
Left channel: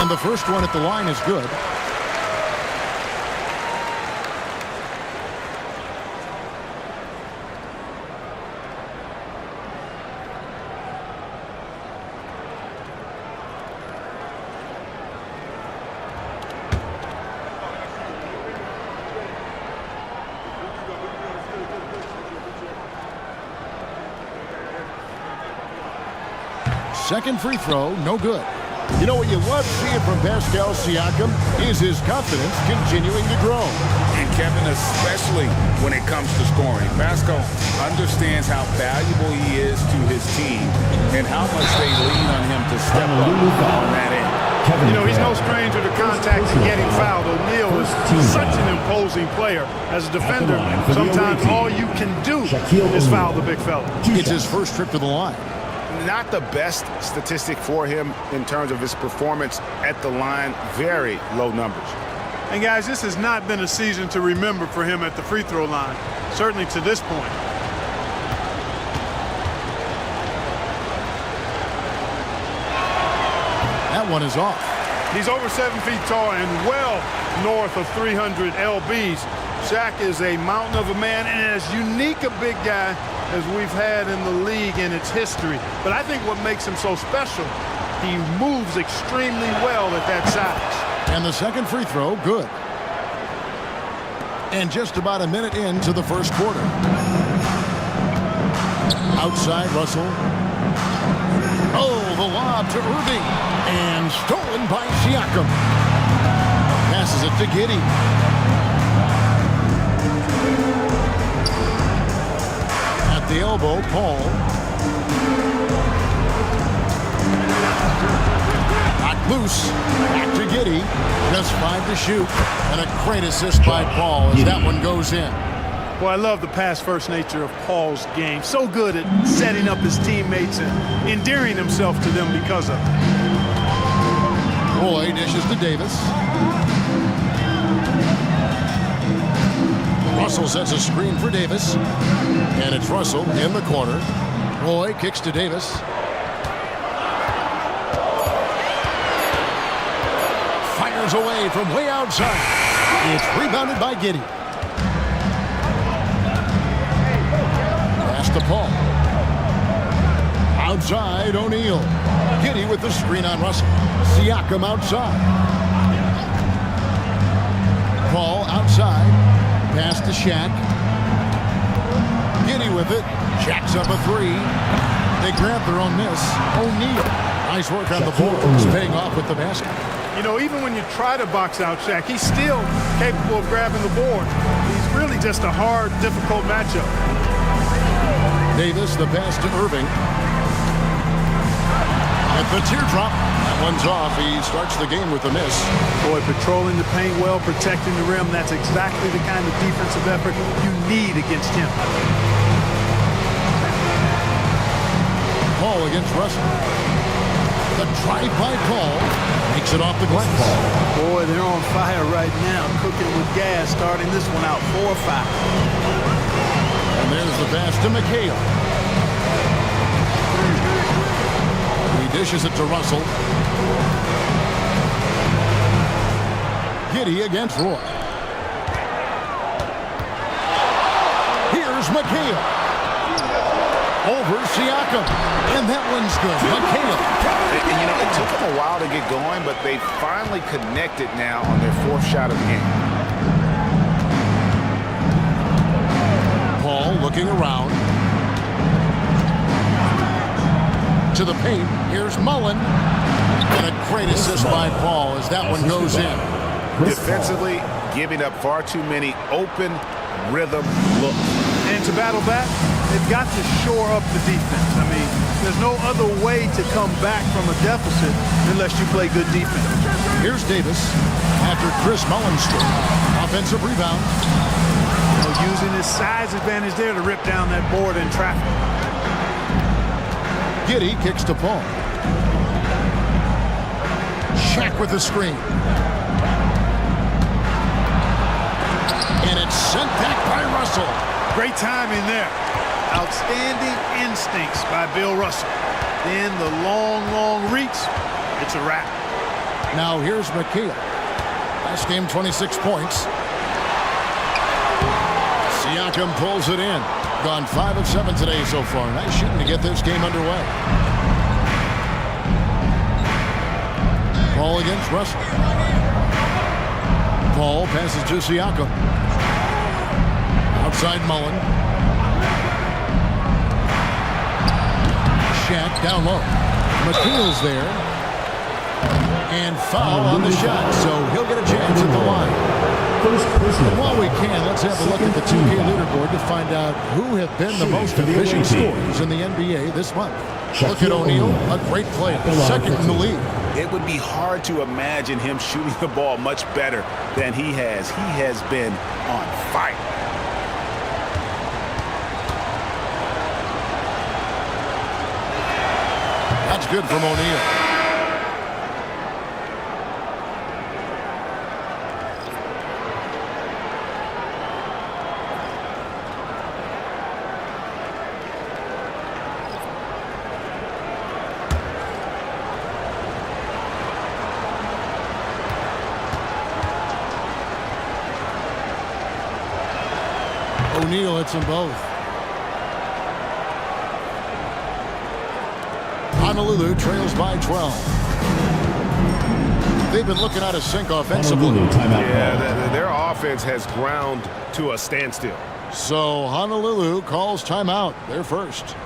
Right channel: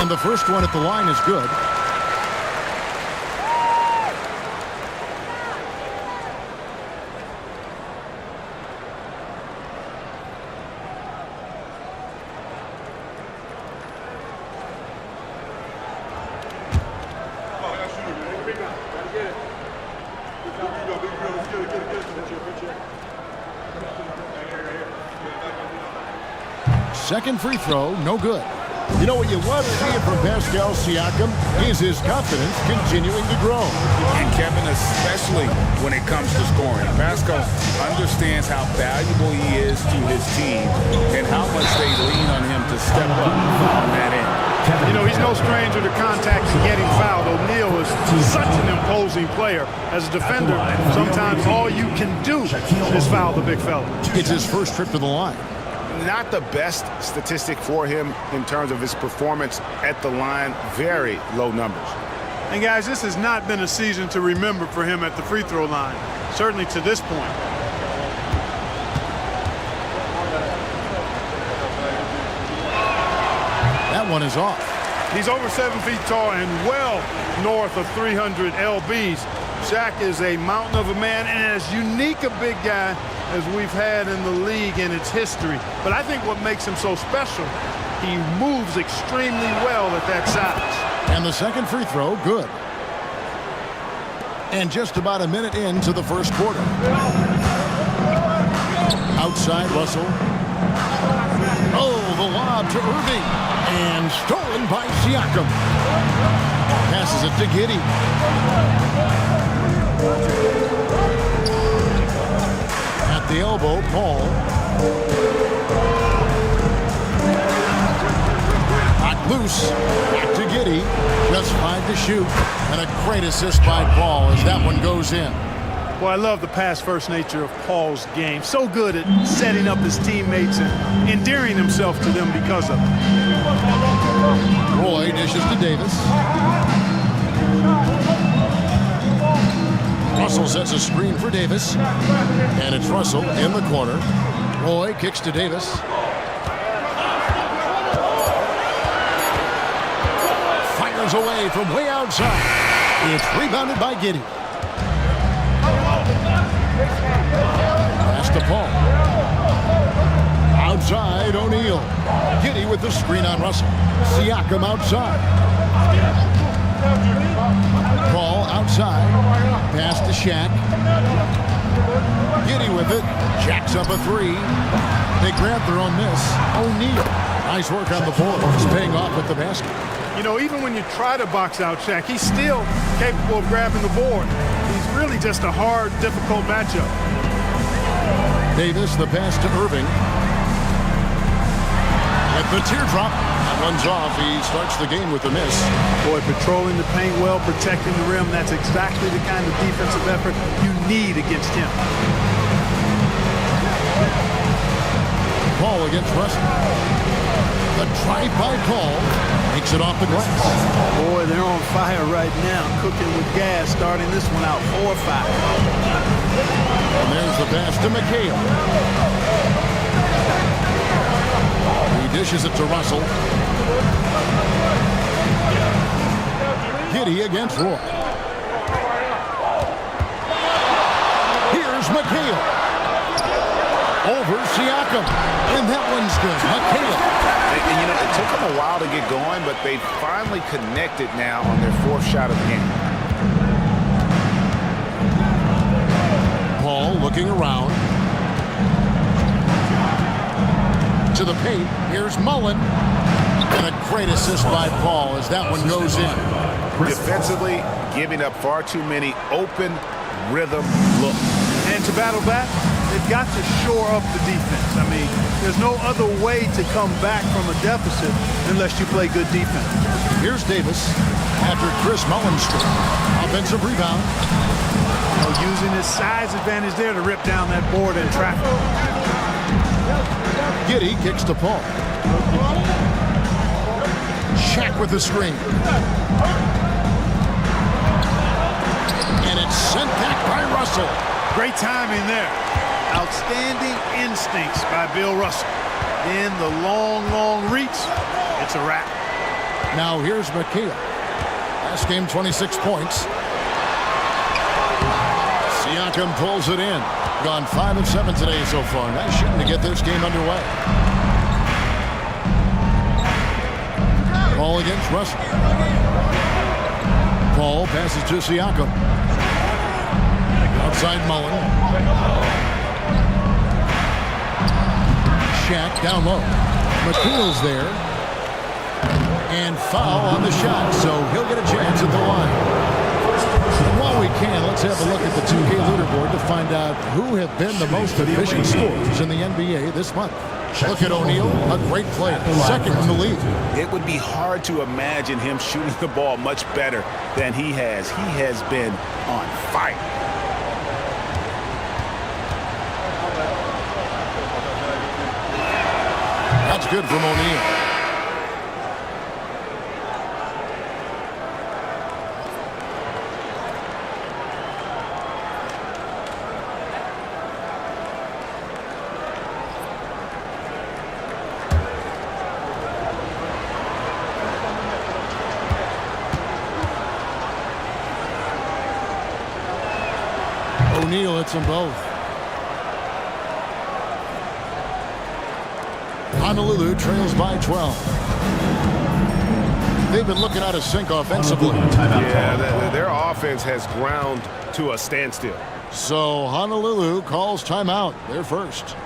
And the first one at the line is good. Second free throw, no good. You know what you love seeing from Pascal Siakam is his confidence continuing to grow. And Kevin, especially when it comes to scoring. Pascal understands how valuable he is to his team and how much they lean on him to step up on that end. You know, he's no stranger to contact and getting fouled. O'Neal is such an imposing player. As a defender, sometimes all you can do is foul the big fella. It's his first trip to the line. Not the best statistic for him in terms of his performance at the line. Very low numbers. And guys, this has not been a season to remember for him at the free throw line, certainly to this point. That one is off. He's over 7 feet tall and well north of 300 lbs. Shaq is a mountain of a man and as unique a big guy as we've had in the league in its history. But I think what makes him so special, he moves extremely well at that size. And the second free throw, good. And just about a minute into the first quarter. Outside Russell. Oh, the lob to Irving. And stolen by Siakam. Passes it to Giddey. At the elbow, Paul. Knocked loose. Back to Giddey. Just 5 to shoot. And a great assist by Paul as that one goes in. Well, I love the pass-first nature of Paul's game. So good at setting up his teammates and endearing himself to them because of it. Roy dishes to Davis. Russell sets a screen for Davis. And it's Russell in the corner. Roy kicks to Davis. Fires away from way outside. It's rebounded by Giddey. Pass to Paul. Outside, O'Neal. Giddey with the screen on Russell. Siakam outside. Paul outside. Pass to Shaq. Giddey with it. Jacks up a three. They grab their own miss. O'Neal. Nice work on the board. He's paying off with the basket. You know, even when you try to box out Shaq, he's still capable of grabbing the board. He's really just a hard, difficult matchup. Davis, the pass to Irving. At the teardrop. That one's off. He starts the game with a miss. Boy, patrolling the paint well, protecting the rim. That's exactly the kind of defensive effort you need against him. Paul against Russell. The drive by Paul makes it off the glass. Boy, they're on fire right now, cooking with gas, starting this one out 4-5. And there's the pass to McHale. He dishes it to Russell. Giddey against Roy. Here's McHale. Over Siakam. And that one's good. McHale. And, you know, it took them a while to get going, but they finally connected now on their fourth shot of the game. Paul looking around. To the paint. Here's Mullen. And a great assist by Paul as that one goes in. Defensively, giving up far too many open rhythm looks. And to battle back, they've got to shore up the defense. I mean, there's no other way to come back from a deficit unless you play good defense. Here's Davis after Chris Mullen scored. Offensive rebound. You know, using his size advantage there to rip down that board in traffic. Giddey kicks to Paul. Shaq with the screen. And it's sent back by Russell. Great timing there. Outstanding instincts by Bill Russell. Then the long reach. It's a wrap. Now here's McHale. Last game, 26 points. Siakam pulls it in. Gone 5 of 7 today so far. Nice shooting to get this game underway. Paul against Russell. Paul passes to Siakam. Outside Mullen. Shaq down low. McHale's there. And foul on the shot, so he'll get a chance at the line. And while we can, let's have a look at the 2K leaderboard to find out who have been the most efficient scorers in the NBA this month. Look at O'Neal, a great player, second in the league. It would be hard to imagine him shooting the ball much better than he has. He has been on fire. That's good from O'Neal. O'Neal hits them both. Honolulu trails by 12. They've been looking out of sync offensively. Yeah, their offense has ground to a standstill. So Honolulu calls timeout. They're first.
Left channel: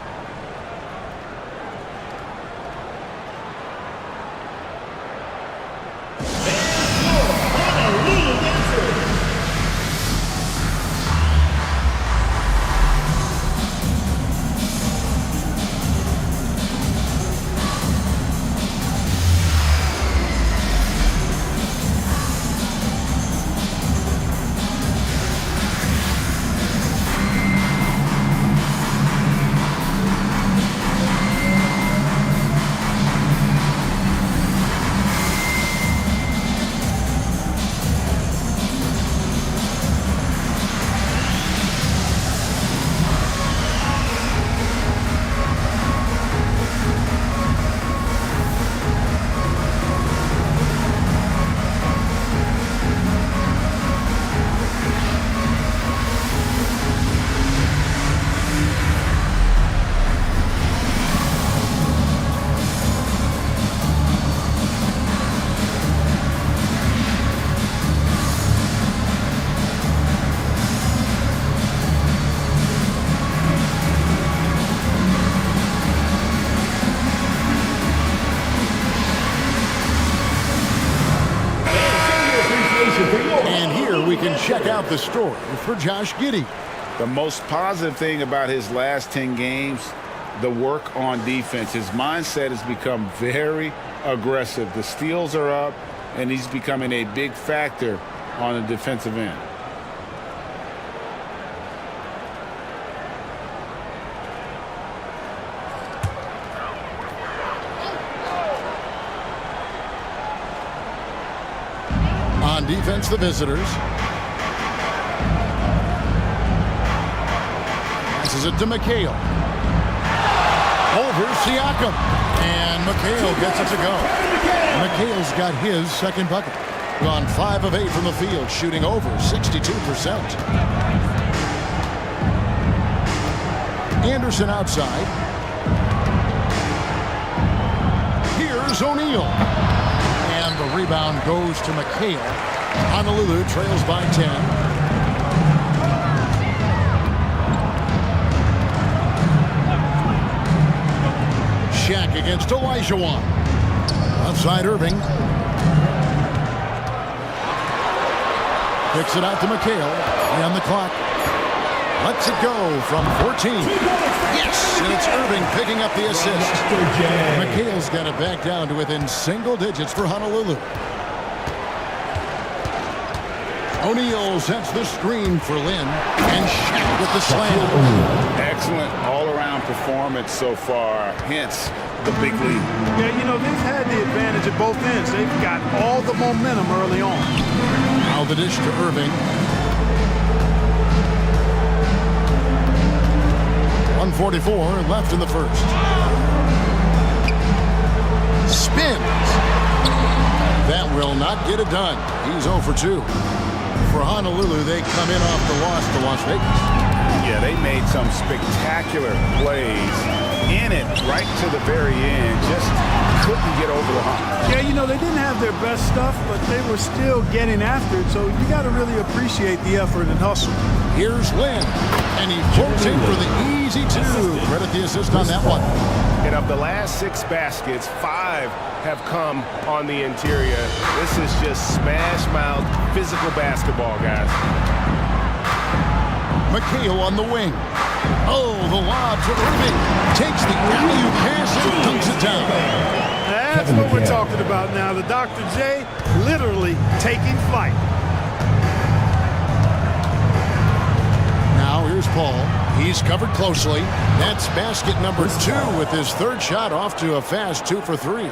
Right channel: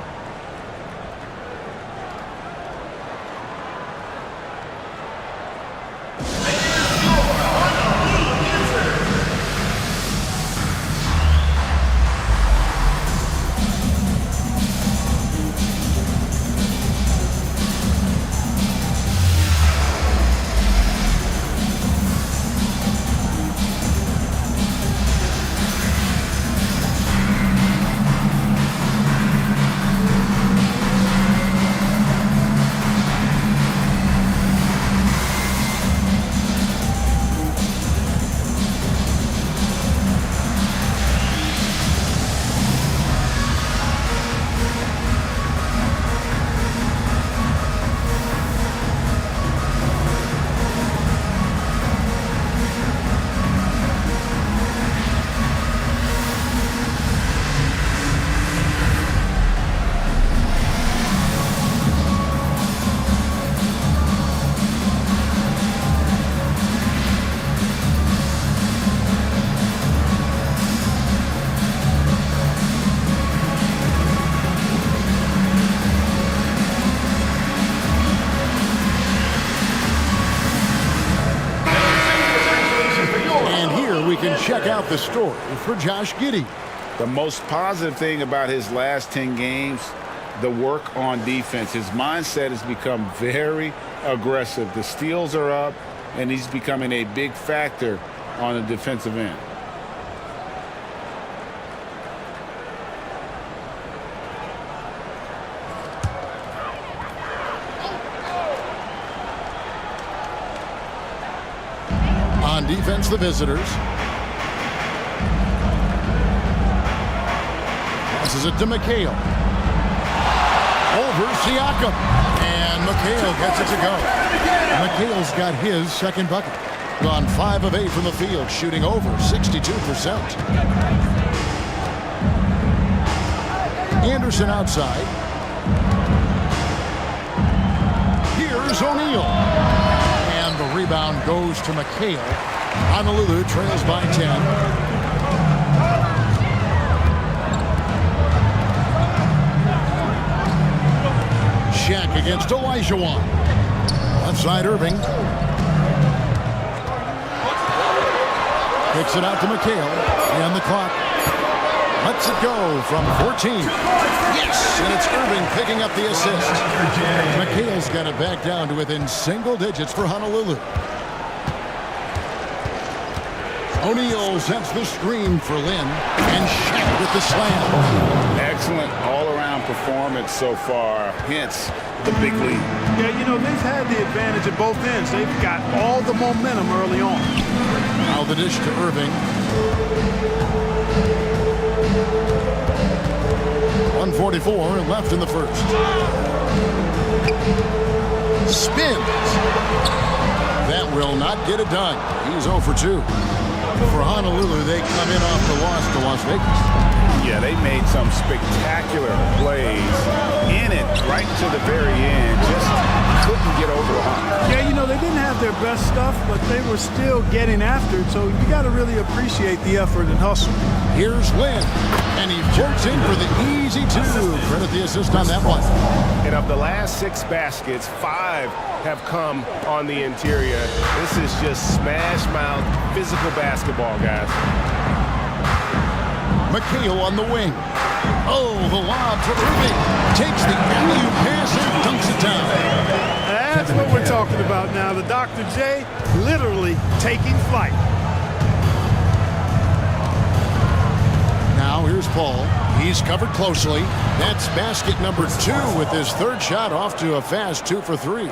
And here we can check out the story for Josh Giddey. The most positive thing about his last 10 games, the work on defense. His mindset has become very aggressive. The steals are up, and he's becoming a big factor on the defensive end. On defense, the visitors. Passes it to McHale. Over Siakam. And McHale gets it to go. McHale's got his second bucket. Gone 5 of 8 from the field, shooting over 62%. Anderson outside. Here's O'Neal. And the rebound goes to McHale. Honolulu trails by 10. Shaq against Olajuwon. Outside Irving. Kicks it out to McHale. And the clock. Lets it go from 14. Yes, and it's Irving picking up the assist. McHale's got it back down to within single digits for Honolulu. O'Neal sets the screen for Lynn, and Shaq with the slam. Excellent all-around performance so far, hence the big lead. Yeah, you know, they've had the advantage at both ends. They've got all the momentum early on. Now the dish to Irving. 1:44 left in the first. Spins. That will not get it done. He's 0 for 2. For Honolulu, they come in off the loss to Las Vegas. Yeah, they made some spectacular plays in it right to the very end. Just couldn't get over the hump. Yeah, you know, they didn't have their best stuff, but they were still getting after it. So you got to really appreciate the effort and hustle. Here's Lynn, and he floats in for the easy 2. Credit the assist on that one. And of the last 6 baskets, 5 have come on the interior. This is just smash mouth physical basketball, guys. McHale on the wing. Oh, the lob to Irving. Takes the alley-oop pass and dunks it down. That's what we're talking about now. The Dr. J literally taking flight. Now here's Paul. He's covered closely. That's basket number 2 with his third shot off to a fast 2 for 3.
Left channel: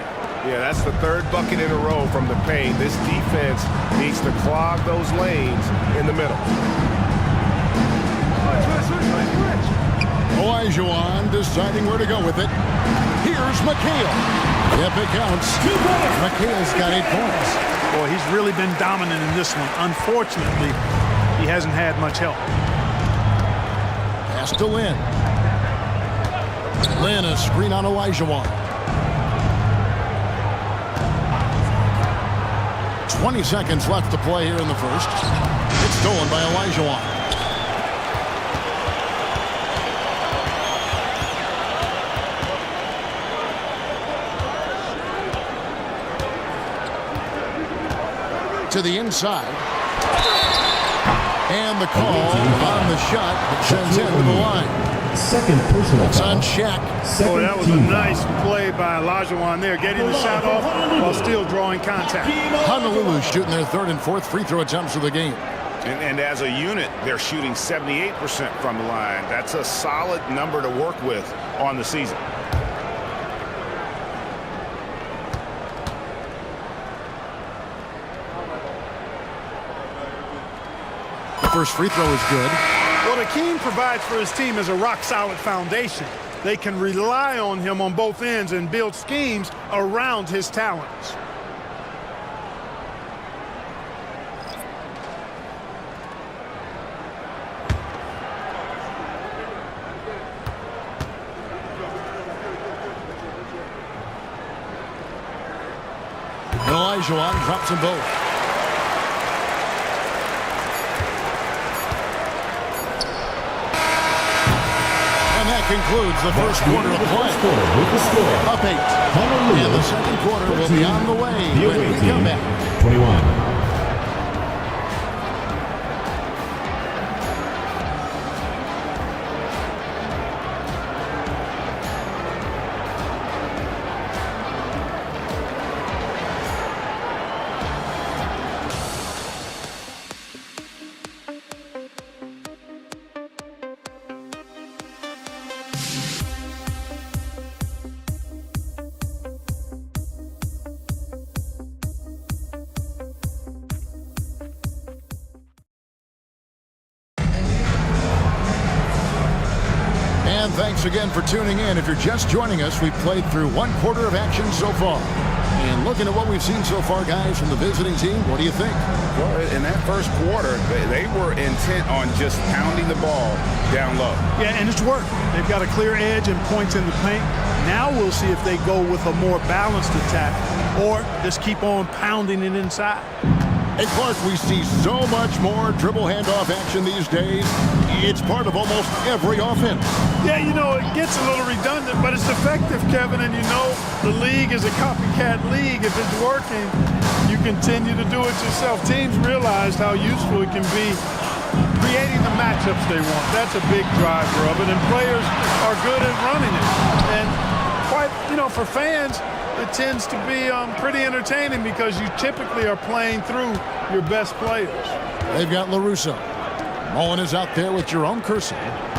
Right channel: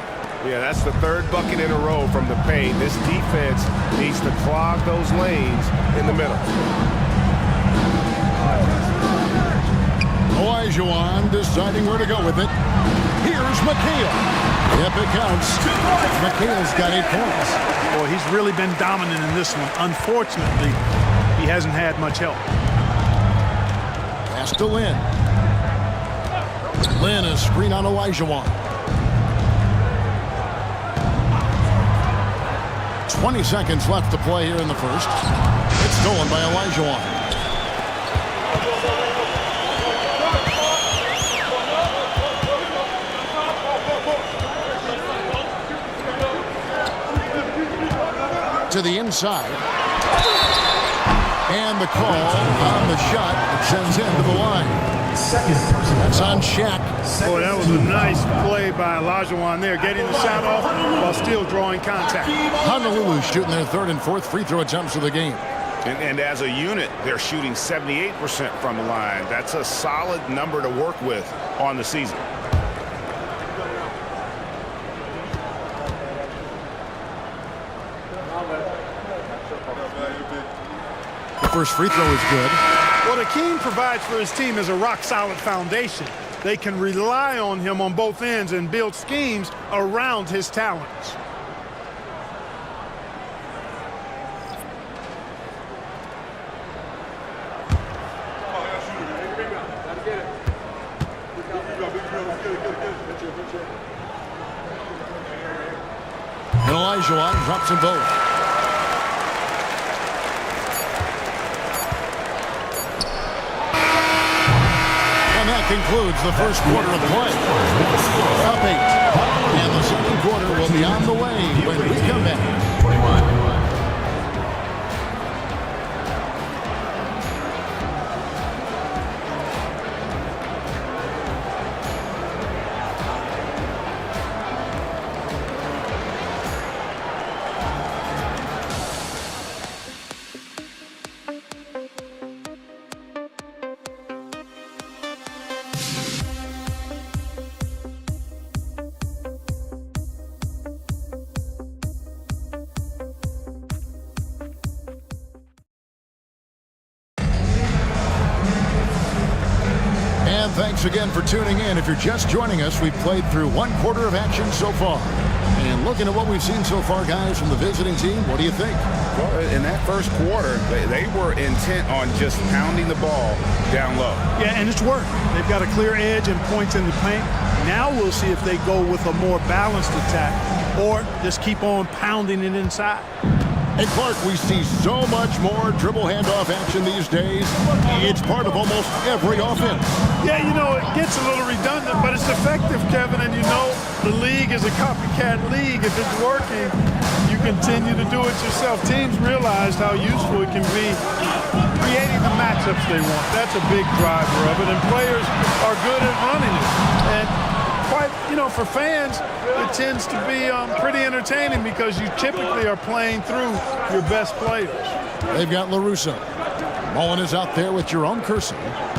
Yeah, that's the 3rd bucket in a row from the paint. This defense needs to clog those lanes in the middle. Olajuwon deciding where to go with it. Here's McHale. Yep, it counts. McHale's got 8 points. Boy, he's really been dominant in this one. Unfortunately, he hasn't had much help. Pass to Lynn. Lynn, a screen on Olajuwon. 20 seconds left to play here in the first. It's stolen by Olajuwon. To the inside. And the call on the shot that sends him to the line. Second personal That's foul. on Shaq. Boy, that was a nice play by Olajuwon there, getting the shot off while still drawing contact. Honolulu shooting their 3rd and 4th free throw attempts of the game. And as a unit, they're shooting 78% from the line. That's a solid number to work with on the season. The first free throw is good. What Akeem provides for his team is a rock-solid foundation. They can rely on him on both ends and build schemes around his talents. Olajuwon drops them both. And that concludes the first quarter of play. Up 8. And the second quarter will be on the way when we come back. 21. And thanks again for tuning in. If you're just joining us, we've played through 1/4 of action so far. And looking at what we've seen so far, guys, from the visiting team, what do you think? Well, in that first quarter, they were intent on just pounding the ball down low. Yeah, and it's worked. They've got a clear edge and points in the paint. Now we'll see if they go with a more balanced attack or just keep on pounding it inside. Hey, Clark, we see so much more dribble handoff action these days. It's part of almost every offense. Yeah, you know, it gets a little redundant, but it's effective, Kevin. And you know, the league is a copycat league. If it's working, you continue to do it yourself. Teams realized how useful it can be creating the matchups they want. That's a big driver of it, and players are good at running it. And quite, you know, for fans, it tends to be pretty entertaining because you typically are playing through your best players. They've got LaRusso. Mullen is out there with Jerome Kersey.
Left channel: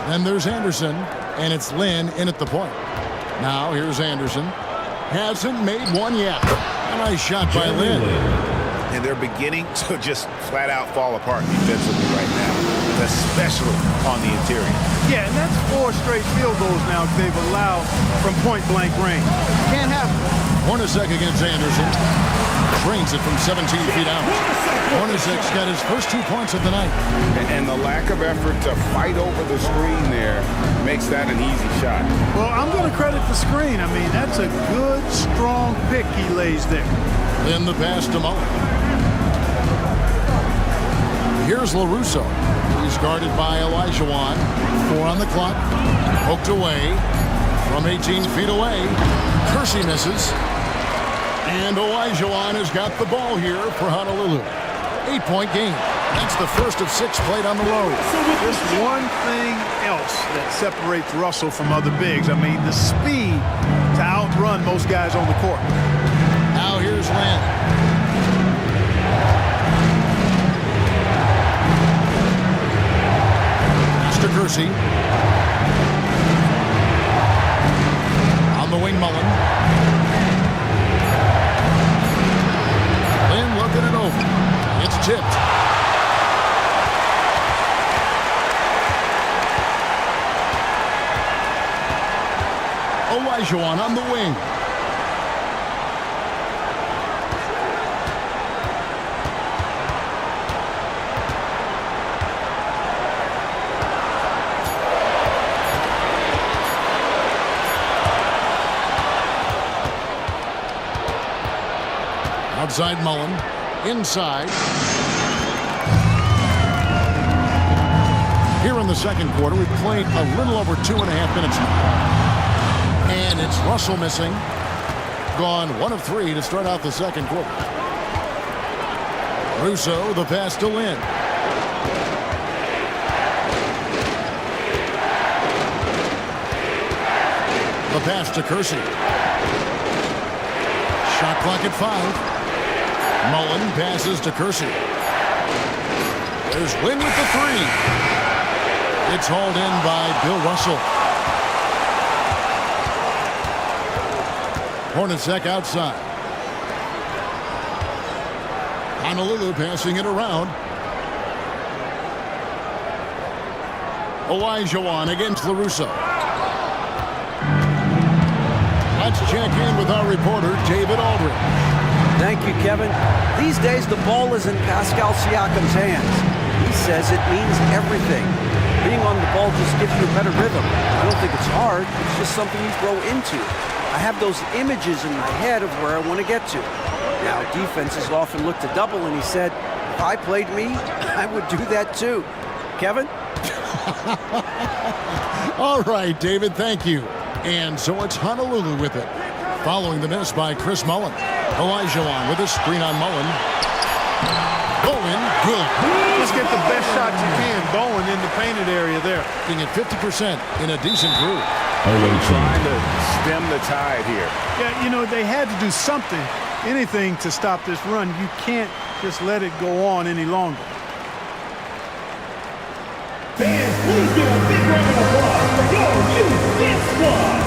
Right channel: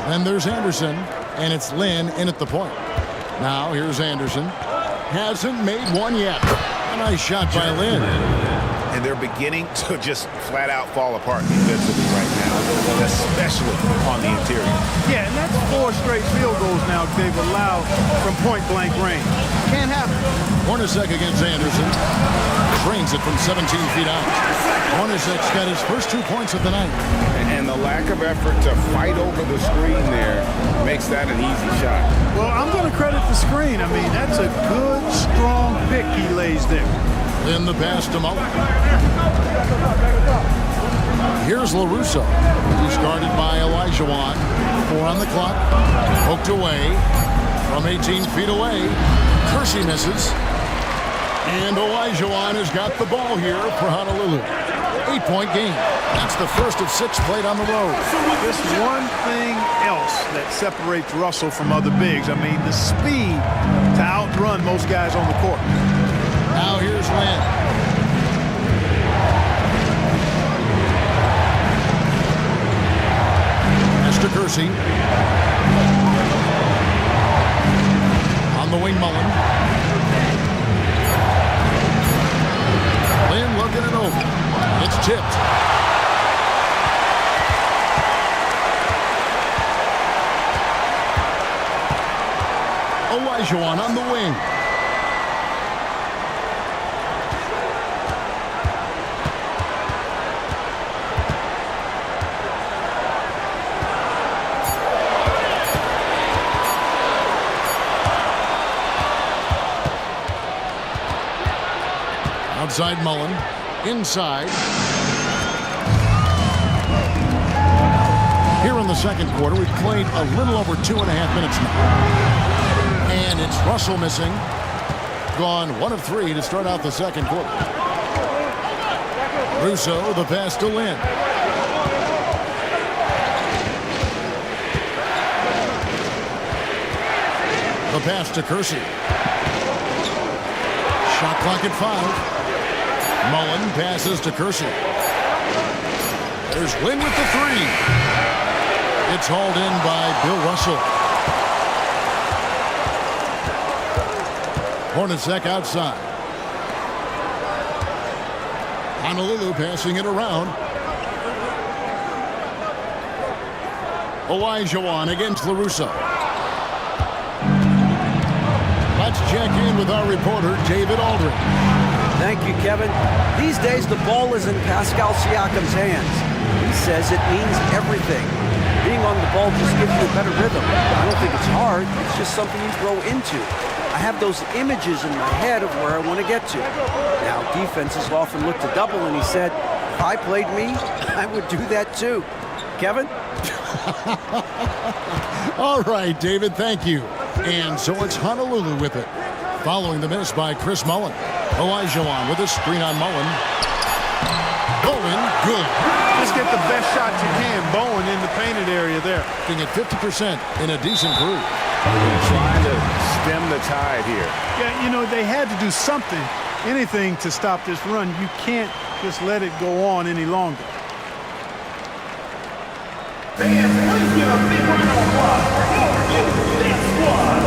Then there's Anderson, and it's Lynn in at the point. Now here's Anderson. Hasn't made one yet. A nice shot by Lynn. And they're beginning to just flat out fall apart defensively right now, especially on the interior. Yeah, and that's 4 straight field goals now they've allowed from point-blank range. Can't happen. Hornacek against Anderson. Drains it from 17 feet out. Hornacek's got his first 2 points of the night. And the lack of effort to fight over the screen there makes that an easy shot. Well, I'm going to credit the screen. I mean, that's a good, strong pick he lays there. Then the pass to Mullen. Here's LaRusso. He's guarded by Olajuwon. 4 on the clock. Poked away from 18 feet away. Kersey misses. And Olajuwon has got the ball here for Honolulu. 8-point game. That's the first of 6 played on the road. Just one thing else that separates Russell from other bigs. I mean, the speed to outrun most guys on the court. Now here's Lynn. Pass to Kersey. On the wing, Mullen. Lynn looking it over. It's tipped. Olajuwon on the wing. Outside Mullen. Inside. Here in the second quarter, we've played a little over 2.5 minutes now. And it's Russell missing. Gone 1 of 3 to start out the second quarter. Russo, the pass to Lynn. The pass to Kersey. Shot clock at 5. Mullen passes to Kersey. There's Lynn with the 3. It's hauled in by Bill Russell. Hornacek outside. Honolulu passing it around. Olajuwon against LaRusso. Let's check in with our reporter, David Aldridge. Thank you, Kevin. These days, the ball is in Pascal Siakam's hands. He says it means everything. Being on the ball just gives you a better rhythm. I don't think it's hard. It's just something you grow into. I have those images in my head of where I want to get to. Now, defenses often look to double, and he said, if I played me, I would do that too. Kevin? All right, David, thank you. And so it's Honolulu with it. Following the miss by Chris Mullen. Olajuwon with a screen on Mullen. Bowen, good. Just get the best shot you can. Bowen in the painted area there. Being at 50% in a decent groove. Trying to stem the tide here. Yeah, you know, they had to do something, anything to stop this run. You can't just let it go on any longer. Fans, please give a big round of applause for your youth dance squad.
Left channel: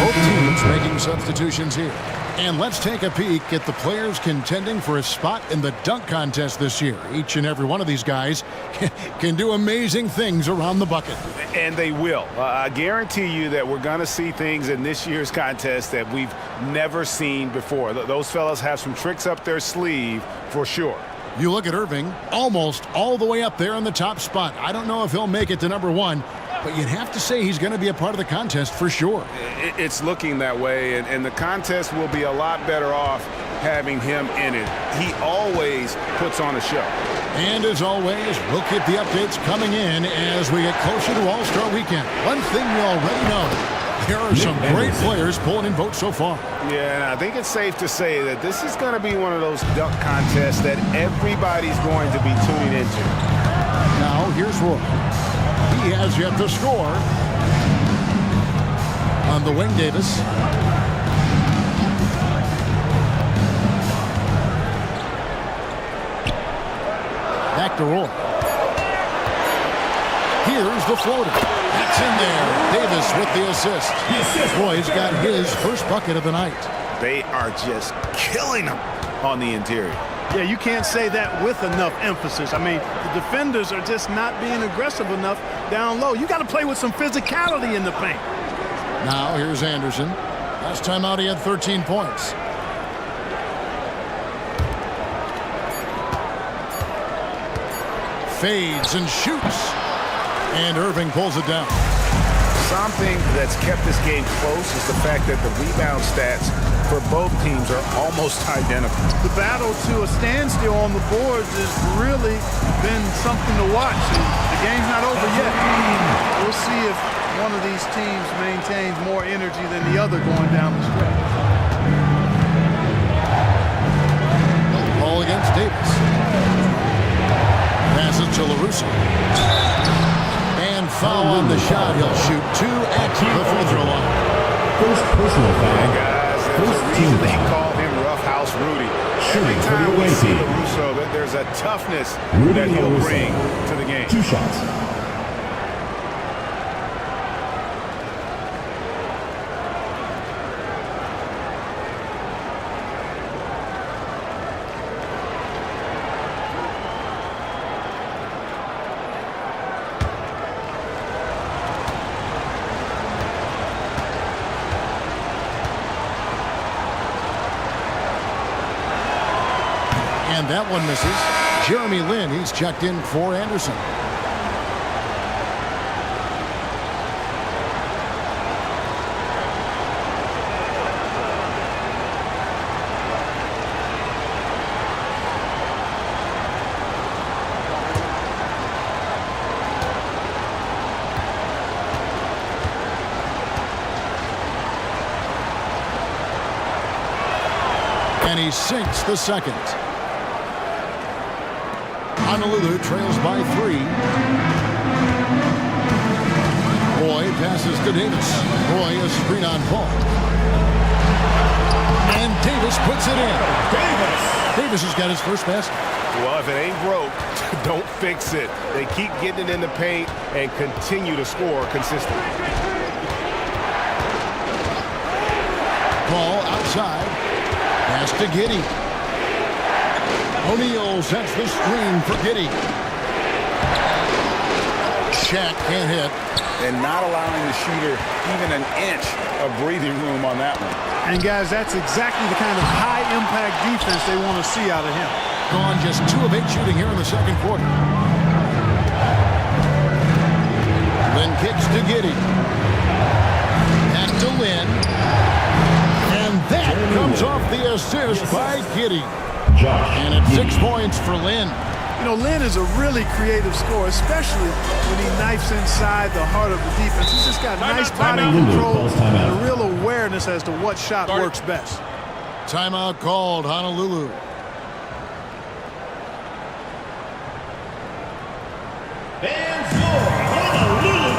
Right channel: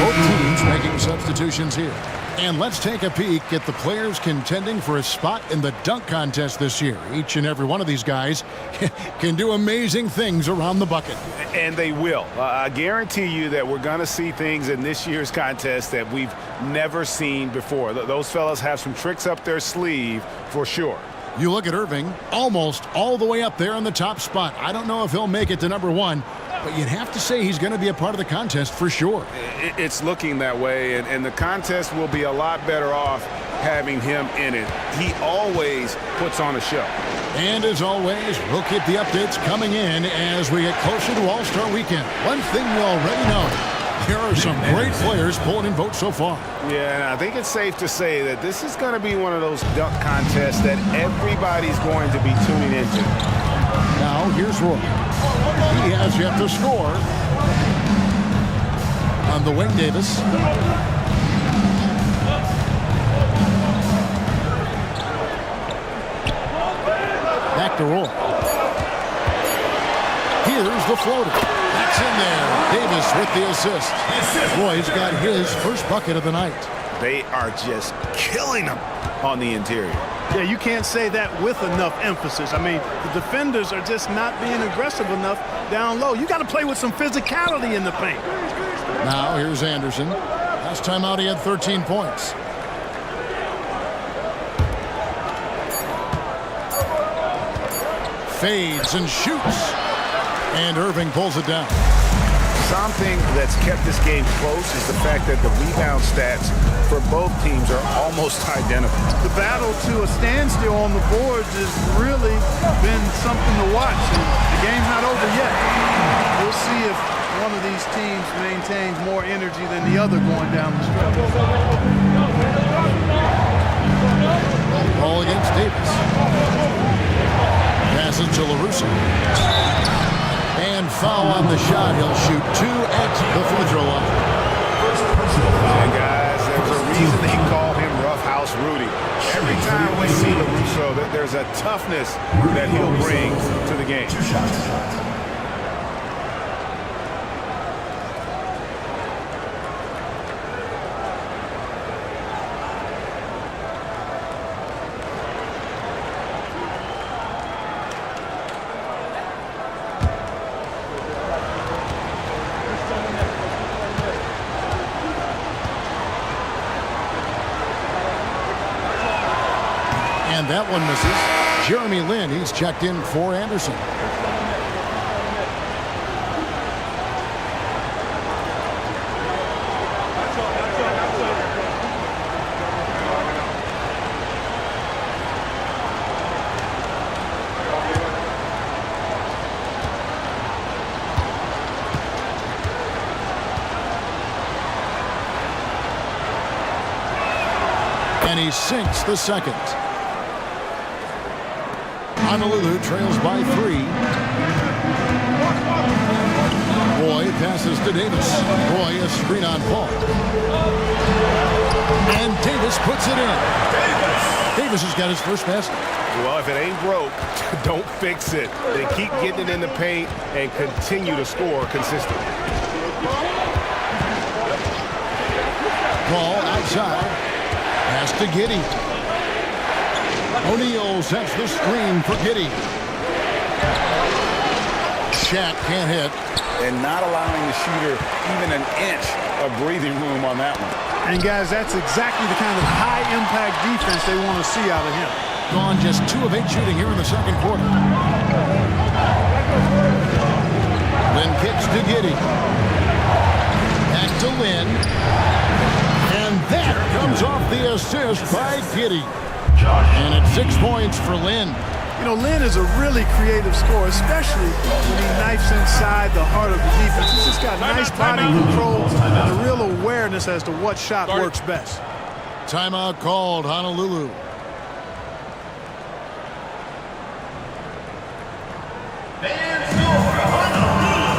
Both teams making substitutions here. And let's take a peek at the players contending for a spot in the dunk contest this year. Each and every one of these guys can do amazing things around the bucket. And they will. I guarantee you that we're going to see things in this year's contest that we've never seen before. Those fellas have some tricks up their sleeve for sure. You look at Irving, almost all the way up there in the top spot. I don't know if he'll make it to number one, but you'd have to say he's going to be a part of the contest for sure. It's looking that way, and the contest will be a lot better off having him in it. He always puts on a show. And as always, we'll keep the updates coming in as we get closer to All-Star Weekend. One thing we already know, there are some great players pulling in votes so far. Yeah, and I think it's safe to say that this is going to be one of those dunk contests that everybody's going to be tuning into. Now, here's Roy. He has yet to score. On the wing, Davis. Back to Roy. Here's the floater. That's in there. Davis with the assist. Roy's got his first bucket of the night. They are just killing them on the interior. Yeah, you can't say that with enough emphasis. I mean, the defenders are just not being aggressive enough down low. You got to play with some physicality in the paint. Now, here's Anderson. Last time out, he had 13 points. Fades and shoots. And Irving pulls it down. Something that's kept this game close is the fact that the rebound stats for both teams are almost identical. The battle to a standstill on the boards has really been something to watch. And the game's not over yet. We'll see if one of these teams maintains more energy than the other going down the stretch. Ball against Davis. Passes to LaRusso. And foul on the shot. He'll shoot two at the free throw line. First personal foul. And guys, there's a reason they call him Rough House Rudy. Every time we see LaRusso, there's a toughness that he'll bring to the game. 2 shots. And that one misses. Jeremy Lin, he's checked in for Anderson. And he sinks the second. Honolulu trails by 3. Roy passes to Davis. Roy a screen on Paul. And Davis puts it in. Davis has got his first basket. Well, if it ain't broke, don't fix it. They keep getting it in the paint and continue to score consistently. Paul outside. Pass to Giddey. O'Neal sets the screen for Giddey. Shaq can't hit. And not allowing the shooter even an inch of breathing room on that one. And guys, that's exactly the kind of high-impact defense they want to see out of him. Gone just 2 of 8 shooting here in the second quarter. Lin kicks to Giddey. Back to Lin. And that comes off the assist by Giddey. And it's 6 points for Lin. You know, Lin is a really creative scorer, especially when he knifes inside the heart of the defense. He's just got nice body control and a real awareness as to what shot works best. Timeout called, Honolulu. Fans score, Honolulu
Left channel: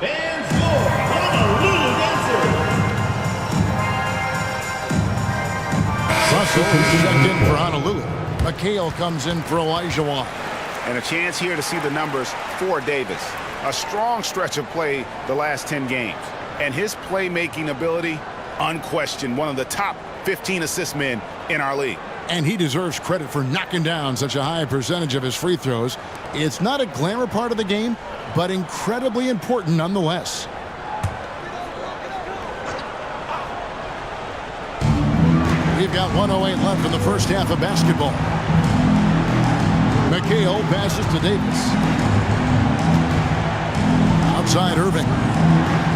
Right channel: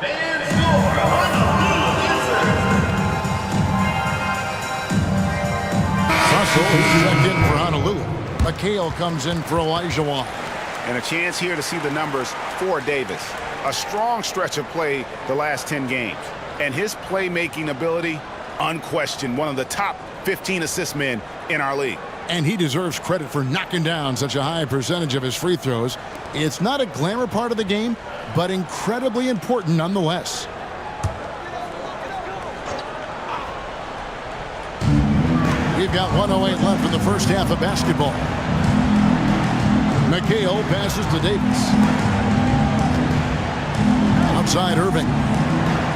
Fans your Honolulu Dancers. Russell is checked in for Honolulu. McHale comes in for Elijah. And a chance here to see the numbers for Davis. A strong stretch of play the last 10 games. And his playmaking ability, unquestioned, one of the top 15 assist men in our league. And he deserves credit for knocking down such a high percentage of his free throws. It's not a glamour part of the game, but incredibly important nonetheless. We've got 1:08 left in the first half of basketball. McHale passes to Davis. Outside Irving.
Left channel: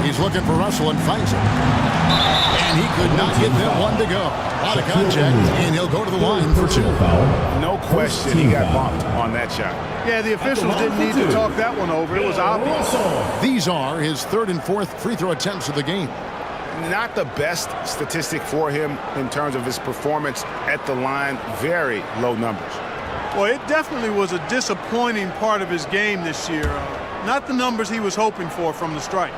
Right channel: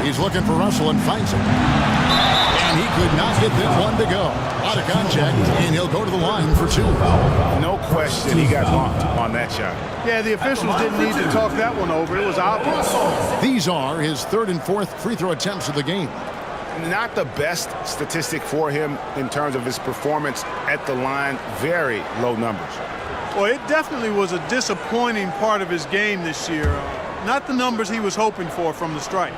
He's looking for Russell and finds him. And he could not get that one to go. A lot of contact, and he'll go to the line for two. No question he got bumped on that shot. Yeah, the officials didn't need to talk that one over. It was obvious. These are his third and fourth free throw attempts of the game. Not the best statistic for him in terms of his performance at the line. Very low numbers. Well, it definitely was a disappointing part of his game this year. Not the numbers he was hoping for from the strike.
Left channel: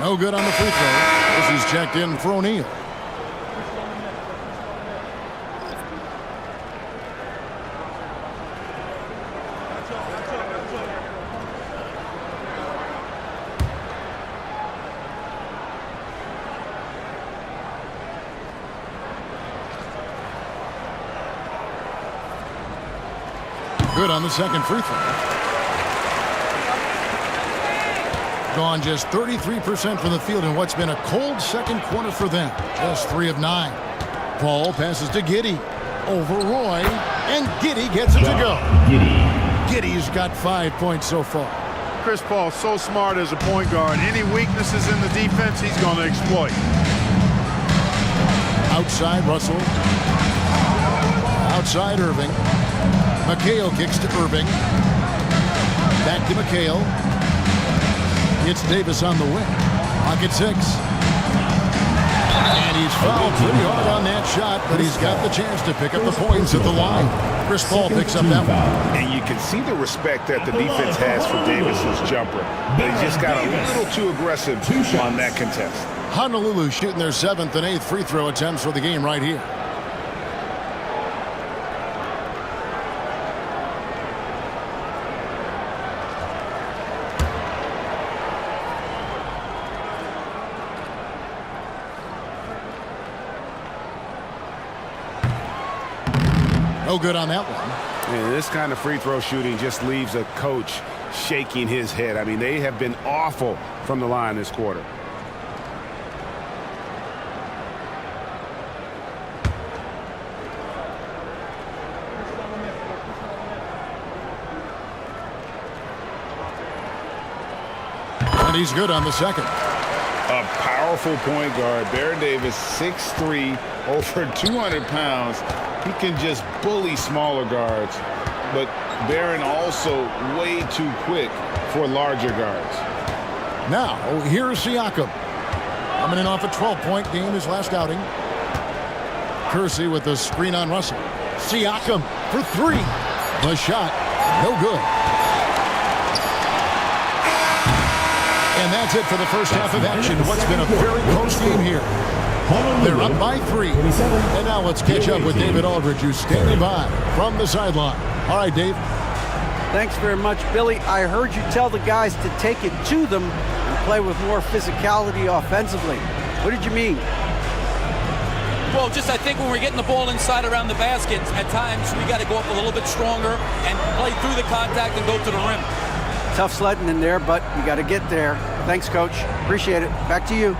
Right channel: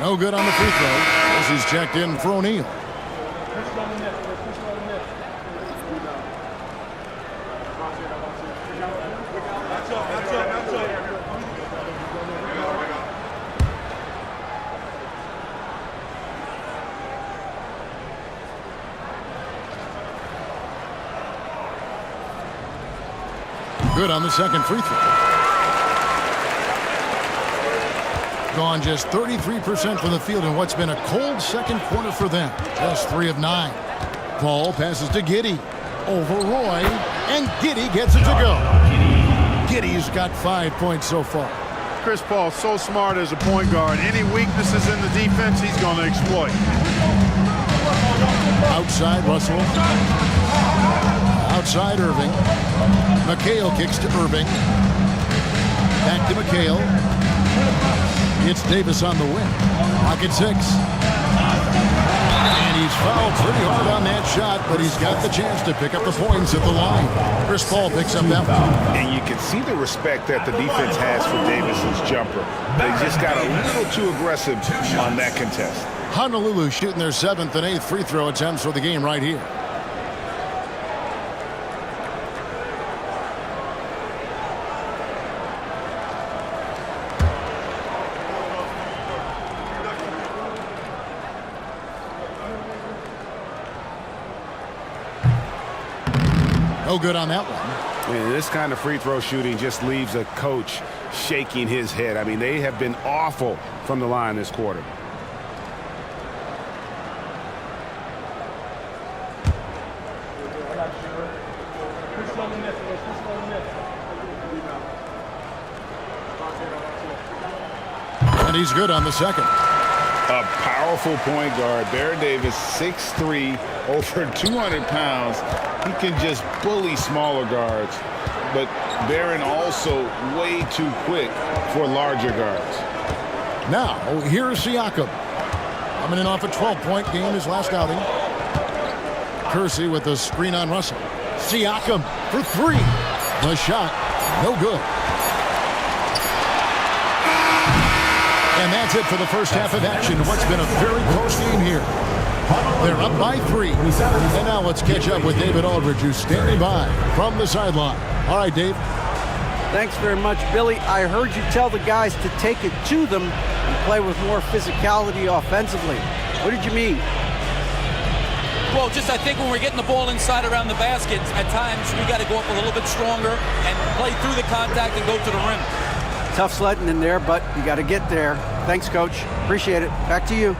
No good on the free throw. This is checked in for O'Neal. Good on the second free throw. Gone just 33% from the field in what's been a cold second quarter for them. Just 3 of 9. Paul passes to Giddey. Over Roy. And Giddey gets it to go. Giddey's got 5 points so far. Chris Paul, so smart as a point guard. Any weaknesses in the defense, he's going to exploit. Outside Russell. Outside Irving. McHale kicks to Irving. Back to McHale. It's Davis on the wing. Pocket 6. And he's fouled pretty hard on that shot, but he's got the chance to pick up the points at the line. Chris Paul picks up that one. And you can see the respect that the defense has for Davis's jumper. They just got a little too aggressive on that contest. Honolulu shooting their 7th and 8th free throw attempts for the game right here. No good on that one. And this kind of free throw shooting just leaves a coach shaking his head. I mean, they have been awful from the line this quarter. And he's good on the second. A powerful point guard. Baron Davis, 6'3", over 200 pounds. He can just bully smaller guards. But Baron also way too quick for larger guards. Now, here's Siakam. Coming in off a 12-point game his last outing. Kersey with the screen on Russell. Siakam for 3. The shot, no good. And that's it for the first half of action. What's been a very close game here. They're up by 3. And now let's catch up with David Aldridge, who's standing by from the sideline. All right, Dave. Thanks very much, Billy. I heard you tell the guys to take it to them and play with more physicality offensively. What did you mean? Well, just I think when we're getting the ball inside around the basket, at times we got to go up a little bit stronger and play through the contact and go to the rim. Tough sledding in there, but you got to get there. Thanks, Coach. Appreciate it. Back to you.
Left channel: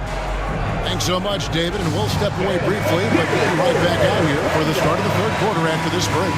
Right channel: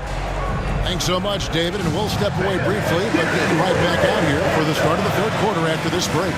Thanks so much, David, and we'll step away briefly, but get you right back out here for the start of the third quarter after this break.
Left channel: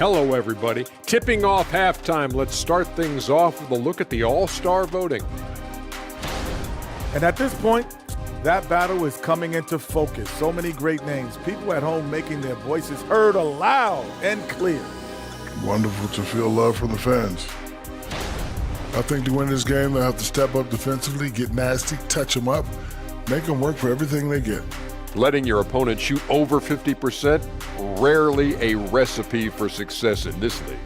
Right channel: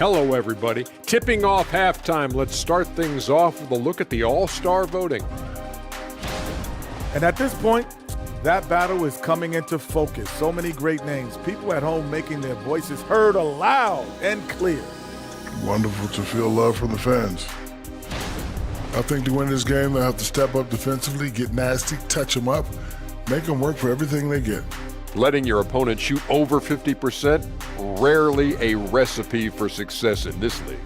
Hello, everybody. Tipping off halftime. Let's start things off with a look at the All-Star voting. And at this point, that battle is coming into focus. So many great names. People at home making their voices heard aloud and clear. Wonderful to feel love from the fans. I think to win this game, they'll have to step up defensively, get nasty, touch them up, make them work for everything they get. Letting your opponent shoot over 50%, rarely a recipe for success in this league.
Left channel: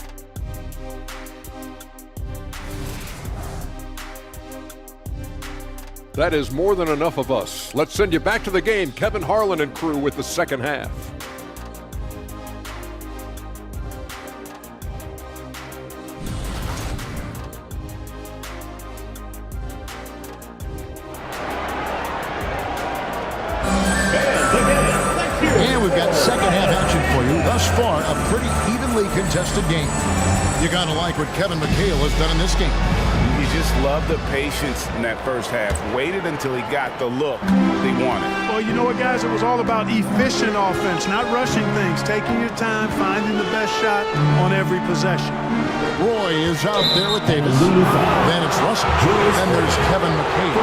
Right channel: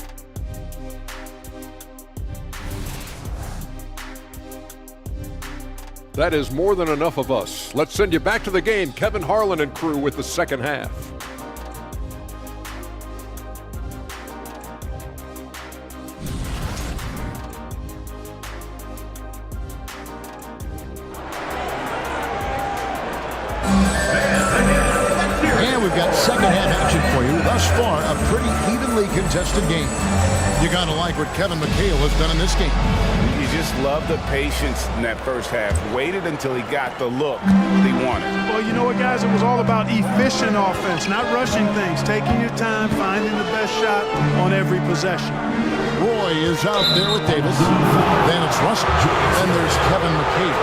That is more than enough of us. Let's send you back to the game. Kevin Harlan and crew with the second half. And we've got second half action for you. Thus far, a pretty evenly contested game. You gotta like what Kevin McHale has done in this game. You just love the patience in that first half. Waited until he got the look he wanted. Well, you know what, guys? It was all about efficient offense, not rushing things, taking your time, finding the best shot on every possession. Roy is out there with Davis. Then it's Russell. Then there's Kevin McHale.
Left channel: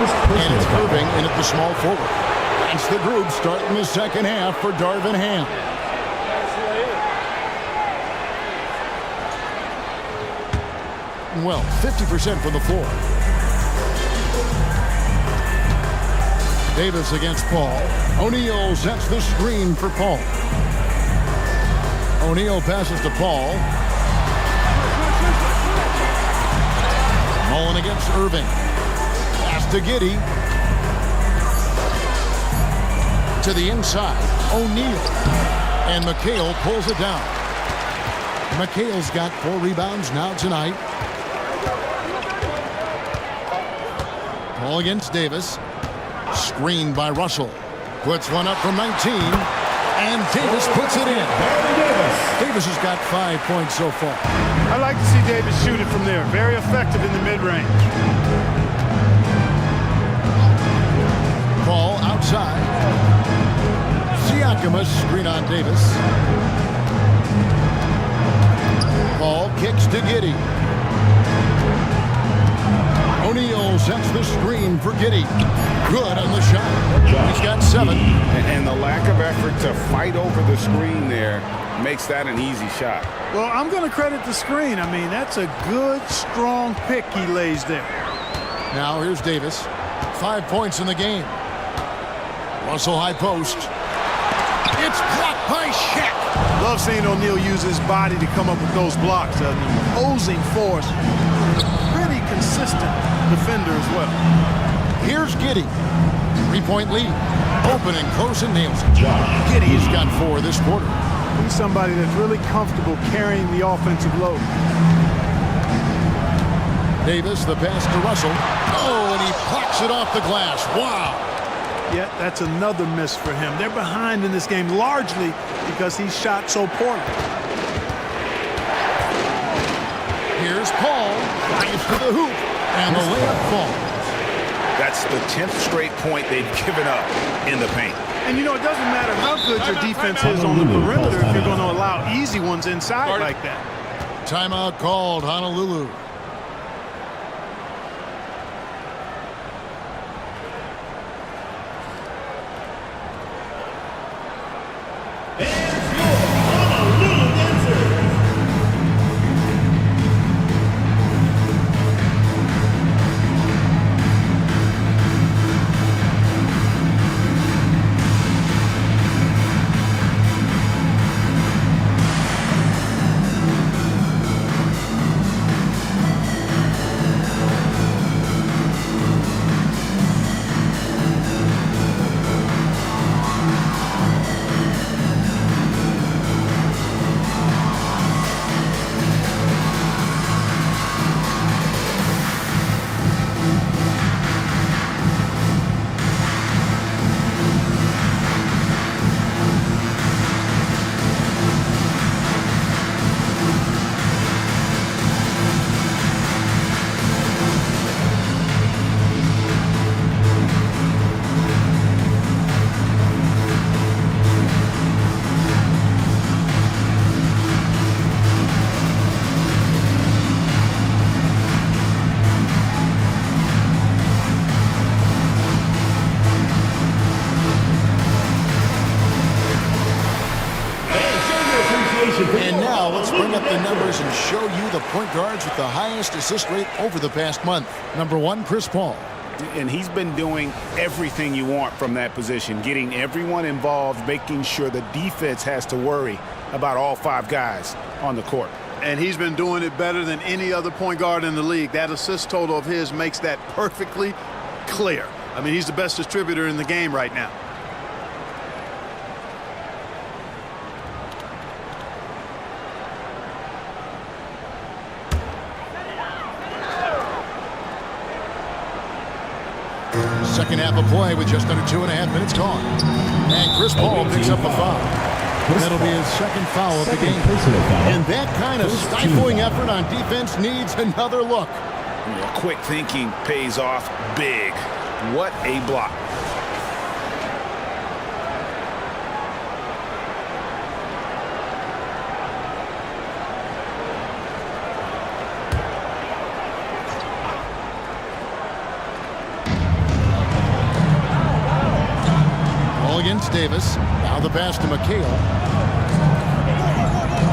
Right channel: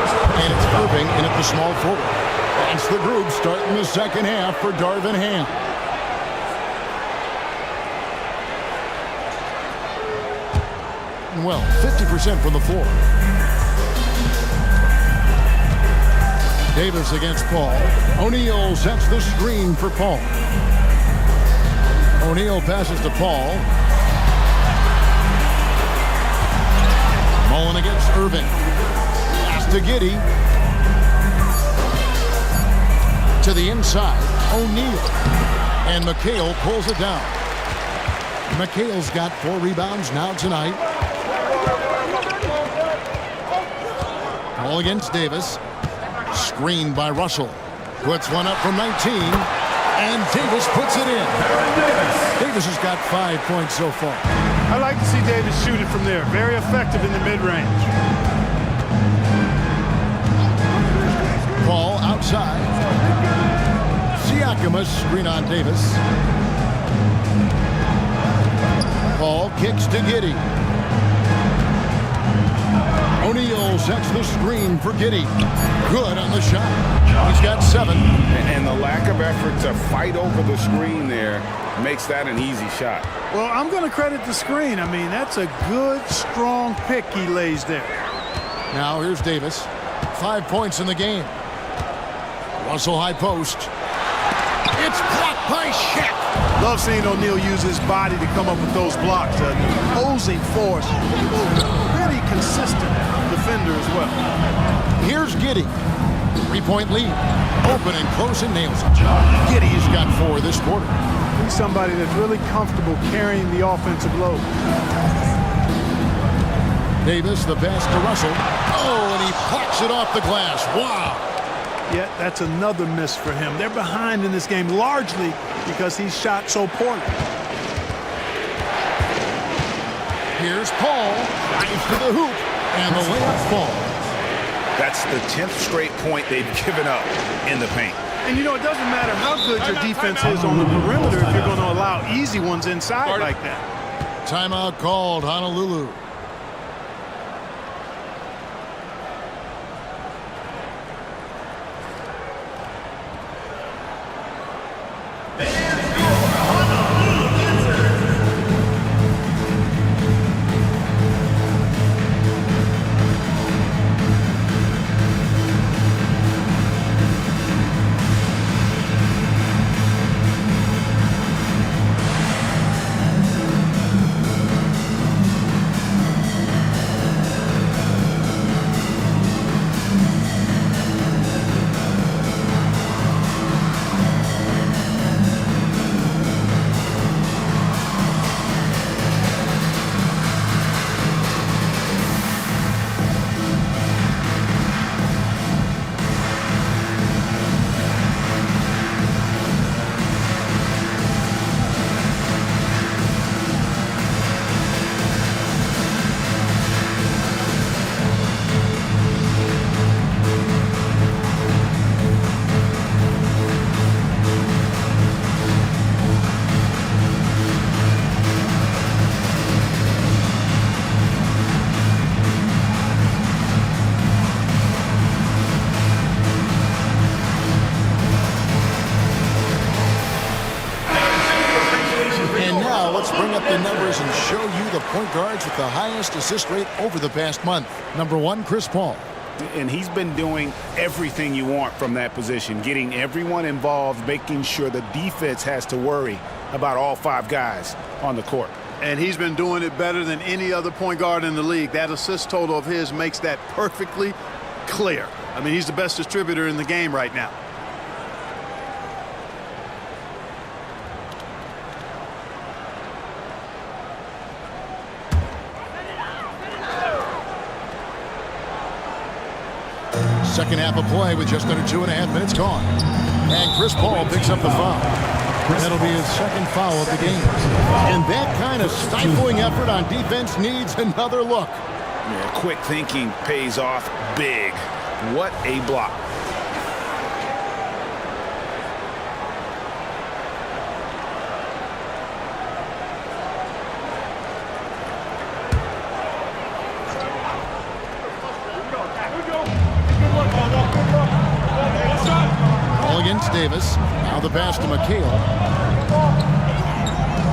And it's Irving in at the small forward. That's the group starting the second half for Darvin Ham. Well, 50% from the floor. Davis against Paul. O'Neal sets the screen for Paul. O'Neal passes to Paul. Mullen against Irving. Pass to Giddey. To the inside, O'Neal. And McHale pulls it down. McHale's got 4 rebounds now tonight. Paul against Davis. Screened by Russell. Puts one up from 19. And Davis puts it in. Davis has got 5 points so far. I like to see Davis shoot it from there. Very effective in the mid-range. Paul outside. Siakam screen on Davis. Paul kicks to Giddey. O'Neal sets the screen for Giddey. Good on the shot. He's got 7. And the lack of effort to fight over the screen there makes that an easy shot. Well, I'm going to credit the screen. I mean, that's a good, strong pick he lays there. Now here's Davis. 5 points in the game. Russell high post. It's blocked by Shaq. Love seeing O'Neal use his body to come up with those blocks. An imposing force and a pretty consistent defender as well. Here's Giddey. 3-point lead. Open and close and nails it. Giddey's got 4 this quarter. He's somebody that's really comfortable carrying the offensive load. Davis, the pass to Russell. Oh, and he plucks it off the glass. Wow. Yet that's another miss for him. They're behind in this game largely because he shot so poorly. Here's Paul. Drives to the hoop. And the layup falls. That's the 10th straight point they've given up in the paint. And you know, it doesn't matter how good your defense is on the perimeter if you're going to allow easy ones inside like that. Timeout called, Honolulu. Now let's bring up the numbers and show you the point guards with the highest assist rate over the past month. Number 1, Chris Paul. And he's been doing everything you want from that position, getting everyone involved, making sure the defense has to worry about all 5 guys on the court. And he's been doing it better than any other point guard in the league. That assist total of his makes that perfectly clear. I mean, he's the best distributor in the game right now. Second half of play with just under 2.5 minutes gone. And Chris Paul picks up the foul. That'll be his second foul of the game. And that kind of stifling effort on defense needs another look. Yeah, quick thinking pays off big. What a block. Against Davis. Now the pass to McHale.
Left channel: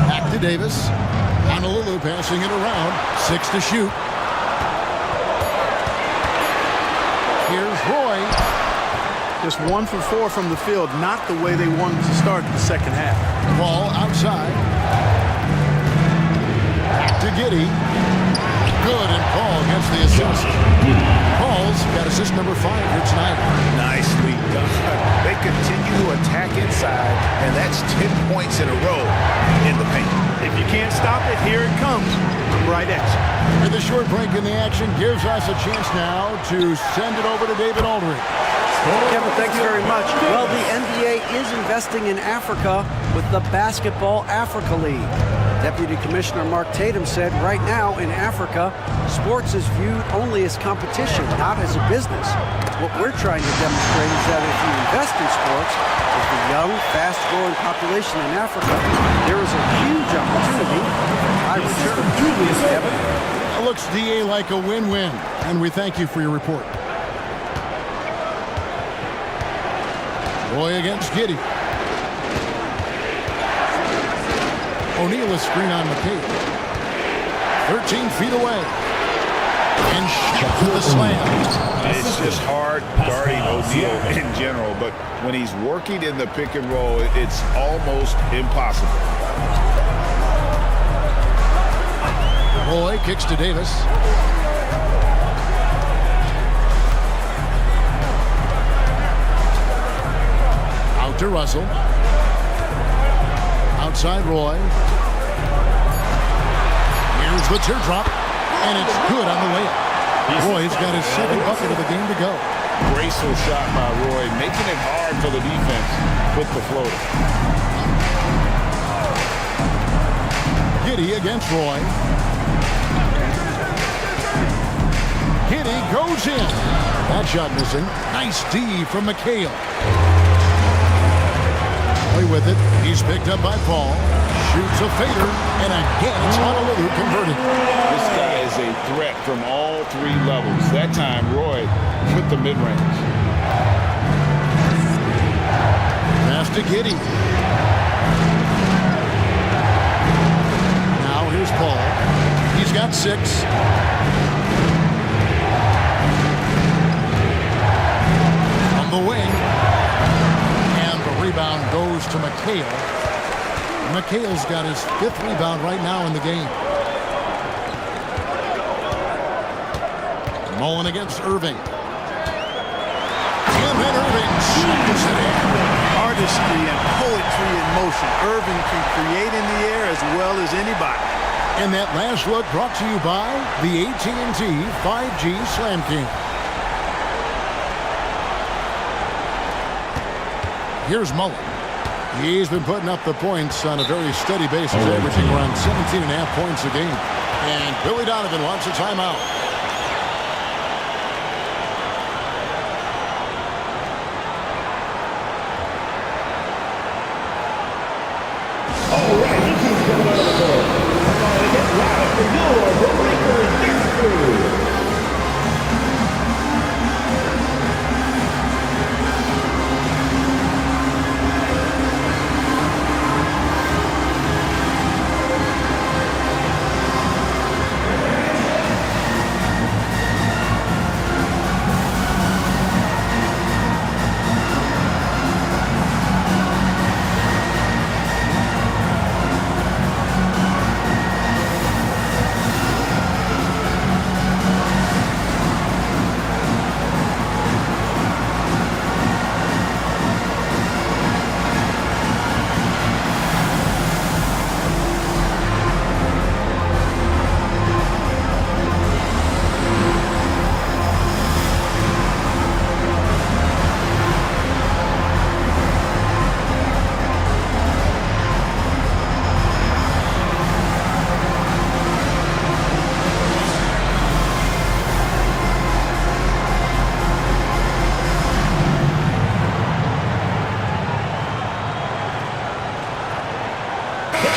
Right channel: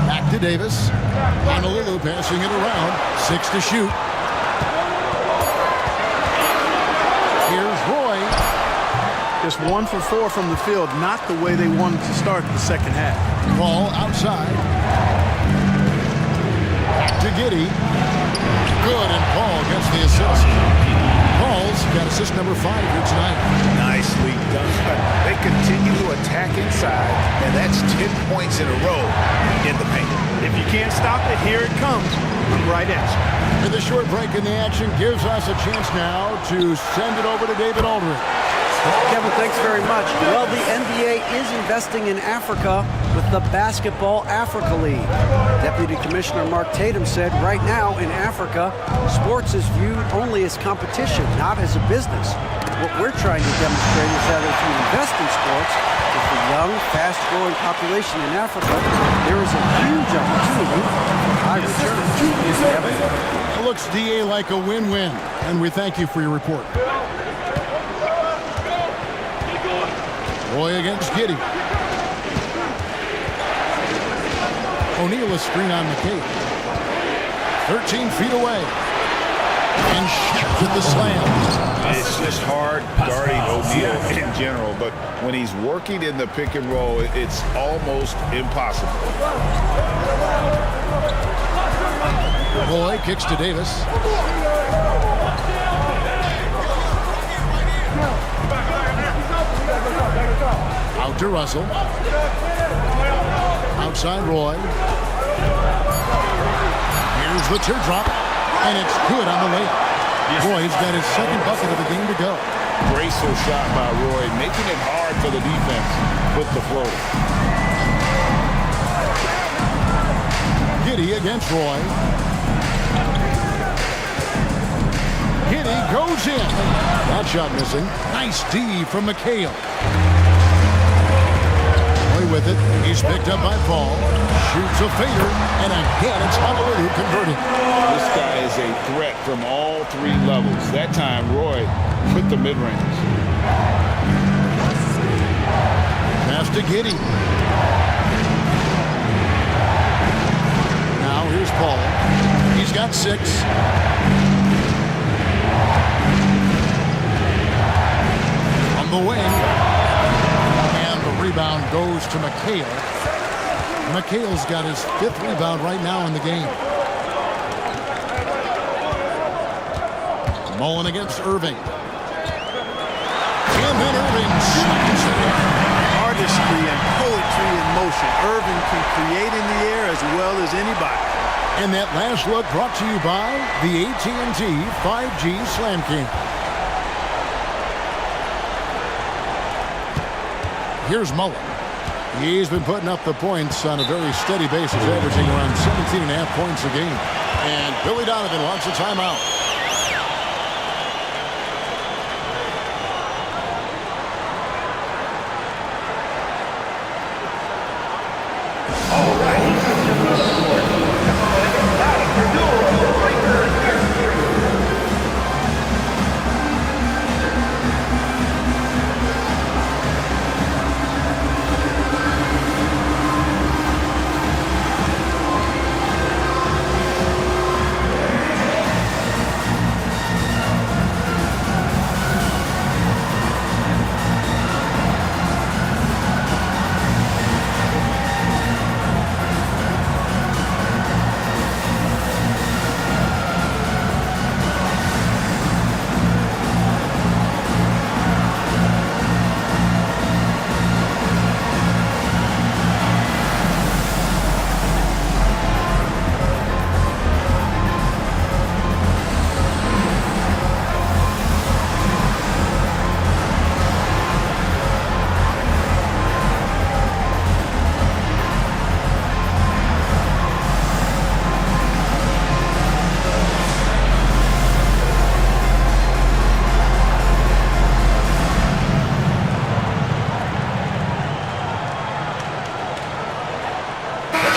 Back to Davis. Honolulu passing it around. 6 to shoot. Here's Roy. Just 1 for 4 from the field. Not the way they wanted to start the second half. Ball outside. Back to Giddey. Good, and Paul gets the assist. Paul's got assist number 5 here tonight. Nicely done. They continue to attack inside, and that's 10 points in a row in the paint. If you can't stop it, here it comes. I'm right at you. And the short break in the action gives us a chance now to send it over to David Aldridge. Kevin, thanks very much. Well, the NBA is investing in Africa with the Basketball Africa League. Deputy Commissioner Mark Tatum said right now in Africa, sports is viewed only as competition, not as a business. What we're trying to demonstrate is that if you invest in sports, with the young, fast-growing population in Africa, there is a huge opportunity for high returns. Kevin? It looks, DA, like a win-win, and we thank you for your report. Roy against Giddey. O'Neal a screen on McHale. 13 feet away. And Shaq with the slam. It's just hard guarding O'Neal in general, but when he's working in the pick and roll, it's almost impossible. Roy kicks to Davis. Out to Russell. Outside Roy. Here's the teardrop, and it's good on the layup. Roy's got his second bucket of the game to go. Graceful shot by Roy, making it hard for the defense with the floater. Giddey against Roy. Giddey goes in. That shot missing. Nice D from McHale. Roy with it. He's picked up by Paul. Shoots a fader, and again it's Honolulu converting. This guy is a threat from all 3 levels. That time, Roy with the mid-range. Pass to Giddey. Now here's Paul. He's got 6. From the wing. And the rebound goes to McHale. McHale's got his 5th rebound right now in the game. Mullen against Irving. And then Irving slams it in. Artistry and poetry in motion. Irving can create in the air as well as anybody. And that last look brought to you by the AT&T 5G Slam King. Here's Mullen. He's been putting up the points on a very steady basis, averaging around 17.5 points a game. And Billy Donovan wants a timeout.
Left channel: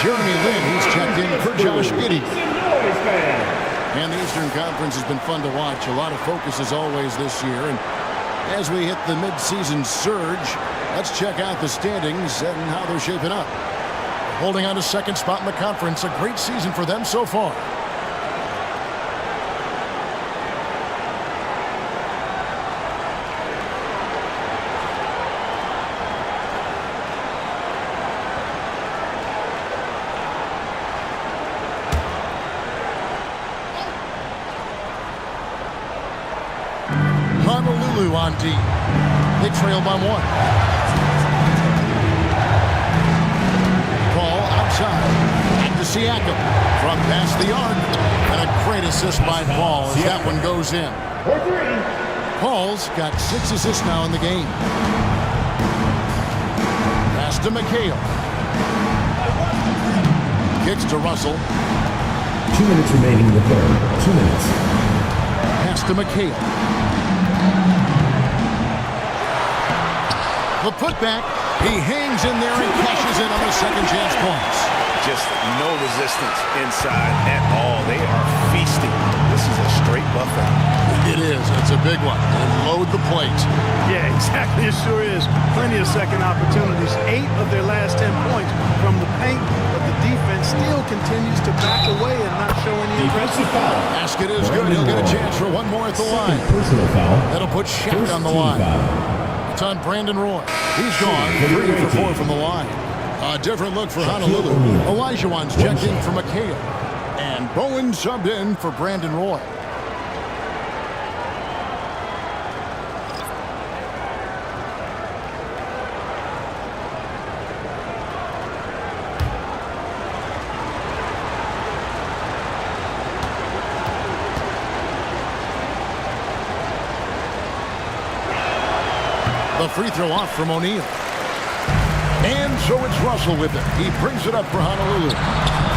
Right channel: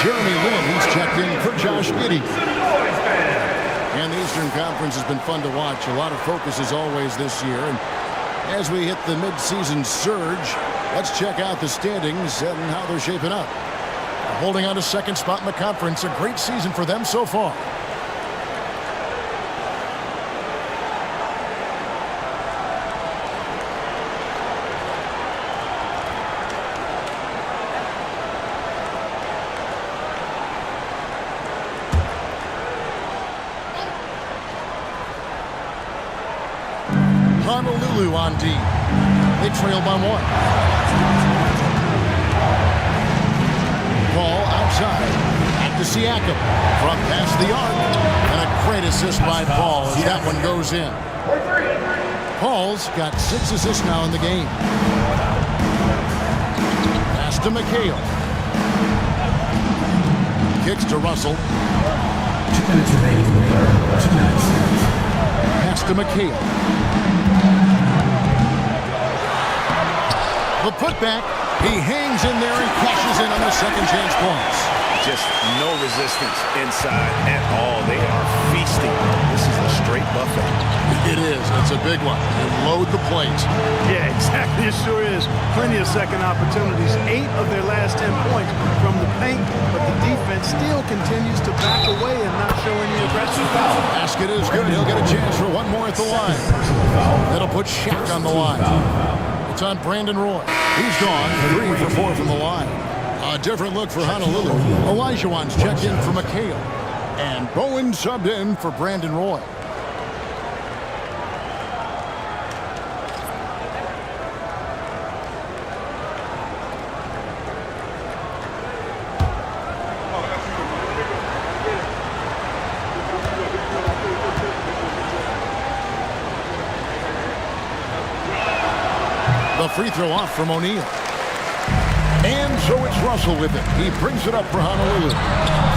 Jeremy Lin, he's checked in for Josh Giddey. And the Eastern Conference has been fun to watch. A lot of focus as always this year. And as we hit the midseason surge, let's check out the standings and how they're shaping up. Holding on to second spot in the conference. A great season for them so far. Honolulu on D. They trail by 1. Ball outside. Back to Siakam. From past the arc. And a great assist by Paul as that one goes in. Paul's got 6 assists now in the game. Pass to McHale. Kicks to Russell. 2 minutes remaining in the third. 2 minutes. Pass to McHale. The putback, he hangs in there and cashes in on the second chance points. Just no resistance inside at all. They are feasting. This is a straight buffet. It is. It's a big one. They load the plate. Yeah, exactly. It sure is. Plenty of second opportunities. 8 of their last 10 points from the paint, but the defense still continues to back away and not show any aggressive foul. Basket is good. He'll get a chance for one more at the line. That'll put Shaq on the line. It's on Brandon Roy. He's gone 3 for 4 from the line. A different look for Honolulu. Olajuwon's checked in for McHale. And Bowen subbed in for Brandon Roy. The free throw off from O'Neal. And so it's Russell with it. He brings it up for Honolulu.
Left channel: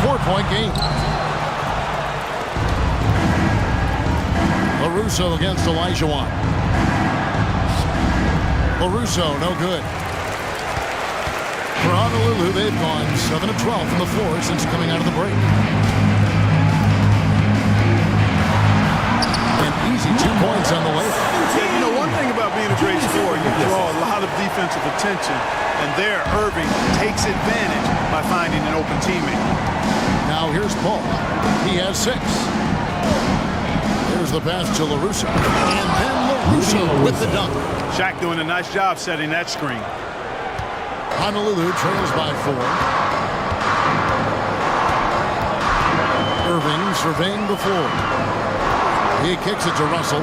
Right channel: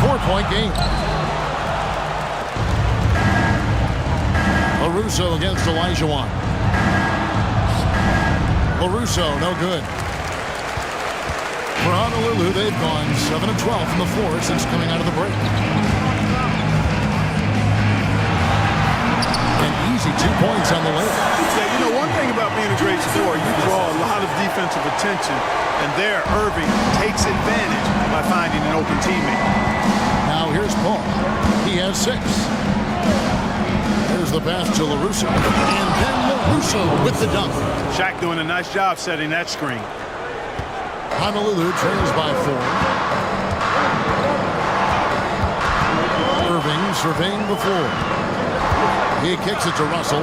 4-point game. LaRusso against Olajuwon. LaRusso, no good. For Honolulu, they've gone 7 of 12 from the floor since coming out of the break. An easy 2 points on the layup. Yeah, you know, one thing about being a great scorer, you draw a lot of defensive attention, and there Irving takes advantage by finding an open teammate. Now here's Paul. He has 6. There's the pass to LaRusso. And then LaRusso with the dunk. Shaq doing a nice job setting that screen. Honolulu trails by 4. Irving surveying the floor. He kicks it to Russell.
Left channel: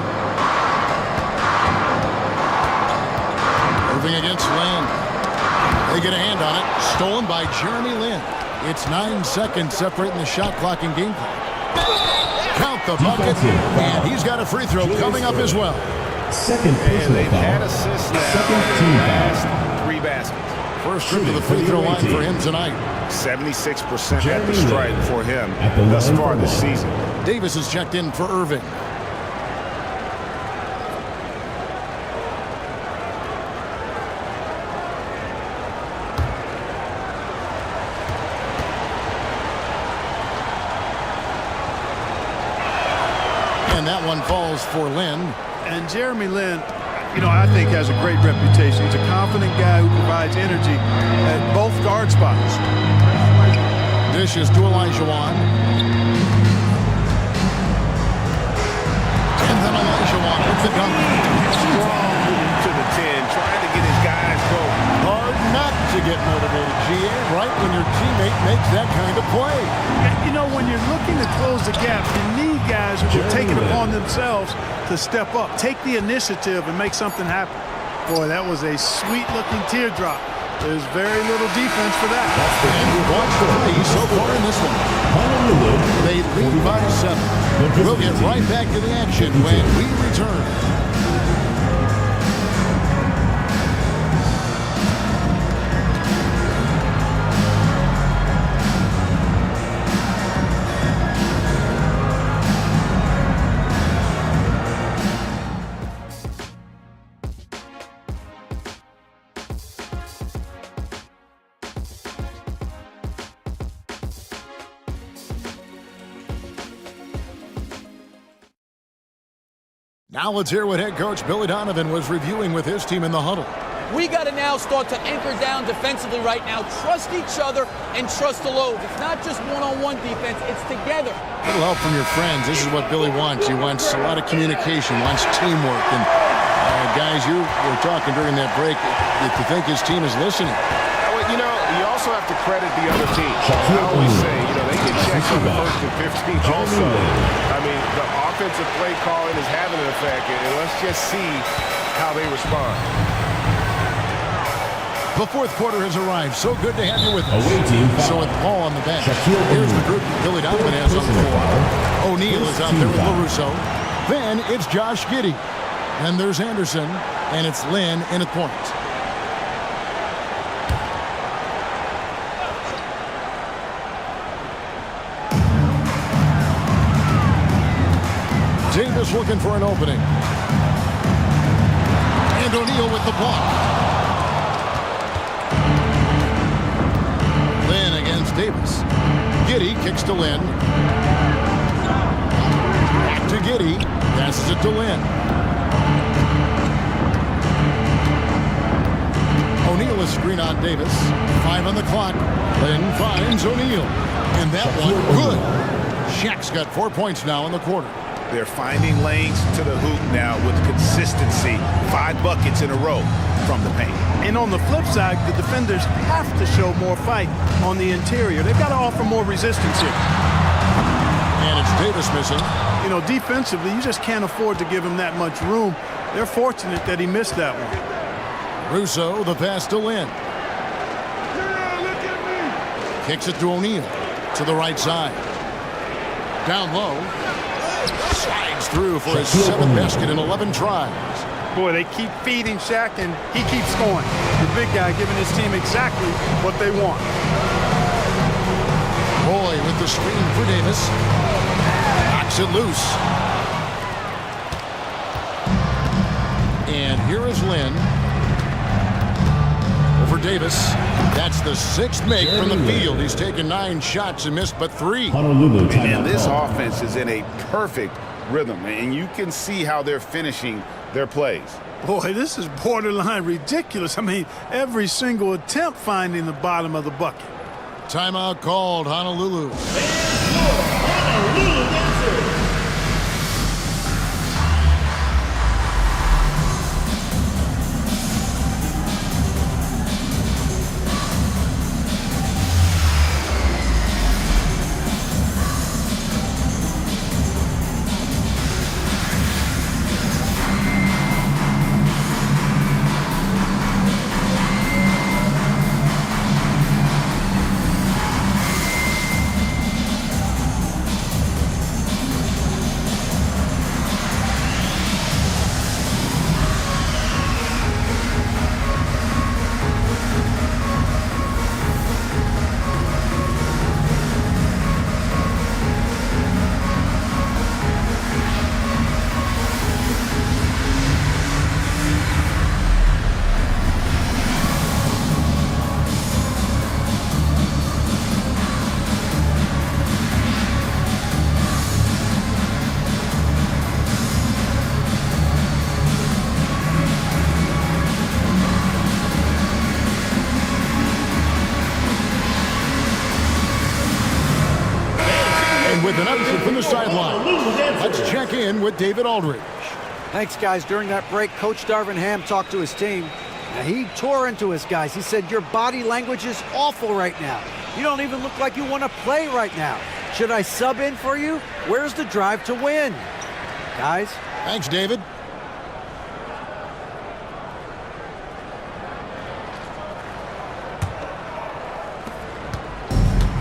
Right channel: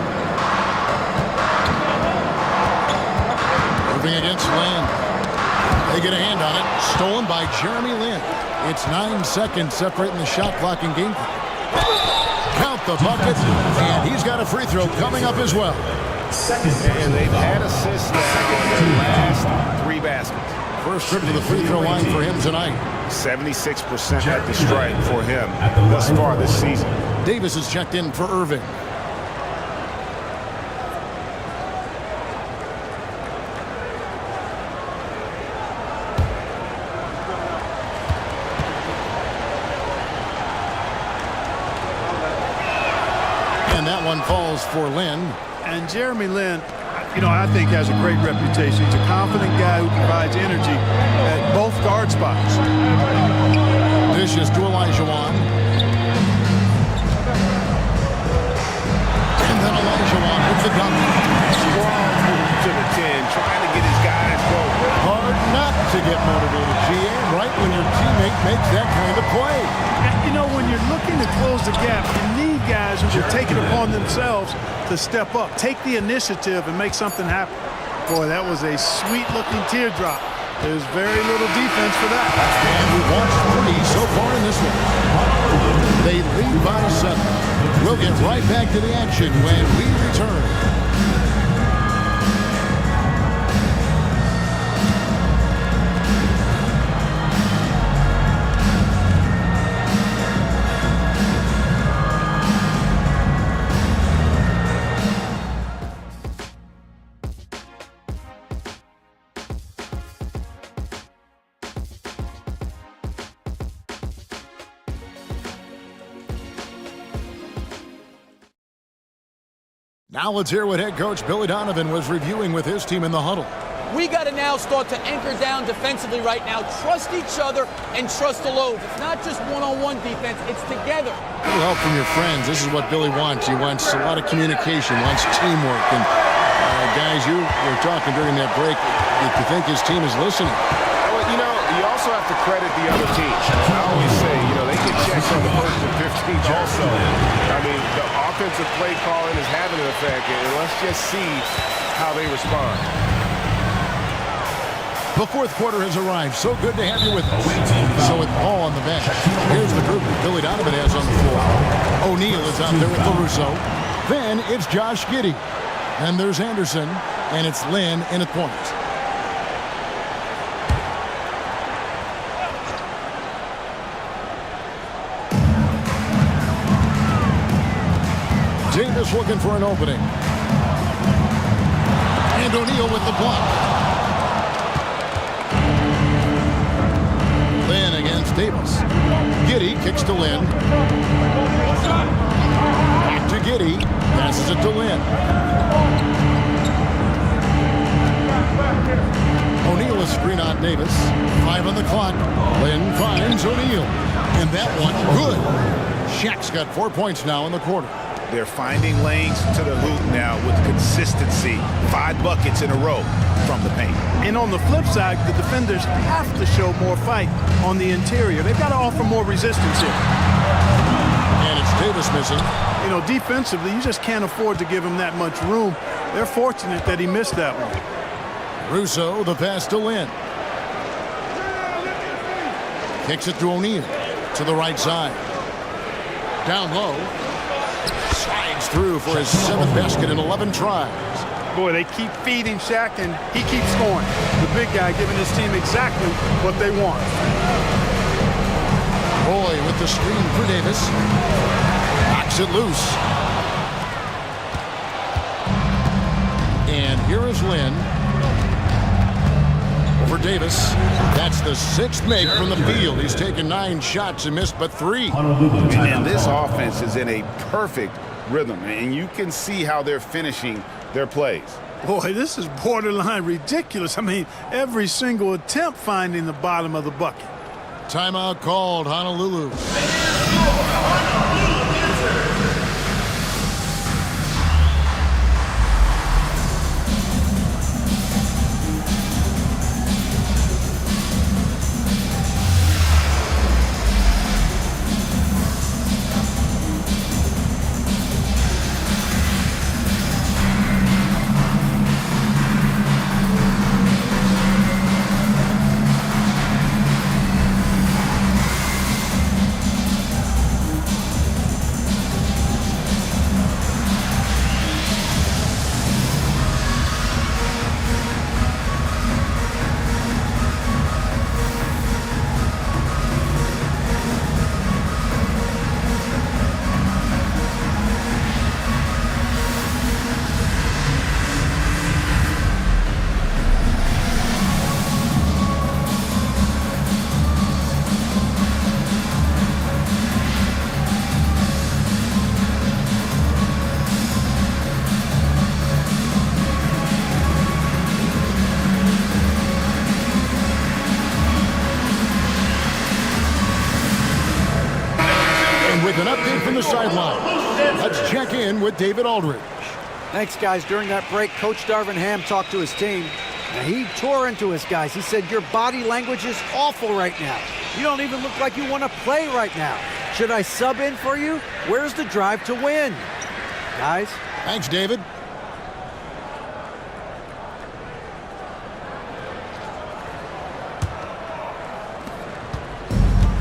Irving against Land. They get a hand on it. Stolen by Jeremy Lin. It's 9 seconds separating the shot clock and game clock. Count the bucket. And he's got a free throw coming up as well. And they've had assists now in their last 3 baskets. First trip to the free throw line for him tonight. 76% at the strike for him thus far this season. Davis is checked in for Irving. And that one falls for Lin. And Jeremy Lin, you know, I think has a great reputation. He's a confident guy who provides energy at both guard spots. Dishes to Olajuwon. And then Olajuwon with the dunk. Strong move to the 10, trying to get his guys going. Hard not to get motivated, GA, right when your teammate makes that kind of play. You know, when you're looking to close the gap, you need guys who will take it upon themselves to step up, take the initiative, and make something happen. Boy, that was a sweet-looking teardrop. There's very little defense for that. And we've watched 3 so far in this one. They lead by 7. We'll get right back to the action when we return. Now let's hear what head coach Billy Donovan was reviewing with his team in the huddle. We got to now start to anchor down defensively right now. Trust each other and trust the loads. It's not just one-on-one defense. It's together. A little help from your friends. This is what Billy wants. He wants a lot of communication, wants teamwork. And guys, you were talking during that break. You think his team is listening. You know, you also have to credit the other team. I always say, you know, they get checks on the 1st and 15th also. I mean, the offensive play calling is having an effect, and let's just see how they respond. The fourth quarter has arrived. So good to have you with us. So with Paul on the bench, here's the group that Billy Donovan has on the floor. O'Neal is out there with LaRusso. Then it's Josh Giddey. Then there's Anderson, and it's Lynn in at point. Davis looking for an opening. And O'Neal with the block. Lynn against Davis. Giddey kicks to Lynn. Back to Giddey. Passes it to Lynn. O'Neal is screen on Davis. 5 on the clock. Lynn finds O'Neal. And that one, good. Shaq's got 4 points now in the quarter. They're finding lanes to the hoop now with consistency. 5 buckets in a row from the paint. And on the flip side, the defenders have to show more fight on the interior. They've got to offer more resistance here. And it's Davis missing. You know, defensively, you just can't afford to give him that much room. They're fortunate that he missed that one. Russo, the pass to Lynn. Kicks it to O'Neal. To the right side. Down low. Slides through for his 7th basket in 11 tries. Boy, they keep feeding Shaq, and he keeps scoring. The big guy giving his team exactly what they want. Roy with the screen for Davis. Knocks it loose. And here is Lynn. Over Davis. That's the 6th make from the field. He's taken 9 shots and missed but 3. And this offense is in a perfect rhythm, and you can see how they're finishing their plays. Boy, this is borderline ridiculous. I mean, every single attempt finding the bottom of the bucket. Timeout called, Honolulu. With an update from the sideline, let's check in with David Aldridge. Thanks, guys. During that break, Coach Darvin Ham talked to his team. Now, he tore into his guys. He said, your body language is awful right now. You don't even look like you want to play right now. Should I sub in for you? Where's the drive to win? Guys? Thanks, David.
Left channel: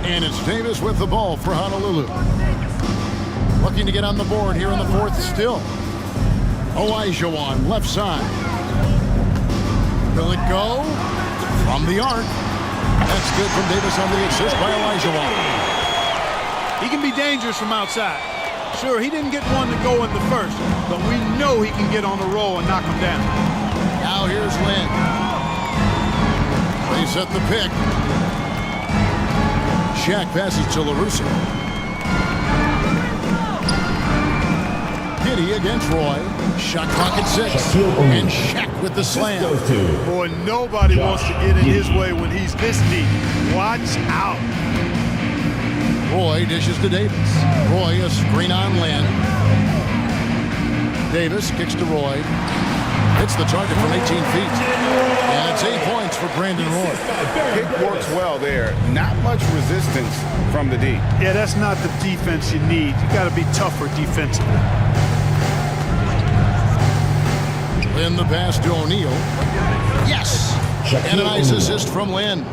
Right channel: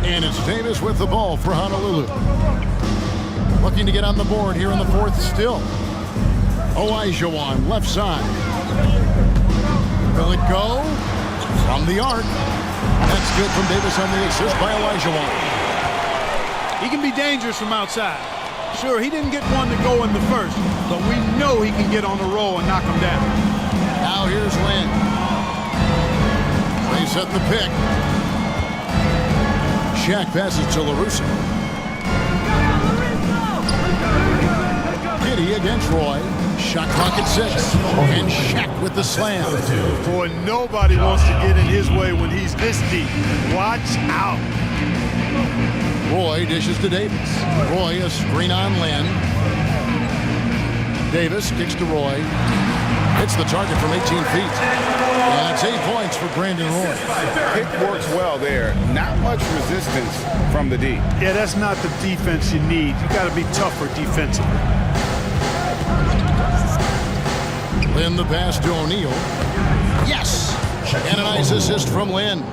And it's Davis with the ball for Honolulu. Looking to get on the board here in the 4th still. Olajuwon, left side. Will it go? From the arc. That's good from Davis on the assist by Olajuwon. He can be dangerous from outside. Sure, he didn't get one to go in the first, but we know he can get on the roll and knock him down. Now here's Lynn. They set the pick. Shaq passes to LaRusso. Giddey against Roy. Shot clock at 6. And Shaq with the slam. Boy, nobody wants to get in his way when he's this deep. Watch out. Roy dishes to Davis. Roy a screen on Lynn. Davis kicks to Roy. Hits the target from 18 feet. And it's 8 points for Brandon Roy. Pick works well there. Not much resistance from the D. Yeah, that's not the defense you need. You got to be tougher defensively. Lynn the pass to O'Neal. Yes! And a nice assist from Lynn.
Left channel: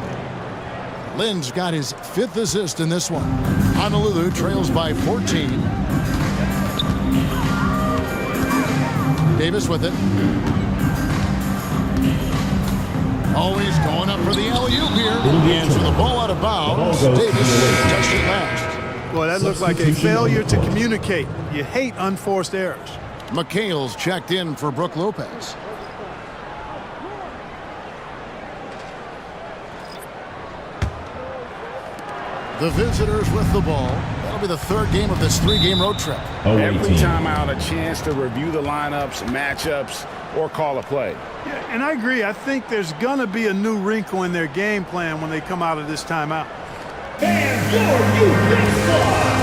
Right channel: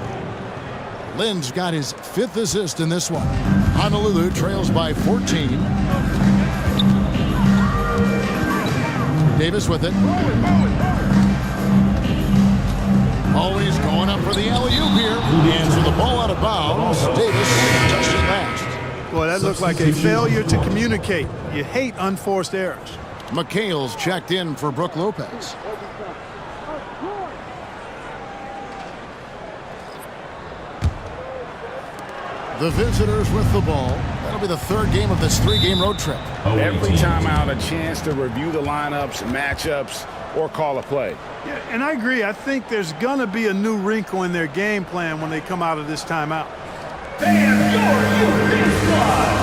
Lynn's got his 5th assist in this one. Honolulu trails by 14. Davis with it. Always going up for the alley-oop here. And so the ball out of bounds. Davis touched it last. Boy, that looked like a failure to communicate. You hate unforced errors. McHale's checked in for Brook Lopez. The visitors with the ball. That'll be the 3rd game of this 3-game road trip. Every time out, a chance to review the lineups, matchups, or call a play. Yeah, and I agree. I think there's going to be a new wrinkle in their game plan when they come out of this timeout. And your youth big squad.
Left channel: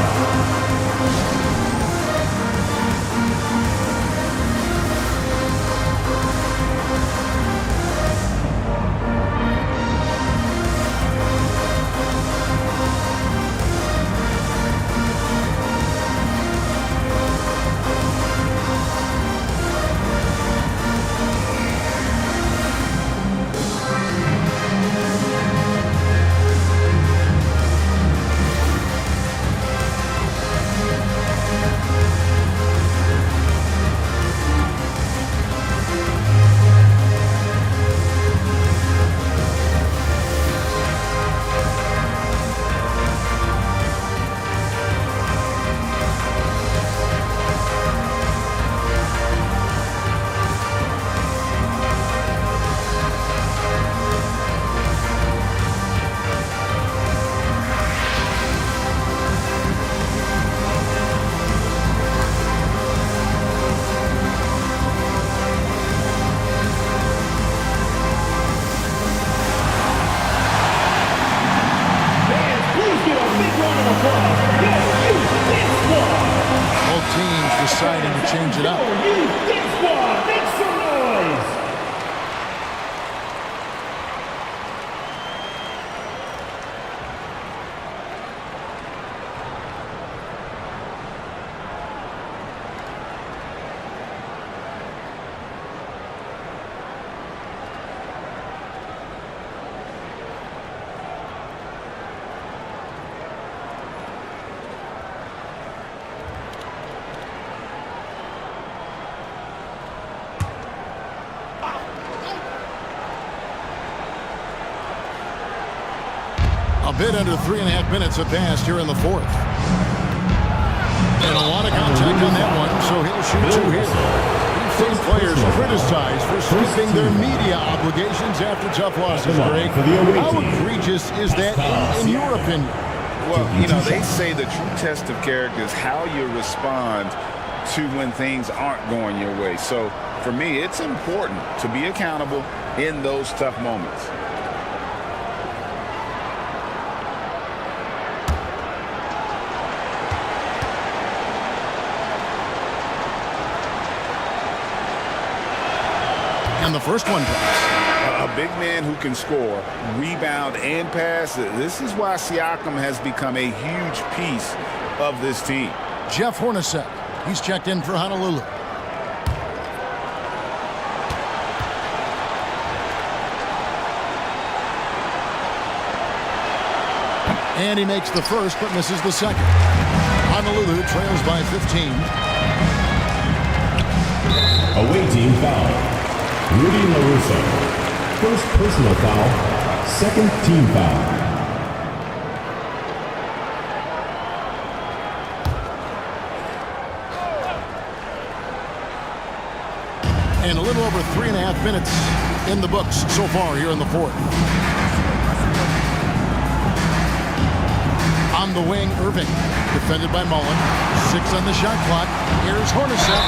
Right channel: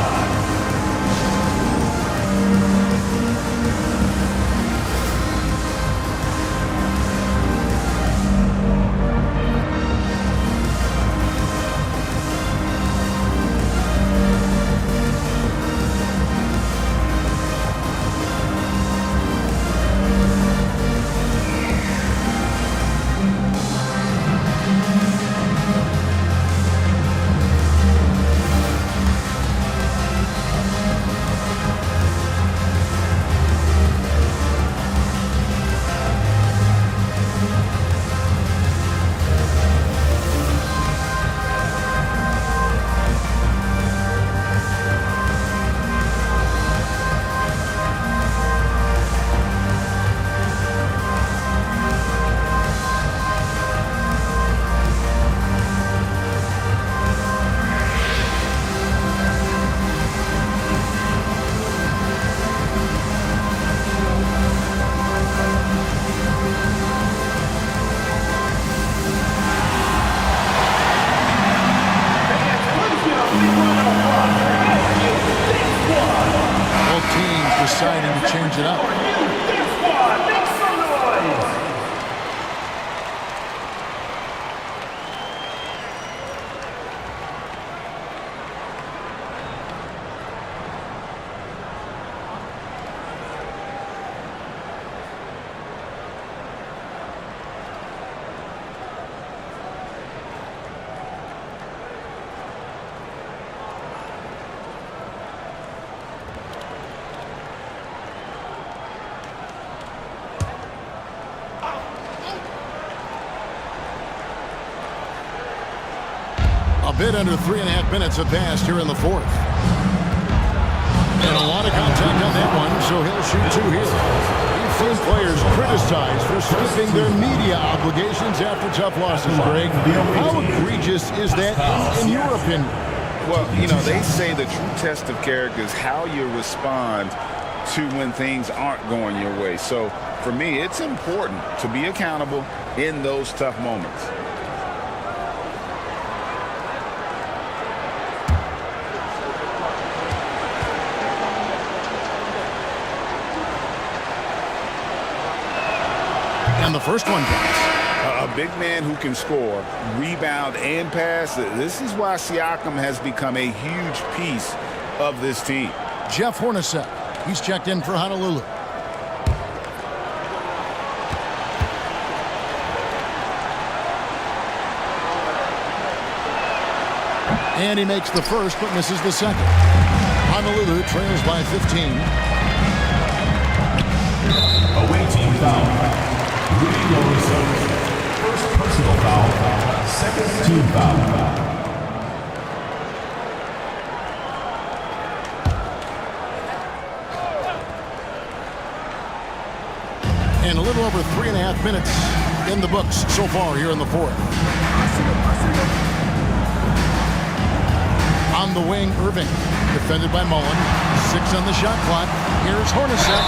Deciding to change it up. Make some noise. A bit under 3.5 minutes have passed here in the 4th. And a lot of contact on that one, so he'll shoot 2 here. We've seen players criticized for skipping their media obligations after tough losses, Greg. How egregious is that in your opinion? Well, you know, they say the true test of character is how you respond to when things aren't going your way. So for me, it's important to be accountable in those tough moments. And the first one drops. A big man who can score, rebound, and pass. This is why Siakam has become a huge piece of this team. Jeff Hornacek. He's checked in for Honolulu. And he makes the first but misses the second. Honolulu trails by 15. Away team foul. Rudy LaRusso. First personal foul. Second team foul. And a little over 3.5 minutes in the books so far here in the 4th. On the wing, Irving. Defended by Mullen. 6 on the shot clock. Here's Hornacek.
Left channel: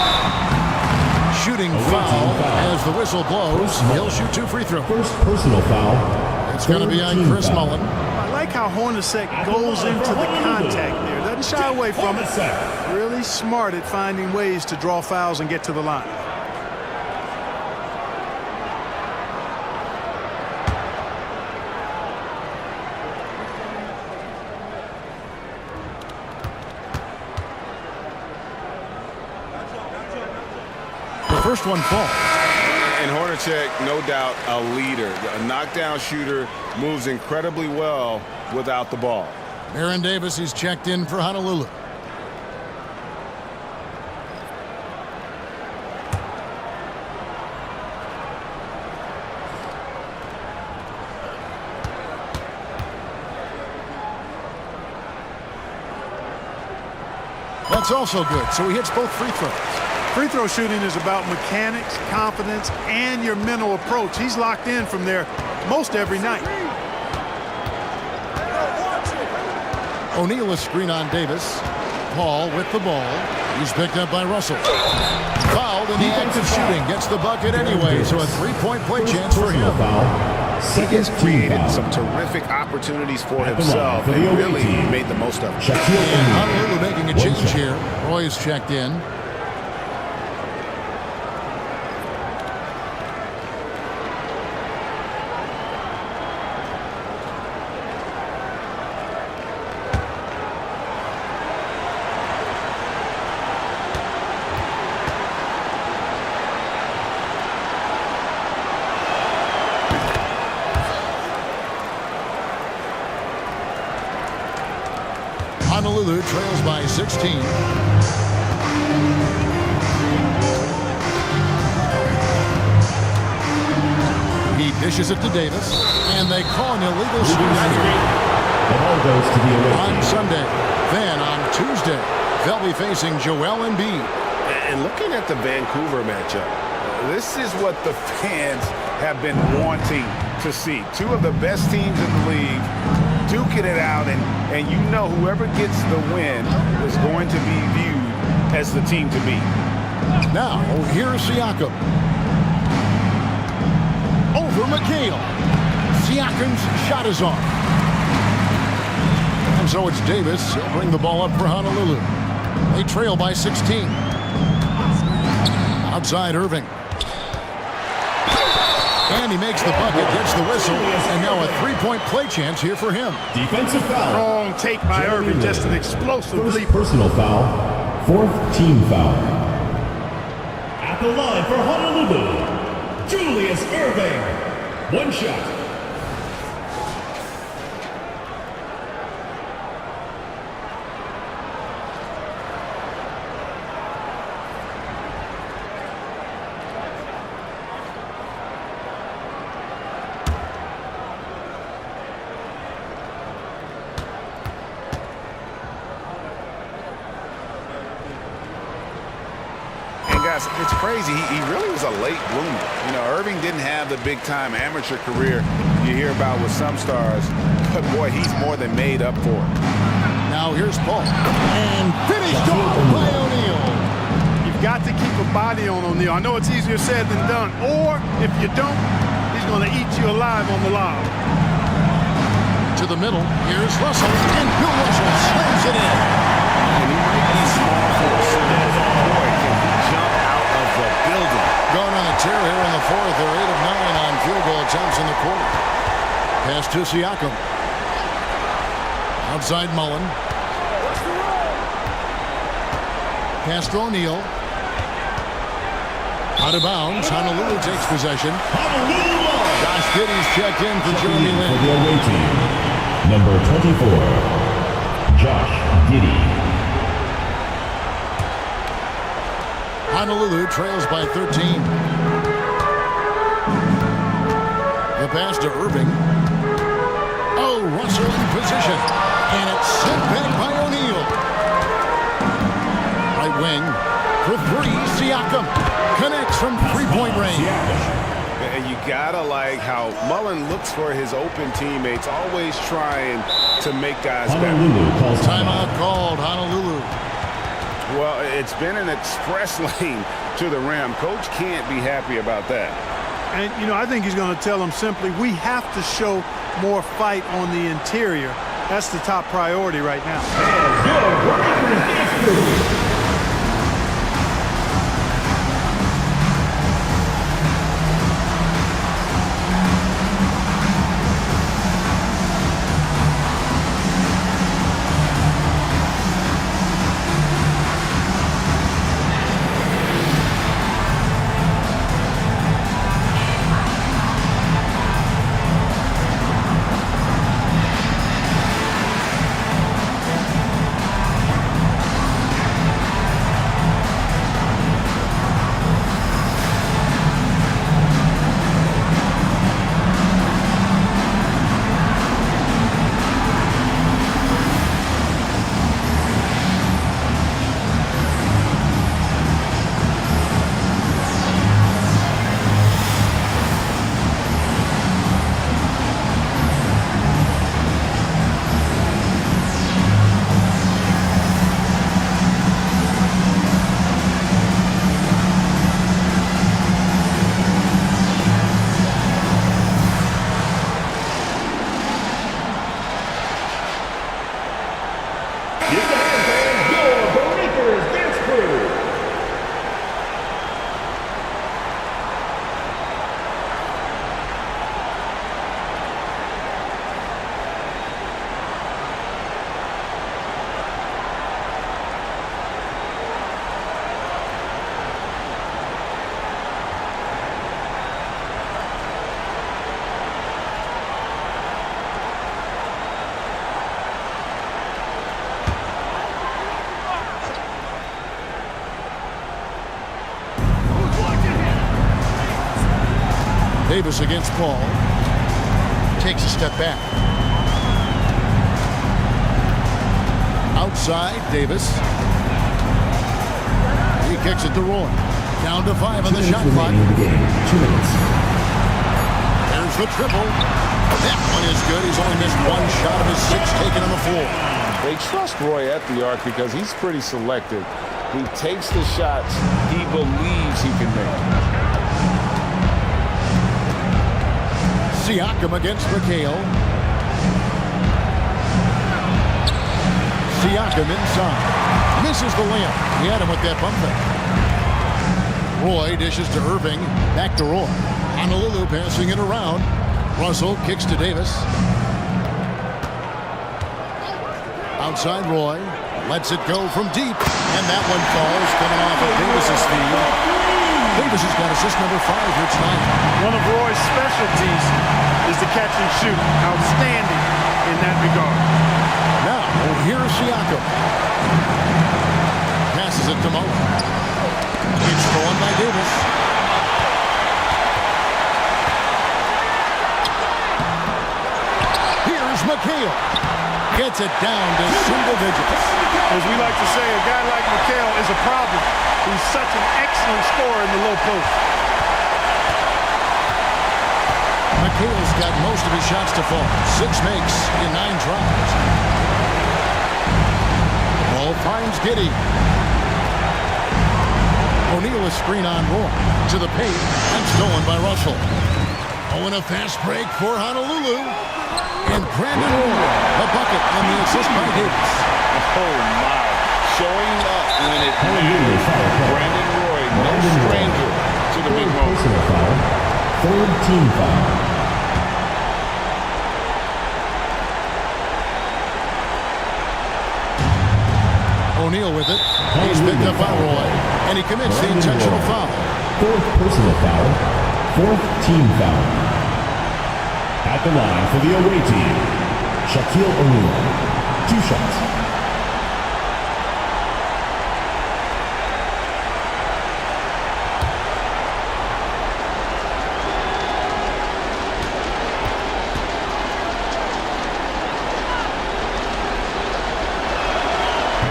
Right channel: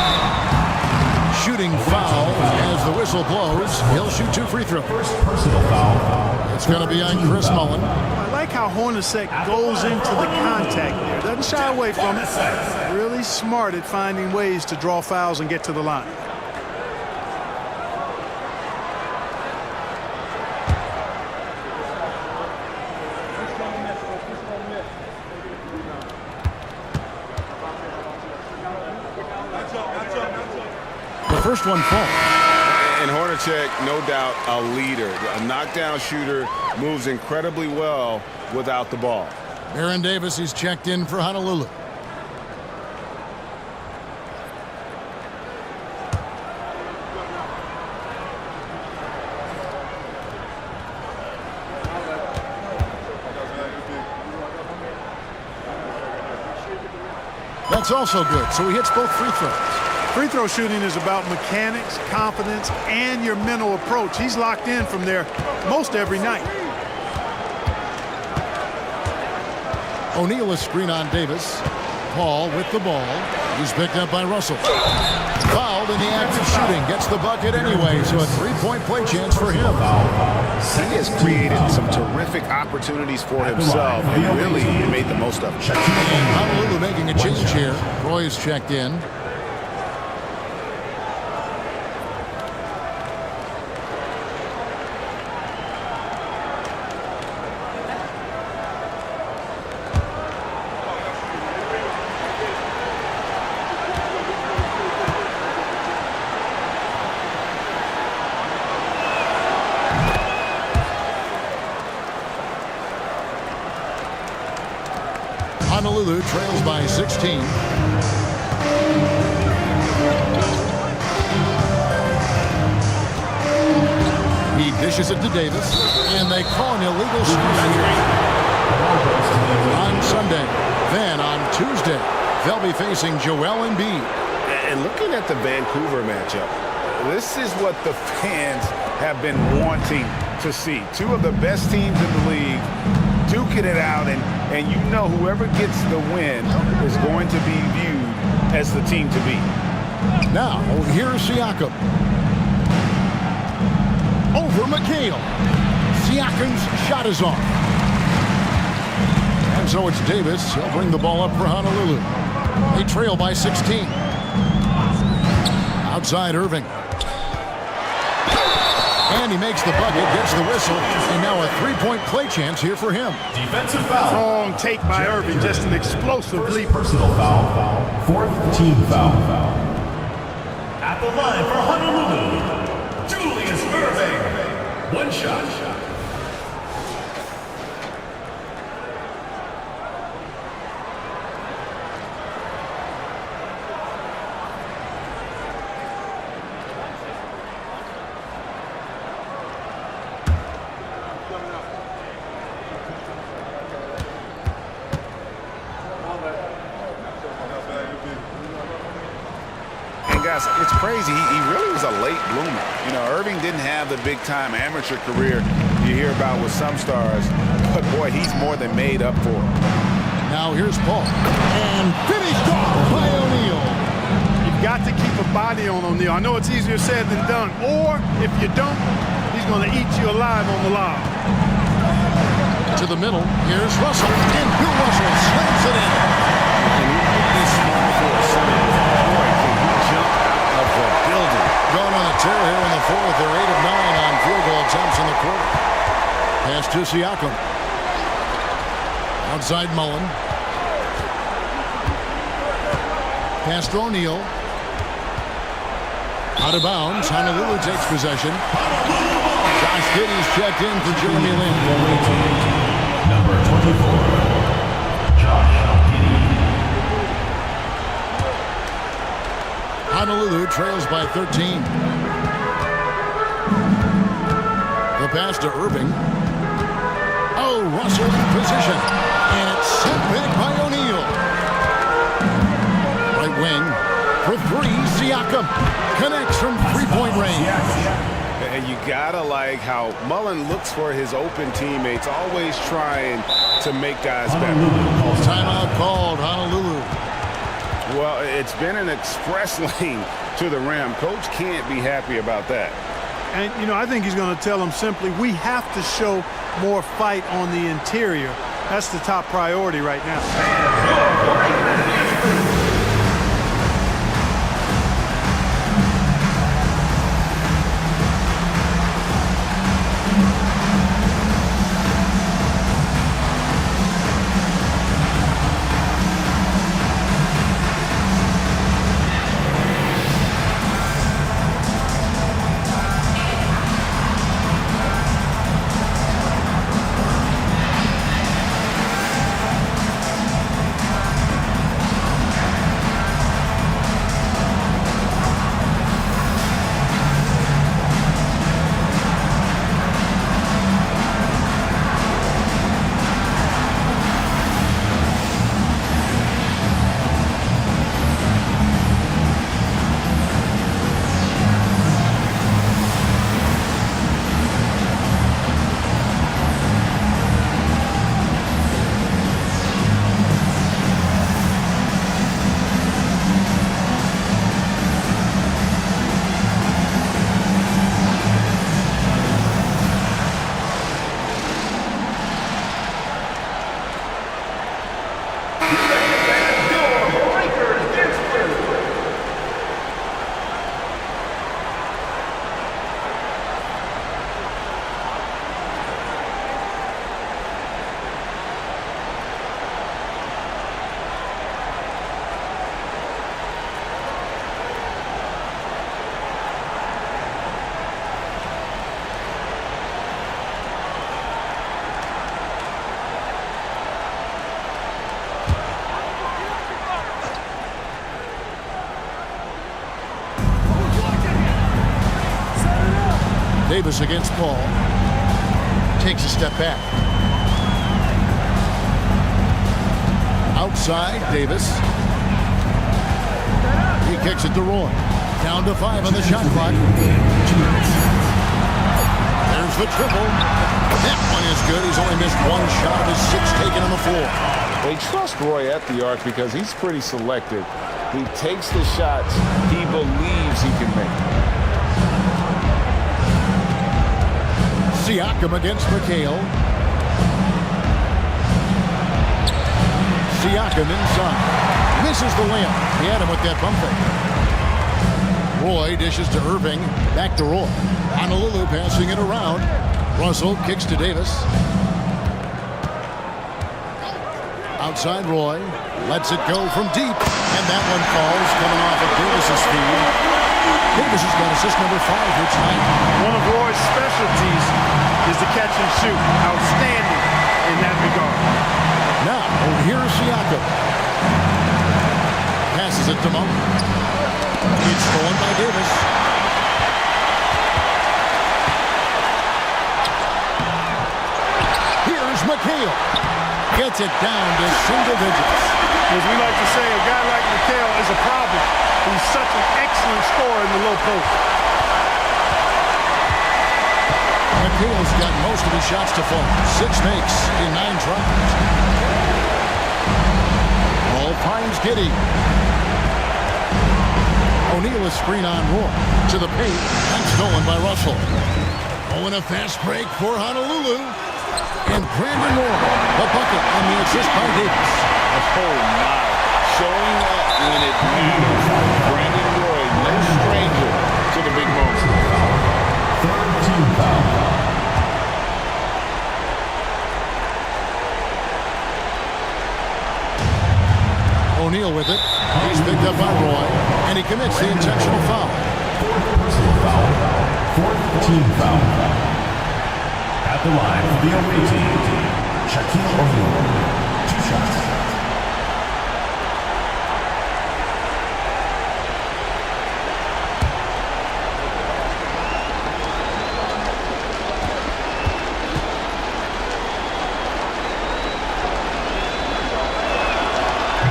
shooting foul. As the whistle blows, he'll shoot 2 free throws. First personal foul. It's going to be on Chris Mullin. I like how Hornacek goes into the contact there. Doesn't shy away from it. Really smart at finding ways to draw fouls and get to the line. The first one falls. And Hornacek, no doubt, a leader. A knockdown shooter, moves incredibly well without the ball. Baron Davis, he's checked in for Honolulu. That's also good, so he hits both free throws. Free throw shooting is about mechanics, confidence, and your mental approach. He's locked in from there most every night. O'Neal a screen on Davis. Paul with the ball. He's picked up by Russell. Fouled in the act of shooting. Gets the bucket anyway, so a 3-point play chance for him. He has created some terrific opportunities for himself and really made the most of it. And Honolulu making a change here. Roy's checked in. Honolulu trails by 16. He dishes it to Davis, and they call an illegal shooting here. On Sunday. Then on Tuesday, they'll be facing Joel Embiid. And looking at the Vancouver matchup, this is what the fans have been wanting to see. Two of the best teams in the league duking it out, and you know whoever gets the win is going to be viewed as the team to beat. Now, here's Siakam. Over McHale. Siakam's shot is off. And so it's Davis. He'll bring the ball up for Honolulu. They trail by 16. Outside Irving. And he makes the bucket, gets the whistle, and now a 3-point play chance here for him. Defensive foul. Strong take by Irving, just an explosive leap. Personal foul. 4th team foul. At the line for Honolulu, Julius Irving. One shot. Guys, it's crazy. He really was a late bloomer. You know, Irving didn't have the big-time amateur career you hear about with some stars, but boy, he's more than made up for it. Now here's Paul. And finished off by O'Neal. You've got to keep a body on O'Neal. I know it's easier said than done. Or, if you don't, he's going to eat you alive on the lob. To the middle, here's Russell. And Bill Russell slams it in. And he might be small for a center, but boy, can he jump out of the building. Going on a tear here in the fourth. They're 8 of 9 on field goal attempts in the quarter. Pass to Siakam. Outside Mullen. Pass to O'Neal. Out of bounds. Honolulu takes possession. Josh Giddey's checked in for Jeremy Lin. Number 24, Josh Giddey. Honolulu trails by 13. The pass to Irving. Oh, Russell in position. And it's sent back by O'Neal. Right wing for 3, Siakam. Connects from 3-point range. And you gotta like how Mullen looks for his open teammates, always trying to make guys better. Timeout called, Honolulu. Well, it's been an express lane to the rim. Coach can't be happy about that. And, you know, I think he's going to tell them simply, we have to show more fight on the interior. That's the top priority right now. Davis against Paul. Takes a step back. Outside, Davis. He kicks it to Roy. Down to 5 on the shot clock. There's the triple. That one is good. He's only missed one shot of his 6 taken on the floor. They trust Roy at the arc because he's pretty selective. He takes the shots he believes he can make. Siakam against McHale. Siakam inside. Misses the layup. He had him with that bump fake. Roy dishes to Irving. Back to Roy. Honolulu passing it around. Russell kicks to Davis. Outside Roy. Lets it go from deep. And that one falls coming off of Davis's feed. Davis has got assist number 5 here tonight. One of Roy's specialties is the catch and shoot. Outstanding in that regard. Now, here's Siakam. Passes it to Mullen. It's stolen by Davis. Here's McHale. Gets it down to single digits. As we like to say, a guy like McHale is a problem. He's such an excellent scorer in the low post. McHale's got most of his shots to fall. 6 makes in 9 tries. Ball finds Giddey. O'Neal a screen on Roy. To the paint and stolen by Russell. Oh, and a fast break for Honolulu. And Brandon Roy, the bucket on the assist by Davis. Oh, my. Showing up when it matters. Brandon Roy, no stranger to the big moment. Third team foul. O'Neal with it. He's picked up by Roy, and he commits the intentional foul. 4th personal foul. 4th team foul. At the line for the away team, Shaquille O'Neal. 2 shots.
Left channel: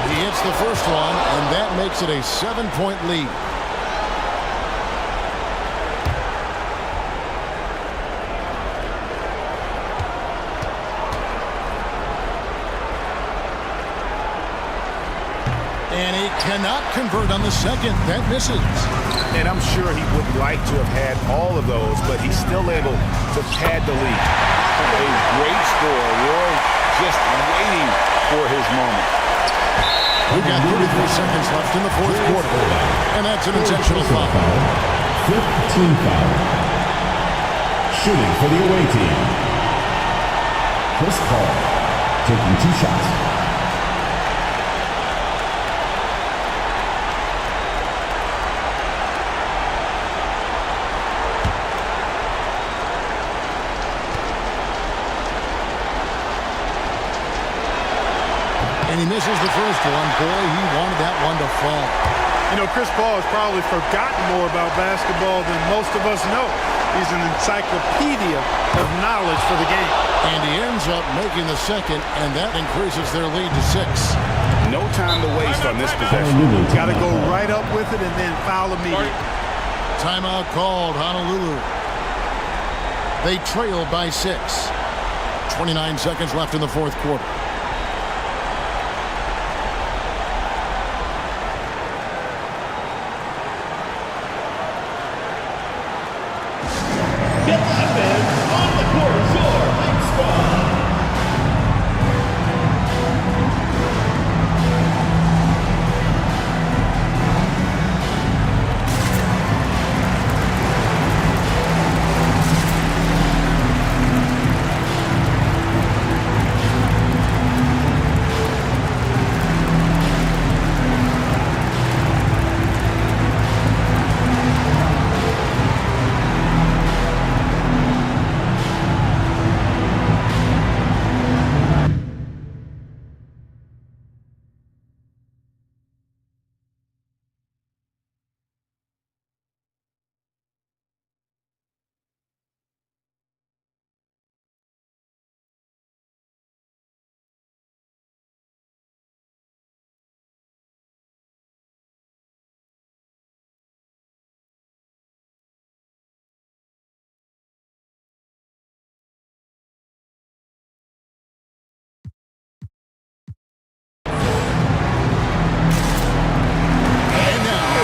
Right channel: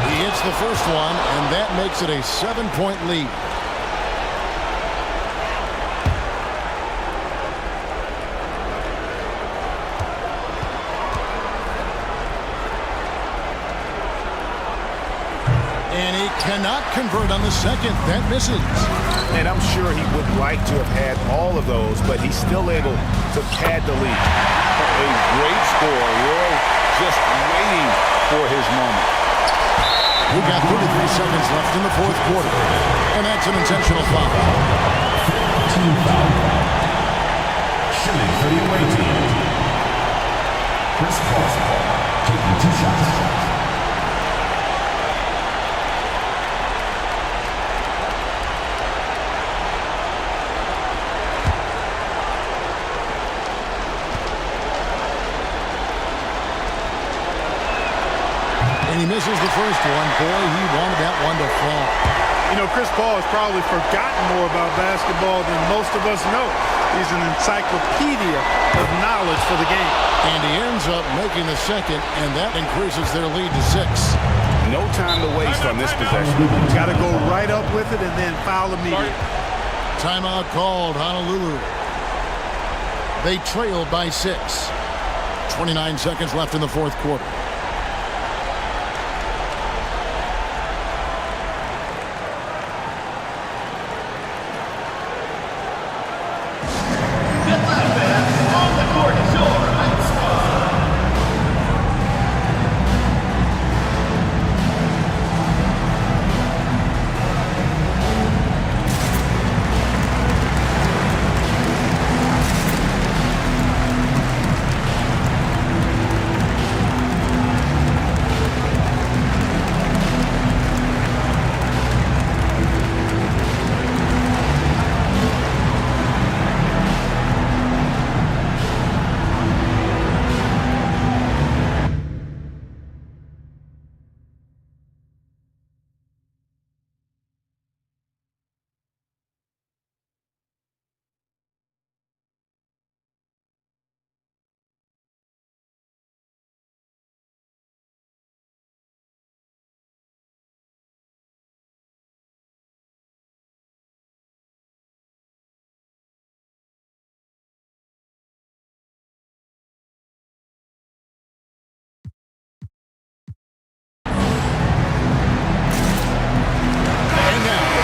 He hits the first one, and that makes it a 7-point lead. And he cannot convert on the second. That misses. And I'm sure he would like to have had all of those, but he's still able to pad the lead. A great score. Roy just waiting for his moment. We've got 33 seconds left in the fourth quarter. And that's an intentional foul. 15 foul. Shooting for the away team. Chris Paul taking 2 shots. And he misses the first one. Boy, he wanted that one to fall. You know, Chris Paul has probably forgotten more about basketball than most of us know. He's an encyclopedia of knowledge for the game. And he ends up making the second, and that increases their lead to 6. No time to waste on this possession. Got to go right up with it and then foul immediately. Timeout called, Honolulu. They trail by 6. 29 seconds left in the fourth quarter.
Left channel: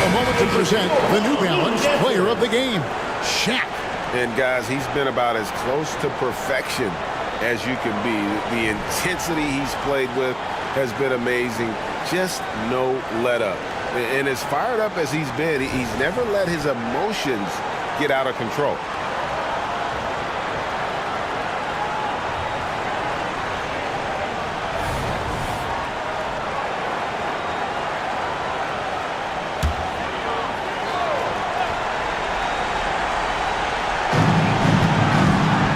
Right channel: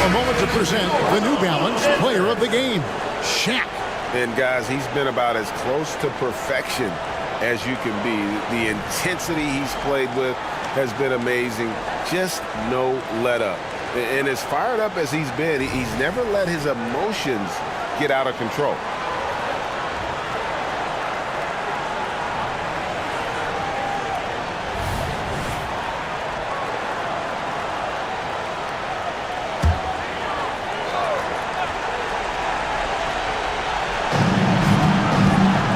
A moment to present the New Balance Player of the Game, Shaq. And guys, he's been about as close to perfection as you can be. The intensity he's played with has been amazing. Just no let up. And as fired up as he's been, he's never let his emotions get out of control.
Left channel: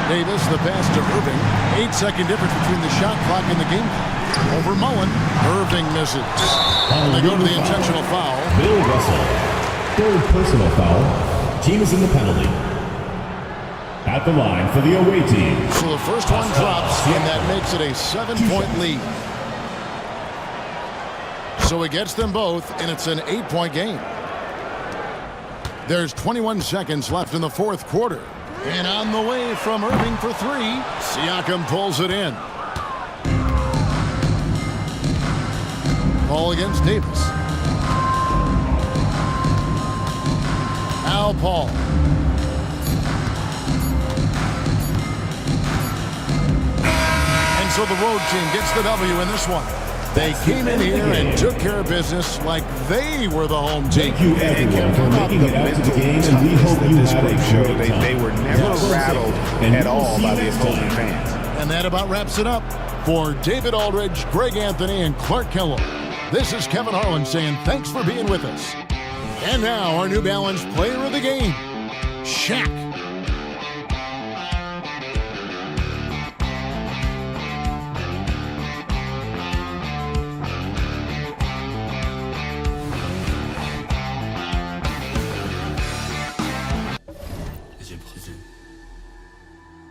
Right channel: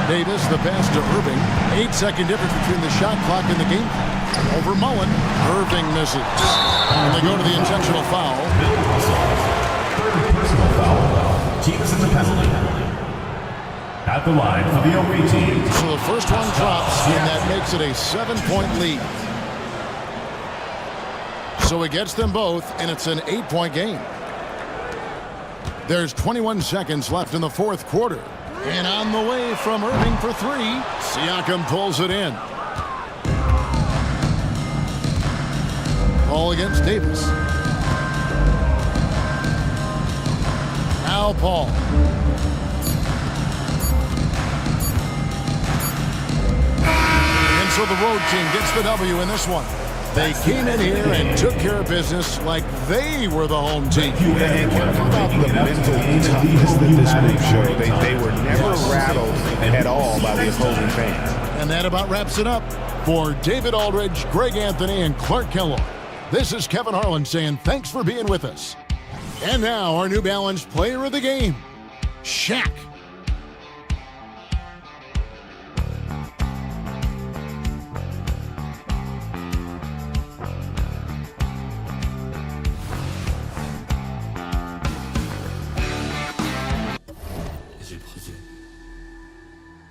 Davis, the pass to Irving. 8-second difference between the shot clock and the game clock. Over Mullen. Irving misses. And they go to the intentional foul. Bill Russell. Third personal foul. Team is in the penalty. At the line for the away team. So the first one drops, and that makes it a 7-point lead. So he gets them both, and it's an 8-point game. There's 21 seconds left in the fourth quarter. And on the way from Irving for 3, Siakam pulls it in. Paul against Davis. Now Paul. And so the road team gets the W in this one. They came in here and took care of business like they were the home team. And how about the mental toughness that this group showed? They were never rattled at all by the opposing fans. And that about wraps it up. For David Aldridge, Greg Anthony, and Clark Kellogg, this is Kevin Harlan saying thanks for being with us. And now our New Balance Player of the Game, Shaq.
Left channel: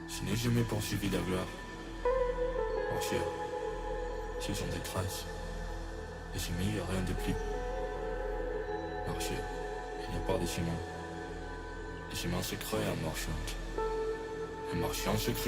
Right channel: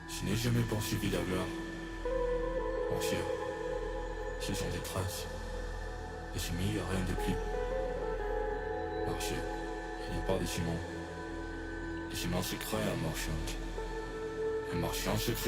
Je n'ai jamais poursuivi la gloire. Mon cher, ce sont des traces. Et j'ai mis rien de plus. Marcher, il n'y a pas de chemin. Les chemins se créent en marchant. Un marchand se crée.